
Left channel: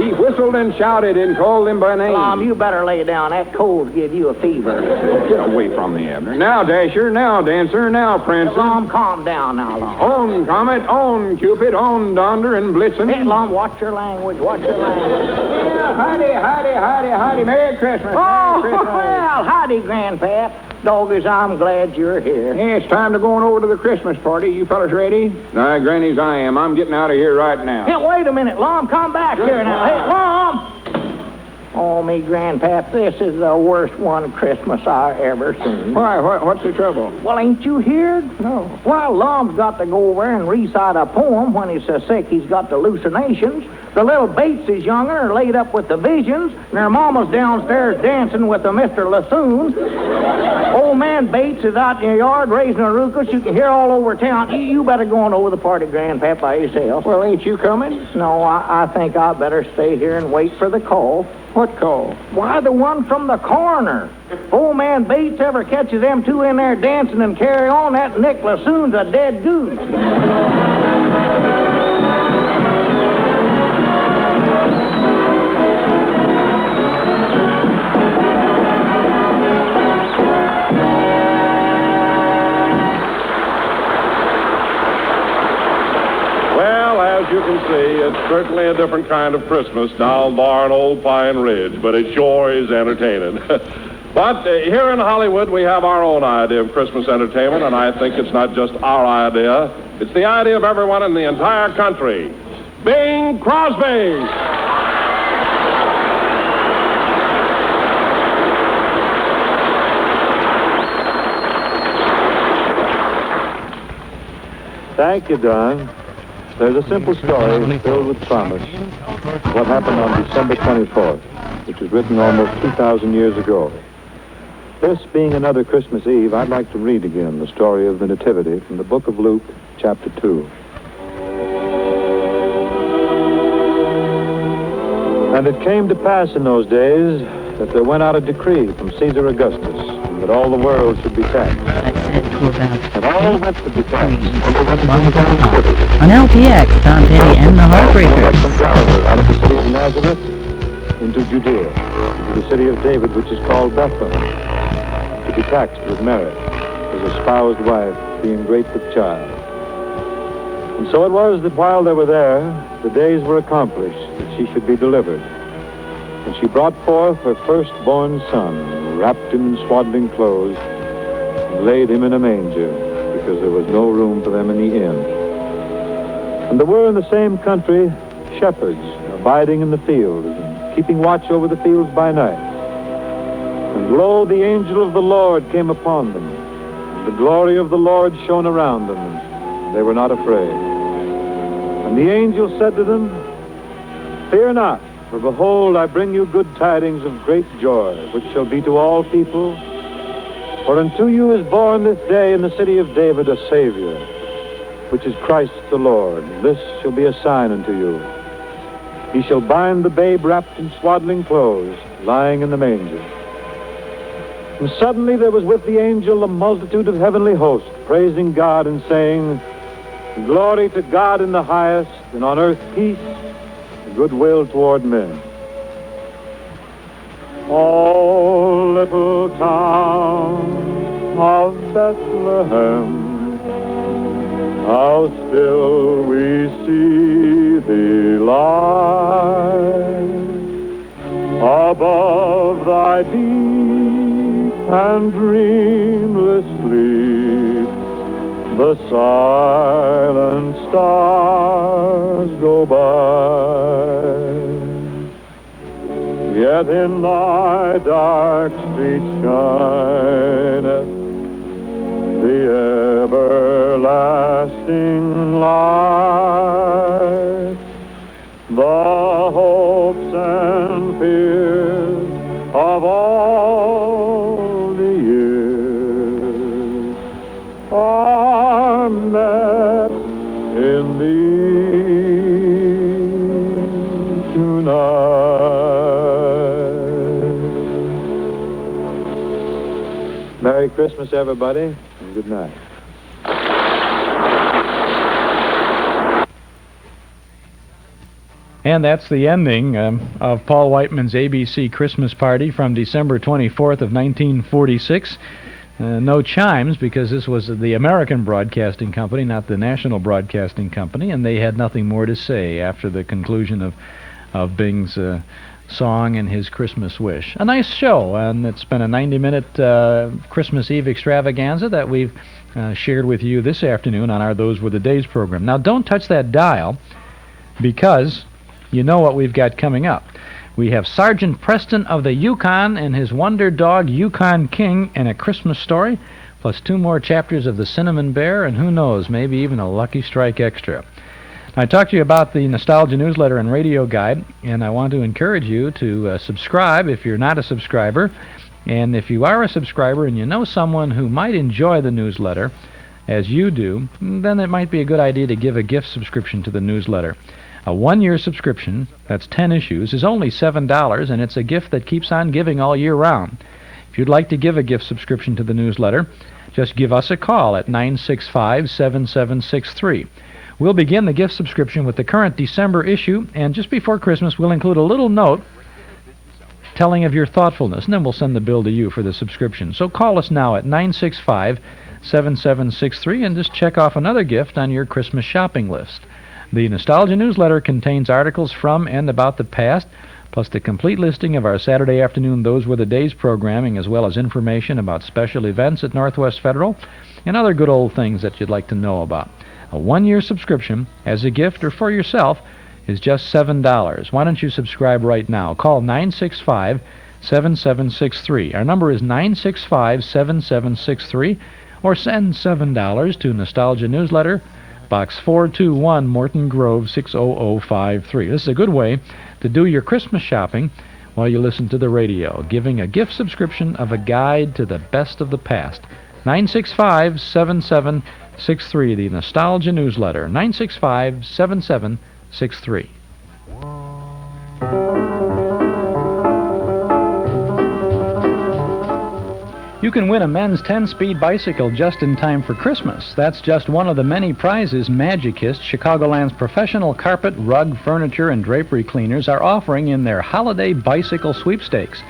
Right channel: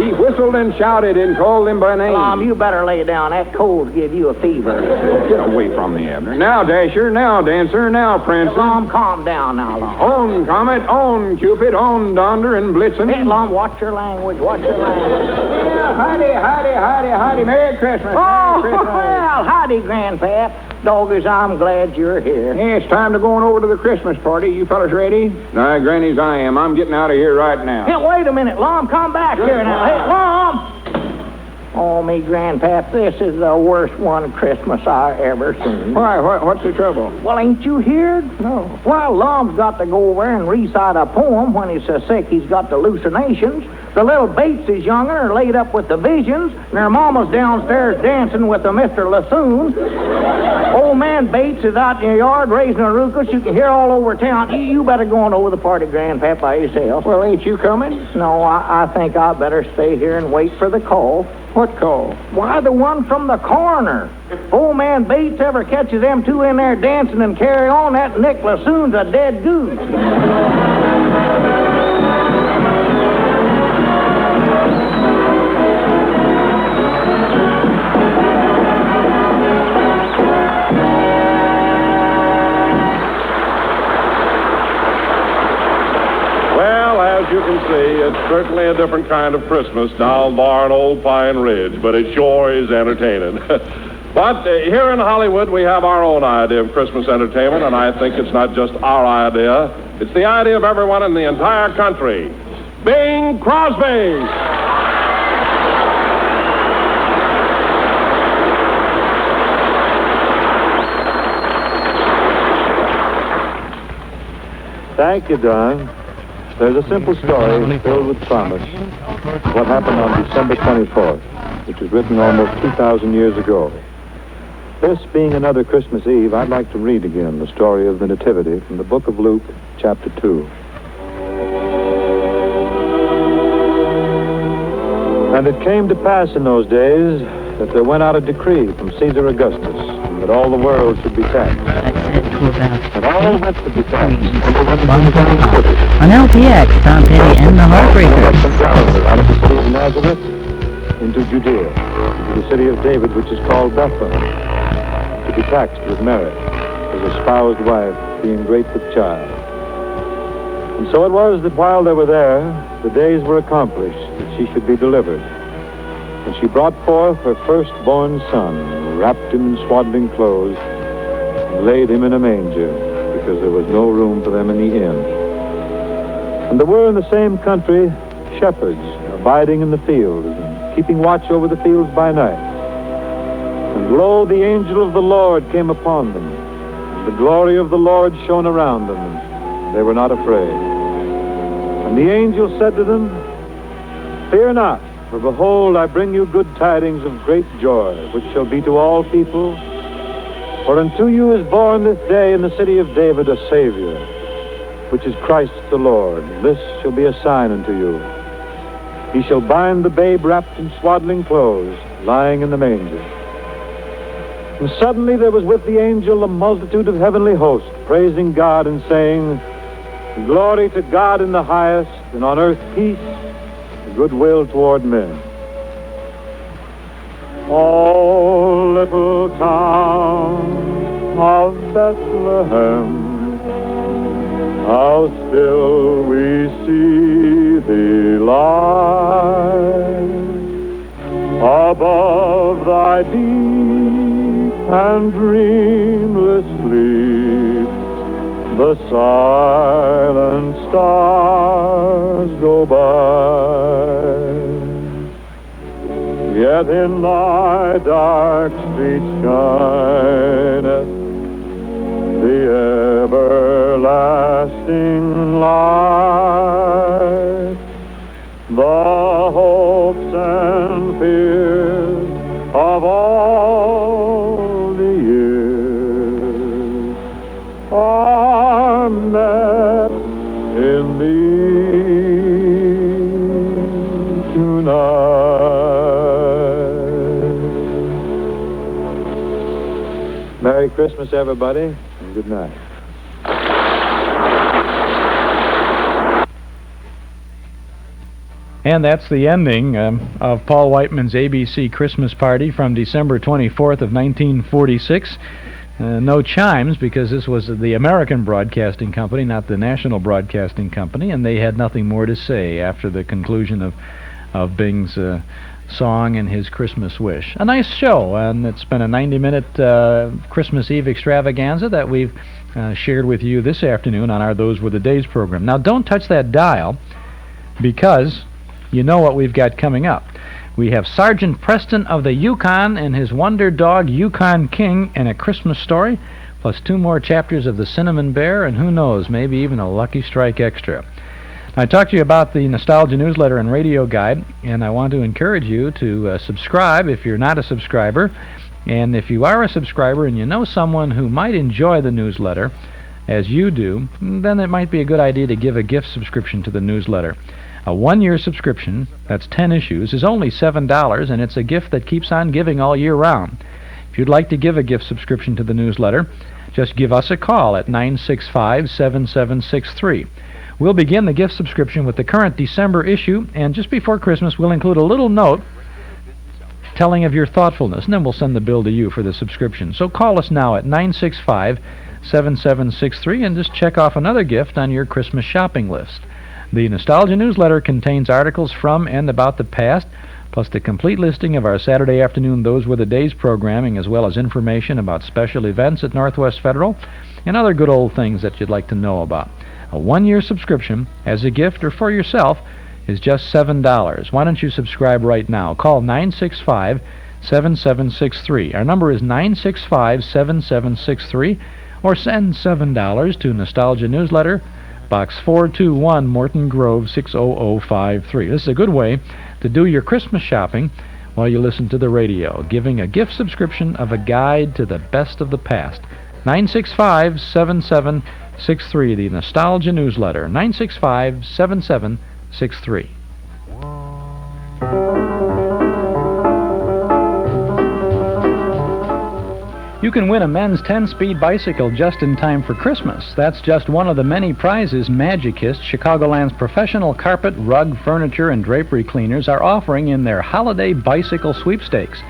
He whistled and shouted and called them by name. Tom, you better lay down. That cold's give you a fever. Get away from me, Abner. Now, Dasher. Now, Dancer. Now, Prince. Tom, calm down now, Lum. On, Comet. On, Cupid. On, Donder and Blitzen. Hey, Lum, watch your language. Watch your language. Yeah, howdy. Merry Christmas. Oh, Merry Christmas. well, howdy, Grandpap. Doggers, I'm glad you're here. Yeah, it's time to go on over to the Christmas party. You fellas ready? Aye, Granny's I am. I'm getting out of here right now. Hey, wait a minute, Lum. Come back here now. Hey, Lum! Oh, me, Grandpap, this is the worst one Christmas I ever seen. Why? What's the trouble? Well, ain't you heard? No. Well, Lum's got to go over and recite a poem when he's so sick he's got hallucinations. The little Bates is younger are laid up with the visions, and their mama's downstairs dancing with the Mr. Lassoon. Old man Bates is out in your yard raising a ruckus you can hear all over town. You better go on over the party, Grandpap, by yourself. Well, ain't you coming? No, I think I better stay here and wait for the call. What call? Why, the one from the coroner. If old man Bates ever catches them two in there dancing and carry on, that Nick Lassoon's a dead goose. You can see it's certainly a different kind of Christmas down there in Old Pine Ridge, but it sure is entertaining. But here in Hollywood, we have our own idea of Christmas entertainment, and I think it's not just our idea. It's the idea of everyone in the entire country. Bing Crosby! Thank you, Don. There's a simple story filled with promise. What happened on December 24th, which was written almost 2,000 years ago. This being another Christmas Eve, I'd like to read again the story of the Nativity from the book of Luke, chapter 2. And it came to pass in those days that there went out a decree from Caesar Augustus that all the world should be taxed. And all had to be taxed. On LPX, Tom Petty and the Heartbreakers. Out of the city of Nazareth into Judea, into the city of David, which is called Bethlehem, to be taxed with Mary, his espoused wife, being great with child. And so it was that while they were there, the days were accomplished that she should be delivered. And she brought forth her firstborn son, wrapped him in swaddling clothes, and laid him in a manger, because there was no room for them in the inn. And there were in the same country shepherds abiding in the fields and keeping watch over the fields by night. And lo, the angel of the Lord came upon them, and the glory of the Lord shone around them, and they were not afraid. And the angel said to them, "Fear not, for behold, I bring you good tidings of great joy, which shall be to all people. For unto you is born this day in the city of David a Savior, which is Christ the Lord. This shall be a sign unto you. He shall bind the babe wrapped in swaddling clothes, lying in the manger." And suddenly there was with the angel a multitude of heavenly hosts, praising God and saying, "Glory to God in the highest, and on earth peace, and goodwill toward men." O little town of Bethlehem, how still we see thee lie above thy deep and dreamless sleep. The silent stars go by, yet in thy dark street shineth the everlasting light. The hopes and fears of all the years are met in thee tonight. Merry Christmas, everybody, and good night. And that's the ending of Paul Whiteman's ABC Christmas Party from December 24th of 1946. No chimes, because this was the American Broadcasting Company, not the National Broadcasting Company, and they had nothing more to say after the conclusion of Bing's song and his Christmas wish. A nice show, and it's been a 90-minute Christmas Eve extravaganza that we've shared with you this afternoon on our Those Were the Days program. Now, don't touch that dial, because you know what we've got coming up. We have Sergeant Preston of the Yukon and his wonder dog Yukon King and a Christmas story, plus 2 more chapters of the Cinnamon Bear, and who knows, maybe even a Lucky Strike Extra. I talked to you about the Nostalgia Newsletter and Radio Guide, and I want to encourage you to subscribe if you're not a subscriber. And if you are a subscriber and you know someone who might enjoy the newsletter, as you do, then it might be a good idea to give a gift subscription to the newsletter. A 1-year subscription, that's 10 issues, is only $7, and it's a gift that keeps on giving all year round. If you'd like to give a gift subscription to the newsletter, just give us a call at 965-7763. We'll begin the gift subscription with the current December issue, and just before Christmas we'll include a little note telling of your thoughtfulness, and then we'll send the bill to you for the subscription. So call us now at 965-7763 and just check off another gift on your Christmas shopping list. The Nostalgia Newsletter contains articles from and about the past, plus the complete listing of our Saturday afternoon Those Were the Days programming, as well as information about special events at Northwest Federal and other good old things that you'd like to know about. A 1-year subscription as a gift or for yourself is just $7. Why don't you subscribe right now? Call 965-7763. Our number is 965-7763, or send $7 to Nostalgia Newsletter, Box 421, Morton Grove, 60053. This is a good way to do your Christmas shopping while you listen to the radio, giving a gift subscription of a guide to the best of the past. 965-7763, the Nostalgia Newsletter, 965-7763. You can win a men's 10-speed bicycle just in time for Christmas. That's just one of the many prizes Magicist, Chicagoland's professional carpet, rug, furniture, and drapery cleaners, are offering in their holiday bicycle sweepstakes.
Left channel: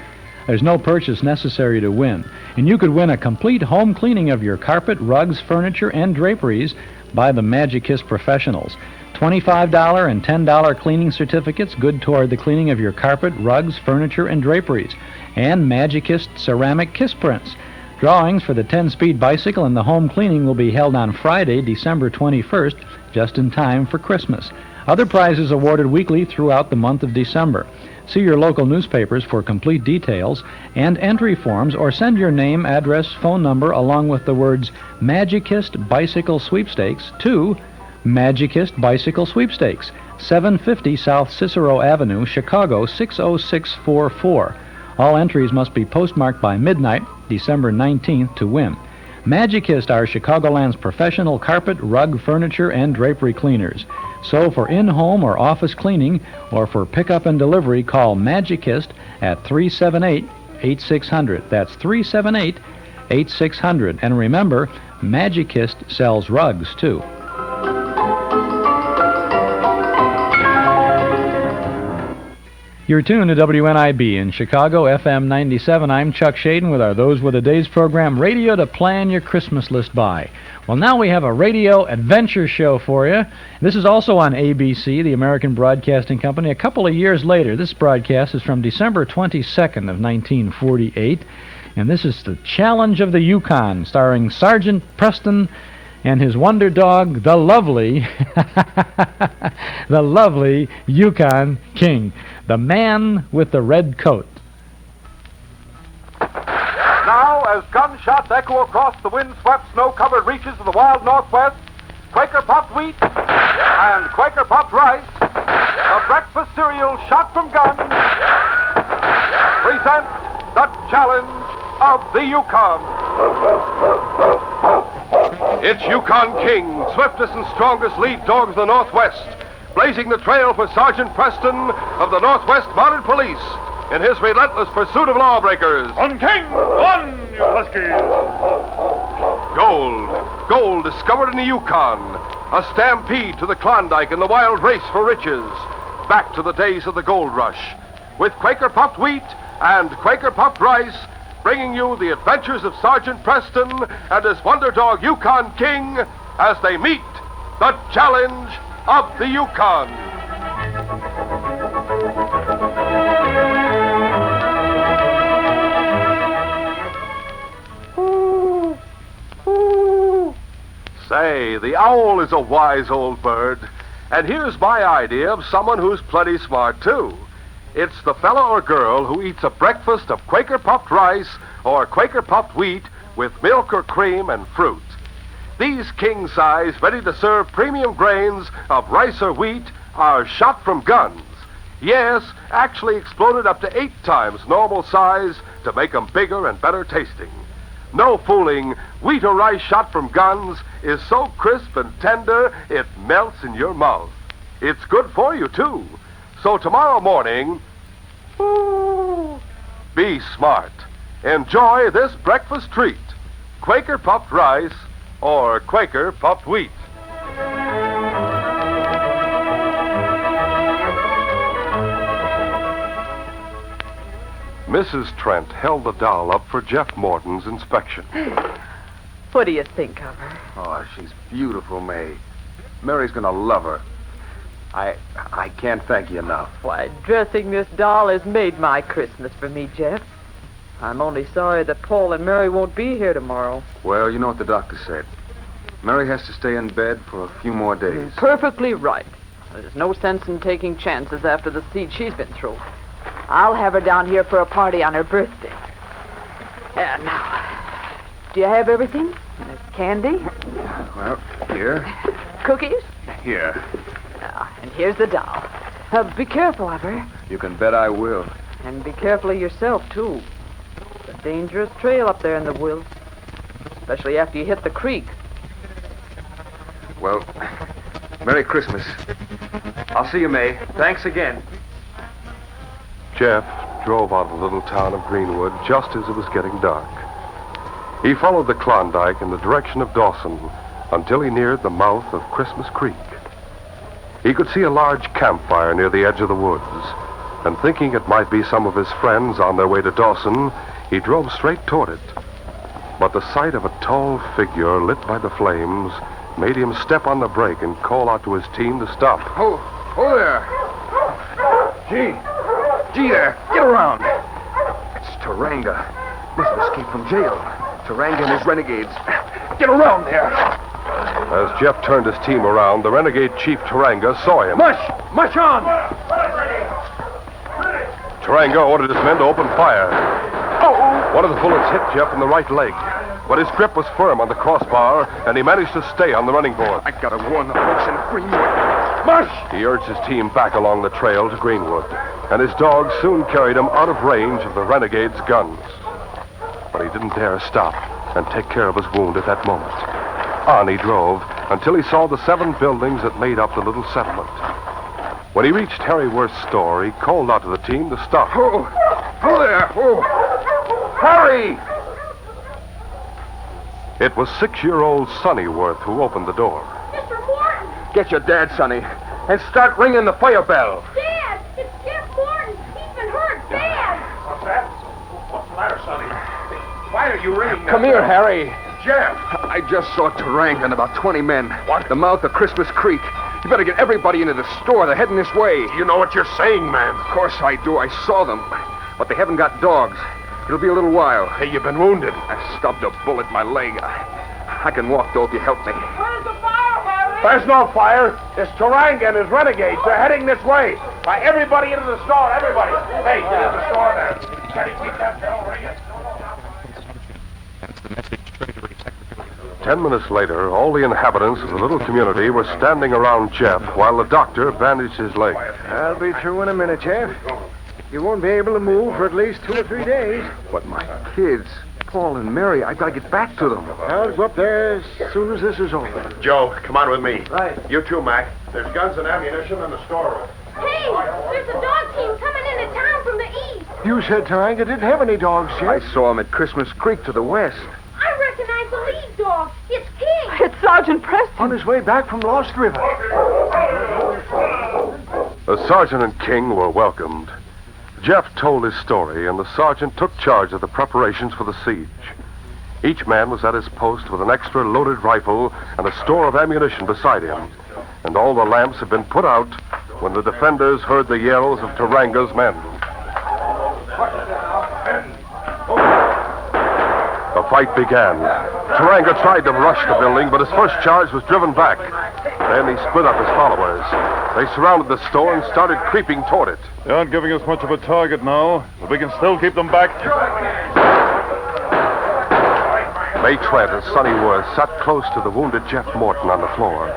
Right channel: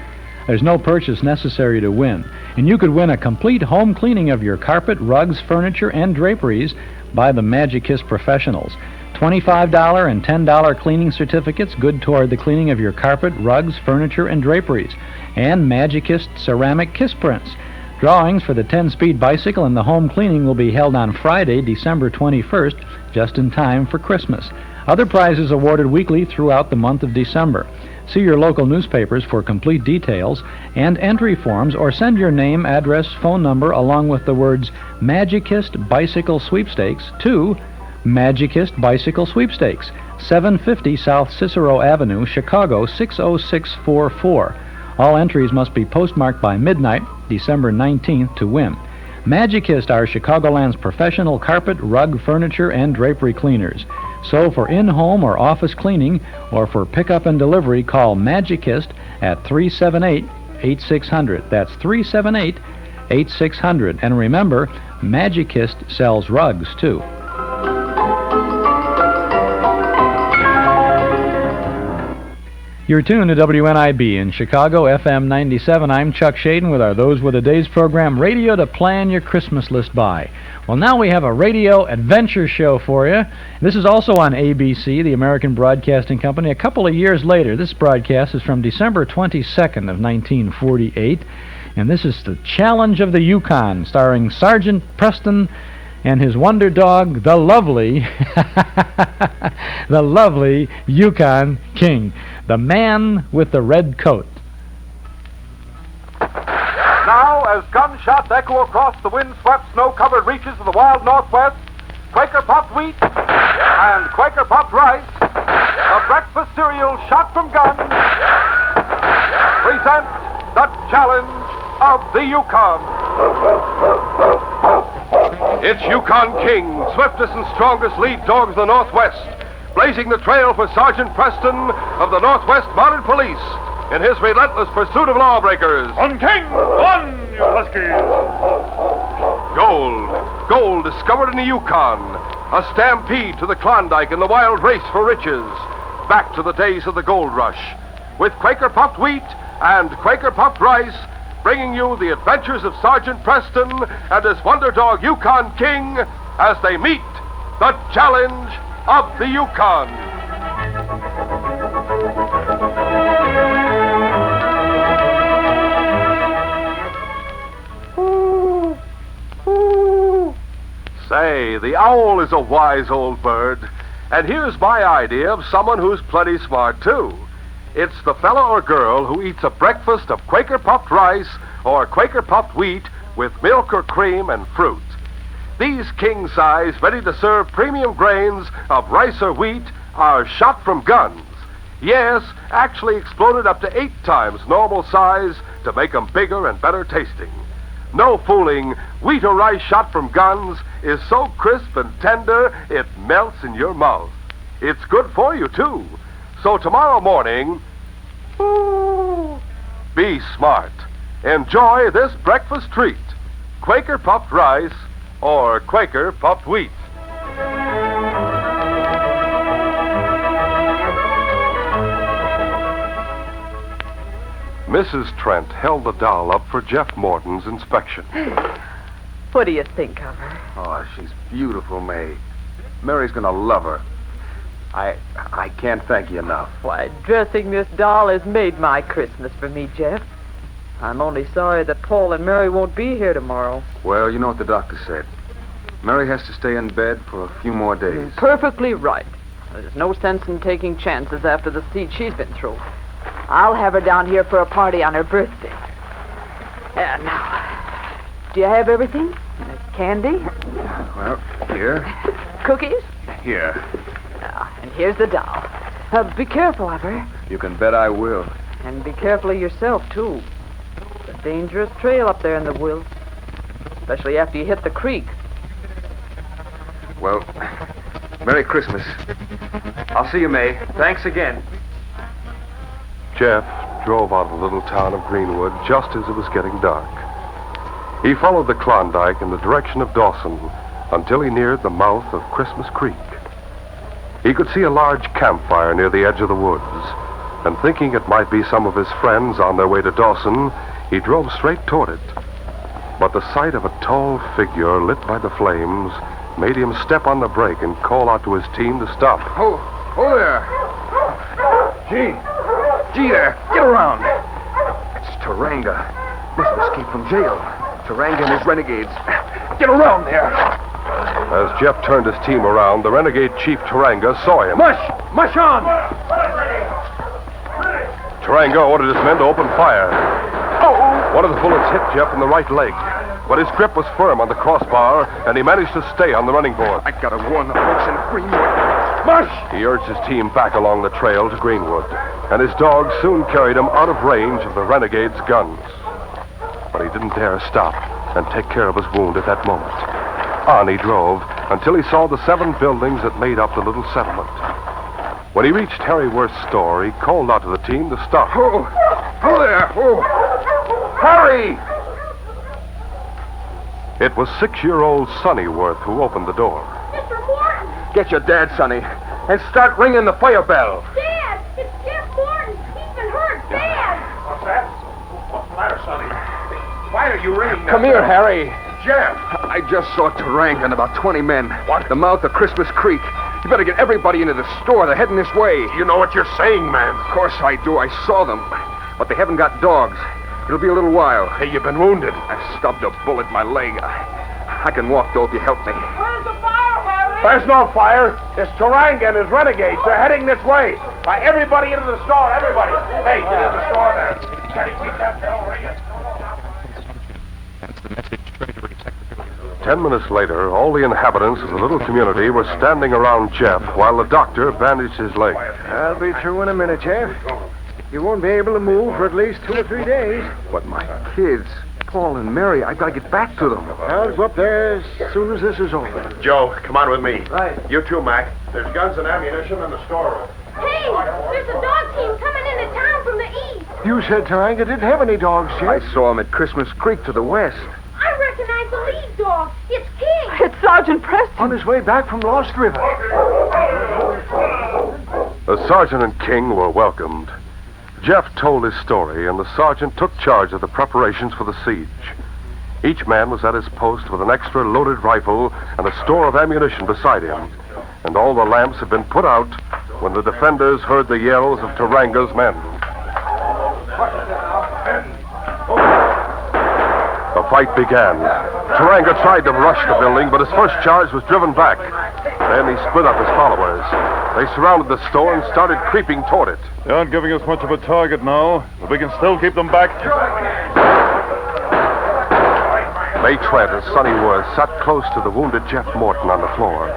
There's no purchase necessary to win, and you could win a complete home cleaning of your carpet, rugs, furniture, and draperies by the Magicist professionals. $25 and $10 cleaning certificates good toward the cleaning of your carpet, rugs, furniture, and draperies, and Magicist ceramic kiss prints. Drawings for the 10-speed bicycle and the home cleaning will be held on Friday, December 21st, just in time for Christmas. Other prizes awarded weekly throughout the month of December. See your local newspapers for complete details and entry forms, or send your name, address, phone number, along with the words Magicist Bicycle Sweepstakes to Magicist Bicycle Sweepstakes, 750 South Cicero Avenue, Chicago 60644. All entries must be postmarked by midnight, December 19th, to win. Magicist are Chicagoland's professional carpet, rug, furniture, and drapery cleaners. So for in-home or office cleaning, or for pickup and delivery, call Magicist at 378-8600. That's 378-8600. And remember, Magicist sells rugs, too. You're tuned to WNIB in Chicago, FM 97. I'm Chuck Shaden with our Those Were the Days program, radio to plan your Christmas list by. Well, now we have a radio adventure show for you. This is also on ABC, the American Broadcasting Company. A couple of years later, this broadcast is from December 22nd of 1948, and this is The Challenge of the Yukon, starring Sergeant Preston and his wonder dog, the lovely Yukon King, the man with the red coat. Now, as gunshots echo across the wind-swept, snow-covered reaches of the wild Northwest, Quaker Puffed Wheat and Quaker Puffed Rice, a breakfast cereal shot from guns, present the Challenge of the Yukon. It's Yukon King, swiftest and strongest lead dog of the Northwest, blazing the trail for Sergeant Preston of the Northwest Mounted Police in his relentless pursuit of lawbreakers. On King, on, you huskies! Gold discovered in the Yukon, a stampede to the Klondike in the wild race for riches, back to the days of the gold rush, with Quaker Puffed Wheat and Quaker Puffed Rice, bringing you the adventures of Sergeant Preston and his wonder dog Yukon King as they meet the Challenge of the Yukon. Say, the owl is a wise old bird, and here's my idea of someone who's plenty smart, too. It's the fellow or girl who eats a breakfast of Quaker Puffed Rice or Quaker Puffed Wheat with milk or cream and fruit. These king-size, ready-to-serve premium grains of rice or wheat are shot from guns. Yes, actually exploded up to 8 times normal size to make them bigger and better tasting. No fooling, wheat or rice shot from guns is so crisp and tender it melts in your mouth. It's good for you, too. So tomorrow morning, be smart. Enjoy this breakfast treat, Quaker Puffed Rice or Quaker Puffed Wheat. Mrs. Trent held the doll up for Jeff Morton's inspection. What do you think of her? Oh, she's beautiful, May. Mary's gonna love her. I can't thank you enough. Why, dressing this doll has made my Christmas for me, Jeff. I'm only sorry that Paul and Mary won't be here tomorrow. Well, you know what the doctor said. Mary has to stay in bed for a few more days. Perfectly right. There's no sense in taking chances after the siege she's been through. I'll have her down here for a party on her birthday. Now, do you have everything? Candy? Well, here. Cookies? Here. And here's the doll. Be careful of her. You can bet I will. And be careful of yourself, too. It's a dangerous trail up there in the woods. Especially after you hit the creek. Well, Merry Christmas. I'll see you, May. Thanks again. Jeff drove out of the little town of Greenwood just as it was getting dark. He followed the Klondike in the direction of Dawson until he neared the mouth of Christmas Creek. He could see a large campfire near the edge of the woods, and thinking it might be some of his friends on their way to Dawson, he drove straight toward it. But the sight of a tall figure lit by the flames made him step on the brake and call out to his team to stop. Oh there. Gee there. Get around. It's Taranga. Must have escaped from jail. Taranga and his renegades. Get around there. As Jeff turned his team around, the renegade chief Taranga saw him. Mush on! Taranga ordered his men to open fire. One of the bullets hit Jeff in the right leg, but his grip was firm on the crossbar, and he managed to stay on the running board. I gotta warn the folks in Greenwood. Mush! He urged his team back along the trail to Greenwood, and his dogs soon carried him out of range of the renegade's guns. But he didn't dare stop and take care of his wound at that moment. On he drove until he saw the 7 buildings that made up the little settlement. When he reached Harry Worth's store, he called out to the team to stop. Oh there! Oh! Harry! It was 6-year-old Sonny Worth who opened the door. Mr. Morton! Get your dad, Sonny, and start ringing the fire bell. Dad! It's Jeff Morton! He's been hurt! Dad! What's that? What's the matter, Sonny? Why are you ringing that Come here, Harry. Jeff! I just saw Taranga and about 20 men. What? The mouth of Christmas Creek. You better get everybody into the store. They're heading this way. You know what you're saying, man. Of course I do. I saw them. But they haven't got dogs. It'll be a little while. Hey, you've been wounded. I stubbed a bullet in my leg. I can walk, though, if you help me. Where's the fire, Harry? There's no fire. It's Taranga and his renegades. They're heading this way. Why, everybody into the store, everybody. Hey, get in the store there. Can you keep that bell ringing? 10 minutes later, all the inhabitants of the little community were standing around Jeff while the doctor bandaged his leg. I'll be through in a minute, Jeff. You won't be able to move for at least 2 or 3 days. But my kids, Paul and Mary, I gotta get back to them. I'll go up there as soon as this is over. Joe, come on with me. Right. You too, Mac. There's guns and ammunition in the storeroom. Hey, there's a dog team coming into town from the east. You said Taranga didn't have any dogs, Jeff. I saw him at Christmas Creek to the west. I recognize the lead dog. It's King. It's Sergeant Preston. On his way back from Lost River. The sergeant and King were welcomed. Jeff told his story, and the sergeant took charge of the preparations for the siege. Each man was at his post with an extra loaded rifle and a store of ammunition beside him. And all the lamps had been put out when the defenders heard the yells of Taranga's men. The fight began. Taranga tried to rush the building, but his first charge was driven back. Then he split up his followers. They surrounded the store and started creeping toward it. They aren't giving us much of a target now, but we can still keep them back. May Trent and Sonny Worth sat close to the wounded Jeff Morton on the floor.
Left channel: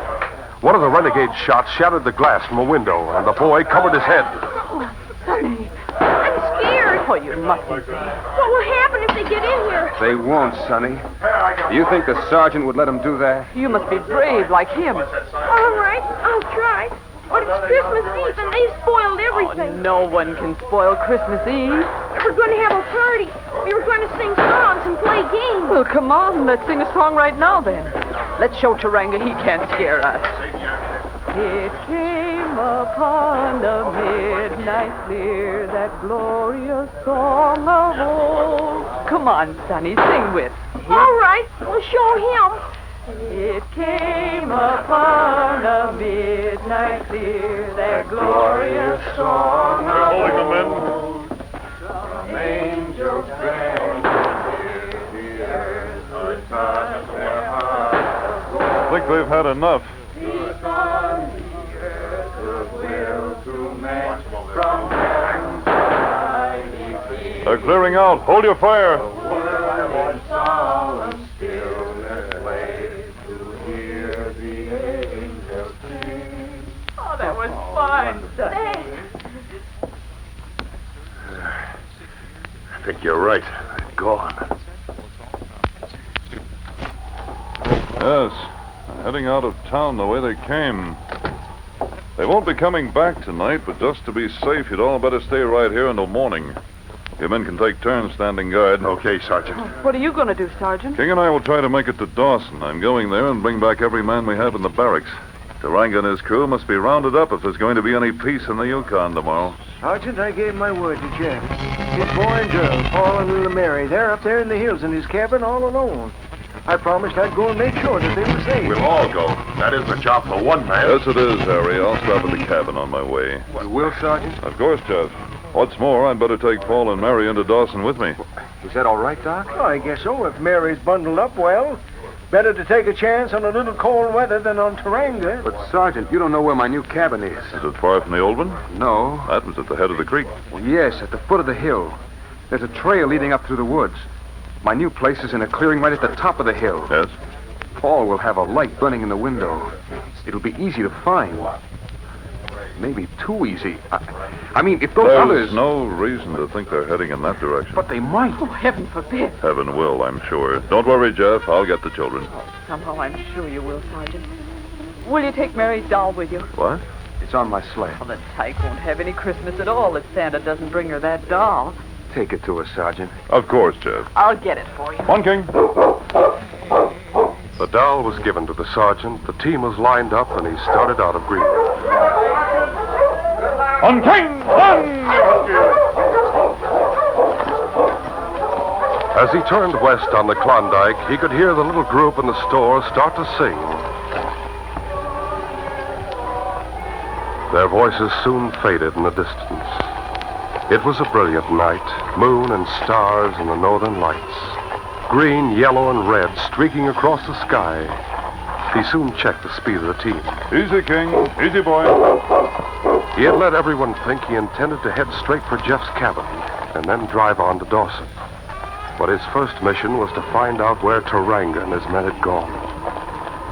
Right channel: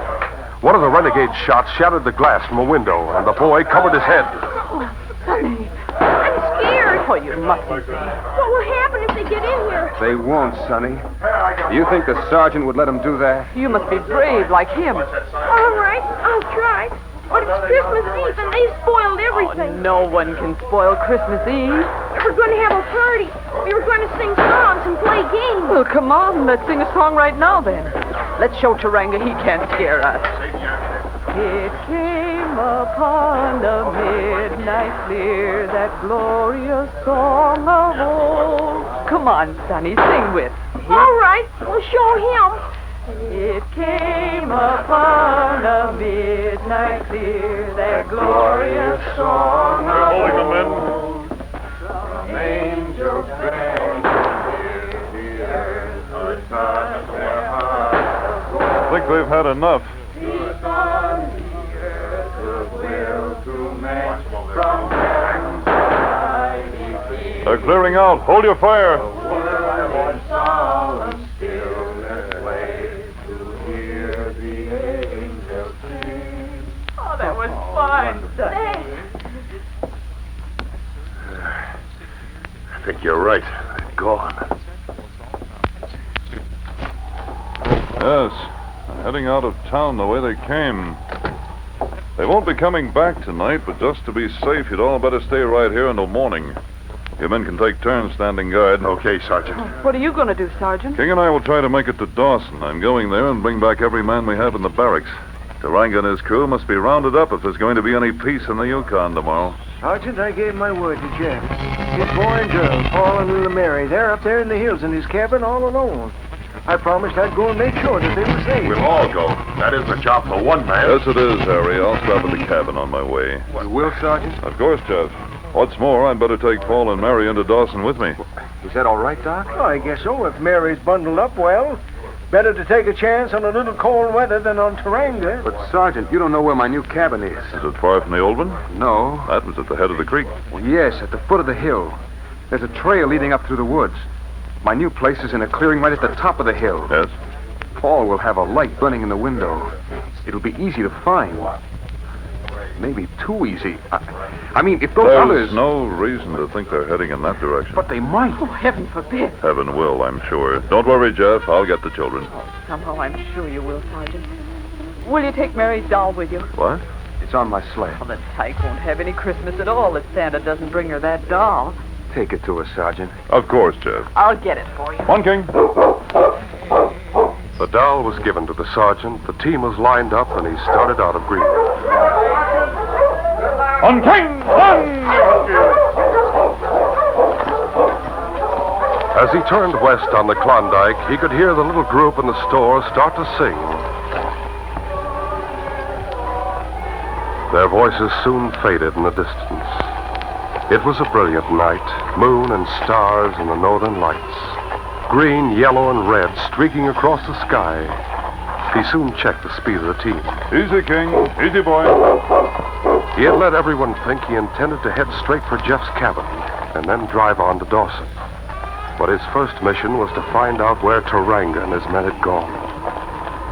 One of the renegade shots shattered the glass from a window, and the boy covered his head. Oh, Sonny, I'm scared. Oh, you mustn't be. What will happen if they get in here? They won't, Sonny. Do you think the sergeant would let him do that? You must be brave like him. All right, I'll try. But it's Christmas Eve and they spoiled everything. No one can spoil Christmas Eve. We're going to have a party. We were going to sing songs and play games. Well, come on, let's sing a song right now, then. Let's show Taranga he can't scare us. It came upon the midnight clear, that glorious song of old. Come on, Sonny, sing with. All right, we'll show him. It came upon the midnight clear, that glorious song of old. Holding them in. Some angels sang, I think they've had enough. They're clearing out. Hold your fire. Oh, that was fun. I think you're right. They're gone. Yes, heading out of town the way they came. They won't be coming back tonight, but just to be safe, you'd all better stay right here until morning. Your men can take turns standing guard. Okay, Sergeant. What are you going to do, Sergeant? King and I will try to make it to Dawson. I'm going there and bring back every man we have in the barracks. Taranga and his crew must be rounded up if there's going to be any peace in the Yukon tomorrow. Sergeant, I gave my word to Jeff. His boy and girl, Paul and little Mary, they're up there in the hills in his cabin all alone. I promised I'd go and make sure that they were safe. We'll all go. That is a job for one man. Yes, it is, Harry. I'll stop at the cabin on my way. You will, Sergeant? Of course, Jeff. What's more, I'd better take Paul and Mary into Dawson with me. Is that all right, Doc? Well, I guess so. If Mary's bundled up well, better to take a chance on a little cold weather than on Taranga. But, Sergeant, you don't know where my new cabin is. Is it far from the old one? No. That was at the head of the creek. Well, yes, at the foot of the hill. There's a trail leading up through the woods. My new place is in a clearing right at the top of the hill. Yes? Paul will have a light burning in the window. It'll be easy to find. Maybe too easy. I mean, if those There's others... no reason to think they're heading in that direction. But they might. Oh, heaven forbid. Heaven will, I'm sure. Don't worry, Jeff. I'll get the children. Somehow I'm sure you will, Sergeant. Will you take Mary's doll with you? What? It's on my sleigh. Well, then Tyke won't have any Christmas at all if Santa doesn't bring her that doll. Take it to her, Sergeant. Of course, Jeff. I'll get it for you. On, King. The doll was given to the sergeant, the team was lined up, and he started out of Greenwood. On, King! On! As he turned west on the Klondike, he could hear the little group in the store start to sing. Their voices soon faded in the distance. It was a brilliant night, moon and stars in the northern lights. Green, yellow, and red streaking across the sky. He soon checked the speed of the team. Easy, King. Easy, boy. He had let everyone think he intended to head straight for Jeff's cabin and then drive on to Dawson. But his first mission was to find out where Taranga and his men had gone.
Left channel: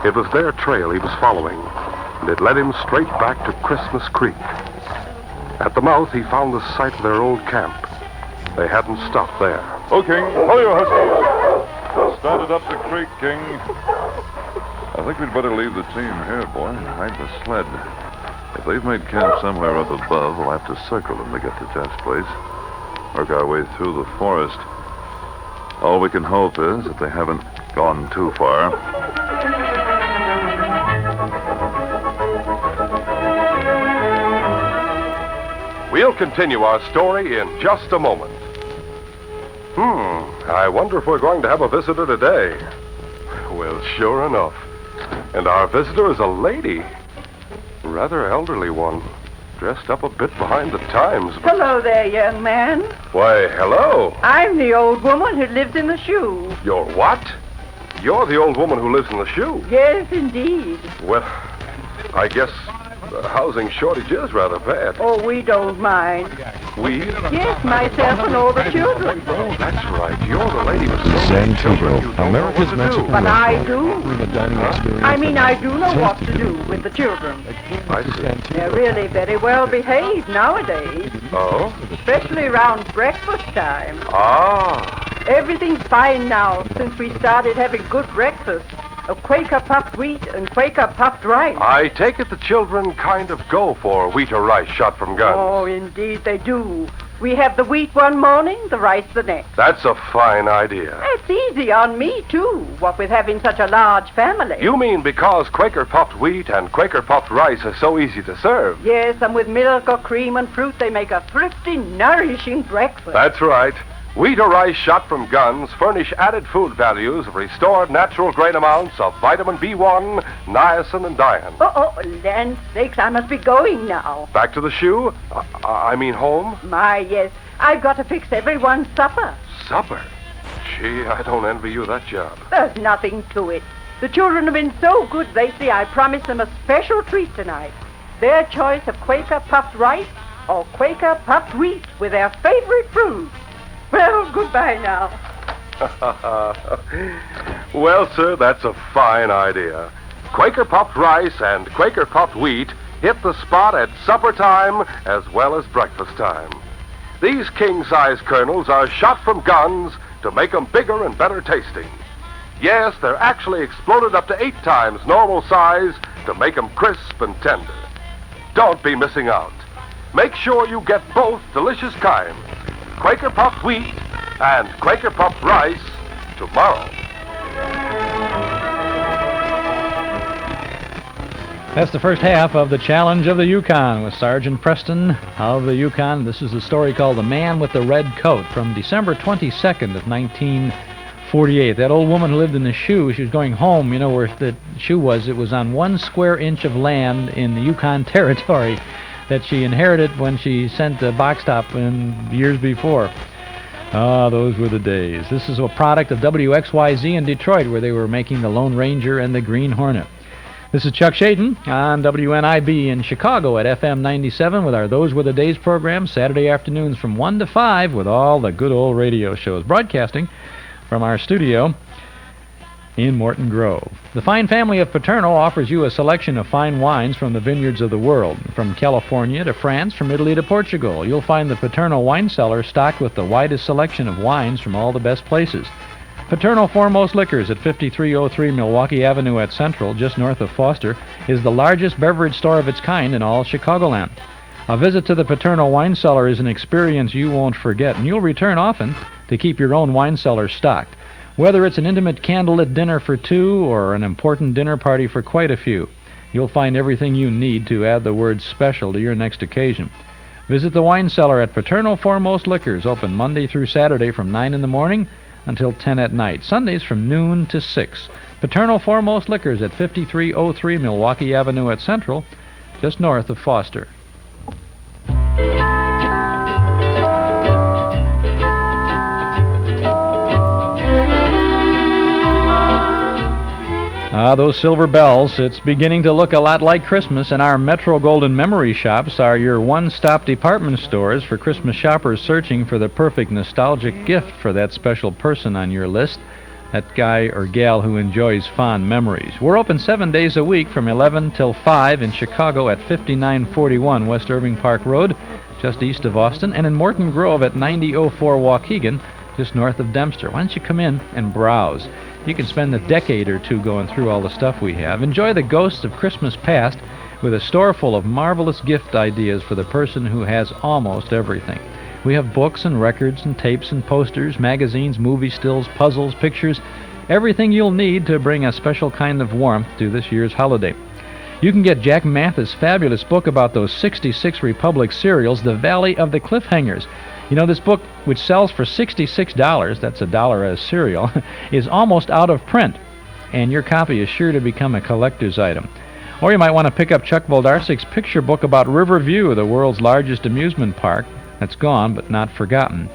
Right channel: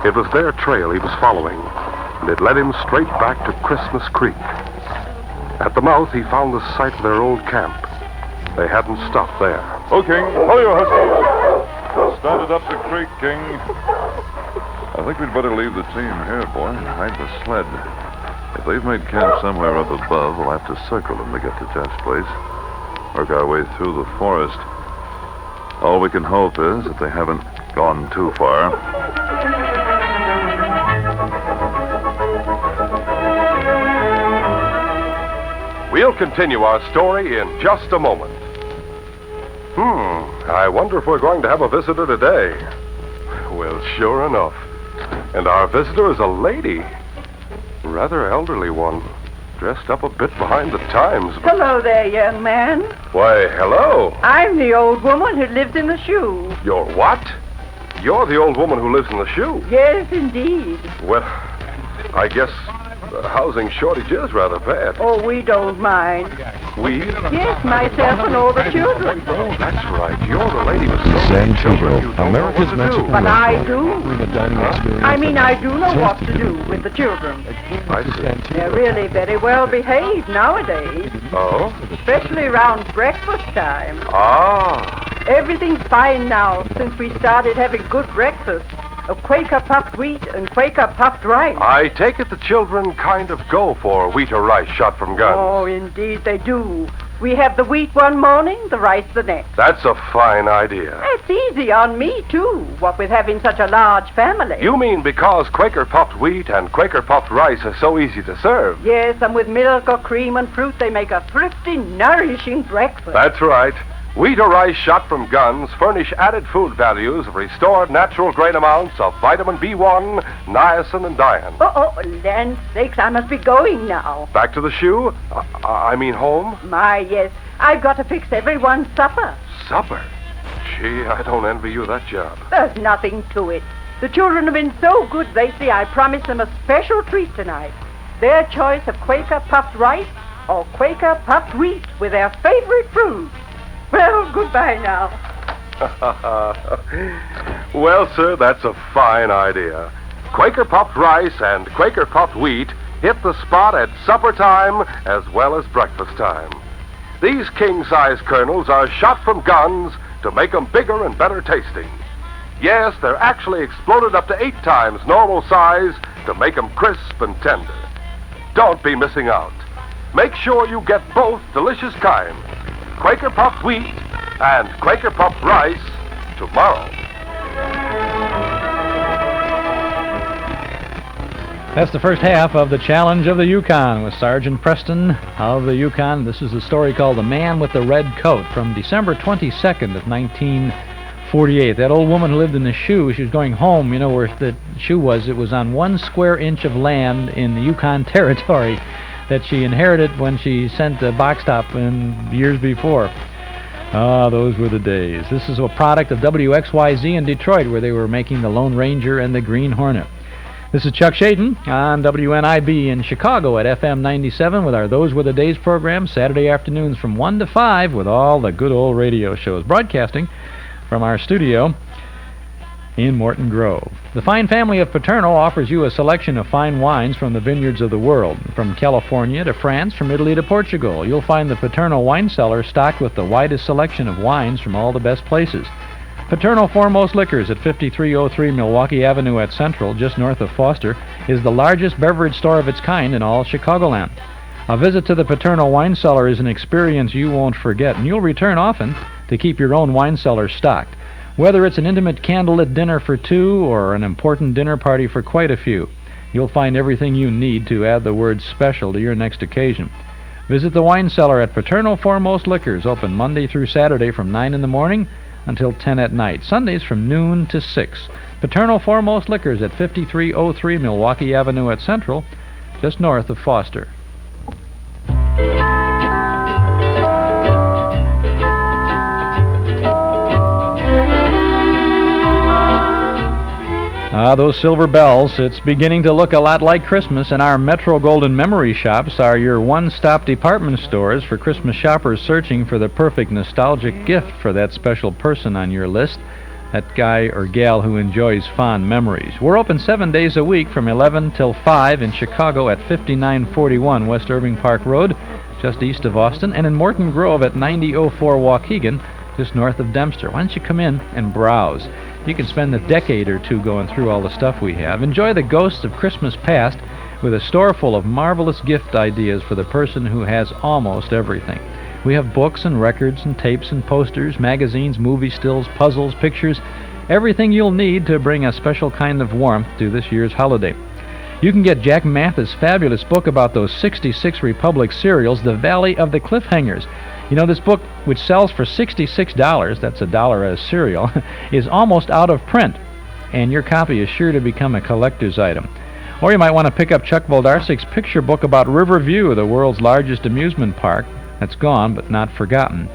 It was their trail he was following, and it led him straight back to Christmas Creek. At the mouth, he found the site of their old camp. They hadn't stopped there. Oh, King, pull your husky. Started up the creek, King. I think we'd better leave the team here, boy, and hide the sled. If they've made camp somewhere up above, we'll have to circle them to get to Jeff's place. Work our way through the forest. All we can hope is that they haven't gone too far. We'll continue our story in just a moment. I wonder if we're going to have a visitor today. Well, sure enough. And our visitor is a lady. Rather elderly one. Dressed up a bit behind the times. Hello there, young man. Why, hello. I'm the old woman who lives in the shoe. You're what? You're the old woman who lives in the shoe. Yes, indeed. Well, I guess the housing shortage is rather bad. Oh, we don't mind. We? Yes, myself and all the children. Oh, that's right. You're the lady with San Pedro, America's Mexican But I do. experience. I mean, I do know what to do with the children. I see. They're really very well behaved nowadays, Oh? especially around breakfast time. Ah. Everything's fine now since we started having good breakfast. A Quaker puffed wheat and Quaker puffed rice. I take it the children kind of go for wheat or rice shot from guns. Oh, indeed they do. We have the wheat one morning, the rice the next. That's a fine idea. It's easy on me, too, what with having such a large family. You mean because Quaker puffed wheat and Quaker puffed rice are so easy to serve? Yes, and with milk or cream and fruit, they make a thrifty, nourishing breakfast. That's right. Wheat or rice shot from guns furnish added food values of restored natural grain amounts of vitamin B1, niacin, and dian. Oh, land sakes, I must be going now. Back to the shoe? I mean home? My, yes. I've got to fix everyone's supper. Supper? Gee, I don't envy you that job. There's nothing to it. The children have been so good lately, I promised them a special treat tonight. Their choice of Quaker puffed rice or Quaker puffed wheat with their favorite fruit. Well, goodbye now. Well, sir, that's a fine idea. Quaker puffed rice and Quaker puffed wheat hit the spot at supper time as well as breakfast time. These king-size kernels are shot from guns to make them bigger and better tasting. Yes, they're actually exploded up to 8 times normal size to make them crisp and tender. Don't be missing out. Make sure you get both delicious kinds, Quaker puffed wheat and Quaker puffed rice, tomorrow. That's the first half of the Challenge of the Yukon with Sergeant Preston of the Yukon. This is a story called The Man with the Red Coat from December 22nd of 1948. That old woman who lived in the shoe, she was going home, you know, where the shoe was. It was on 1 square inch of land in the Yukon Territory. that she inherited when she sent a box top in years before. Ah, those were the days. This is a product of WXYZ in Detroit, where they were making the Lone Ranger and the Green Hornet. This is Chuck Shaden on WNIB in Chicago at FM 97 with our Those Were the Days program, Saturday afternoons from 1 to 5 with all the good old radio shows, broadcasting from our studio in Morton Grove. The fine family of Paterno offers you a selection of fine wines from the vineyards of the world, from California to France, from Italy to Portugal. You'll find the Paterno wine cellar stocked with the widest selection of wines from all the best places. Paterno Foremost Liquors at 5303 Milwaukee Avenue at Central, just north of Foster, is the largest beverage store of its kind in all Chicagoland. A visit to the Paterno wine cellar is an experience you won't forget, and you'll return often to keep your own wine cellar stocked. Whether it's an intimate candlelit dinner for two or an important dinner party for quite a few, you'll find everything you need to add the word special to your next occasion. Visit the wine cellar at Paterno Foremost Liquors, open Monday through Saturday from 9 in the morning until 10 at night, Sundays from noon to 6. Paterno Foremost Liquors at 5303 Milwaukee Avenue at Central, just north of Foster. Ah, those silver bells. It's beginning to look a lot like Christmas, and our Metro Golden Memory Shops are your one-stop department stores for Christmas shoppers searching for the perfect nostalgic gift for that special person on your list, that guy or gal who enjoys fond memories. We're open 7 days a week from 11 till 5 in Chicago at 5941 West Irving Park Road, just east of Austin, and in Morton Grove at 9004 Waukegan, just north of Dempster. Why don't you come in and browse? You can spend a decade or two going through all the stuff we have. Enjoy the ghosts of Christmas past with a store full of marvelous gift ideas for the person who has almost everything. We have books and records and tapes and posters, magazines, movie stills, puzzles, pictures, everything you'll need to bring a special kind of warmth to this year's holiday. You can get Jack Mathis' fabulous book about those 66 Republic cereals, The Valley of the Cliffhangers. You know, this book, which sells for $66, that's $1 a cereal, is almost out of print, and your copy is sure to become a collector's item. Or you might want to pick up Chuck Voldarsik's picture book about Riverview, the world's largest amusement park. That's gone, but not forgotten.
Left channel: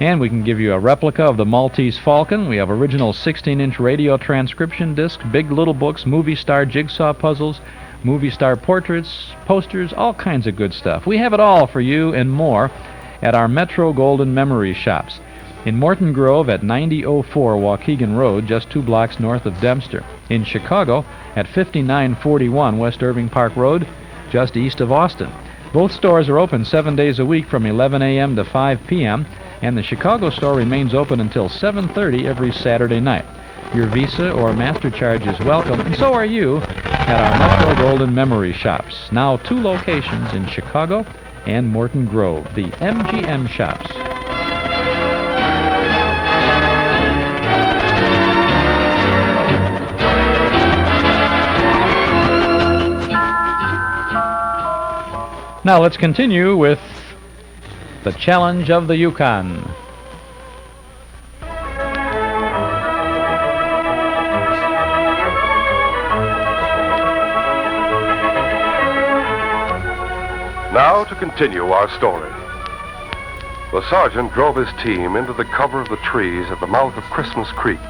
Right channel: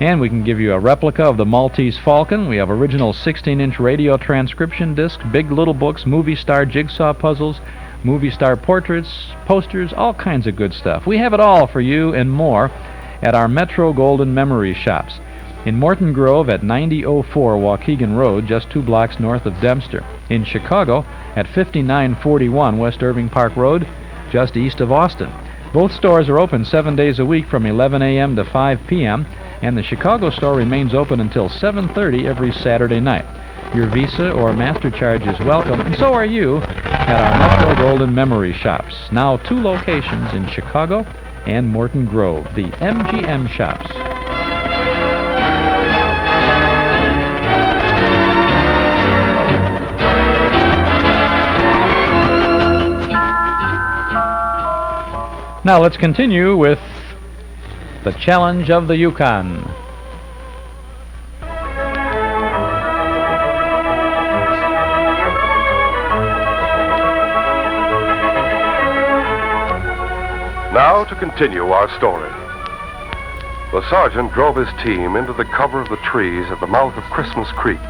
And we can give you a replica of the Maltese Falcon. We have original 16-inch radio transcription discs, big little books, movie star jigsaw puzzles, movie star portraits, posters, all kinds of good stuff. We have it all for you and more at our Metro Golden Memory Shops in Morton Grove at 9004 Waukegan Road, just 2 blocks north of Dempster. In Chicago at 5941 West Irving Park Road, just east of Austin. Both stores are open 7 days a week from 11 a.m. to 5 p.m., and the Chicago store remains open until 7:30 every Saturday night. Your Visa or MasterCard is welcome, and so are you at our Metro Golden Memory Shops. Now 2 locations in Chicago and Morton Grove, the MGM Shops. Now let's continue with the Challenge of the Yukon. Now to continue our story. The sergeant drove his team into the cover of the trees at the mouth of Christmas Creek.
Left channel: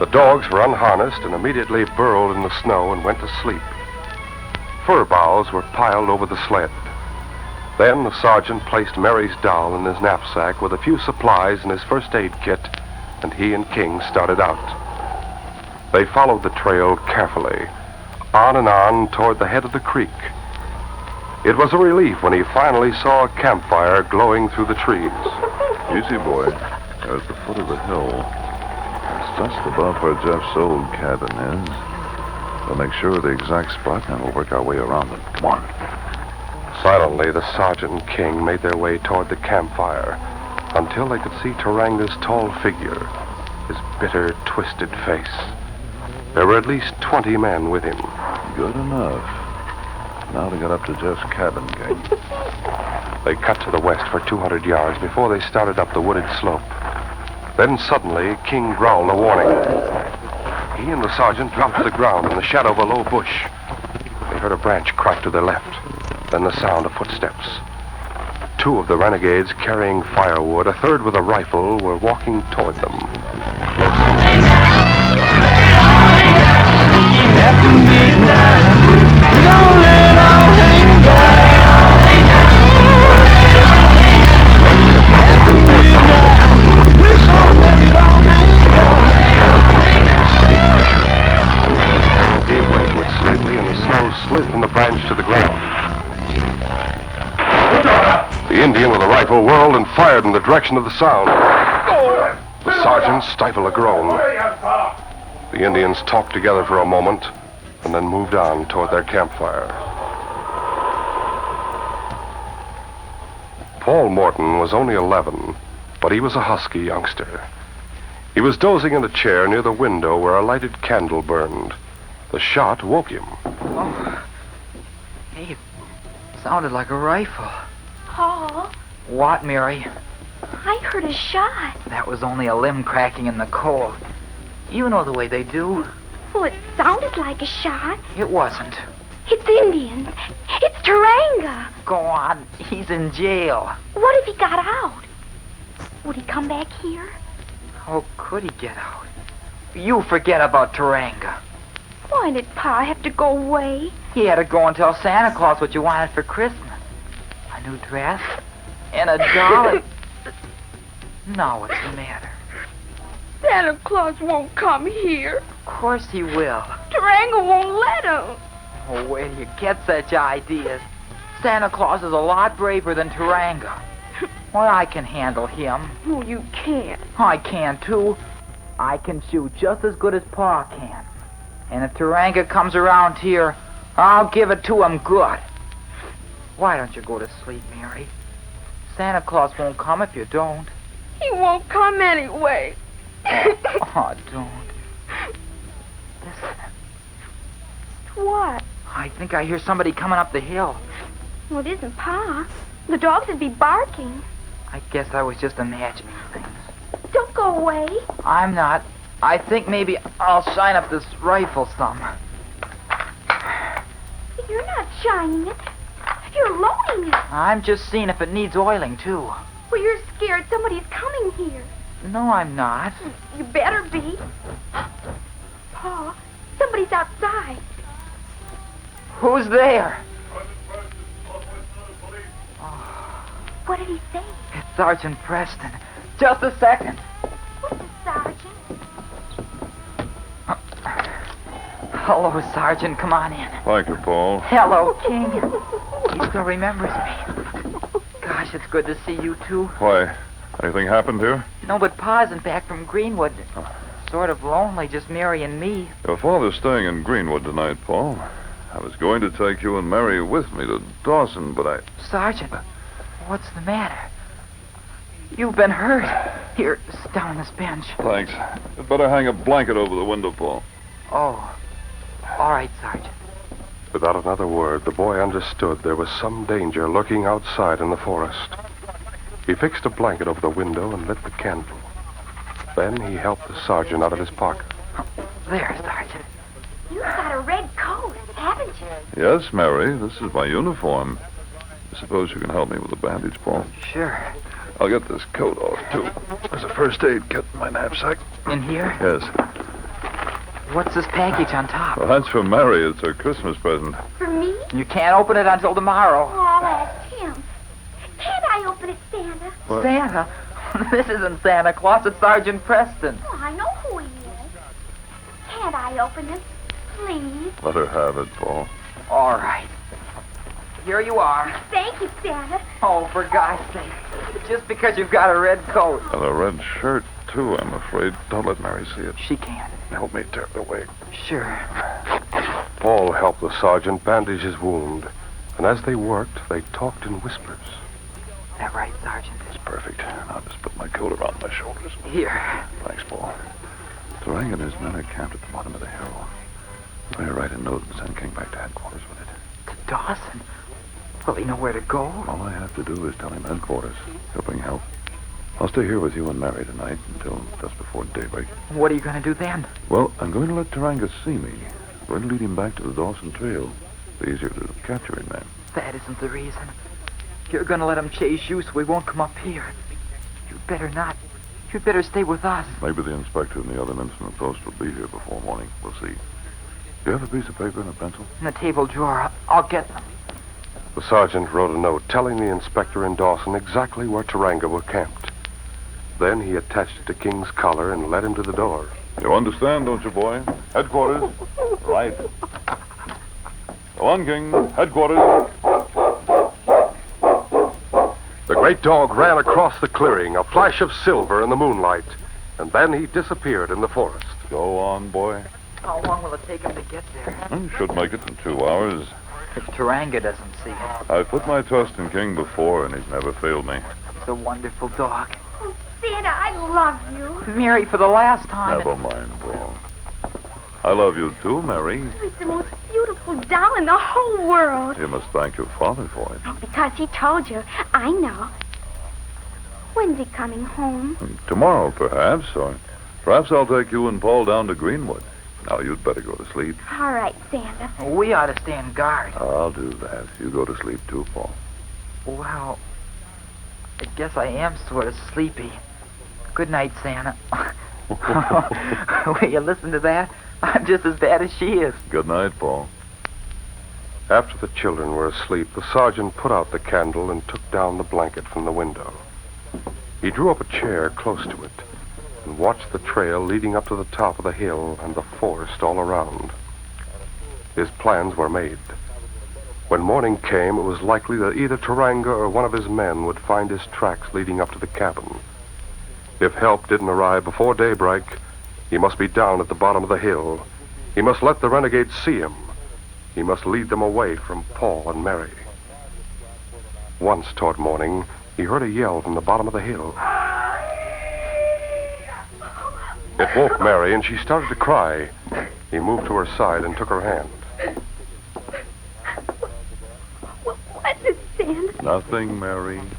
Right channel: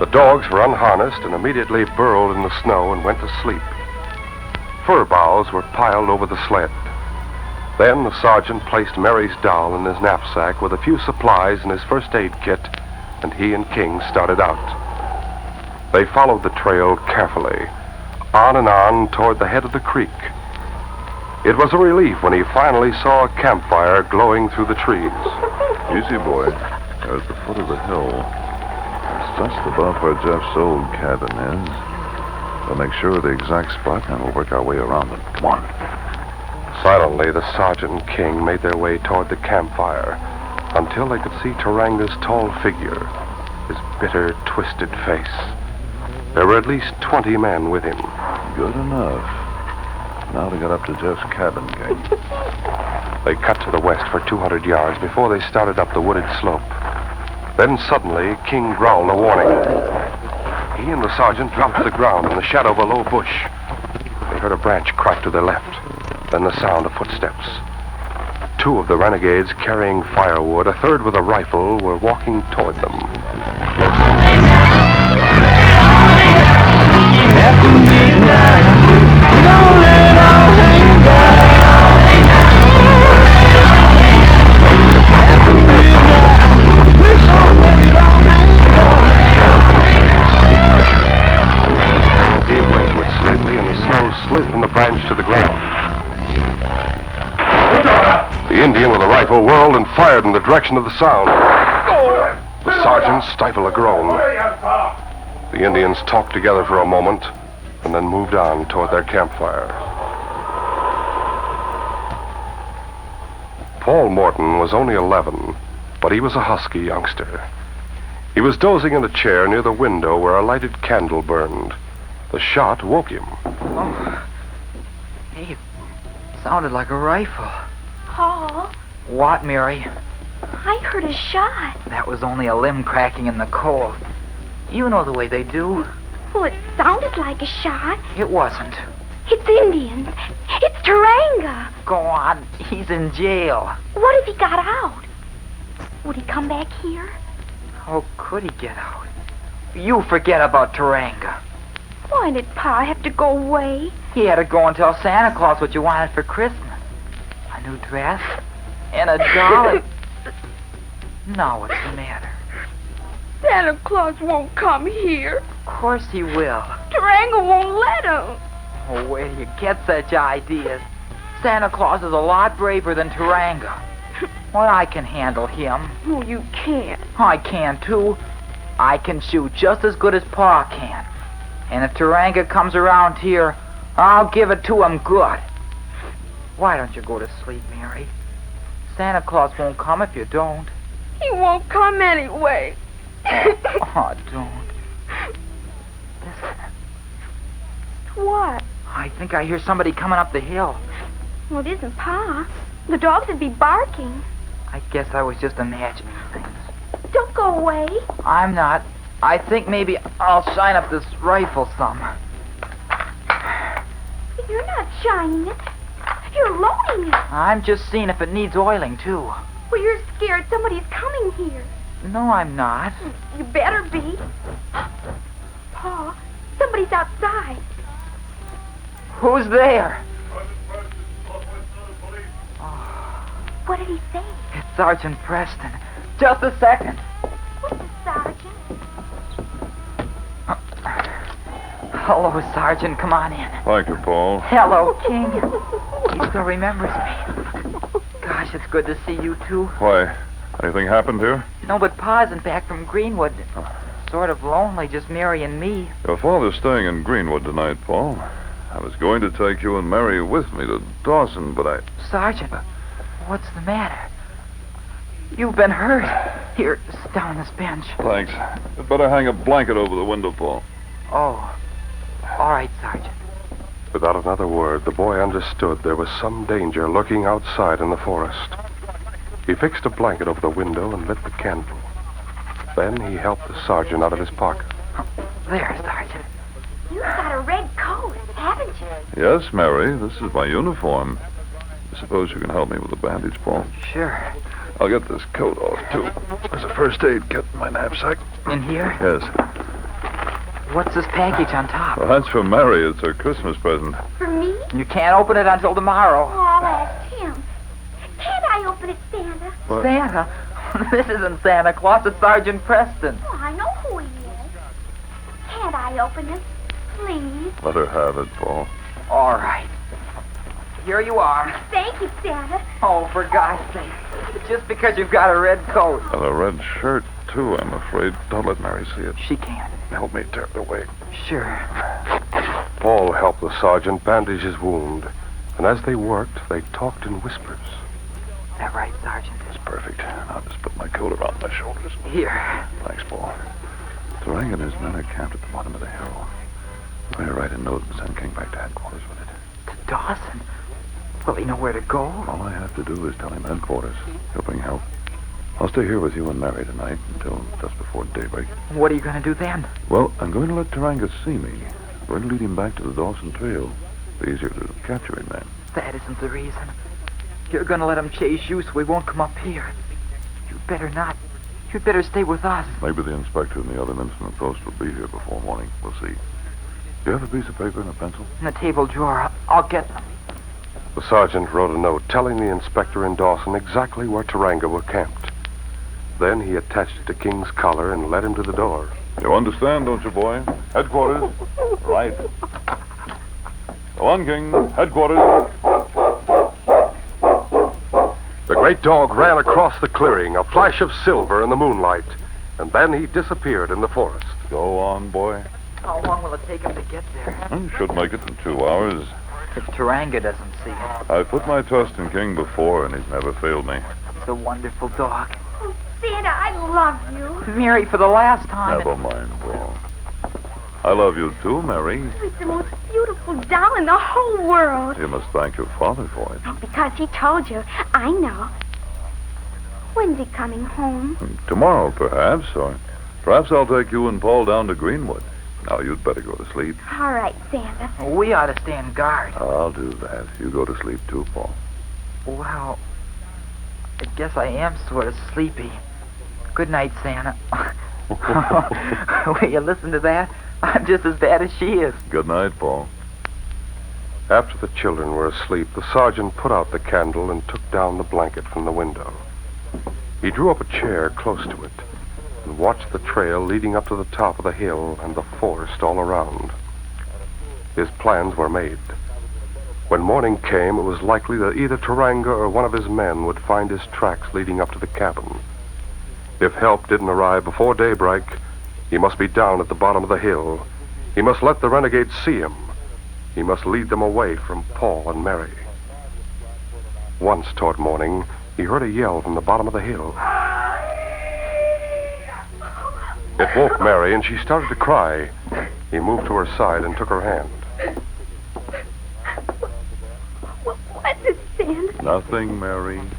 The dogs were unharnessed and immediately burrowed in the snow and went to sleep. Fir boughs were piled over the sled. Then the sergeant placed Mary's doll in his knapsack with a few supplies and his first aid kit, and he and King started out. They followed the trail carefully, on and on toward the head of the creek. It was a relief when he finally saw a campfire glowing through the trees. Easy, boy. We're at the foot of the hill. It's just above where Jeff's old cabin is. We'll make sure of the exact spot, and we'll work our way around it. Come on. Silently, the sergeant and King made their way toward the campfire until they could see Taranga's tall figure, his bitter, twisted face. There were at least 20 men with him. Good enough. Now to get up to Jeff's cabin, King. They cut to the west for 200 yards before they started up the wooded slope. Then suddenly, King growled a warning. He and the sergeant dropped to the ground in the shadow of a low bush. They heard a branch crack to their left. Then the sound of footsteps. 2 of the renegades carrying firewood, a third with a rifle, were walking toward them. They went slightly, and the snow slid from the branch to the ground. The Indian with a rifle whirled and fired in the direction of the sound. The sergeant stifled a groan. The Indians talked together for a moment and then moved on toward their campfire. Paul Morton was only 11, but he was a husky youngster. He was dozing in a chair near the window where a lighted candle burned. The shot woke him. Hey, it sounded like a rifle. Paul, What, Mary? I heard a shot. That was only a limb cracking in the cold. You know the way they do. Well, it sounded like a shot. It wasn't. It's Indians. It's Taranga. Go on. He's in jail. What if he got out? Would he come back here? How could he get out? You forget about Taranga. Why did Pa have to go away? He had to go and tell Santa Claus what you wanted for Christmas. A new dress and a doll. Now what's the matter? Santa Claus won't come here. Of course he will. Taranga won't let him. Oh, where do you get such ideas? Santa Claus is a lot braver than Taranga. Well, I can handle him. Oh, you can't. I can, too. I can shoot just as good as Pa can. And if Taranga comes around here, I'll give it to him good. Why don't you go to sleep, Mary? Santa Claus won't come if you don't. He won't come anyway. Oh, don't. Listen. What? I think I hear somebody coming up the hill. Well, it isn't Pa. The dogs would be barking. I guess I was just imagining things. Don't go away. I'm not. I think maybe I'll shine up this rifle some. You're not shining it. You're loading it. I'm just seeing if it needs oiling, too. Well, you're scared somebody's coming here. No, I'm not. You better be. Pa, somebody's outside. Who's there? What did he say? It's Sergeant Preston. Just a second. Who's the sergeant? Hello, Sergeant. Come on in. Thank you, Paul. Hello, King. He still remembers me. Gosh, it's good to see you, too. Why, anything happened here? No, but Pa isn't back from Greenwood. Sort of lonely, just Mary and me. Your father's staying in Greenwood tonight, Paul. I was going to take you and Mary with me to Dawson, but I... Sergeant, what's the matter? You've been hurt. Here, sit down on this bench. Thanks. You'd better hang a blanket over the window, Paul. Oh. All right, Sergeant. Without another word, the boy understood there was some danger lurking outside in the forest. He fixed a blanket over the window and lit the candle. Then he helped the sergeant out of his pocket. There, Sergeant. You've got a red coat, haven't you? Yes, Mary, this is my uniform. I suppose you can help me with the bandage, Paul. Sure. I'll get this coat off, too. There's a first aid kit in my knapsack. In here? Yes. What's this package on top? Well, that's for Mary. It's her Christmas present. For me? You can't open it until tomorrow. Oh, I'll ask him. Can't I open it, Santa? What? Santa? This isn't Santa Claus. It's Sergeant Preston. Oh, I know who he is. Can't I open it, please? Let her have it, Paul. All right. Here you are. Thank you, Santa. Oh, for God's sake. Just because you've got a red coat. And a red shirt, too, I'm afraid. Don't let Mary see it. She can't. Help me tear it away. Sure. Paul helped the sergeant bandage his wound, and as they worked, they talked in whispers. Is that right, Sergeant? It's perfect. I'll just put my coat around my shoulders. Here. Thanks, Paul. Tarang and his men are camped at the bottom of the hill. I'm going to write a note and send King back to headquarters with it. To Dawson? Will he know where to go? All I have to do is tell him headquarters. He'll bring help. I'll stay here with you and Mary tonight until just before daybreak. What are you going to do then? Well, I'm going to let Taranga see me. I'm going to lead him back to the Dawson Trail. It's easier to capture him then. That isn't the reason. You're gonna let him chase you so we won't come up here. You'd better not. You'd better stay with us. Maybe the inspector and the other instrument post will be here before morning. We'll see. Do you have a piece of paper and a pencil? In the table drawer. I'll get them. The sergeant wrote a note telling the inspector and Dawson exactly where Taranga were camped. Then he attached it to King's collar and led him to the door. You understand, don't you, boy? Headquarters. Right. Go on, King. Headquarters. The great dog ran across the clearing, a flash of silver in the moonlight, and then he disappeared in the forest. Go on, boy. How long will it take him to get there? Should make it in 2 hours. If Taranga doesn't see him. I've put my trust in King before, and he's never failed me. He's a wonderful dog. Santa, I love you. Mary, for the last time. Never mind, Paul. I love you too, Mary. He's the most beautiful doll in the whole world. You must thank your father for it. Because he told you. I know. When's he coming home? Tomorrow, perhaps, or perhaps I'll take you and Paul down to Greenwood. Now, you'd better go to sleep. All right, Santa. We ought to stand guard. I'll do that. You go to sleep too, Paul. Well, I guess I am sort of sleepy. Good night, Santa. Will you listen to that? I'm just as bad as she is. Good night, Paul. After the children were asleep, the sergeant put out the candle and took down the blanket from the window. He drew up a chair close to it and watched the trail leading up to the top of the hill and the forest all around. His plans were made. When morning came, it was likely that either Taranga or one of his men would find his tracks leading up to the cabin. If help didn't arrive before daybreak, he must be down at the bottom of the hill. He must let the renegades see him. He must lead them away from Paul and Mary. Once, toward morning, he heard a yell from the bottom of the hill. It woke Mary, and she started to cry. He moved to her side and took her hand. What's it, Santa? Nothing, Mary.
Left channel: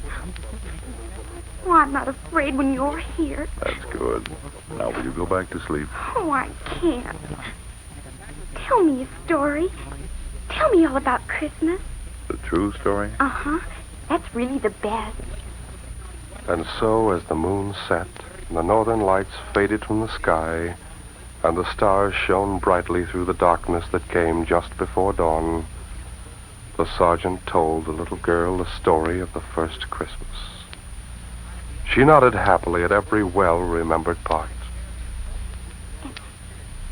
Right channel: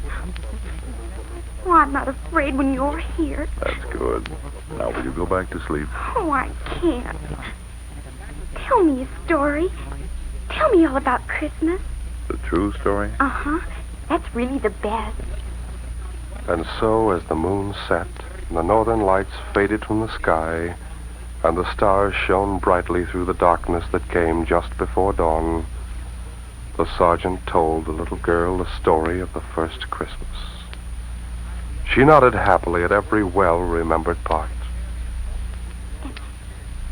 Oh, I'm not afraid when you're here. That's good. Now, will you go back to sleep? Oh, I can't. Tell me a story. Tell me all about Christmas. The true story? Uh-huh. That's really the best. And so, as the moon set, and the northern lights faded from the sky, and the stars shone brightly through the darkness that came just before dawn, the sergeant told the little girl the story of the first Christmas. She nodded happily at every well-remembered part.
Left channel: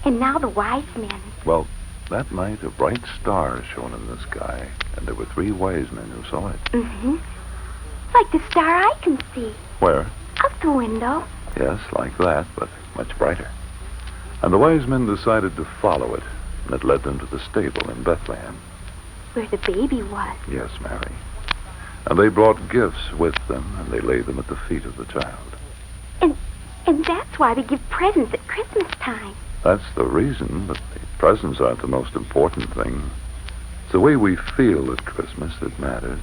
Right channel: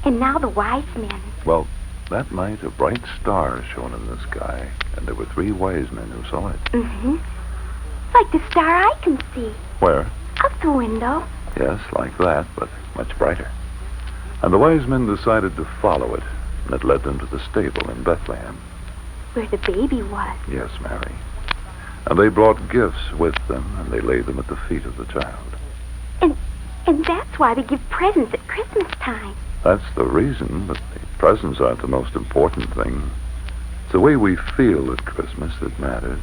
And now the wise men. Well, that night a bright star shone in the sky, and there were 3 wise men who saw it. Mm-hmm. Like the star I can see. Where? Out the window. Yes, like that, but much brighter. And the wise men decided to follow it, and it led them to the stable in Bethlehem. Where the baby was. Yes, Mary. And they brought gifts with them, and they laid them at the feet of the child. And that's why we give presents at Christmas time. That's the reason, but the presents aren't the most important thing. It's the way we feel at Christmas that matters.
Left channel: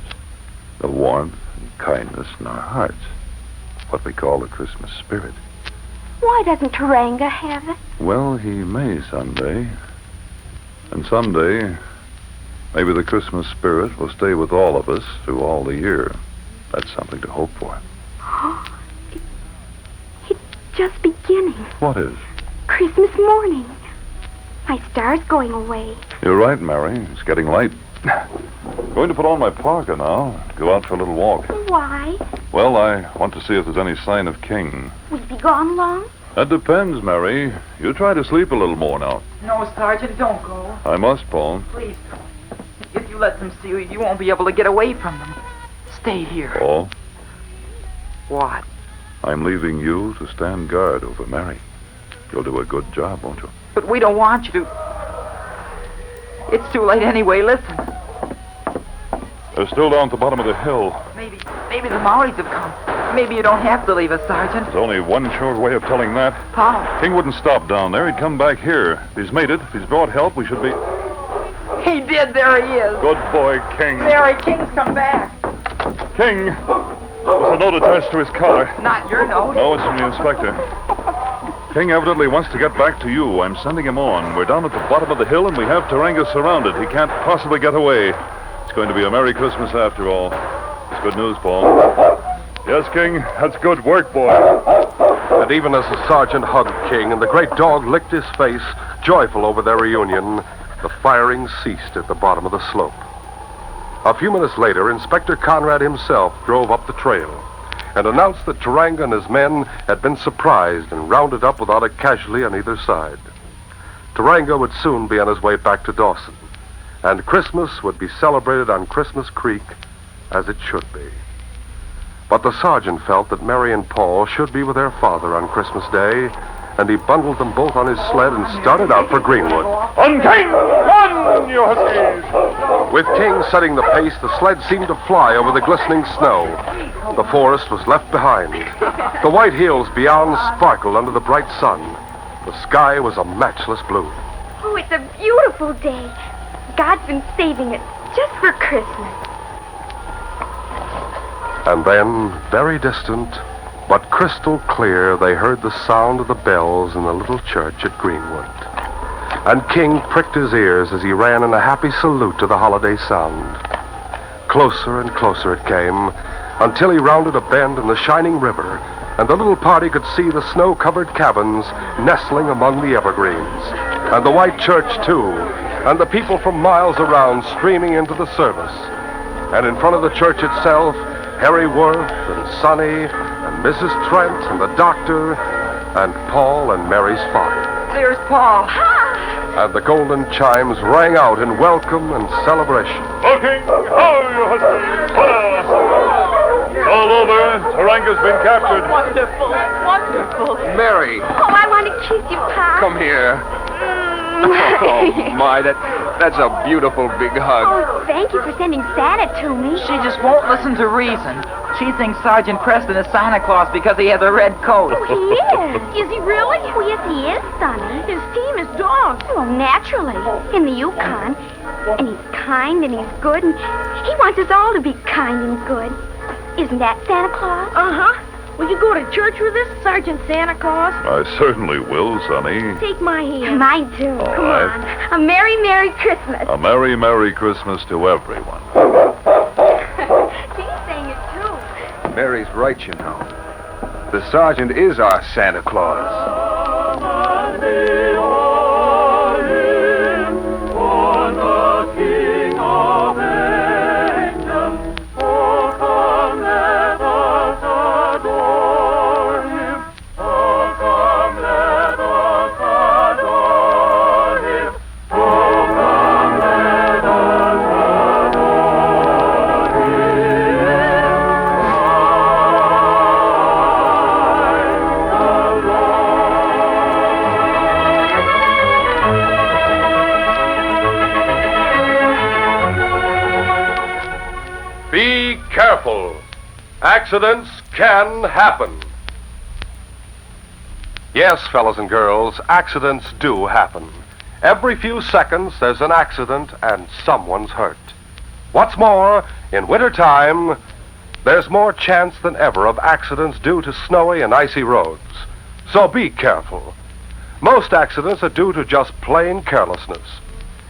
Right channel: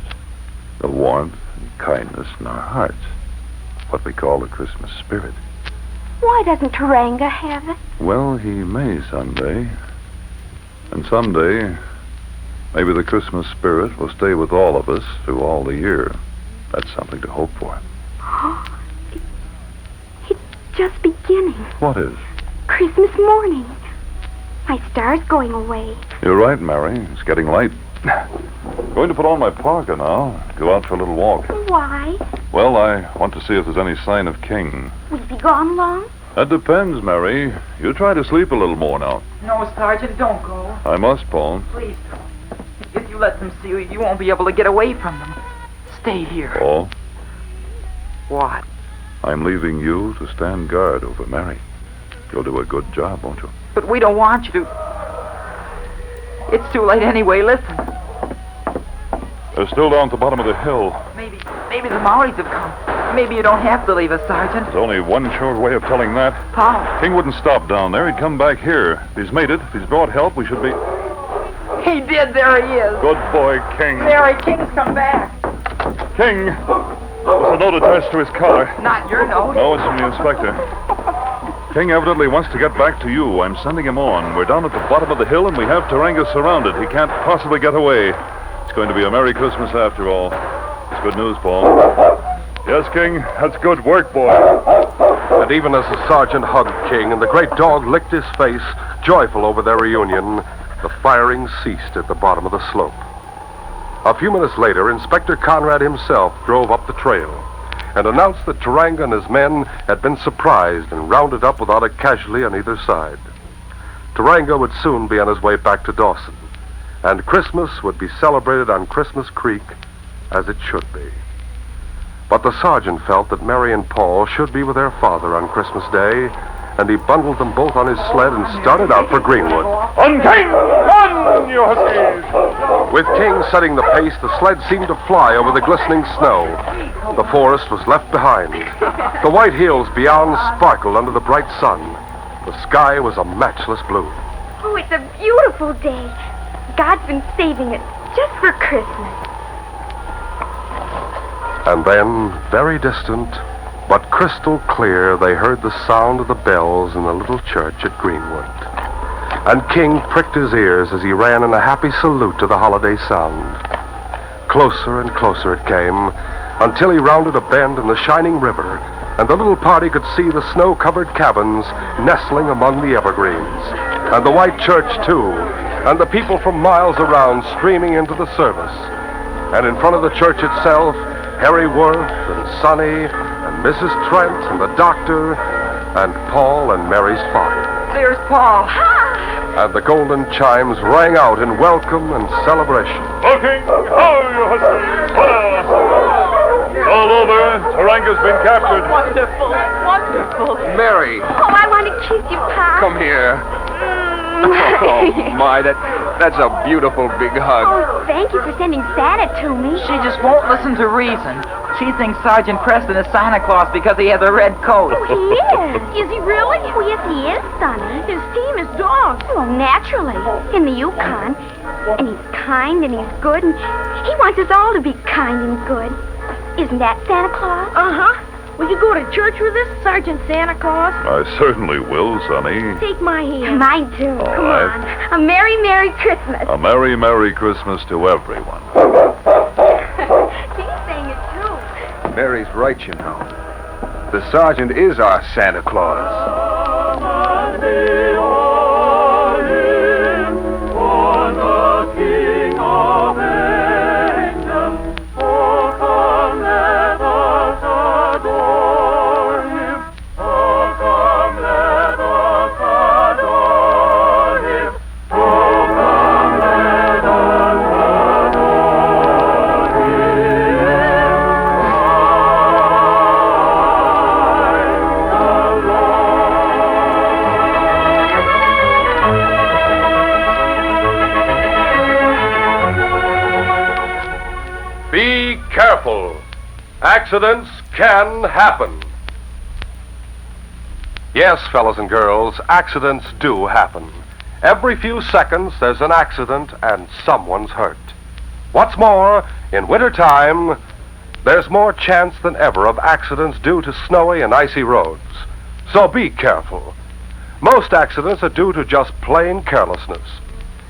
The warmth and kindness in our hearts. What we call the Christmas spirit. Why doesn't Taranga have it? Well, he may someday. And someday, maybe the Christmas spirit will stay with all of us through all the year. That's something to hope for. It's just beginning. What is? Christmas morning. My star's going away. You're right, Mary. It's getting late. Going to put on my parka now. Go out for a little walk. Why? Well, I want to see if there's any sign of King. Will he be gone long? That depends, Mary. You try to sleep a little more now. No, Sergeant, don't go. I must, Paul. Please don't. If you let them see you, you won't be able to get away from them. Stay here. Paul? What? I'm leaving you to stand guard over Mary. You'll do a good job, won't you? But we don't want you to. It's too late anyway. Listen. They're still down at the bottom of the hill. Maybe the Maoris have come. Maybe you don't have to leave us, Sergeant. There's only one sure way of telling that. How? King wouldn't stop down there. He'd come back here. If he's made it, if he's brought help, we should be... He did. There he is. Good boy, King. Mary, King's come back. King! There's a note attached to his collar. Not your note. No, it's from the inspector. King evidently wants to get back to you. I'm sending him on. We're down at the bottom of the hill, and we have Taranga surrounded. He can't possibly get away. It's going to be a Merry Christmas after all. It's good news, Paul. Yes, King, that's good work, boy. And even as the sergeant hugged King and the great dog licked his face, joyful over their reunion, the firing ceased at the bottom of the slope. A few minutes later, Inspector Conrad himself drove up the trail and announced that Taranga and his men had been surprised and rounded up without a casualty on either side. Taranga would soon be on his way back to Dawson, and Christmas would be celebrated on Christmas Creek as it should be. But the sergeant felt that Mary and Paul should be with their father on Christmas Day, and he bundled them both on his sled and started out for Greenwood. On King! Run, you huskies! With King setting the pace, the sled seemed to fly over the glistening snow. The forest was left behind. The white hills beyond sparkled under the bright sun. The sky was a matchless blue. Oh, it's a beautiful day. God's been saving it just for Christmas. And then, very distant, but crystal clear, they heard the sound of the bells in the little church at Greenwood. And King pricked his ears as he ran in a happy salute to the holiday sound. Closer and closer it came, until he rounded a bend in the shining river, and the little party could see the snow-covered cabins nestling among the evergreens, and the white church, too, and the people from miles around streaming into the service. And in front of the church itself, Harry Worth and Sonny and Mrs. Trent and the doctor and Paul and Mary's father. There's Paul. And the golden chimes rang out in welcome and celebration. King! How you huskies! All over. Taranga's been captured. Wonderful, wonderful. Mary, Oh, I want to kiss you, Pa. come here. Oh, my, that's a beautiful big hug. Oh, thank you for sending Santa to me. She just won't listen to reason. She thinks Sergeant Preston is Santa Claus because he has a red coat. Oh, he is. Is he really? Oh, yes, he is, Sonny. His team is dogs. Well, naturally. In the Yukon. And he's kind and he's good, and he wants us all to be kind and good. Isn't that Santa Claus? Uh-huh. Will you go to church with us, Sergeant Santa Claus? I certainly will, Sonny. Take my hand. Mine, too. All Come right. on. A Merry, Merry Christmas. A Merry, Merry Christmas to everyone. She's saying it, too. Mary's right, you know. The sergeant is our Santa Claus. Be careful. Accidents can happen. Yes, fellas and girls, accidents do happen. Every few seconds there's an accident and someone's hurt. What's more, in wintertime, there's more chance than ever of accidents due to snowy and icy roads. So be careful. Most accidents are due to just plain carelessness.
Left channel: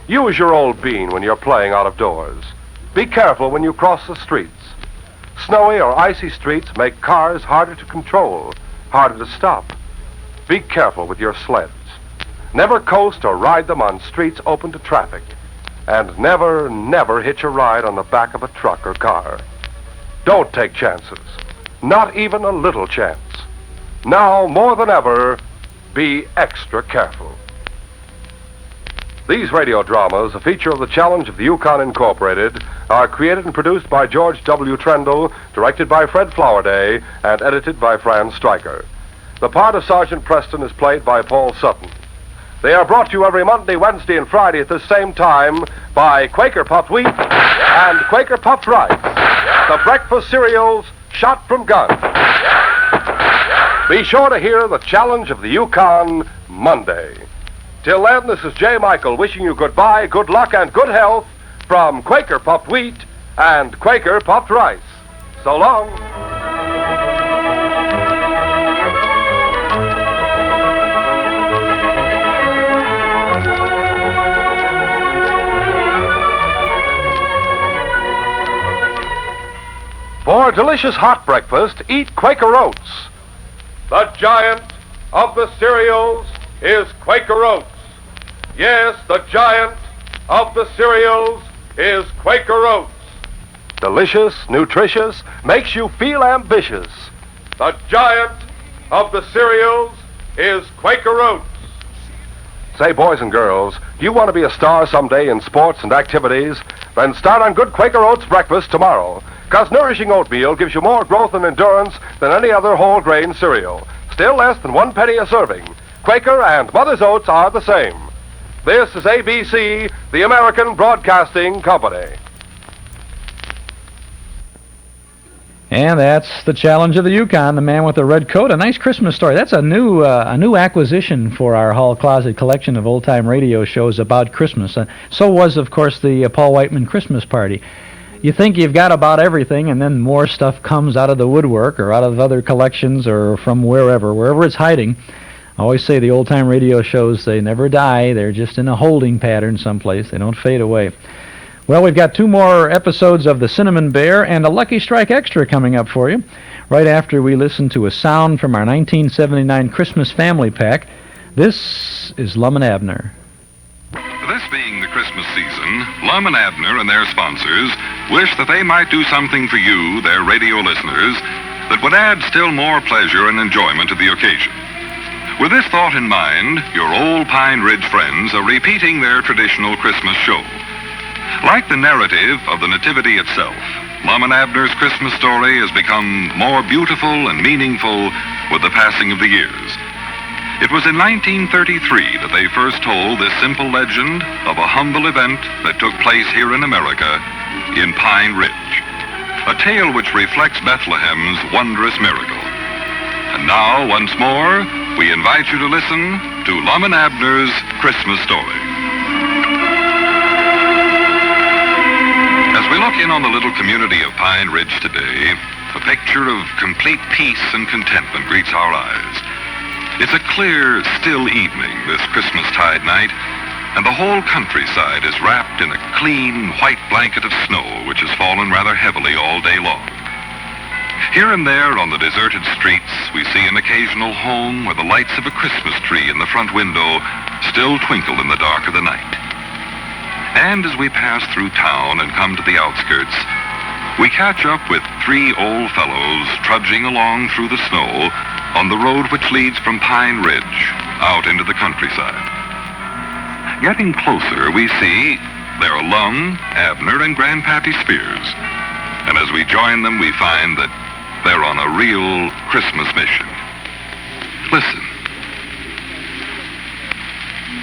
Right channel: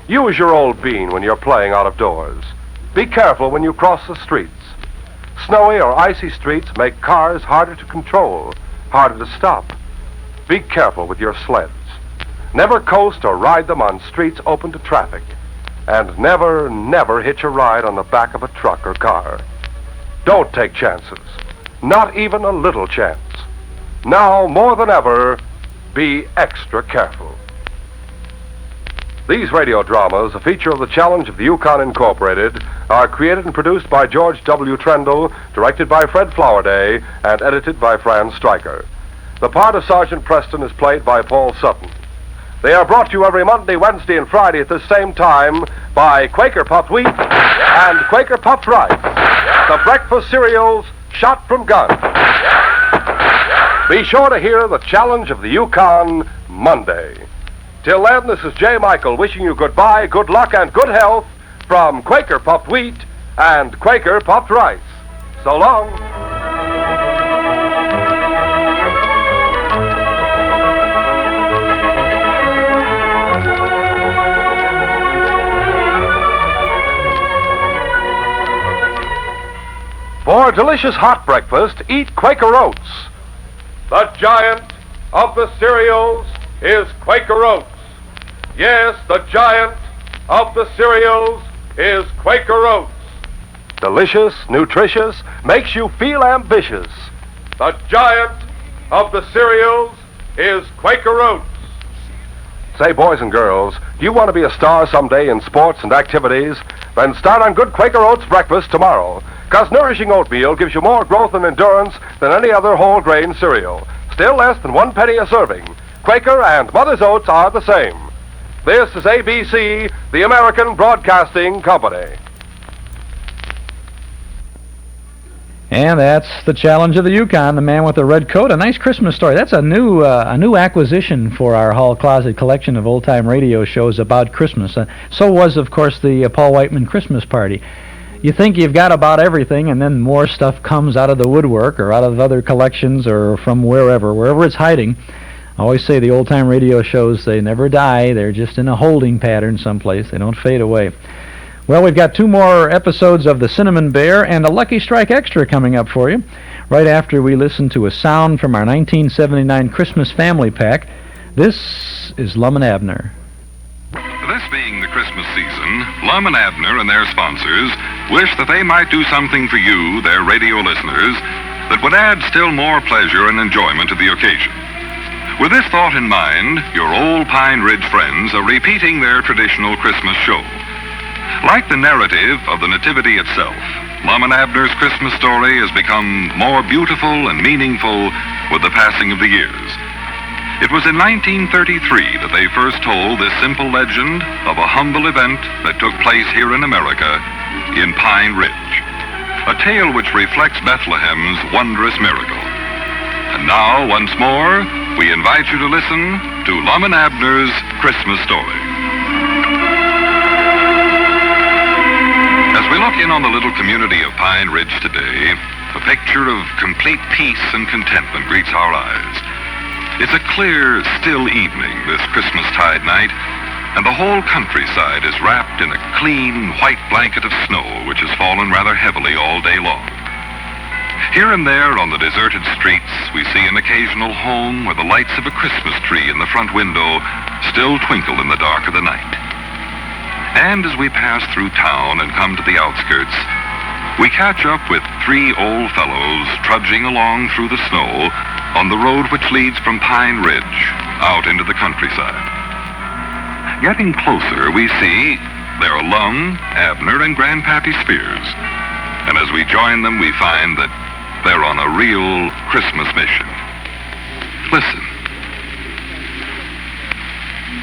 Use your old bean when you're playing out of doors. Be careful when you cross the streets. Snowy or icy streets make cars harder to control, harder to stop. Be careful with your sleds. Never coast or ride them on streets open to traffic. And never, never hitch a ride on the back of a truck or car. Don't take chances. Not even a little chance. Now, more than ever, be extra careful. These radio dramas, a feature of the Challenge of the Yukon Incorporated, are created and produced by George W. Trendle, directed by Fred Flowerday, and edited by Fran Stryker. The part of Sergeant Preston is played by Paul Sutton. They are brought to you every Monday, Wednesday, and Friday at this same time by Quaker Puffed Wheat and Quaker Puffed Rice, the breakfast cereals shot from guns. Be sure to hear the Challenge of the Yukon Monday. Till then, this is J. Michael wishing you goodbye, good luck, and good health from Quaker Puffed Wheat and Quaker Puffed Rice. So long. For a delicious hot breakfast, eat Quaker Oats. The giant of the cereals is Quaker Oats. Yes, the giant of the cereals is Quaker Oats. Delicious, nutritious, makes you feel ambitious. The giant of the cereals is Quaker Oats. Say, boys and girls, do you want to be a star someday in sports and activities? Then start on good Quaker Oats breakfast tomorrow. Because nourishing oatmeal gives you more growth and endurance than any other whole grain cereal. Still less than 1 penny a serving. Quaker and Mother's Oats are the same. This is ABC, the American Broadcasting Company. And that's the challenge of the Yukon, the man with the red coat. A nice Christmas story. That's a new acquisition for our hall closet collection of old-time radio shows about Christmas. So was, of course, the Paul Whiteman Christmas party. You think you've got about everything, and then more stuff comes out of the woodwork or out of other collections or from wherever it's hiding. I always say the old-time radio shows, they never die. They're just in a holding pattern someplace. They don't fade away. Well, we've got 2 more episodes of The Cinnamon Bear and a Lucky Strike Extra coming up for you, right after we listen to a sound from our 1979 Christmas Family Pack. This is Lum and Abner. This being the Christmas season, Lum and Abner and their sponsors wish that they might do something for you, their radio listeners, that would add still more pleasure and enjoyment to the occasion. With this thought in mind, your old Pine Ridge friends are repeating their traditional Christmas show. Like the narrative of the Nativity itself, Lum and Abner's Christmas story has become more beautiful and meaningful with the passing of the years. It was in 1933 that they first told this simple legend of a humble event that took place here in America, in Pine Ridge. A tale which reflects Bethlehem's wondrous miracle. And now, once more, we invite you to listen to Lum and Abner's Christmas story. As we look in on the little community of Pine Ridge today, a picture of complete peace and contentment greets our eyes. It's a clear, still evening this Christmastide night, and the whole countryside is wrapped in a clean, white blanket of snow which has fallen rather heavily all day long. Here and there on the deserted streets, we see an occasional home where the lights of a Christmas tree in the front window still twinkle in the dark of the night. And as we pass through town and come to the outskirts, we catch up with 3 old fellows trudging along through the snow on the road which leads from Pine Ridge out into the countryside. Getting closer, we see there are Lum, Abner, and Grandpappy Spears. And as we join them, we find that they're on a real Christmas mission. Listen.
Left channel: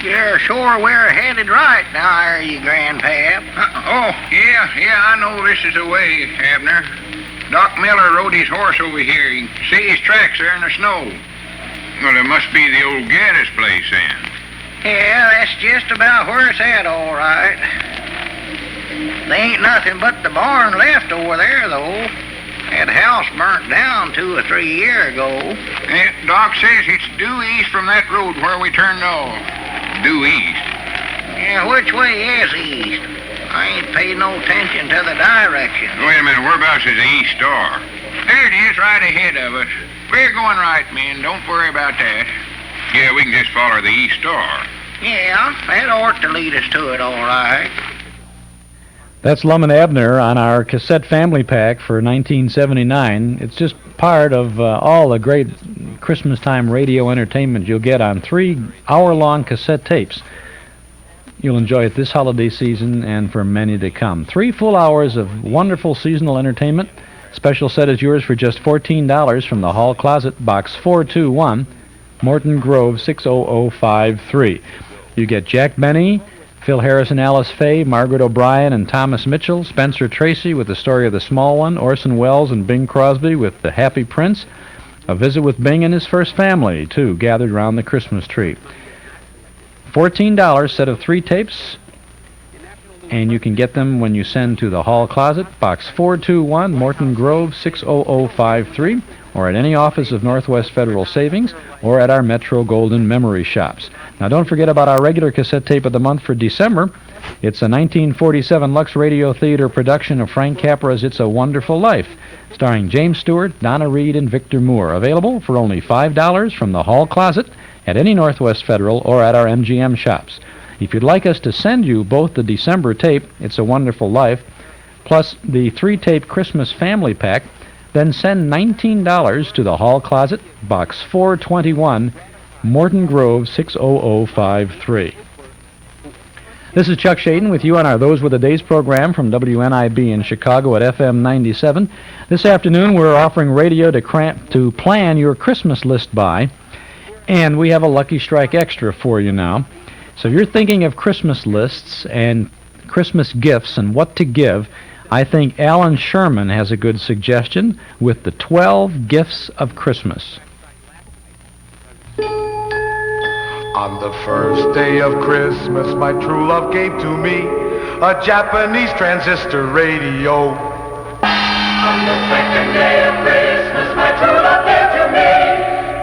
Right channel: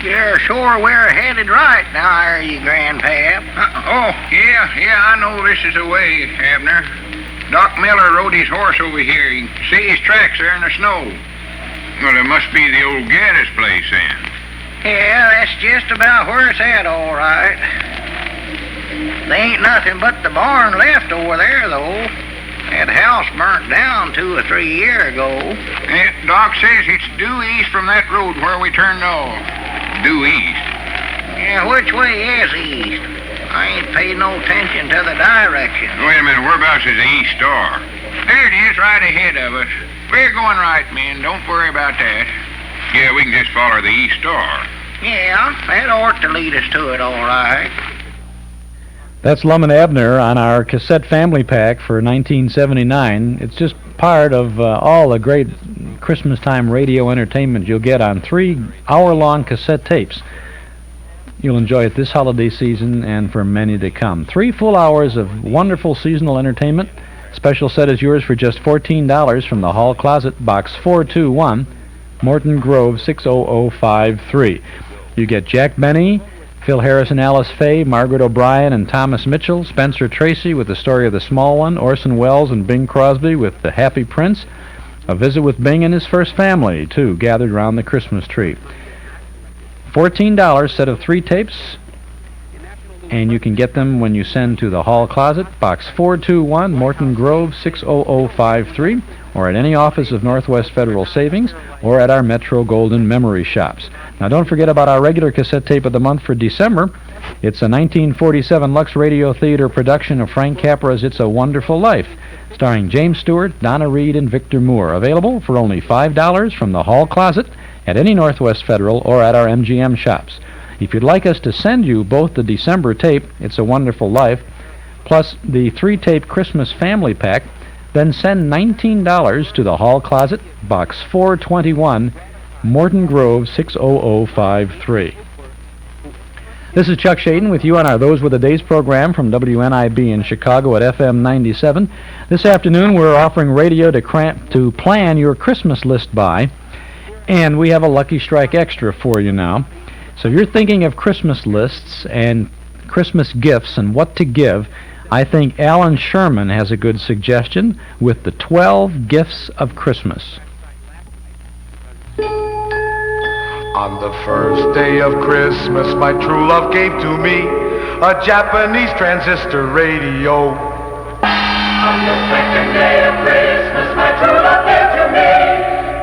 You're sure we're headed right now, are you, Grandpap? Yeah, I know this is the way, Abner. Doc Miller rode his horse over here. You can see his tracks there in the snow. Well, it must be the old Gaddis place, then. Yeah, that's just about where it's at, all right. There ain't nothing but the barn left over there, though. That house burnt down 2 or 3 years ago. Yeah, Doc says it's due east from that road where we turned off. Due east. Yeah, which way is east? I ain't paid no attention to the direction. Wait a minute, whereabouts is the East Star? There it is, right ahead of us. We're going right, men. Don't worry about that. Yeah, we can just follow the East Star. Yeah, that ought to lead us to it, all right. That's Lum and Abner on our cassette family pack for 1979. It's just part of all the great Christmas time radio entertainment you'll get on 3 hour-long cassette tapes. You'll enjoy it this holiday season and for many to come. 3 full hours of wonderful seasonal entertainment. Special set is yours for just $14 from the Hall Closet, Box 421, Morton Grove, 60053. You get Jack Benny, Phil Harrison, Alice Faye, Margaret O'Brien, and Thomas Mitchell, Spencer Tracy with the story of the small one, Orson Welles and Bing Crosby with The Happy Prince, a visit with Bing and his first family, too, gathered around the Christmas tree. $14, set of 3 tapes, and you can get them when you send to the Hall Closet, Box 421, Morton Grove, 60053, or at any office of Northwest Federal Savings, or at our Metro Golden Memory Shops. Now, don't forget about our regular cassette tape of the month for December. It's a 1947 Lux Radio Theater production of Frank Capra's It's a Wonderful Life, starring James Stewart, Donna Reed, and Victor Moore. Available for only $5 from the Hall Closet at any Northwest Federal or at our MGM shops. If you'd like us to send you both the December tape, It's a Wonderful Life, plus the 3-tape Christmas Family Pack, then send $19 to the Hall Closet, Box 421, Morton Grove, 60053. This is Chuck Shaden with you on our Those Were the Days program from WNIB in Chicago at FM 97. This afternoon we're offering radio to plan your Christmas list by, and we have a Lucky Strike Extra for you now. So if you're thinking of Christmas lists and Christmas gifts and what to give, I think Alan Sherman has a good suggestion with the 12 Gifts of Christmas. On the first day of Christmas, my true love gave to me a Japanese transistor radio. On the second day of Christmas, my true love gave to me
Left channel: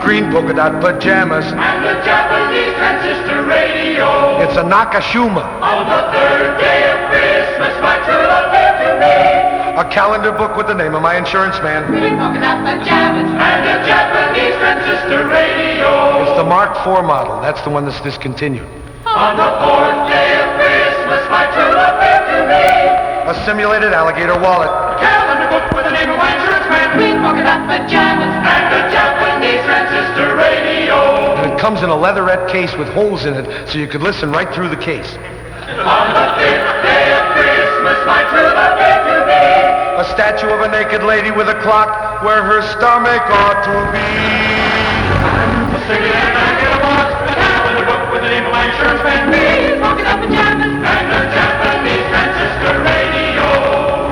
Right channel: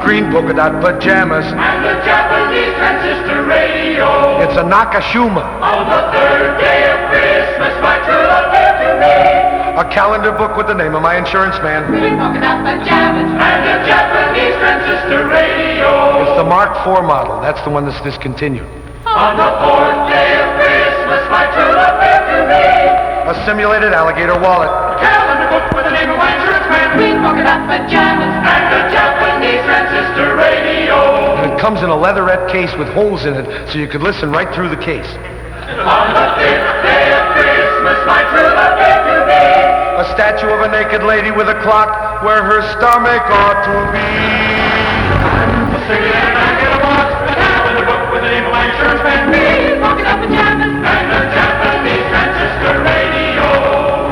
green polka dot pajamas and a Japanese transistor radio. It's a Nakashima. On the third day of Christmas, my true love gave to me a calendar book with the name of my insurance man. Green polka dot pajamas and a Japanese transistor radio. It's the Mark IV model. That's the one that's discontinued. On the fourth day of Christmas, my true love gave to me a simulated alligator wallet. A calendar book with the name of my insurance man. Green polka dot pajamas and a Japanese transistor radio. And it comes in a leatherette case with holes in it, so you could listen right through the case. On the fifth day of Christmas, my true love gave to me a statue of a naked lady with a clock where her stomach ought to be. A simulated alligator wallet. A calendar book with the name of my insurance man. Green polka dot pajamas and a Japanese transistor radio.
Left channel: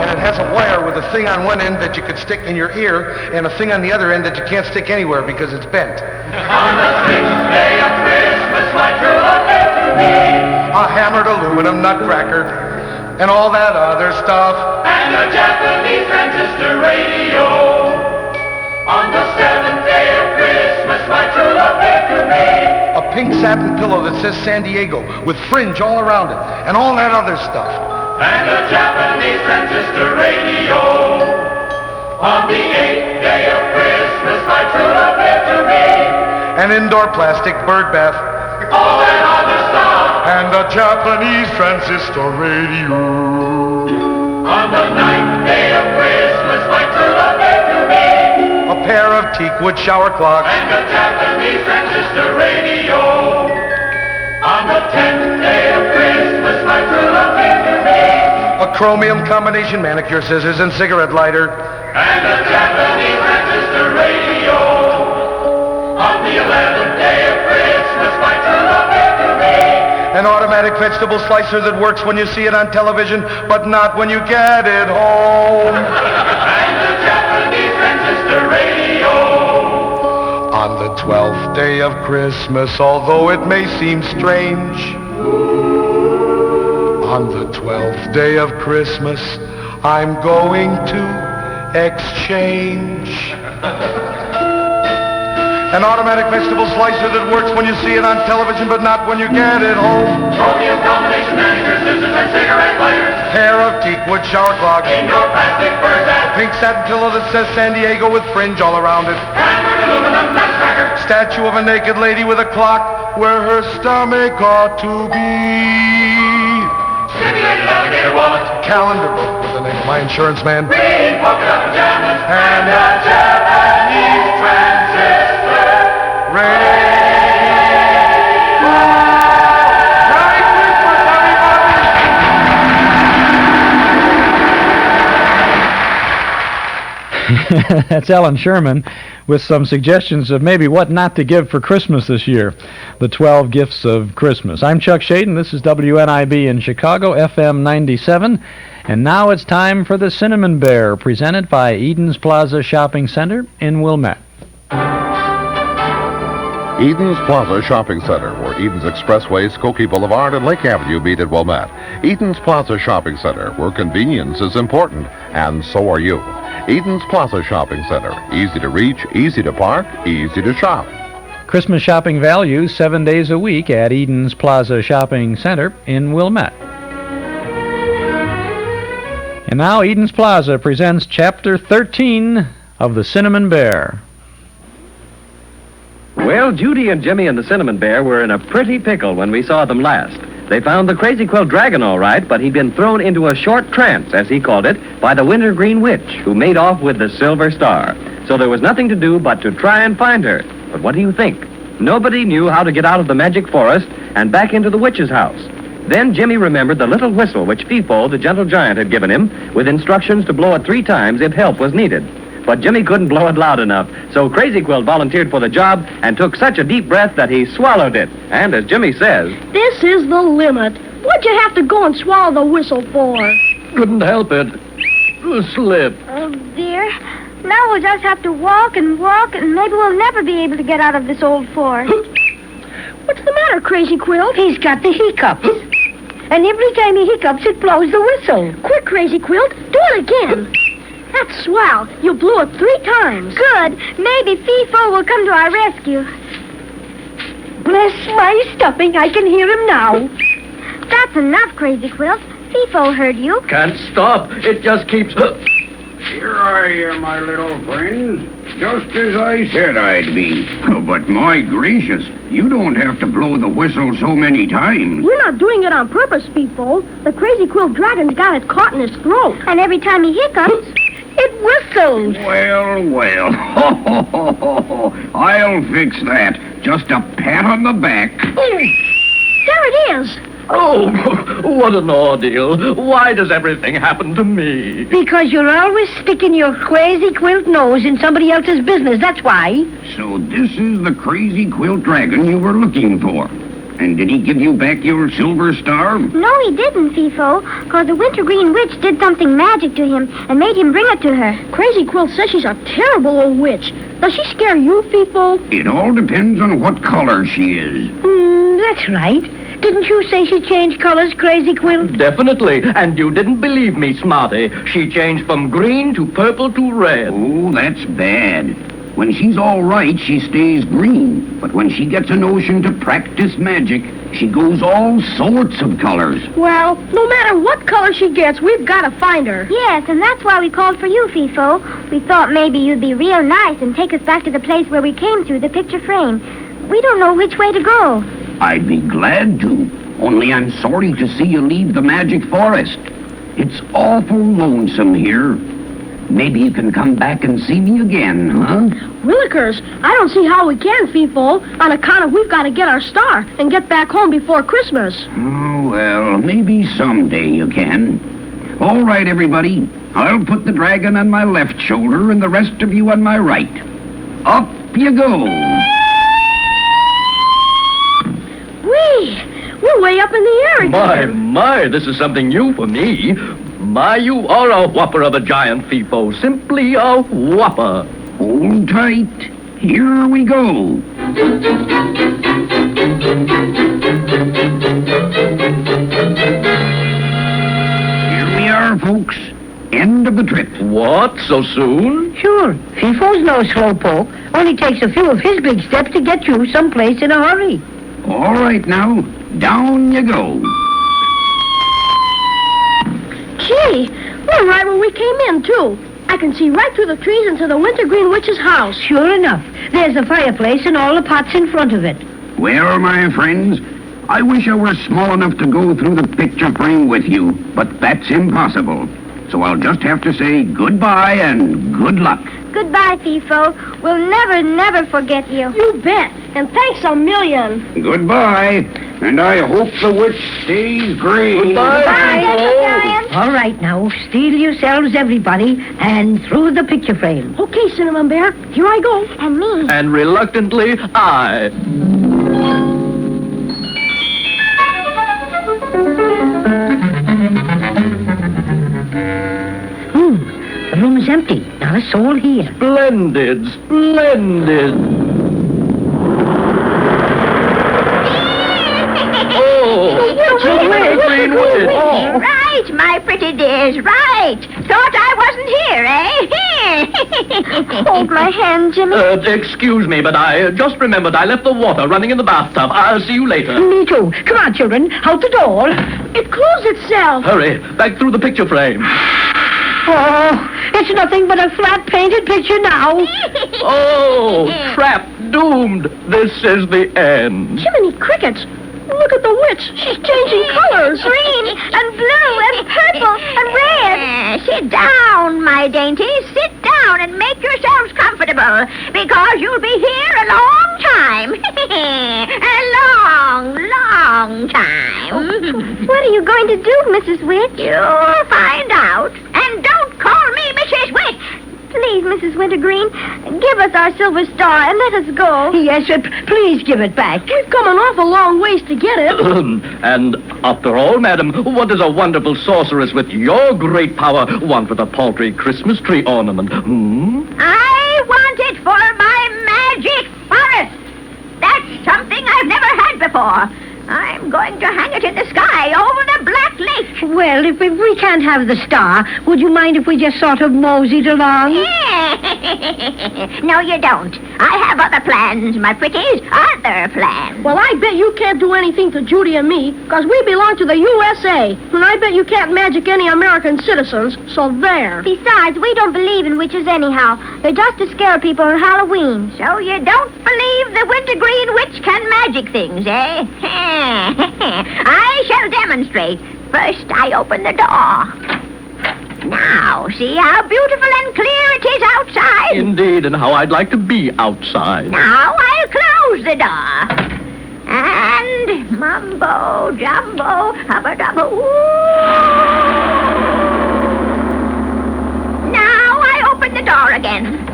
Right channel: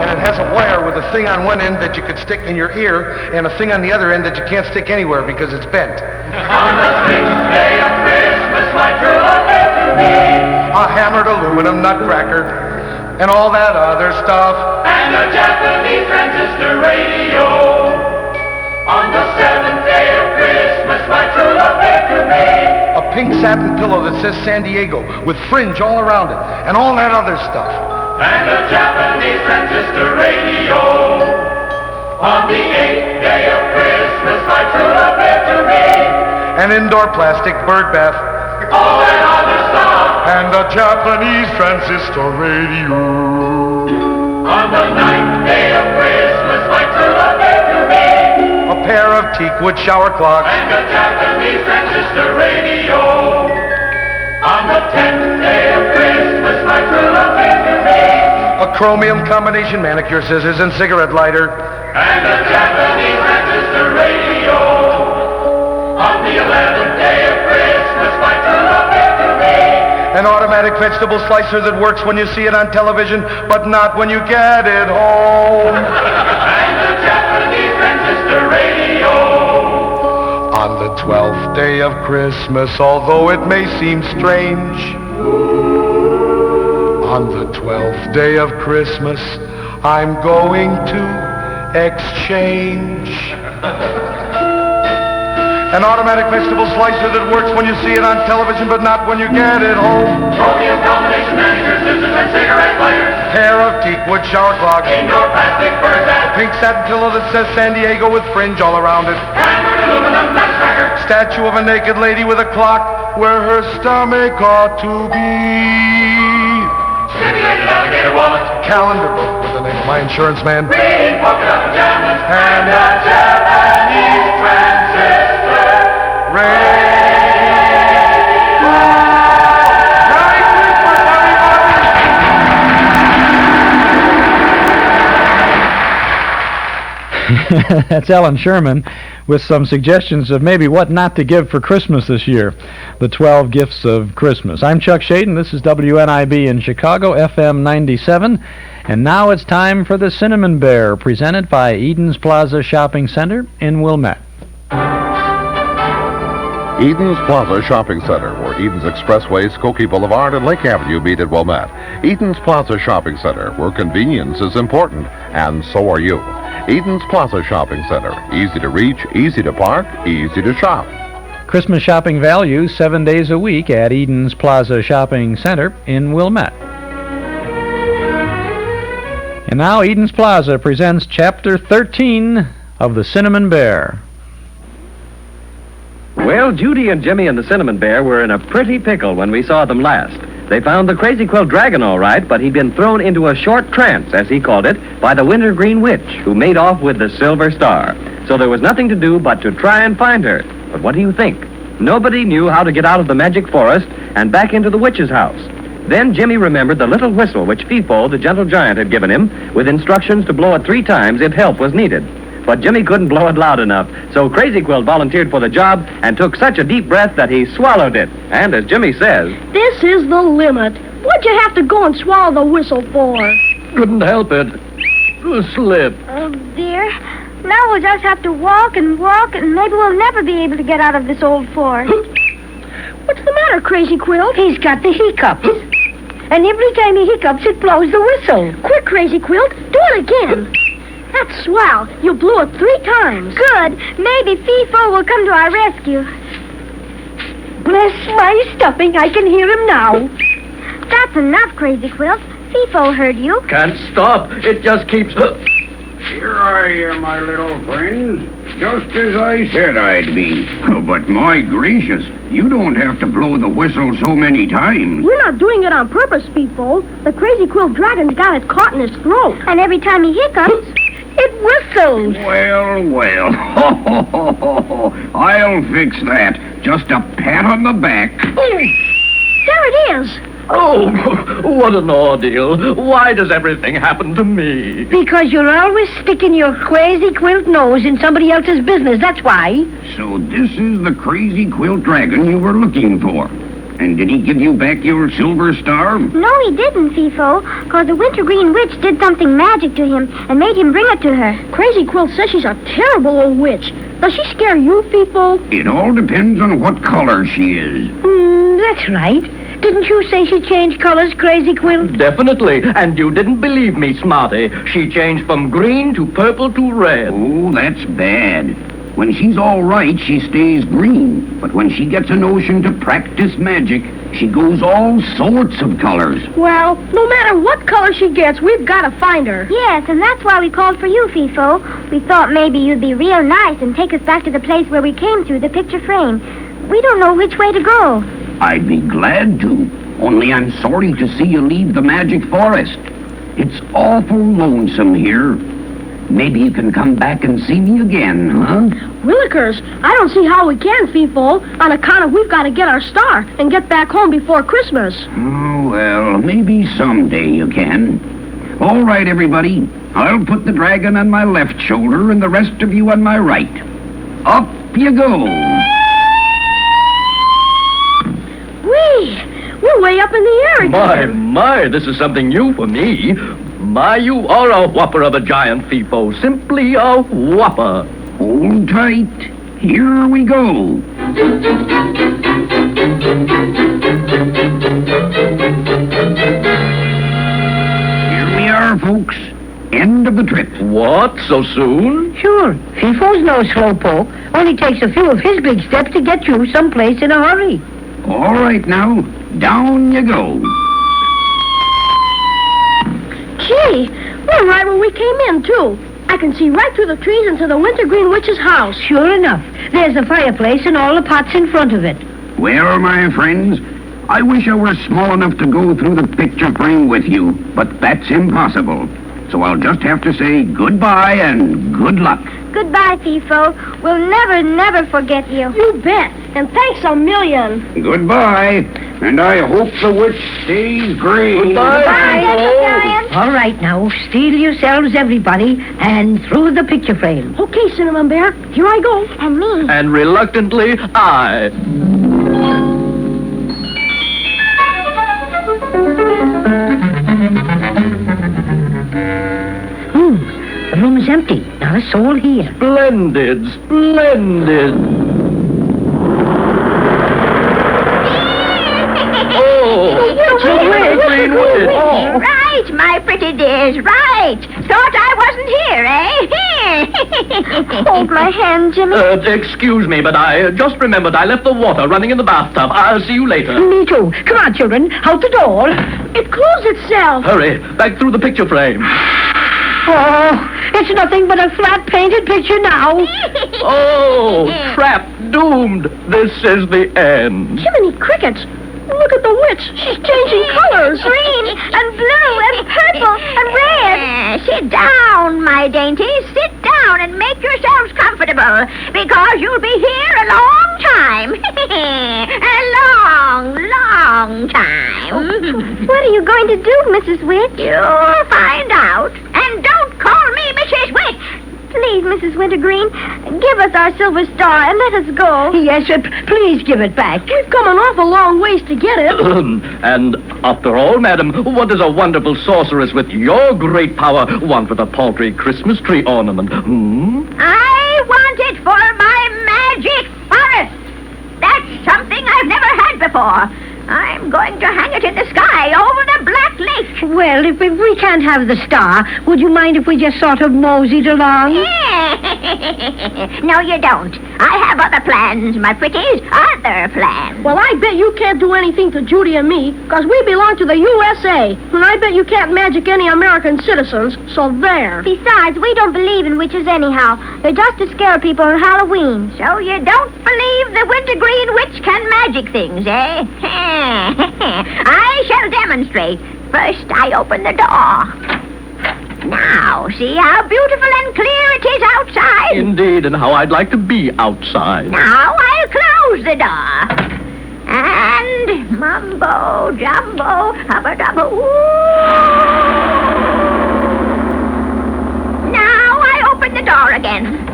And it has a wire with a thing on one end that you could stick in your ear and a thing on the other end that you can't stick anywhere because it's bent. On the sixth day of Christmas, my true love gave to me a hammered aluminum nutcracker and all that other stuff. And a Japanese transistor radio. On the seventh day of Christmas, my true love gave to me a pink satin pillow that says San Diego with fringe all around it and all that other stuff. And a Japanese transistor radio. On the 8th day of Christmas, my true love gave to me an indoor plastic bird bath. All that other stuff. And a Japanese transistor radio. On the 9th day of Christmas, my true love gave to me a pair of teakwood shower clogs. And a Japanese transistor radio. On the 10th day of Christmas, my true love gave to me a chromium combination manicure scissors and cigarette lighter. And a Japanese transistor radio. On the 11th day of Christmas, my true love gave to me an automatic vegetable slicer that works when you see it on television, but not when you get it home. And a Japanese transistor radio. On the 12th day of Christmas, although it may seem strange, on the 12th day of Christmas, I'm going to exchange an automatic vegetable slicer that works when you see it on television, but not when you get it home. Chromium combination manicure scissors and cigarette lighters. Pair of teakwood shower clogs. Indoor plastic bird bath. Pink satin pillow that says San Diego with fringe all around it. Hammered aluminum nutcracker. Statue of a naked lady with a clock where her stomach ought to be. Simulated alligator wallet. Calendar book with the name of my insurance man. Green polka dot pajamas. And a Japanese transistor radio. That's Alan Sherman with some suggestions of maybe what not to give for Christmas this year. The 12 Gifts of Christmas. I'm Chuck Shaden. This is WNIB in Chicago, FM 97. And now it's time for the Cinnamon Bear, presented by Eden's Plaza Shopping Center in Wilmette. Eden's Plaza Shopping Center, where Eden's Expressway, Skokie Boulevard, and Lake Avenue meet at Wilmette. Eden's Plaza Shopping Center, where convenience is important, and so are you. Eden's Plaza Shopping Center. Easy to reach, easy to park, easy to shop. Christmas shopping values 7 days a week at Eden's Plaza Shopping Center in Wilmette. And now Eden's Plaza presents Chapter 13 of The Cinnamon Bear. Well, Judy and Jimmy and the Cinnamon Bear were in a pretty pickle when we saw them last. They found the Crazy Quilt Dragon all right, but he'd been thrown into a short trance, as he called it, by the Wintergreen Witch, who made off with the Silver Star. So there was nothing to do but to try and find her. But what do you think? Nobody knew how to get out of the magic forest and back into the witch's house. Then Jimmy remembered the little whistle which Fifo, the gentle giant, had given him, with instructions to blow it 3 times if help was needed. But Jimmy couldn't blow it loud enough, so Crazy Quilt volunteered for the job and took such a deep breath that he swallowed it. And as Jimmy says, "This is the limit. What'd you have to go and swallow the whistle for?" "Couldn't help it. Slip." "Oh, dear. Now we'll just have to walk, and maybe we'll never be able to get out of this old forest." "What's the matter, Crazy Quilt?" He's got the hiccups. And every time he hiccups, it blows the whistle. "Quick, Crazy Quilt, do it again." "That's swell. You blew it 3 times. "Good. Maybe Fifo will come to our rescue." Bless my stuffing, I can hear him now. "That's enough, Crazy Quilt. Fifo heard you." "Can't stop. It just keeps..." "Here I am, my little friends. Just as I said I'd be. Oh, but my gracious, you don't have to blow the whistle so many times." "We're not doing it on purpose, Fifo. The Crazy Quilt Dragon's got it caught in his throat. And every time he hiccups, it whistles." Well. I'll fix that. Just a pat on the back. There it is. Oh, what an ordeal. Why does everything happen to me? Because you're always sticking your Crazy Quilt nose in somebody else's business, that's why. So this is the Crazy Quilt Dragon you were looking for. And did he give you back your silver star? "No, he didn't, Fifo, because the Wintergreen Witch did something magic to him and made him bring it to her." Crazy Quilt says she's a terrible old witch. Does she scare you, Fifo? It all depends on what color she is. That's right. Didn't you say she changed colors, Crazy Quilt? Definitely. And you didn't believe me, Smarty. She changed from green to purple to red. Oh, that's bad. When she's all right, she stays green. But when she gets a notion to practice magic, she goes all sorts of colors. Well, no matter what color she gets, we've got to find her. "Yes, and that's why we called for you, Fifo. We thought maybe you'd be real nice and take us back to the place where we came through the picture frame. We don't know which way to go." I'd be glad to. Only I'm sorry to see you leave the magic forest. It's awful lonesome here. Maybe you can come back and see me again, huh? Willikers, I don't see how we can, Fifo, on account of we've got to get our star and get back home before Christmas. Oh, well, maybe someday you can. All right, everybody. I'll put the dragon on my left shoulder and the rest of you on my right. Up you go. We're way up in the air again. My, this is something new for me. My, you are a whopper of a giant, Fifo. Simply a whopper. Hold tight. Here we go. Here we are, folks. End of the trip. What? So soon? Sure. Fifo's no slowpoke. Only takes a few of his big steps to get you someplace in a hurry. All right, now. Down you go. Gee, we're right where we came in, too. I can see right through the trees into the Wintergreen Witch's house. Sure enough. There's the fireplace and all the pots in front of it. Well, my friends, I wish I were small enough to go through the picture frame with you, but that's impossible. So I'll just have to say goodbye and good luck. Goodbye, Fifo. We'll never forget you. You bet. And thanks a million. Goodbye. And I hope the witch stays green. Goodbye. All right, now, steel yourselves, everybody, and through the picture frame. Okay, Cinnamon Bear. Here I go. And me. And reluctantly, I. The room's empty. Not a soul here. Splendid. Right, my pretty dears, right. Thought I wasn't here, eh? Hold my hand, Jimmy. Excuse me, but I just remembered I left the water running in the bathtub. I'll see you later. Me too. Come on, children. Out the door. It closed itself. Hurry, back through the picture frame. Oh, it's nothing but a flat painted picture now. Oh, trap, doomed. This is the end. Jiminy crickets. Look at the witch. She's changing colors. Green and blue and purple and red. Sit down, my dainties. Sit down and make yourselves comfortable, because you'll be here a long time. A long time. What are you going to do, Mrs. Witch? You'll find out. And don't call me Mrs. Witch. Please, Mrs. Wintergreen, give us our silver star and let us go. Yes, please give it back. We've come an awful long ways to get it. And after all, madam, what does a wonderful sorceress with your great power want with a paltry Christmas tree ornament? I want it for my magic forest. That's something I've never had before. I'm going to hang it in the sky over the Black Lake. Well, if we can't have the star, would you mind if we just sort of moseyed along? No, you don't. I have other plans, my pretties. Other plans. Well, I bet you can't do anything to Judy and me, because we belong to the USA. And I bet you can't magic any American citizens, so there. Besides, we don't believe in witches anyhow. They're just to scare people on Halloween. So you don't believe the Wintergreen Witch can magic things, eh? I shall demonstrate. First, I open the door. Now, see how beautiful and clear it is outside? Indeed, and how I'd like to be outside. Now I'll close the door. And mumbo, jumbo, hubba dubba, Now I open the door again.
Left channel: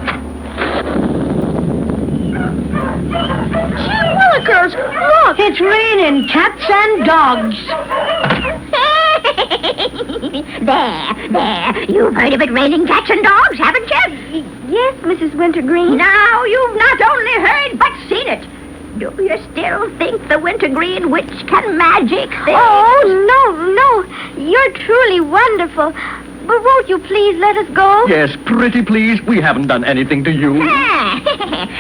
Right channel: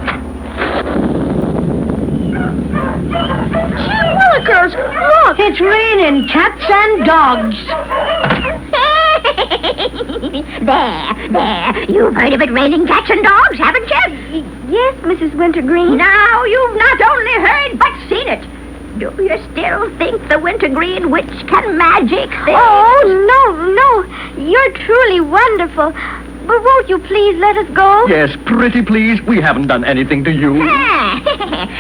Willikers, look, it's raining cats and dogs. There. You've heard of it raining cats and dogs, haven't you? Yes, Mrs. Wintergreen. Now you've not only heard, but seen it. Do you still think the Wintergreen Witch can magic things? Oh, no. You're truly wonderful. But won't you please let us go? Yes, pretty please. We haven't done anything to you.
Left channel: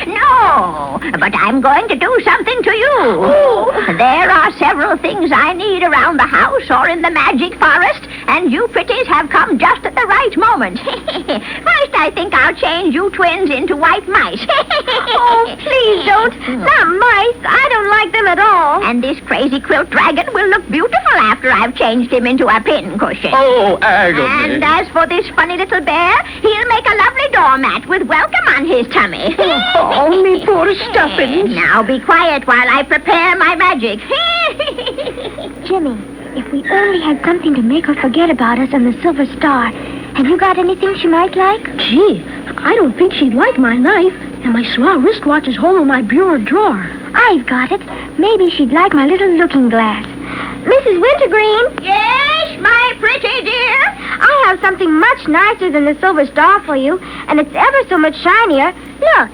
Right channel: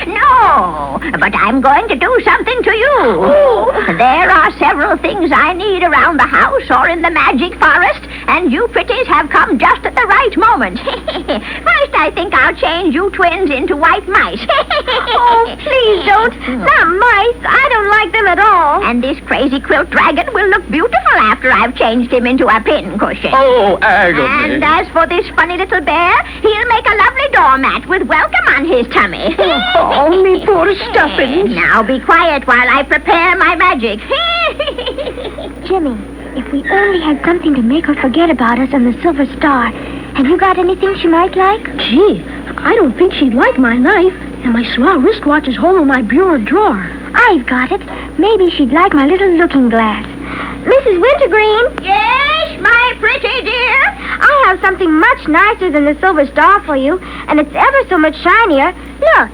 No, but I'm going to do something to you. There are several things I need around the house or in the magic forest, and you pretties have come just at the right moment. First, I think I'll change you twins into white mice. Oh, please don't. Not mice. I don't like them at all. And this crazy quilt dragon will look beautiful after I've changed him into a pincushion. Oh, agony. And as for this funny little bear, he'll make a lovely doormat with welcome on his tummy. Oh, me poor stuffing. Now be quiet while I prepare my magic. Jimmy, if we only had something to make her forget about us and the silver star. Have you got anything she might like? Gee, I don't think she'd like my knife, and my swell wristwatch is home in my bureau drawer. I've got it. Maybe she'd like my little looking glass. Mrs. Wintergreen? Yes, my pretty dear? I have something much nicer than the silver star for you, and it's ever so much shinier. Look.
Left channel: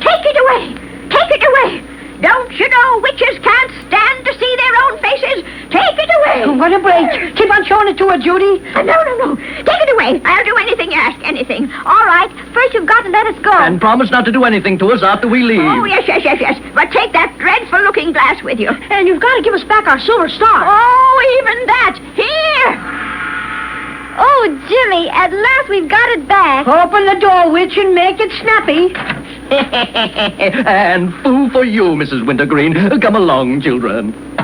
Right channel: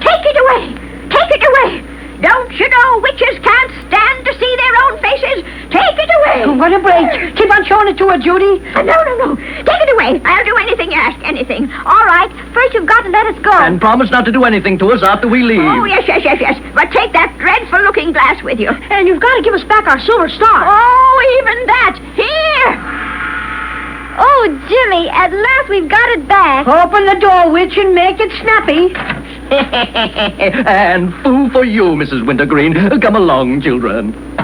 Take it away! Take it away! Don't you know witches can't stand to see their own faces? Take it away! Oh, what a break! Keep on showing it to her, Judy. No. Take it away. I'll do anything you ask, anything. All right. First, you've got to let us go. And promise not to do anything to us after we leave. Oh, yes. But take that dreadful looking glass with you. And you've got to give us back our silver star. Oh, even that. Here! Oh, Jimmy, at last we've got it back. Open the door, witch, and make it snappy. And foo for you, Mrs. Wintergreen. Come along, children.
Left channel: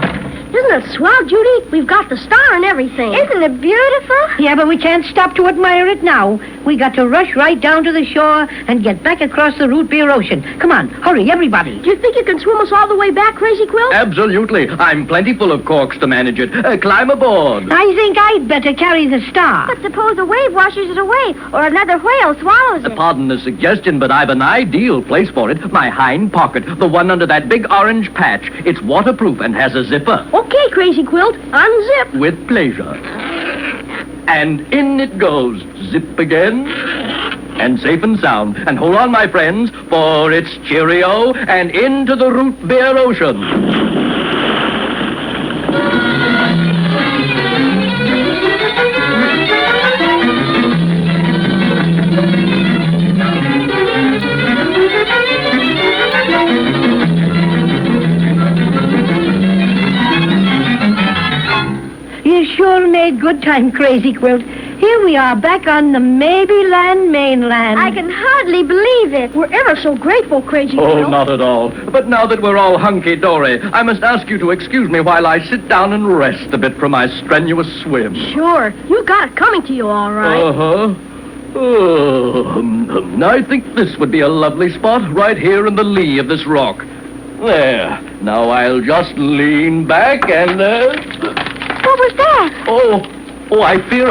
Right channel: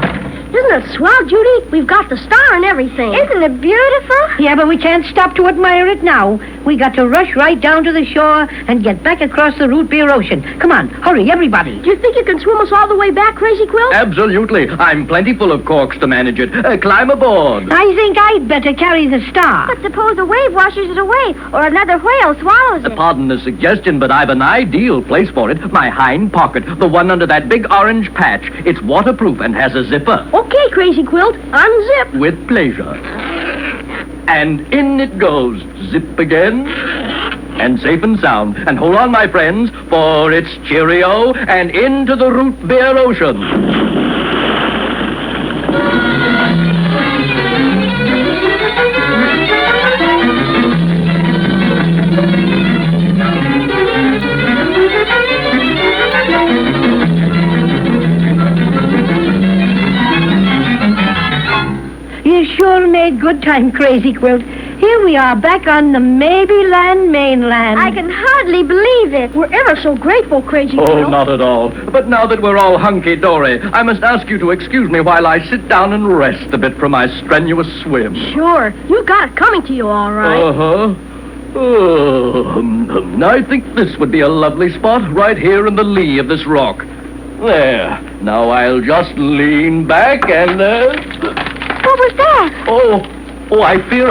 Isn't it swell, Judy? We've got the star and everything. Isn't it beautiful? Yeah, but we can't stop to admire it now. We got to rush right down to the shore and get back across the root beer ocean. Come on, hurry, everybody. Do you think you can swim us all the way back, Crazy Quilt? Absolutely. I'm plenty full of corks to manage it. Climb aboard. I think I'd better carry the star. But suppose a wave washes it away, or another whale swallows it. Pardon the suggestion, but I've an ideal place for it. My hind pocket, the one under that big orange patch. It's waterproof and has a zipper. Okay, Crazy Quilt, unzip. With pleasure. And in it goes. Zip again. And safe and sound. And hold on, my friends, for it's cheerio and into the root beer ocean. You sure made good time, Crazy Quilt. Here we are back on the Maybeland mainland. I can hardly believe it. We're ever so grateful, Crazy Quilt. Oh, not at all. But now that we're all hunky-dory, I must ask you to excuse me while I sit down and rest a bit from my strenuous swim. Sure. You got it coming to you, all right. Uh-huh. Oh, I think this would be a lovely spot right here in the lee of this rock. There. Now I'll just lean back and... What was that? Oh, I fear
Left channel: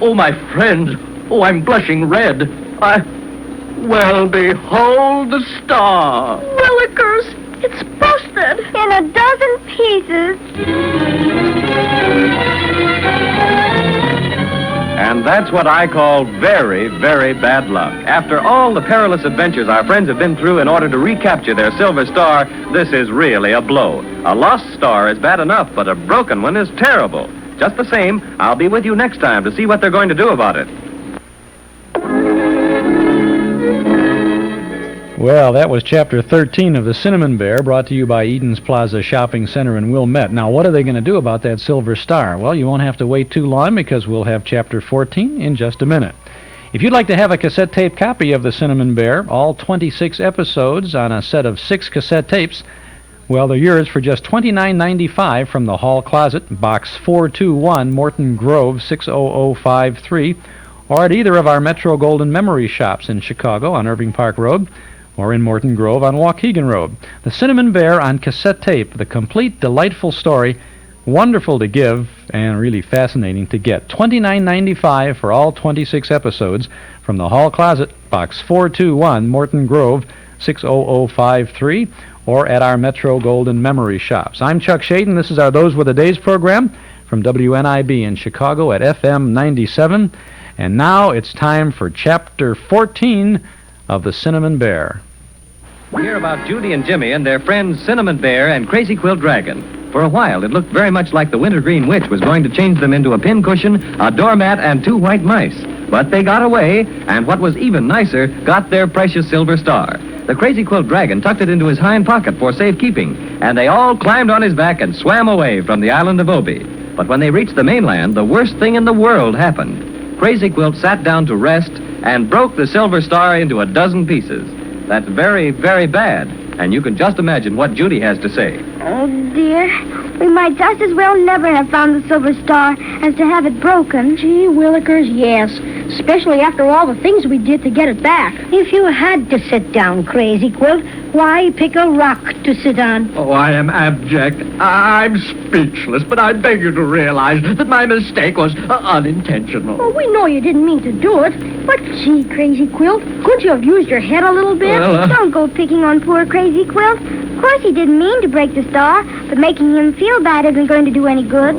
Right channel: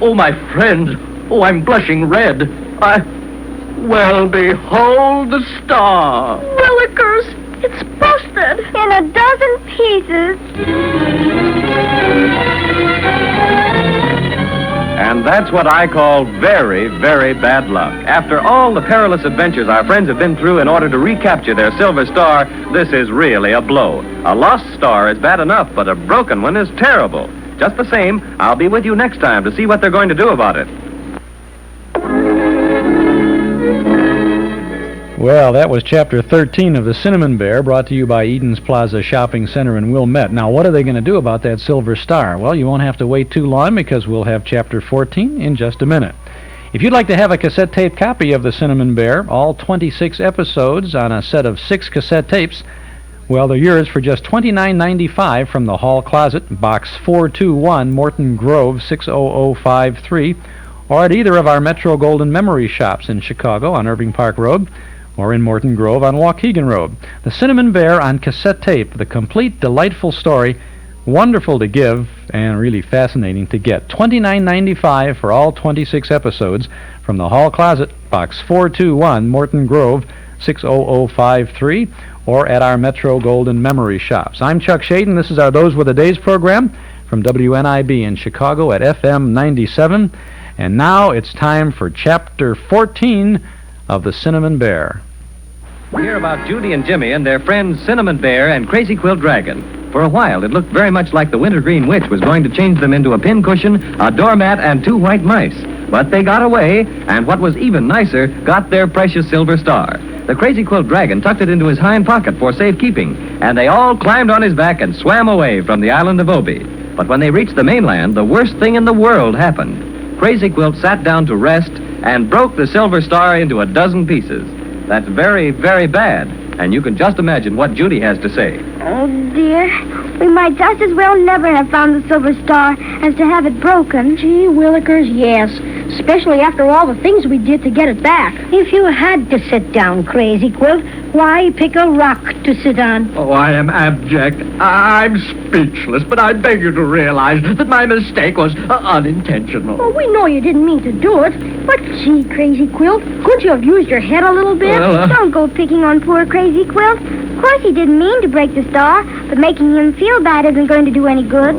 oh, my friend. Oh, I'm blushing red. Well, behold the star. Willikers, it's busted. In a dozen pieces. And that's what I call very, very bad luck. After all the perilous adventures our friends have been through in order to recapture their silver star, this is really a blow. A lost star is bad enough, but a broken one is terrible. Just the same, I'll be with you next time to see what they're going to do about it. Well, that was Chapter 13 of The Cinnamon Bear, brought to you by Eden's Plaza Shopping Center in Wilmette. Now, what are they going to do about that silver star? Well, you won't have to wait too long because we'll have Chapter 14 in just a minute. If you'd like to have a cassette tape copy of The Cinnamon Bear, all 26 episodes on a set of 6 cassette tapes, well, they're yours for just $29.95 from the Hall Closet, Box 421, Morton Grove, 60053, or at either of our Metro Golden Memory shops in Chicago on Irving Park Road, or in Morton Grove on Waukegan Road. The Cinnamon Bear on cassette tape, the complete, delightful story, wonderful to give, and really fascinating to get. $29.95 for all 26 episodes from the Hall Closet, Box 421, Morton Grove, 60053, or at our Metro Golden Memory shops. I'm Chuck Shaden. This is our Those Were the Days program from WNIB in Chicago at FM 97. And now it's time for Chapter 14 of The Cinnamon Bear. We hear about Judy and Jimmy and their friends Cinnamon Bear and Crazy Quilt Dragon. For a while, it looked very much like the Wintergreen Witch was going to change them into a pincushion, a doormat, and 2 white mice. But they got away, and what was even nicer, got their precious silver star. The Crazy Quilt Dragon tucked it into his hind pocket for safekeeping, and they all climbed on his back and swam away from the island of Obi. But when they reached the mainland, the worst thing in the world happened. Crazy Quilt sat down to rest and broke the silver star into a dozen pieces. That's very, very bad. And you can just imagine what Judy has to say. Oh, dear. We might just as well never have found the silver star as to have it broken. Gee willikers, yes. Especially after all the things we did to get it back. If you had to sit down, Crazy Quilt, why pick a rock to sit on? Oh, I am abject. I'm speechless, but I beg you to realize that my mistake was unintentional. Well, we know you didn't mean to do it. But gee, Crazy Quilt, could you have used your head a little bit? Don't go picking on poor Crazy Quilt. Of course he didn't mean to break the star, but making him feel bad isn't going to do any good.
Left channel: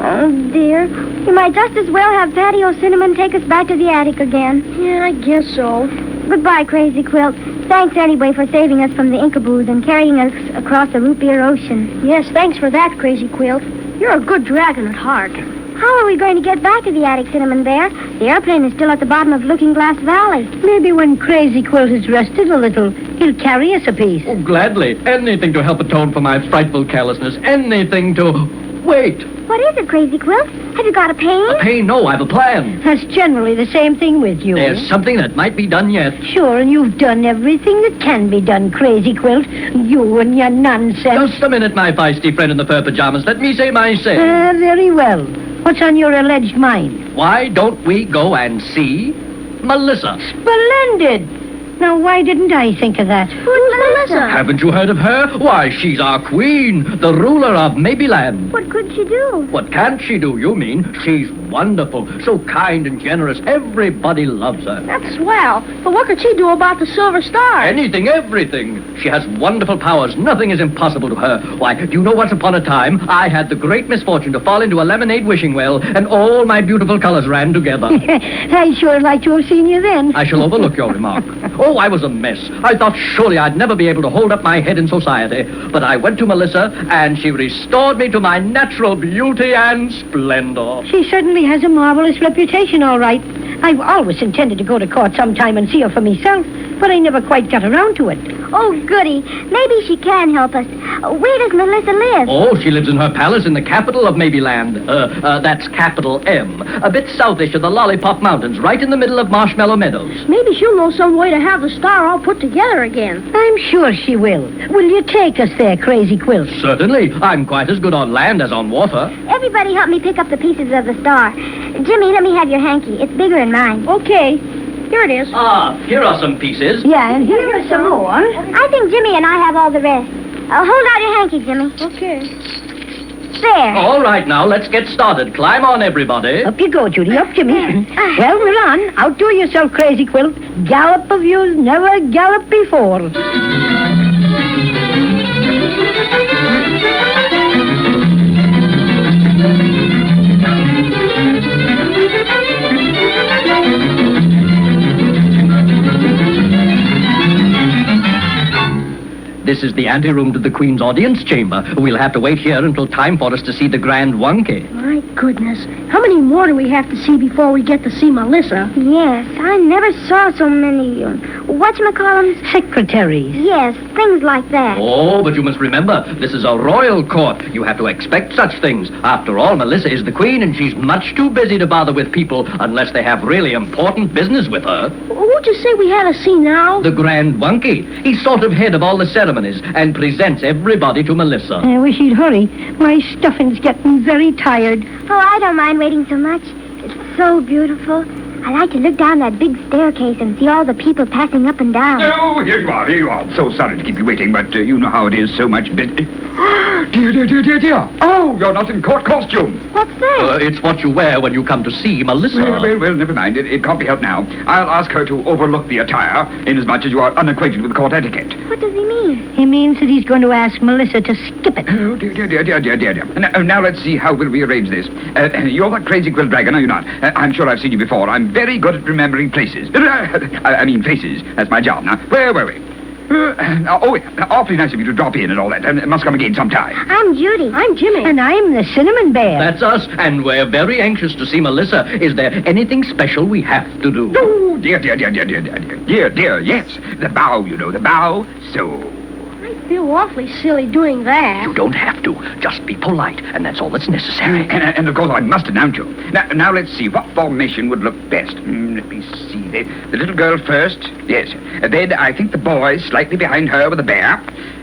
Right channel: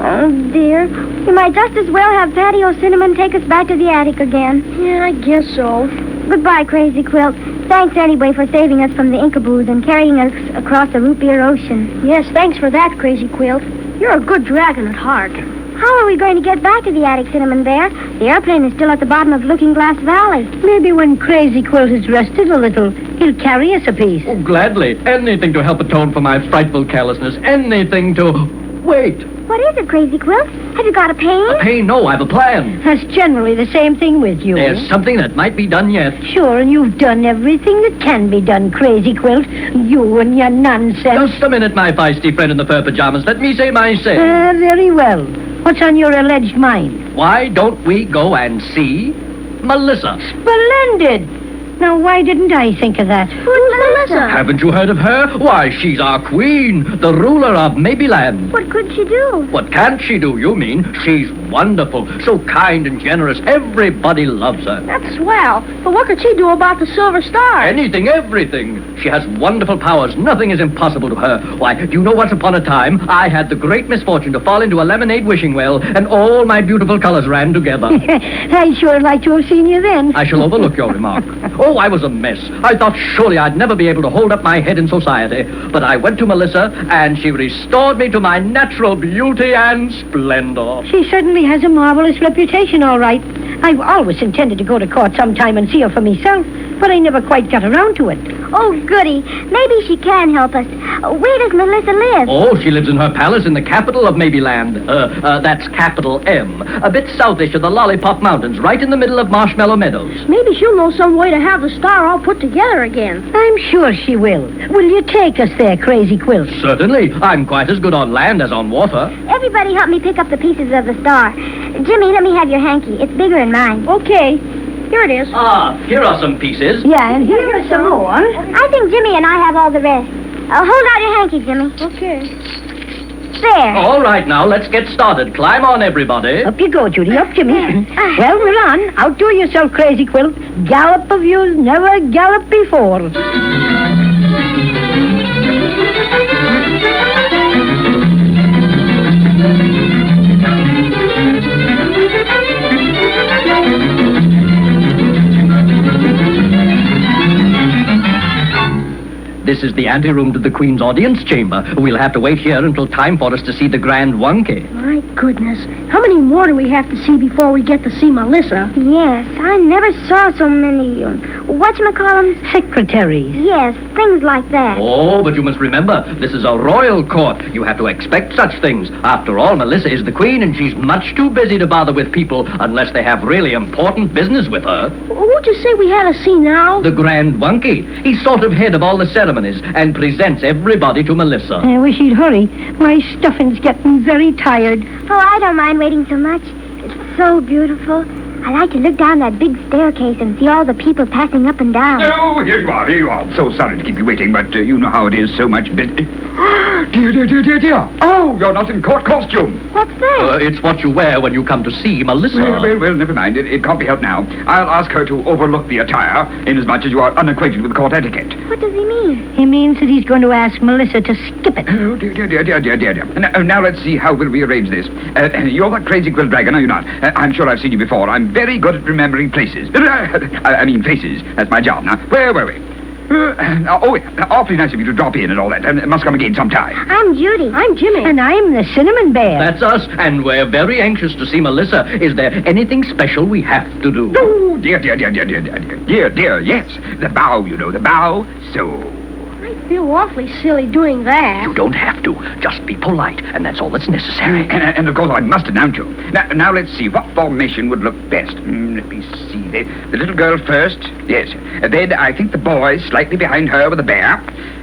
Oh, dear. We might just as well have Paddy O'Cinnamon take us back to the attic again. Yeah, I guess so. Goodbye, Crazy Quilt. Thanks anyway for saving us from the Incaboos and carrying us across the root beer ocean. Yes, thanks for that, Crazy Quilt. You're a good dragon at heart. How are we going to get back to the attic, Cinnamon Bear? The airplane is still at the bottom of Looking Glass Valley. Maybe when Crazy Quilt has rested a little, he'll carry us a piece. Oh, gladly. Anything to help atone for my frightful carelessness. Anything to... Wait. What is it, Crazy Quilt? Have you got a pain? A pain? No, I have a plan. That's generally the same thing with you. There's something that might be done yet. Sure, and you've done everything that can be done, Crazy Quilt. You and your nonsense. Just a minute, my feisty friend in the fur pajamas. Let me say my say. Very well. What's on your alleged mind? Why don't we go and see Melissa? Splendid. Now, why didn't I think of that? Who's Melissa? Haven't you heard of her? Why, she's our queen, the ruler of Maybeland. What could she do? What can't she do, you mean? She's wonderful, so kind and generous. Everybody loves her. That's swell. But what could she do about the silver star? Anything, everything. She has wonderful powers. Nothing is impossible to her. Why, do you know once upon a time, I had the great misfortune to fall into a lemonade wishing well, and all my beautiful colors ran together. I sure like to have seen you then. I shall overlook your remark. Oh, I was a mess. I thought surely I'd never be able to hold up my head in society. But I went to Melissa, and she restored me to my natural beauty and splendor. She certainly has a marvelous reputation, all right. I've always intended to go to court sometime and see her for myself, but I never quite got around to it. Oh, goody. Maybe she can help us. Where does Melissa live? Oh, she lives in her palace in the capital of Maybeland. That's capital M. A bit southish of the Lollipop Mountains, right in the middle of Marshmallow Meadows. Maybe she'll know some way to have the star all put together again. I'm sure she will. Will you take us there, Crazy Quilt? Certainly. I'm quite as good on land as on water. Everybody help me pick up the pieces of the star. Jimmy, let me have your hanky. It's bigger than mine. Okay. Here it is. Ah, here are some pieces. Yeah, and here are some more. I think Jimmy and I have all the rest. Hold out your hanky, Jimmy. Okay. There. All right, now, let's get started. Climb on, everybody. Up you go, Judy. Up, Jimmy. Well, we're on. Outdo yourself, Crazy Quilt. Gallop of you's never galloped before. This is the anteroom to the Queen's audience chamber. We'll have to wait here until time for us to see the Grand Wonky. My goodness. How many more do we have to see before we get to see Melissa? Yes, I never saw so many, whatchamacallem? Secretaries. Yes, things like that. Oh, but you must remember, this is a royal court. You have to expect such things. After all, Melissa is the Queen, and she's much too busy to bother with people unless they have really important business with her. Who'd you say we had to see now? The Grand Wonky. He's sort of head of all the ceremonies and presents everybody to Melissa. I wish he'd hurry. My stuffing's getting very tired. Oh, I don't mind waiting so much. It's so beautiful. I like to look down that big staircase and see all the people passing up and down. Oh, here you are, here you are. So sorry to keep you waiting, but you know how it is, so much busy. Dear. Oh, you're not in court costume. What's that? It's what you wear when you come to see Melissa. Well, never mind. It can't be helped now. I'll ask her to overlook the attire, inasmuch as you are unacquainted with court etiquette. What does he mean? He means that he's going to ask Melissa to skip it. Oh, dear. Now let's see how we'll rearrange this. You're the Crazy Quilt Dragon, are you not? I'm sure I've seen you before. I'm very good at remembering places. I mean faces. That's my job. Now, where were we? Awfully nice of you to drop in and all that. Must come again sometime. I'm Judy. I'm Jimmy. And I'm the Cinnamon Bear. That's us, and we're very anxious to see Melissa. Is there anything special we have to do? Oh, dear, yes. The bow, you know, the bow. So... I feel awfully silly doing that. You don't have to. Just be polite, and that's all that's necessary. And of course, I must announce you. Now let's see. What formation would look best? Let me see. The little girl first. Yes. Then I think the boy slightly behind her with the bear.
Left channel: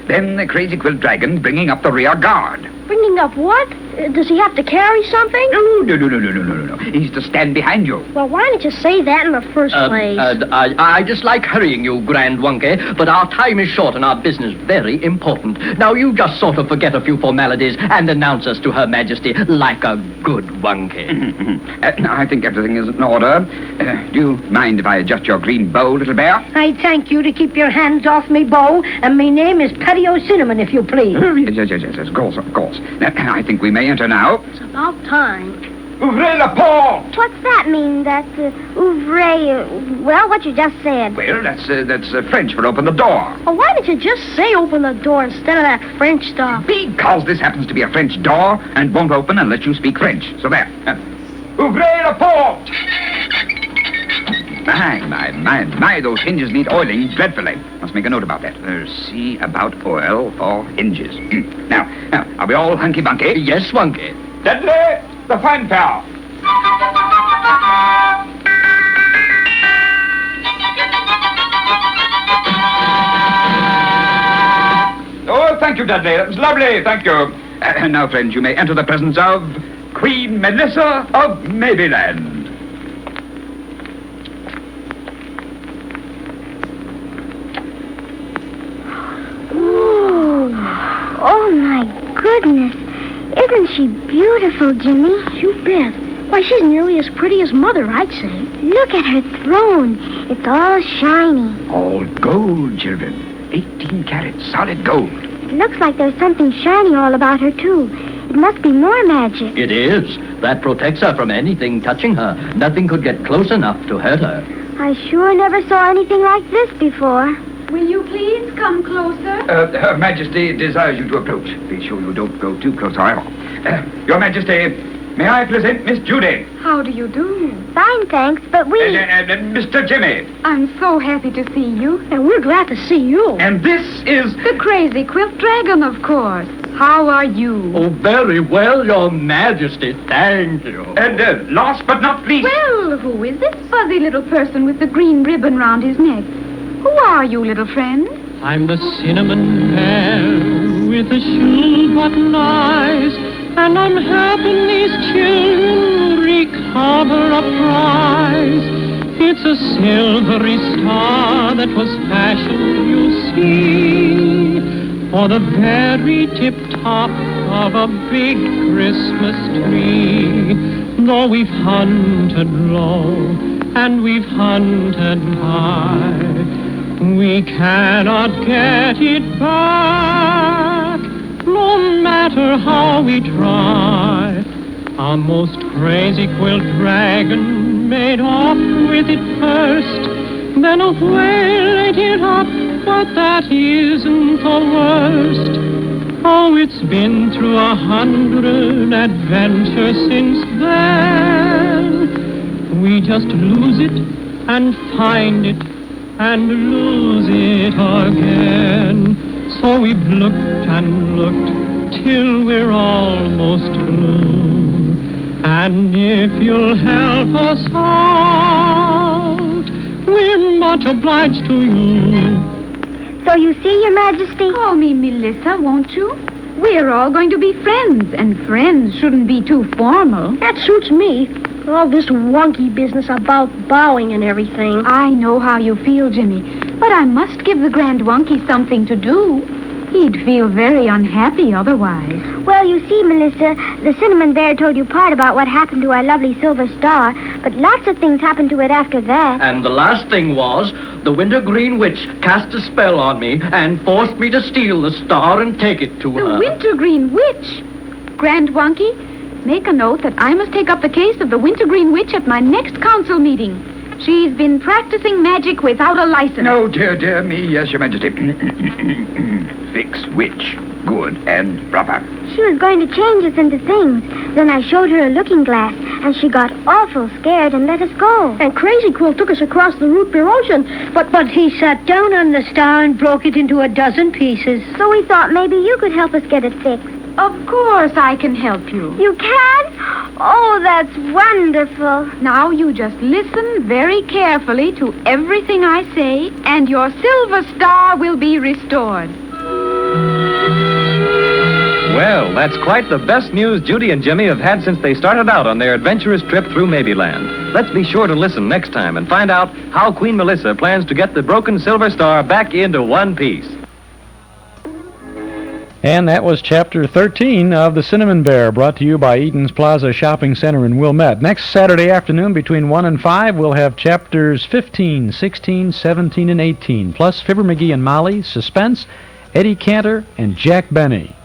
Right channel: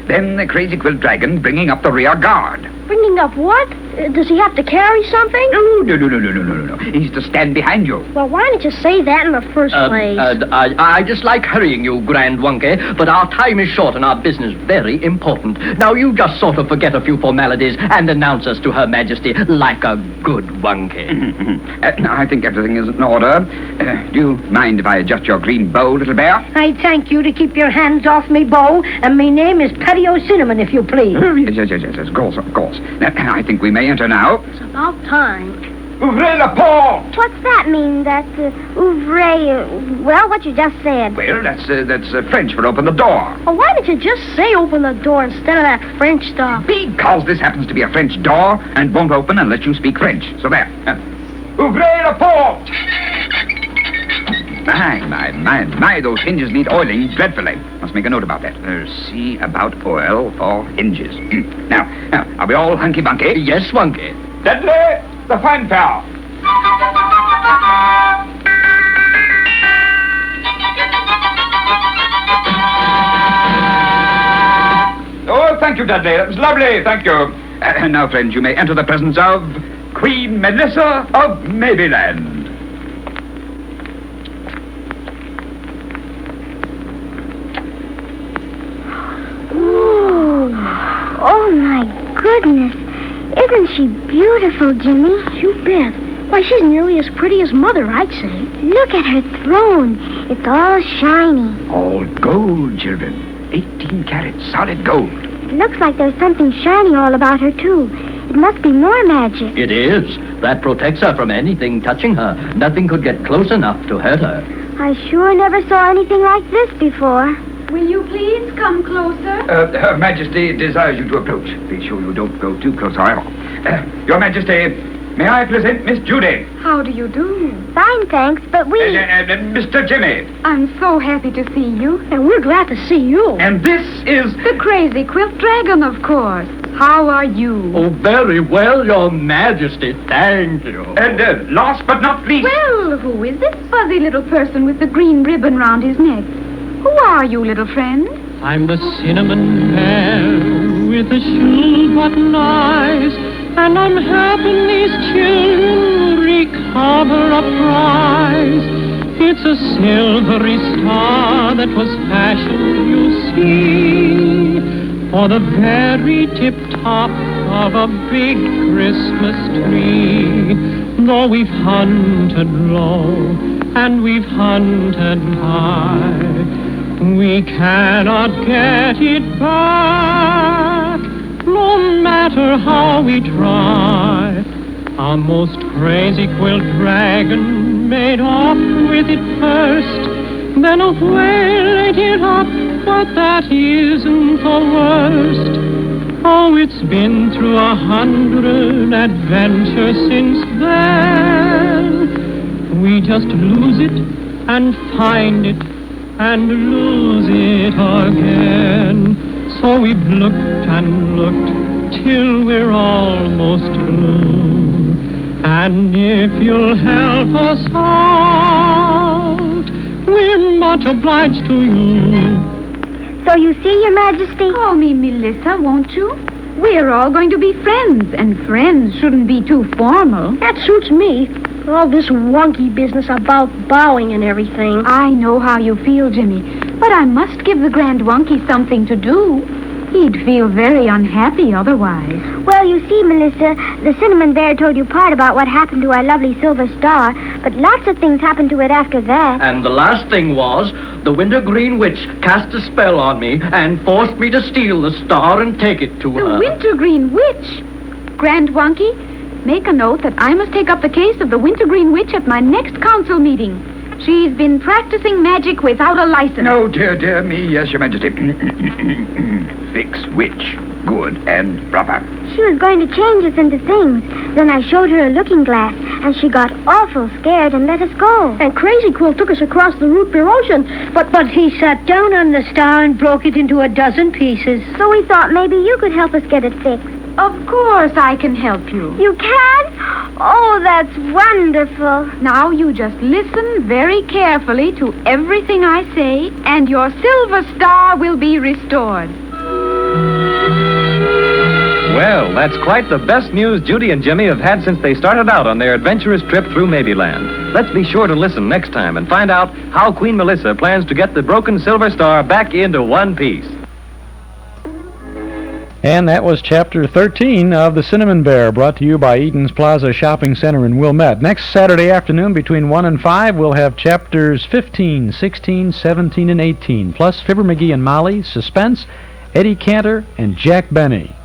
Then the Crazy Quilt Dragon bringing up the rear guard. Bringing up what? Does he have to carry something? No. He's to stand behind you. Well, why didn't you say that in the first place? I just like hurrying you, Grand Wonky, but our time is short and our business very important. Now, you just sort of forget a few formalities and announce us to Her Majesty like a good Wonky. I think everything is in order. Do you mind if I adjust your green bow, little bear? I thank you to keep your hands off me bow, and my name is Paddy O'Cinnamon, if you please. Oh, yes, of course. I think we may enter now. It's about time. Ouvrez la porte! What's that mean? That's ouvrez. Well, what you just said. Well, that's French for open the door. Well, why did you just say open the door instead of that French stuff? Because this happens to be a French door and won't open unless you speak French. So there. Ouvrez la porte! My, those hinges need oiling dreadfully. Must make a note about that. See about oil for hinges. Now, are we all hunky-bunky? Yes, Wonky. Dudley, the fanfare. Oh, thank you, Dudley. That was lovely. Thank you. Now, friends, you may enter the presence of Queen Melissa of Maybeland. Oh, my goodness. Isn't she beautiful, Jimmy? You bet. Why, she's nearly as pretty as Mother, I'd say. Look at her throne. It's all shiny. All gold, children. 18 carats, solid gold. It looks like there's something shiny all about her, too. It must be more magic. It is. That protects her from anything touching her. Nothing could get close enough to hurt her. I sure never saw anything like this before. Will you please come closer? Her Majesty desires you to approach. Be sure you don't go too close, however. Your Majesty, may I present Miss Judy? How do you do? Fine, thanks, but we... Mr. Jimmy. I'm so happy to see you. And we're glad to see you. And this is... The crazy quilt dragon, of course. How are you? Oh, very well, Your Majesty. Thank you. And last but not least... Well, who is this fuzzy little person with the green ribbon round his neck? Who are you, little friend? I'm the cinnamon bear with the shoe button eyes, and I'm helping these children recover a prize. It's a silvery star that was fashioned, you see, for the very tip-top of a big Christmas tree. Though we've hunted low and we've hunted high, we cannot get it back, no matter how we try. Our most crazy quilt dragon made off with it first, then a whale ate it up, but that isn't the worst. Oh, it's been through 100 adventures since then. We just lose it and find it and lose it again. So we've looked and looked till we're almost through. And if you'll help us out, we're much obliged to you. So you see, Your Majesty? Call me Melissa, won't you? We're all going to be friends, and friends shouldn't be too formal. That suits me. All this wonky business about bowing and everything. I know how you feel, Jimmy, but I must give the Grand Wonky something to do. He'd feel very unhappy otherwise. Well, you see, Melissa, the Cinnamon Bear told you part about what happened to our lovely Silver Star, but lots of things happened to it after that. And the last thing was, the Wintergreen Witch cast a spell on me and forced me to steal the star and take it to her. The Wintergreen Witch? Grand Wonky, make a note that I must take up the case of the Wintergreen Witch at my next council meeting. She's been practicing magic without a license. No, dear me, yes, Your Majesty. Fix witch. Good and proper. She was going to change us into things. Then I showed her a looking glass, and she got awful scared and let us go. And Crazy Quilt took us across the root beer ocean, but he sat down on the star and broke it into a dozen pieces. So we thought maybe you could help us get it fixed. Of course I can help you. You can? Oh, that's wonderful. Now you just listen very carefully to everything I say, and your Silver Star will be restored. Well, that's quite the best news Judy and Jimmy have had since they started out on their adventurous trip through Maybeland. Let's be sure to listen next time and find out how Queen Melissa plans to get the broken Silver Star back into one piece. And that was Chapter 13 of The Cinnamon Bear, brought to you by Eden's Plaza Shopping Center in Wilmette. Next Saturday afternoon between 1 and 5, we'll have Chapters 15, 16, 17, and 18, plus Fibber McGee and Molly, Suspense, Eddie Cantor, and Jack Benny.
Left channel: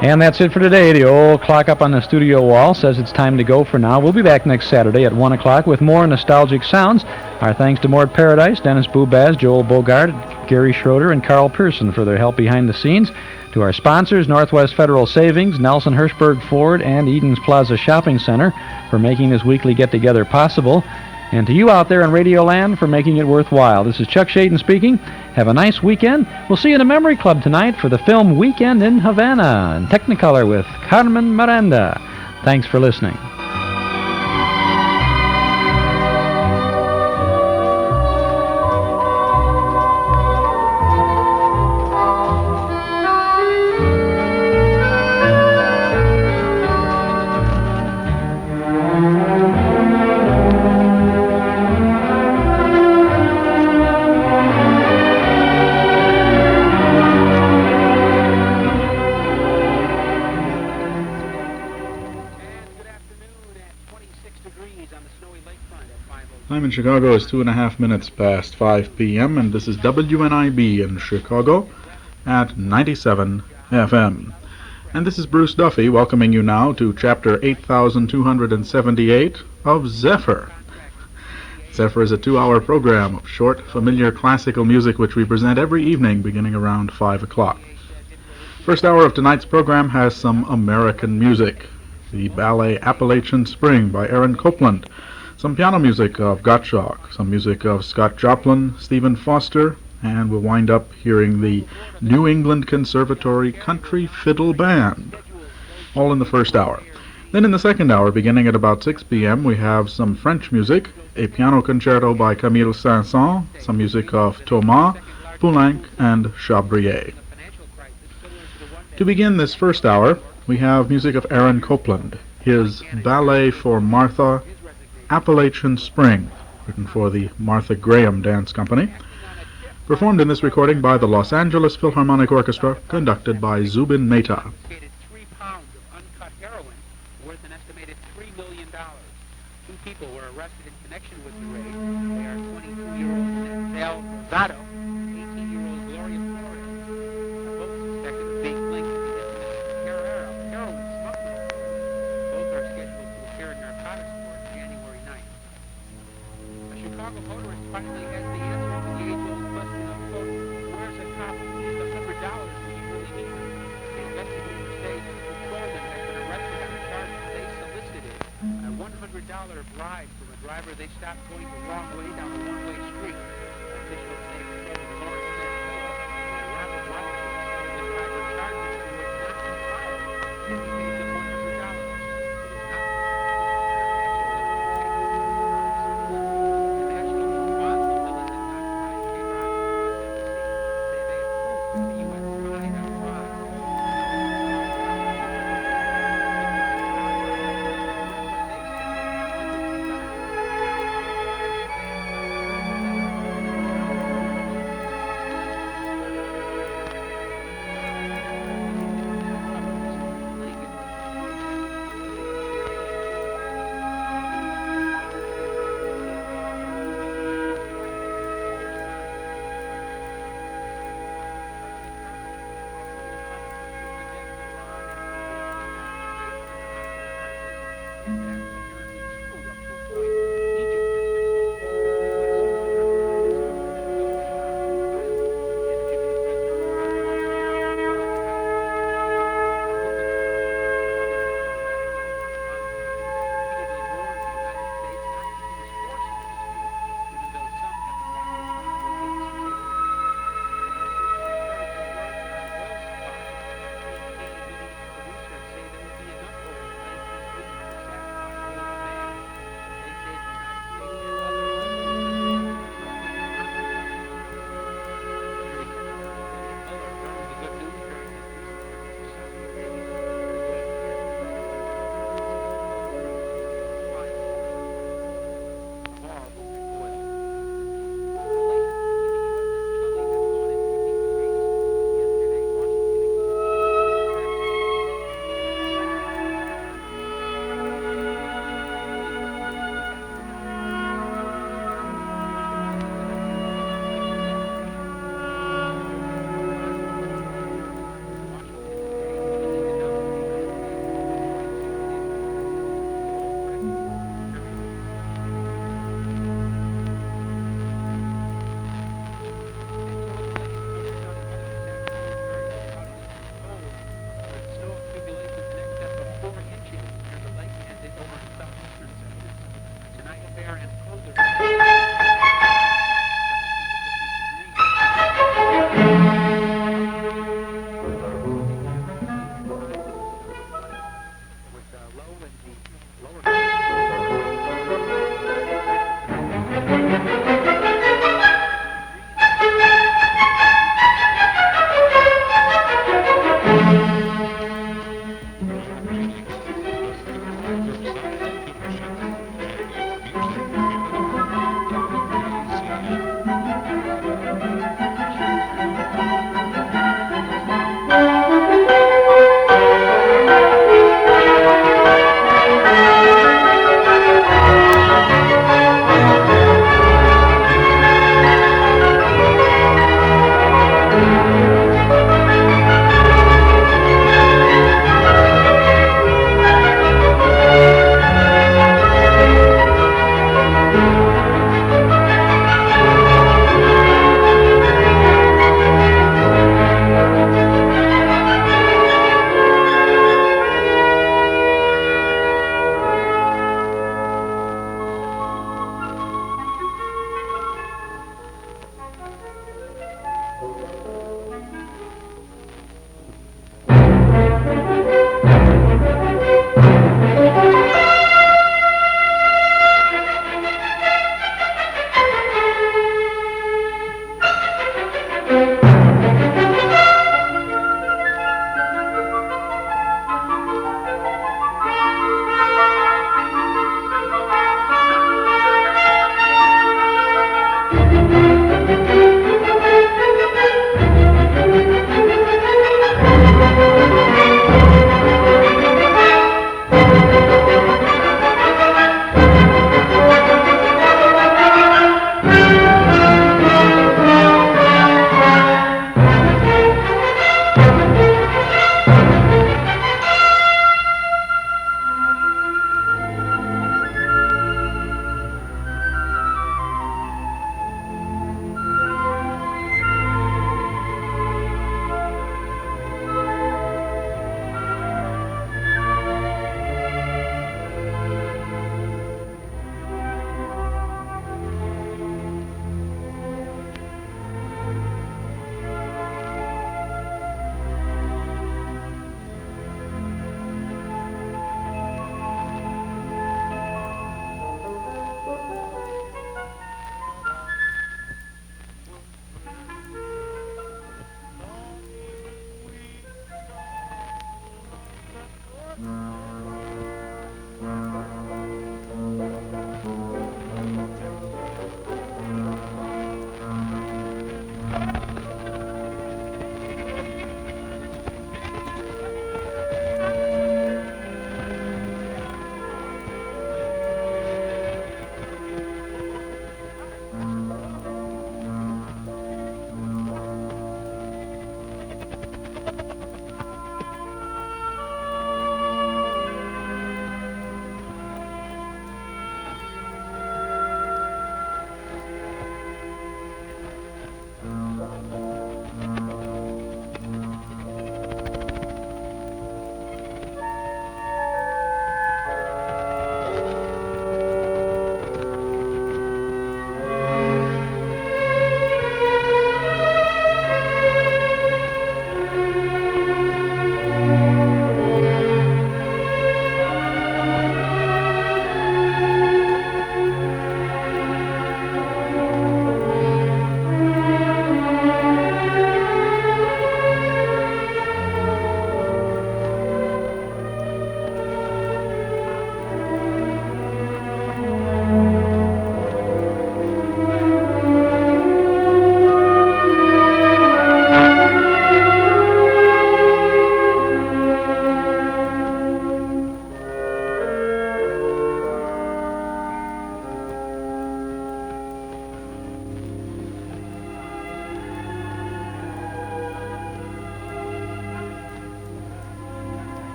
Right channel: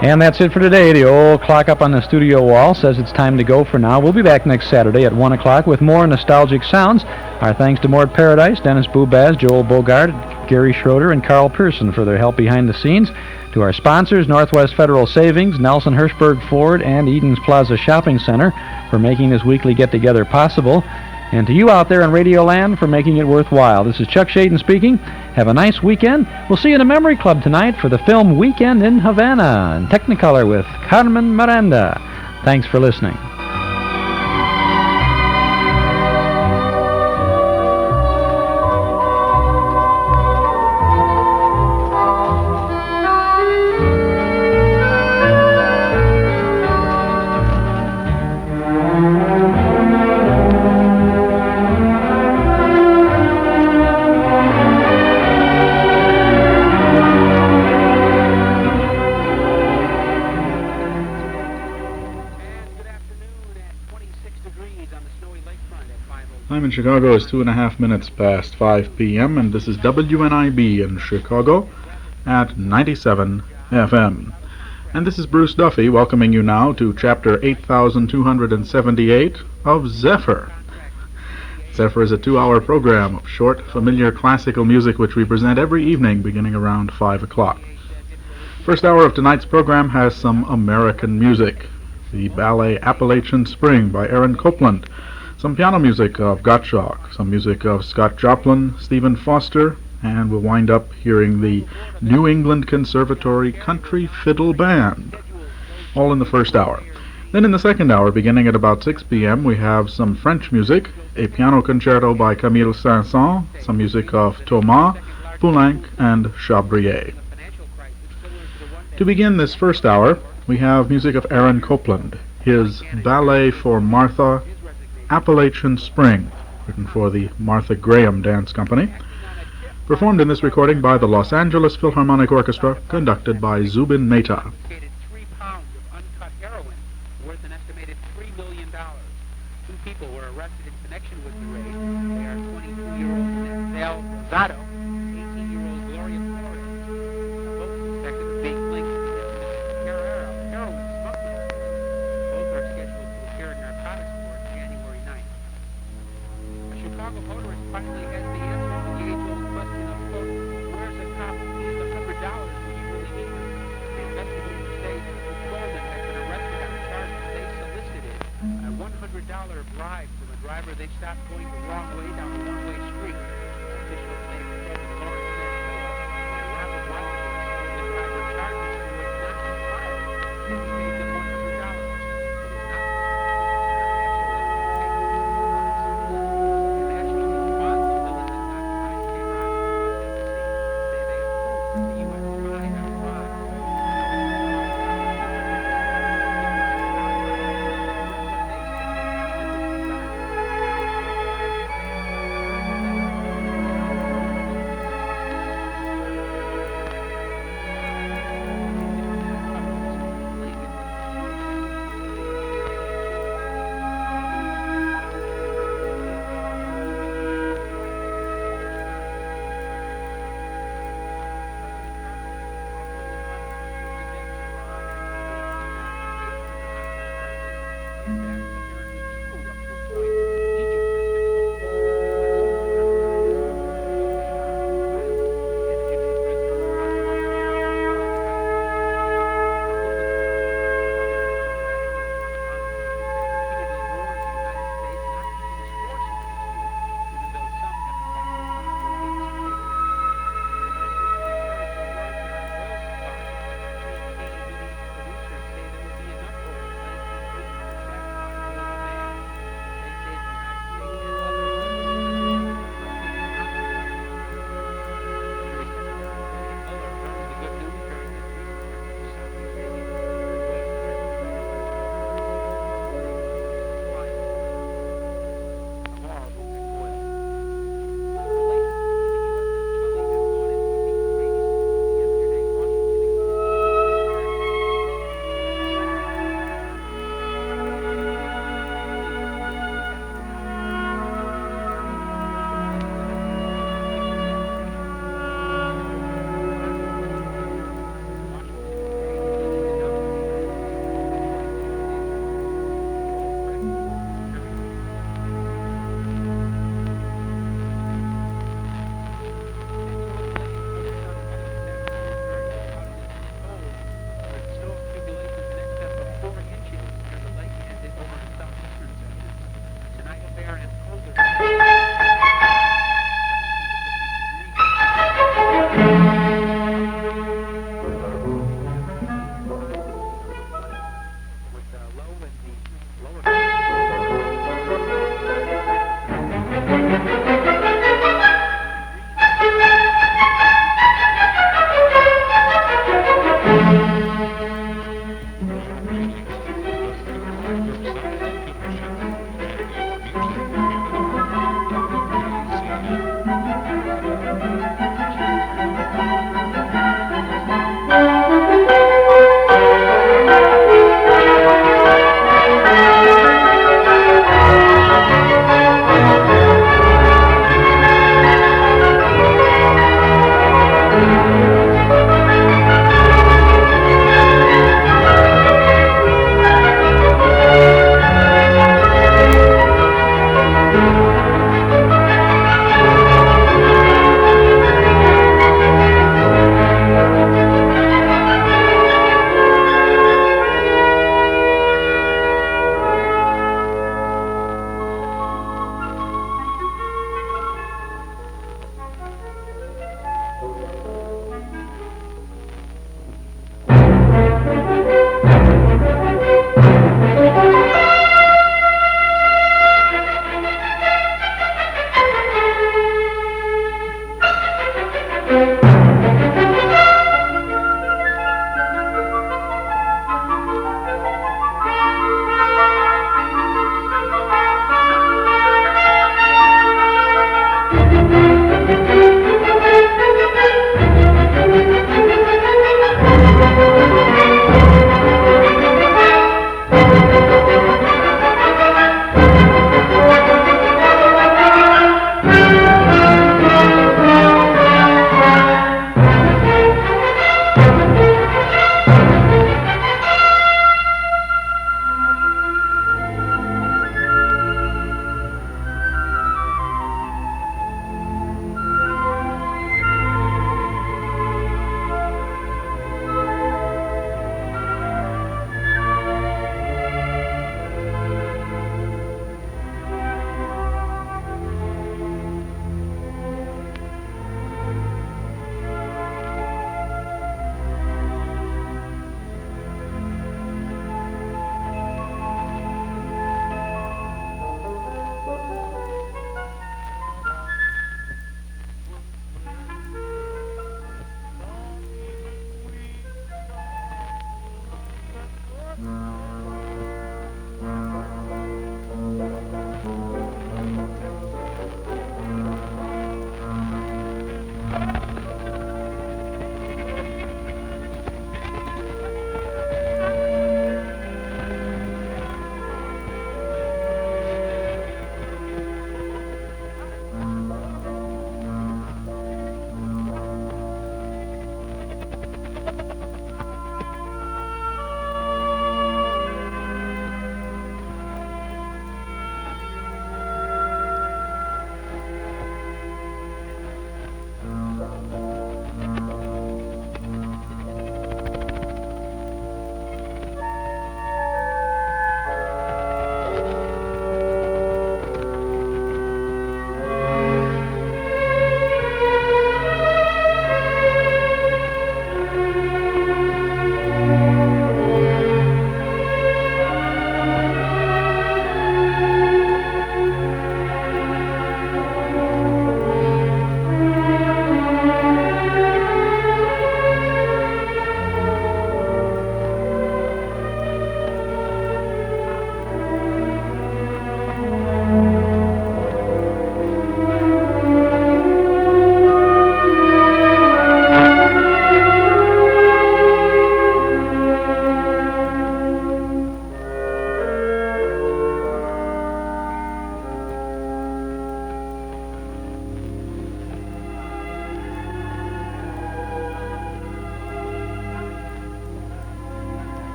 And that's it for today. The old clock up on the studio wall says it's time to go for now. We'll be back next Saturday at 1 o'clock with more nostalgic sounds. Our thanks to Mort Paradise, Dennis Boobaz, Joel Bogart, Gary Schroeder, and Carl Pearson for their help behind the scenes. To our sponsors, Northwest Federal Savings, Nelson Hirschberg Ford, and Eden's Plaza Shopping Center for making this weekly get-together possible. And to you out there in Radio Land for making it worthwhile. This is Chuck Shaden speaking. Have a nice weekend. We'll see you in the Memory Club tonight for the film Weekend in Havana in Technicolor with Carmen Miranda. Thanks for listening. In Chicago is 2.5 minutes past 5 p.m. and this is WNIB in Chicago at 97 FM. And this is Bruce Duffy welcoming you now to Chapter 8278 of Zephyr. Zephyr is a 2-hour program of short, familiar classical music which we present every evening beginning around 5 o'clock. First hour of tonight's program has some American music. The ballet Appalachian Spring by Aaron Copland, some piano music of Gottschalk, some music of Scott Joplin, Stephen Foster, and we'll wind up hearing the New England Conservatory Country Fiddle Band, all in the first hour. Then in the second hour, beginning at about 6 p.m., we have some French music, a piano concerto by Camille Saint-Saëns, some music of Thomas, Poulenc, and Chabrier. To begin this first hour, we have music of Aaron Copland, his Ballet for Martha, Appalachian Spring, written for the Martha Graham Dance Company, performed in this recording by the Los Angeles Philharmonic Orchestra, conducted by Zubin Mehta. Two people were arrested in connection with the raid. They are 22-year-old Nell Rosado, 18-year-old Gloria Flores, both suspected of being linked to the heroin smuggling. Both are scheduled to appear in narcotics court January 9th. A Chicago motorist finally has the answer to the age-old question of, quote, where's a cop who needs $100 when he really needs it? The investigators say two Golden has been arrested on charges they solicited a $100 bribe from a driver they stopped going the wrong way down a one-way street. Officials say the Golden motorist went a rapid walk with the driver charges to it not complied, and he paid them $100.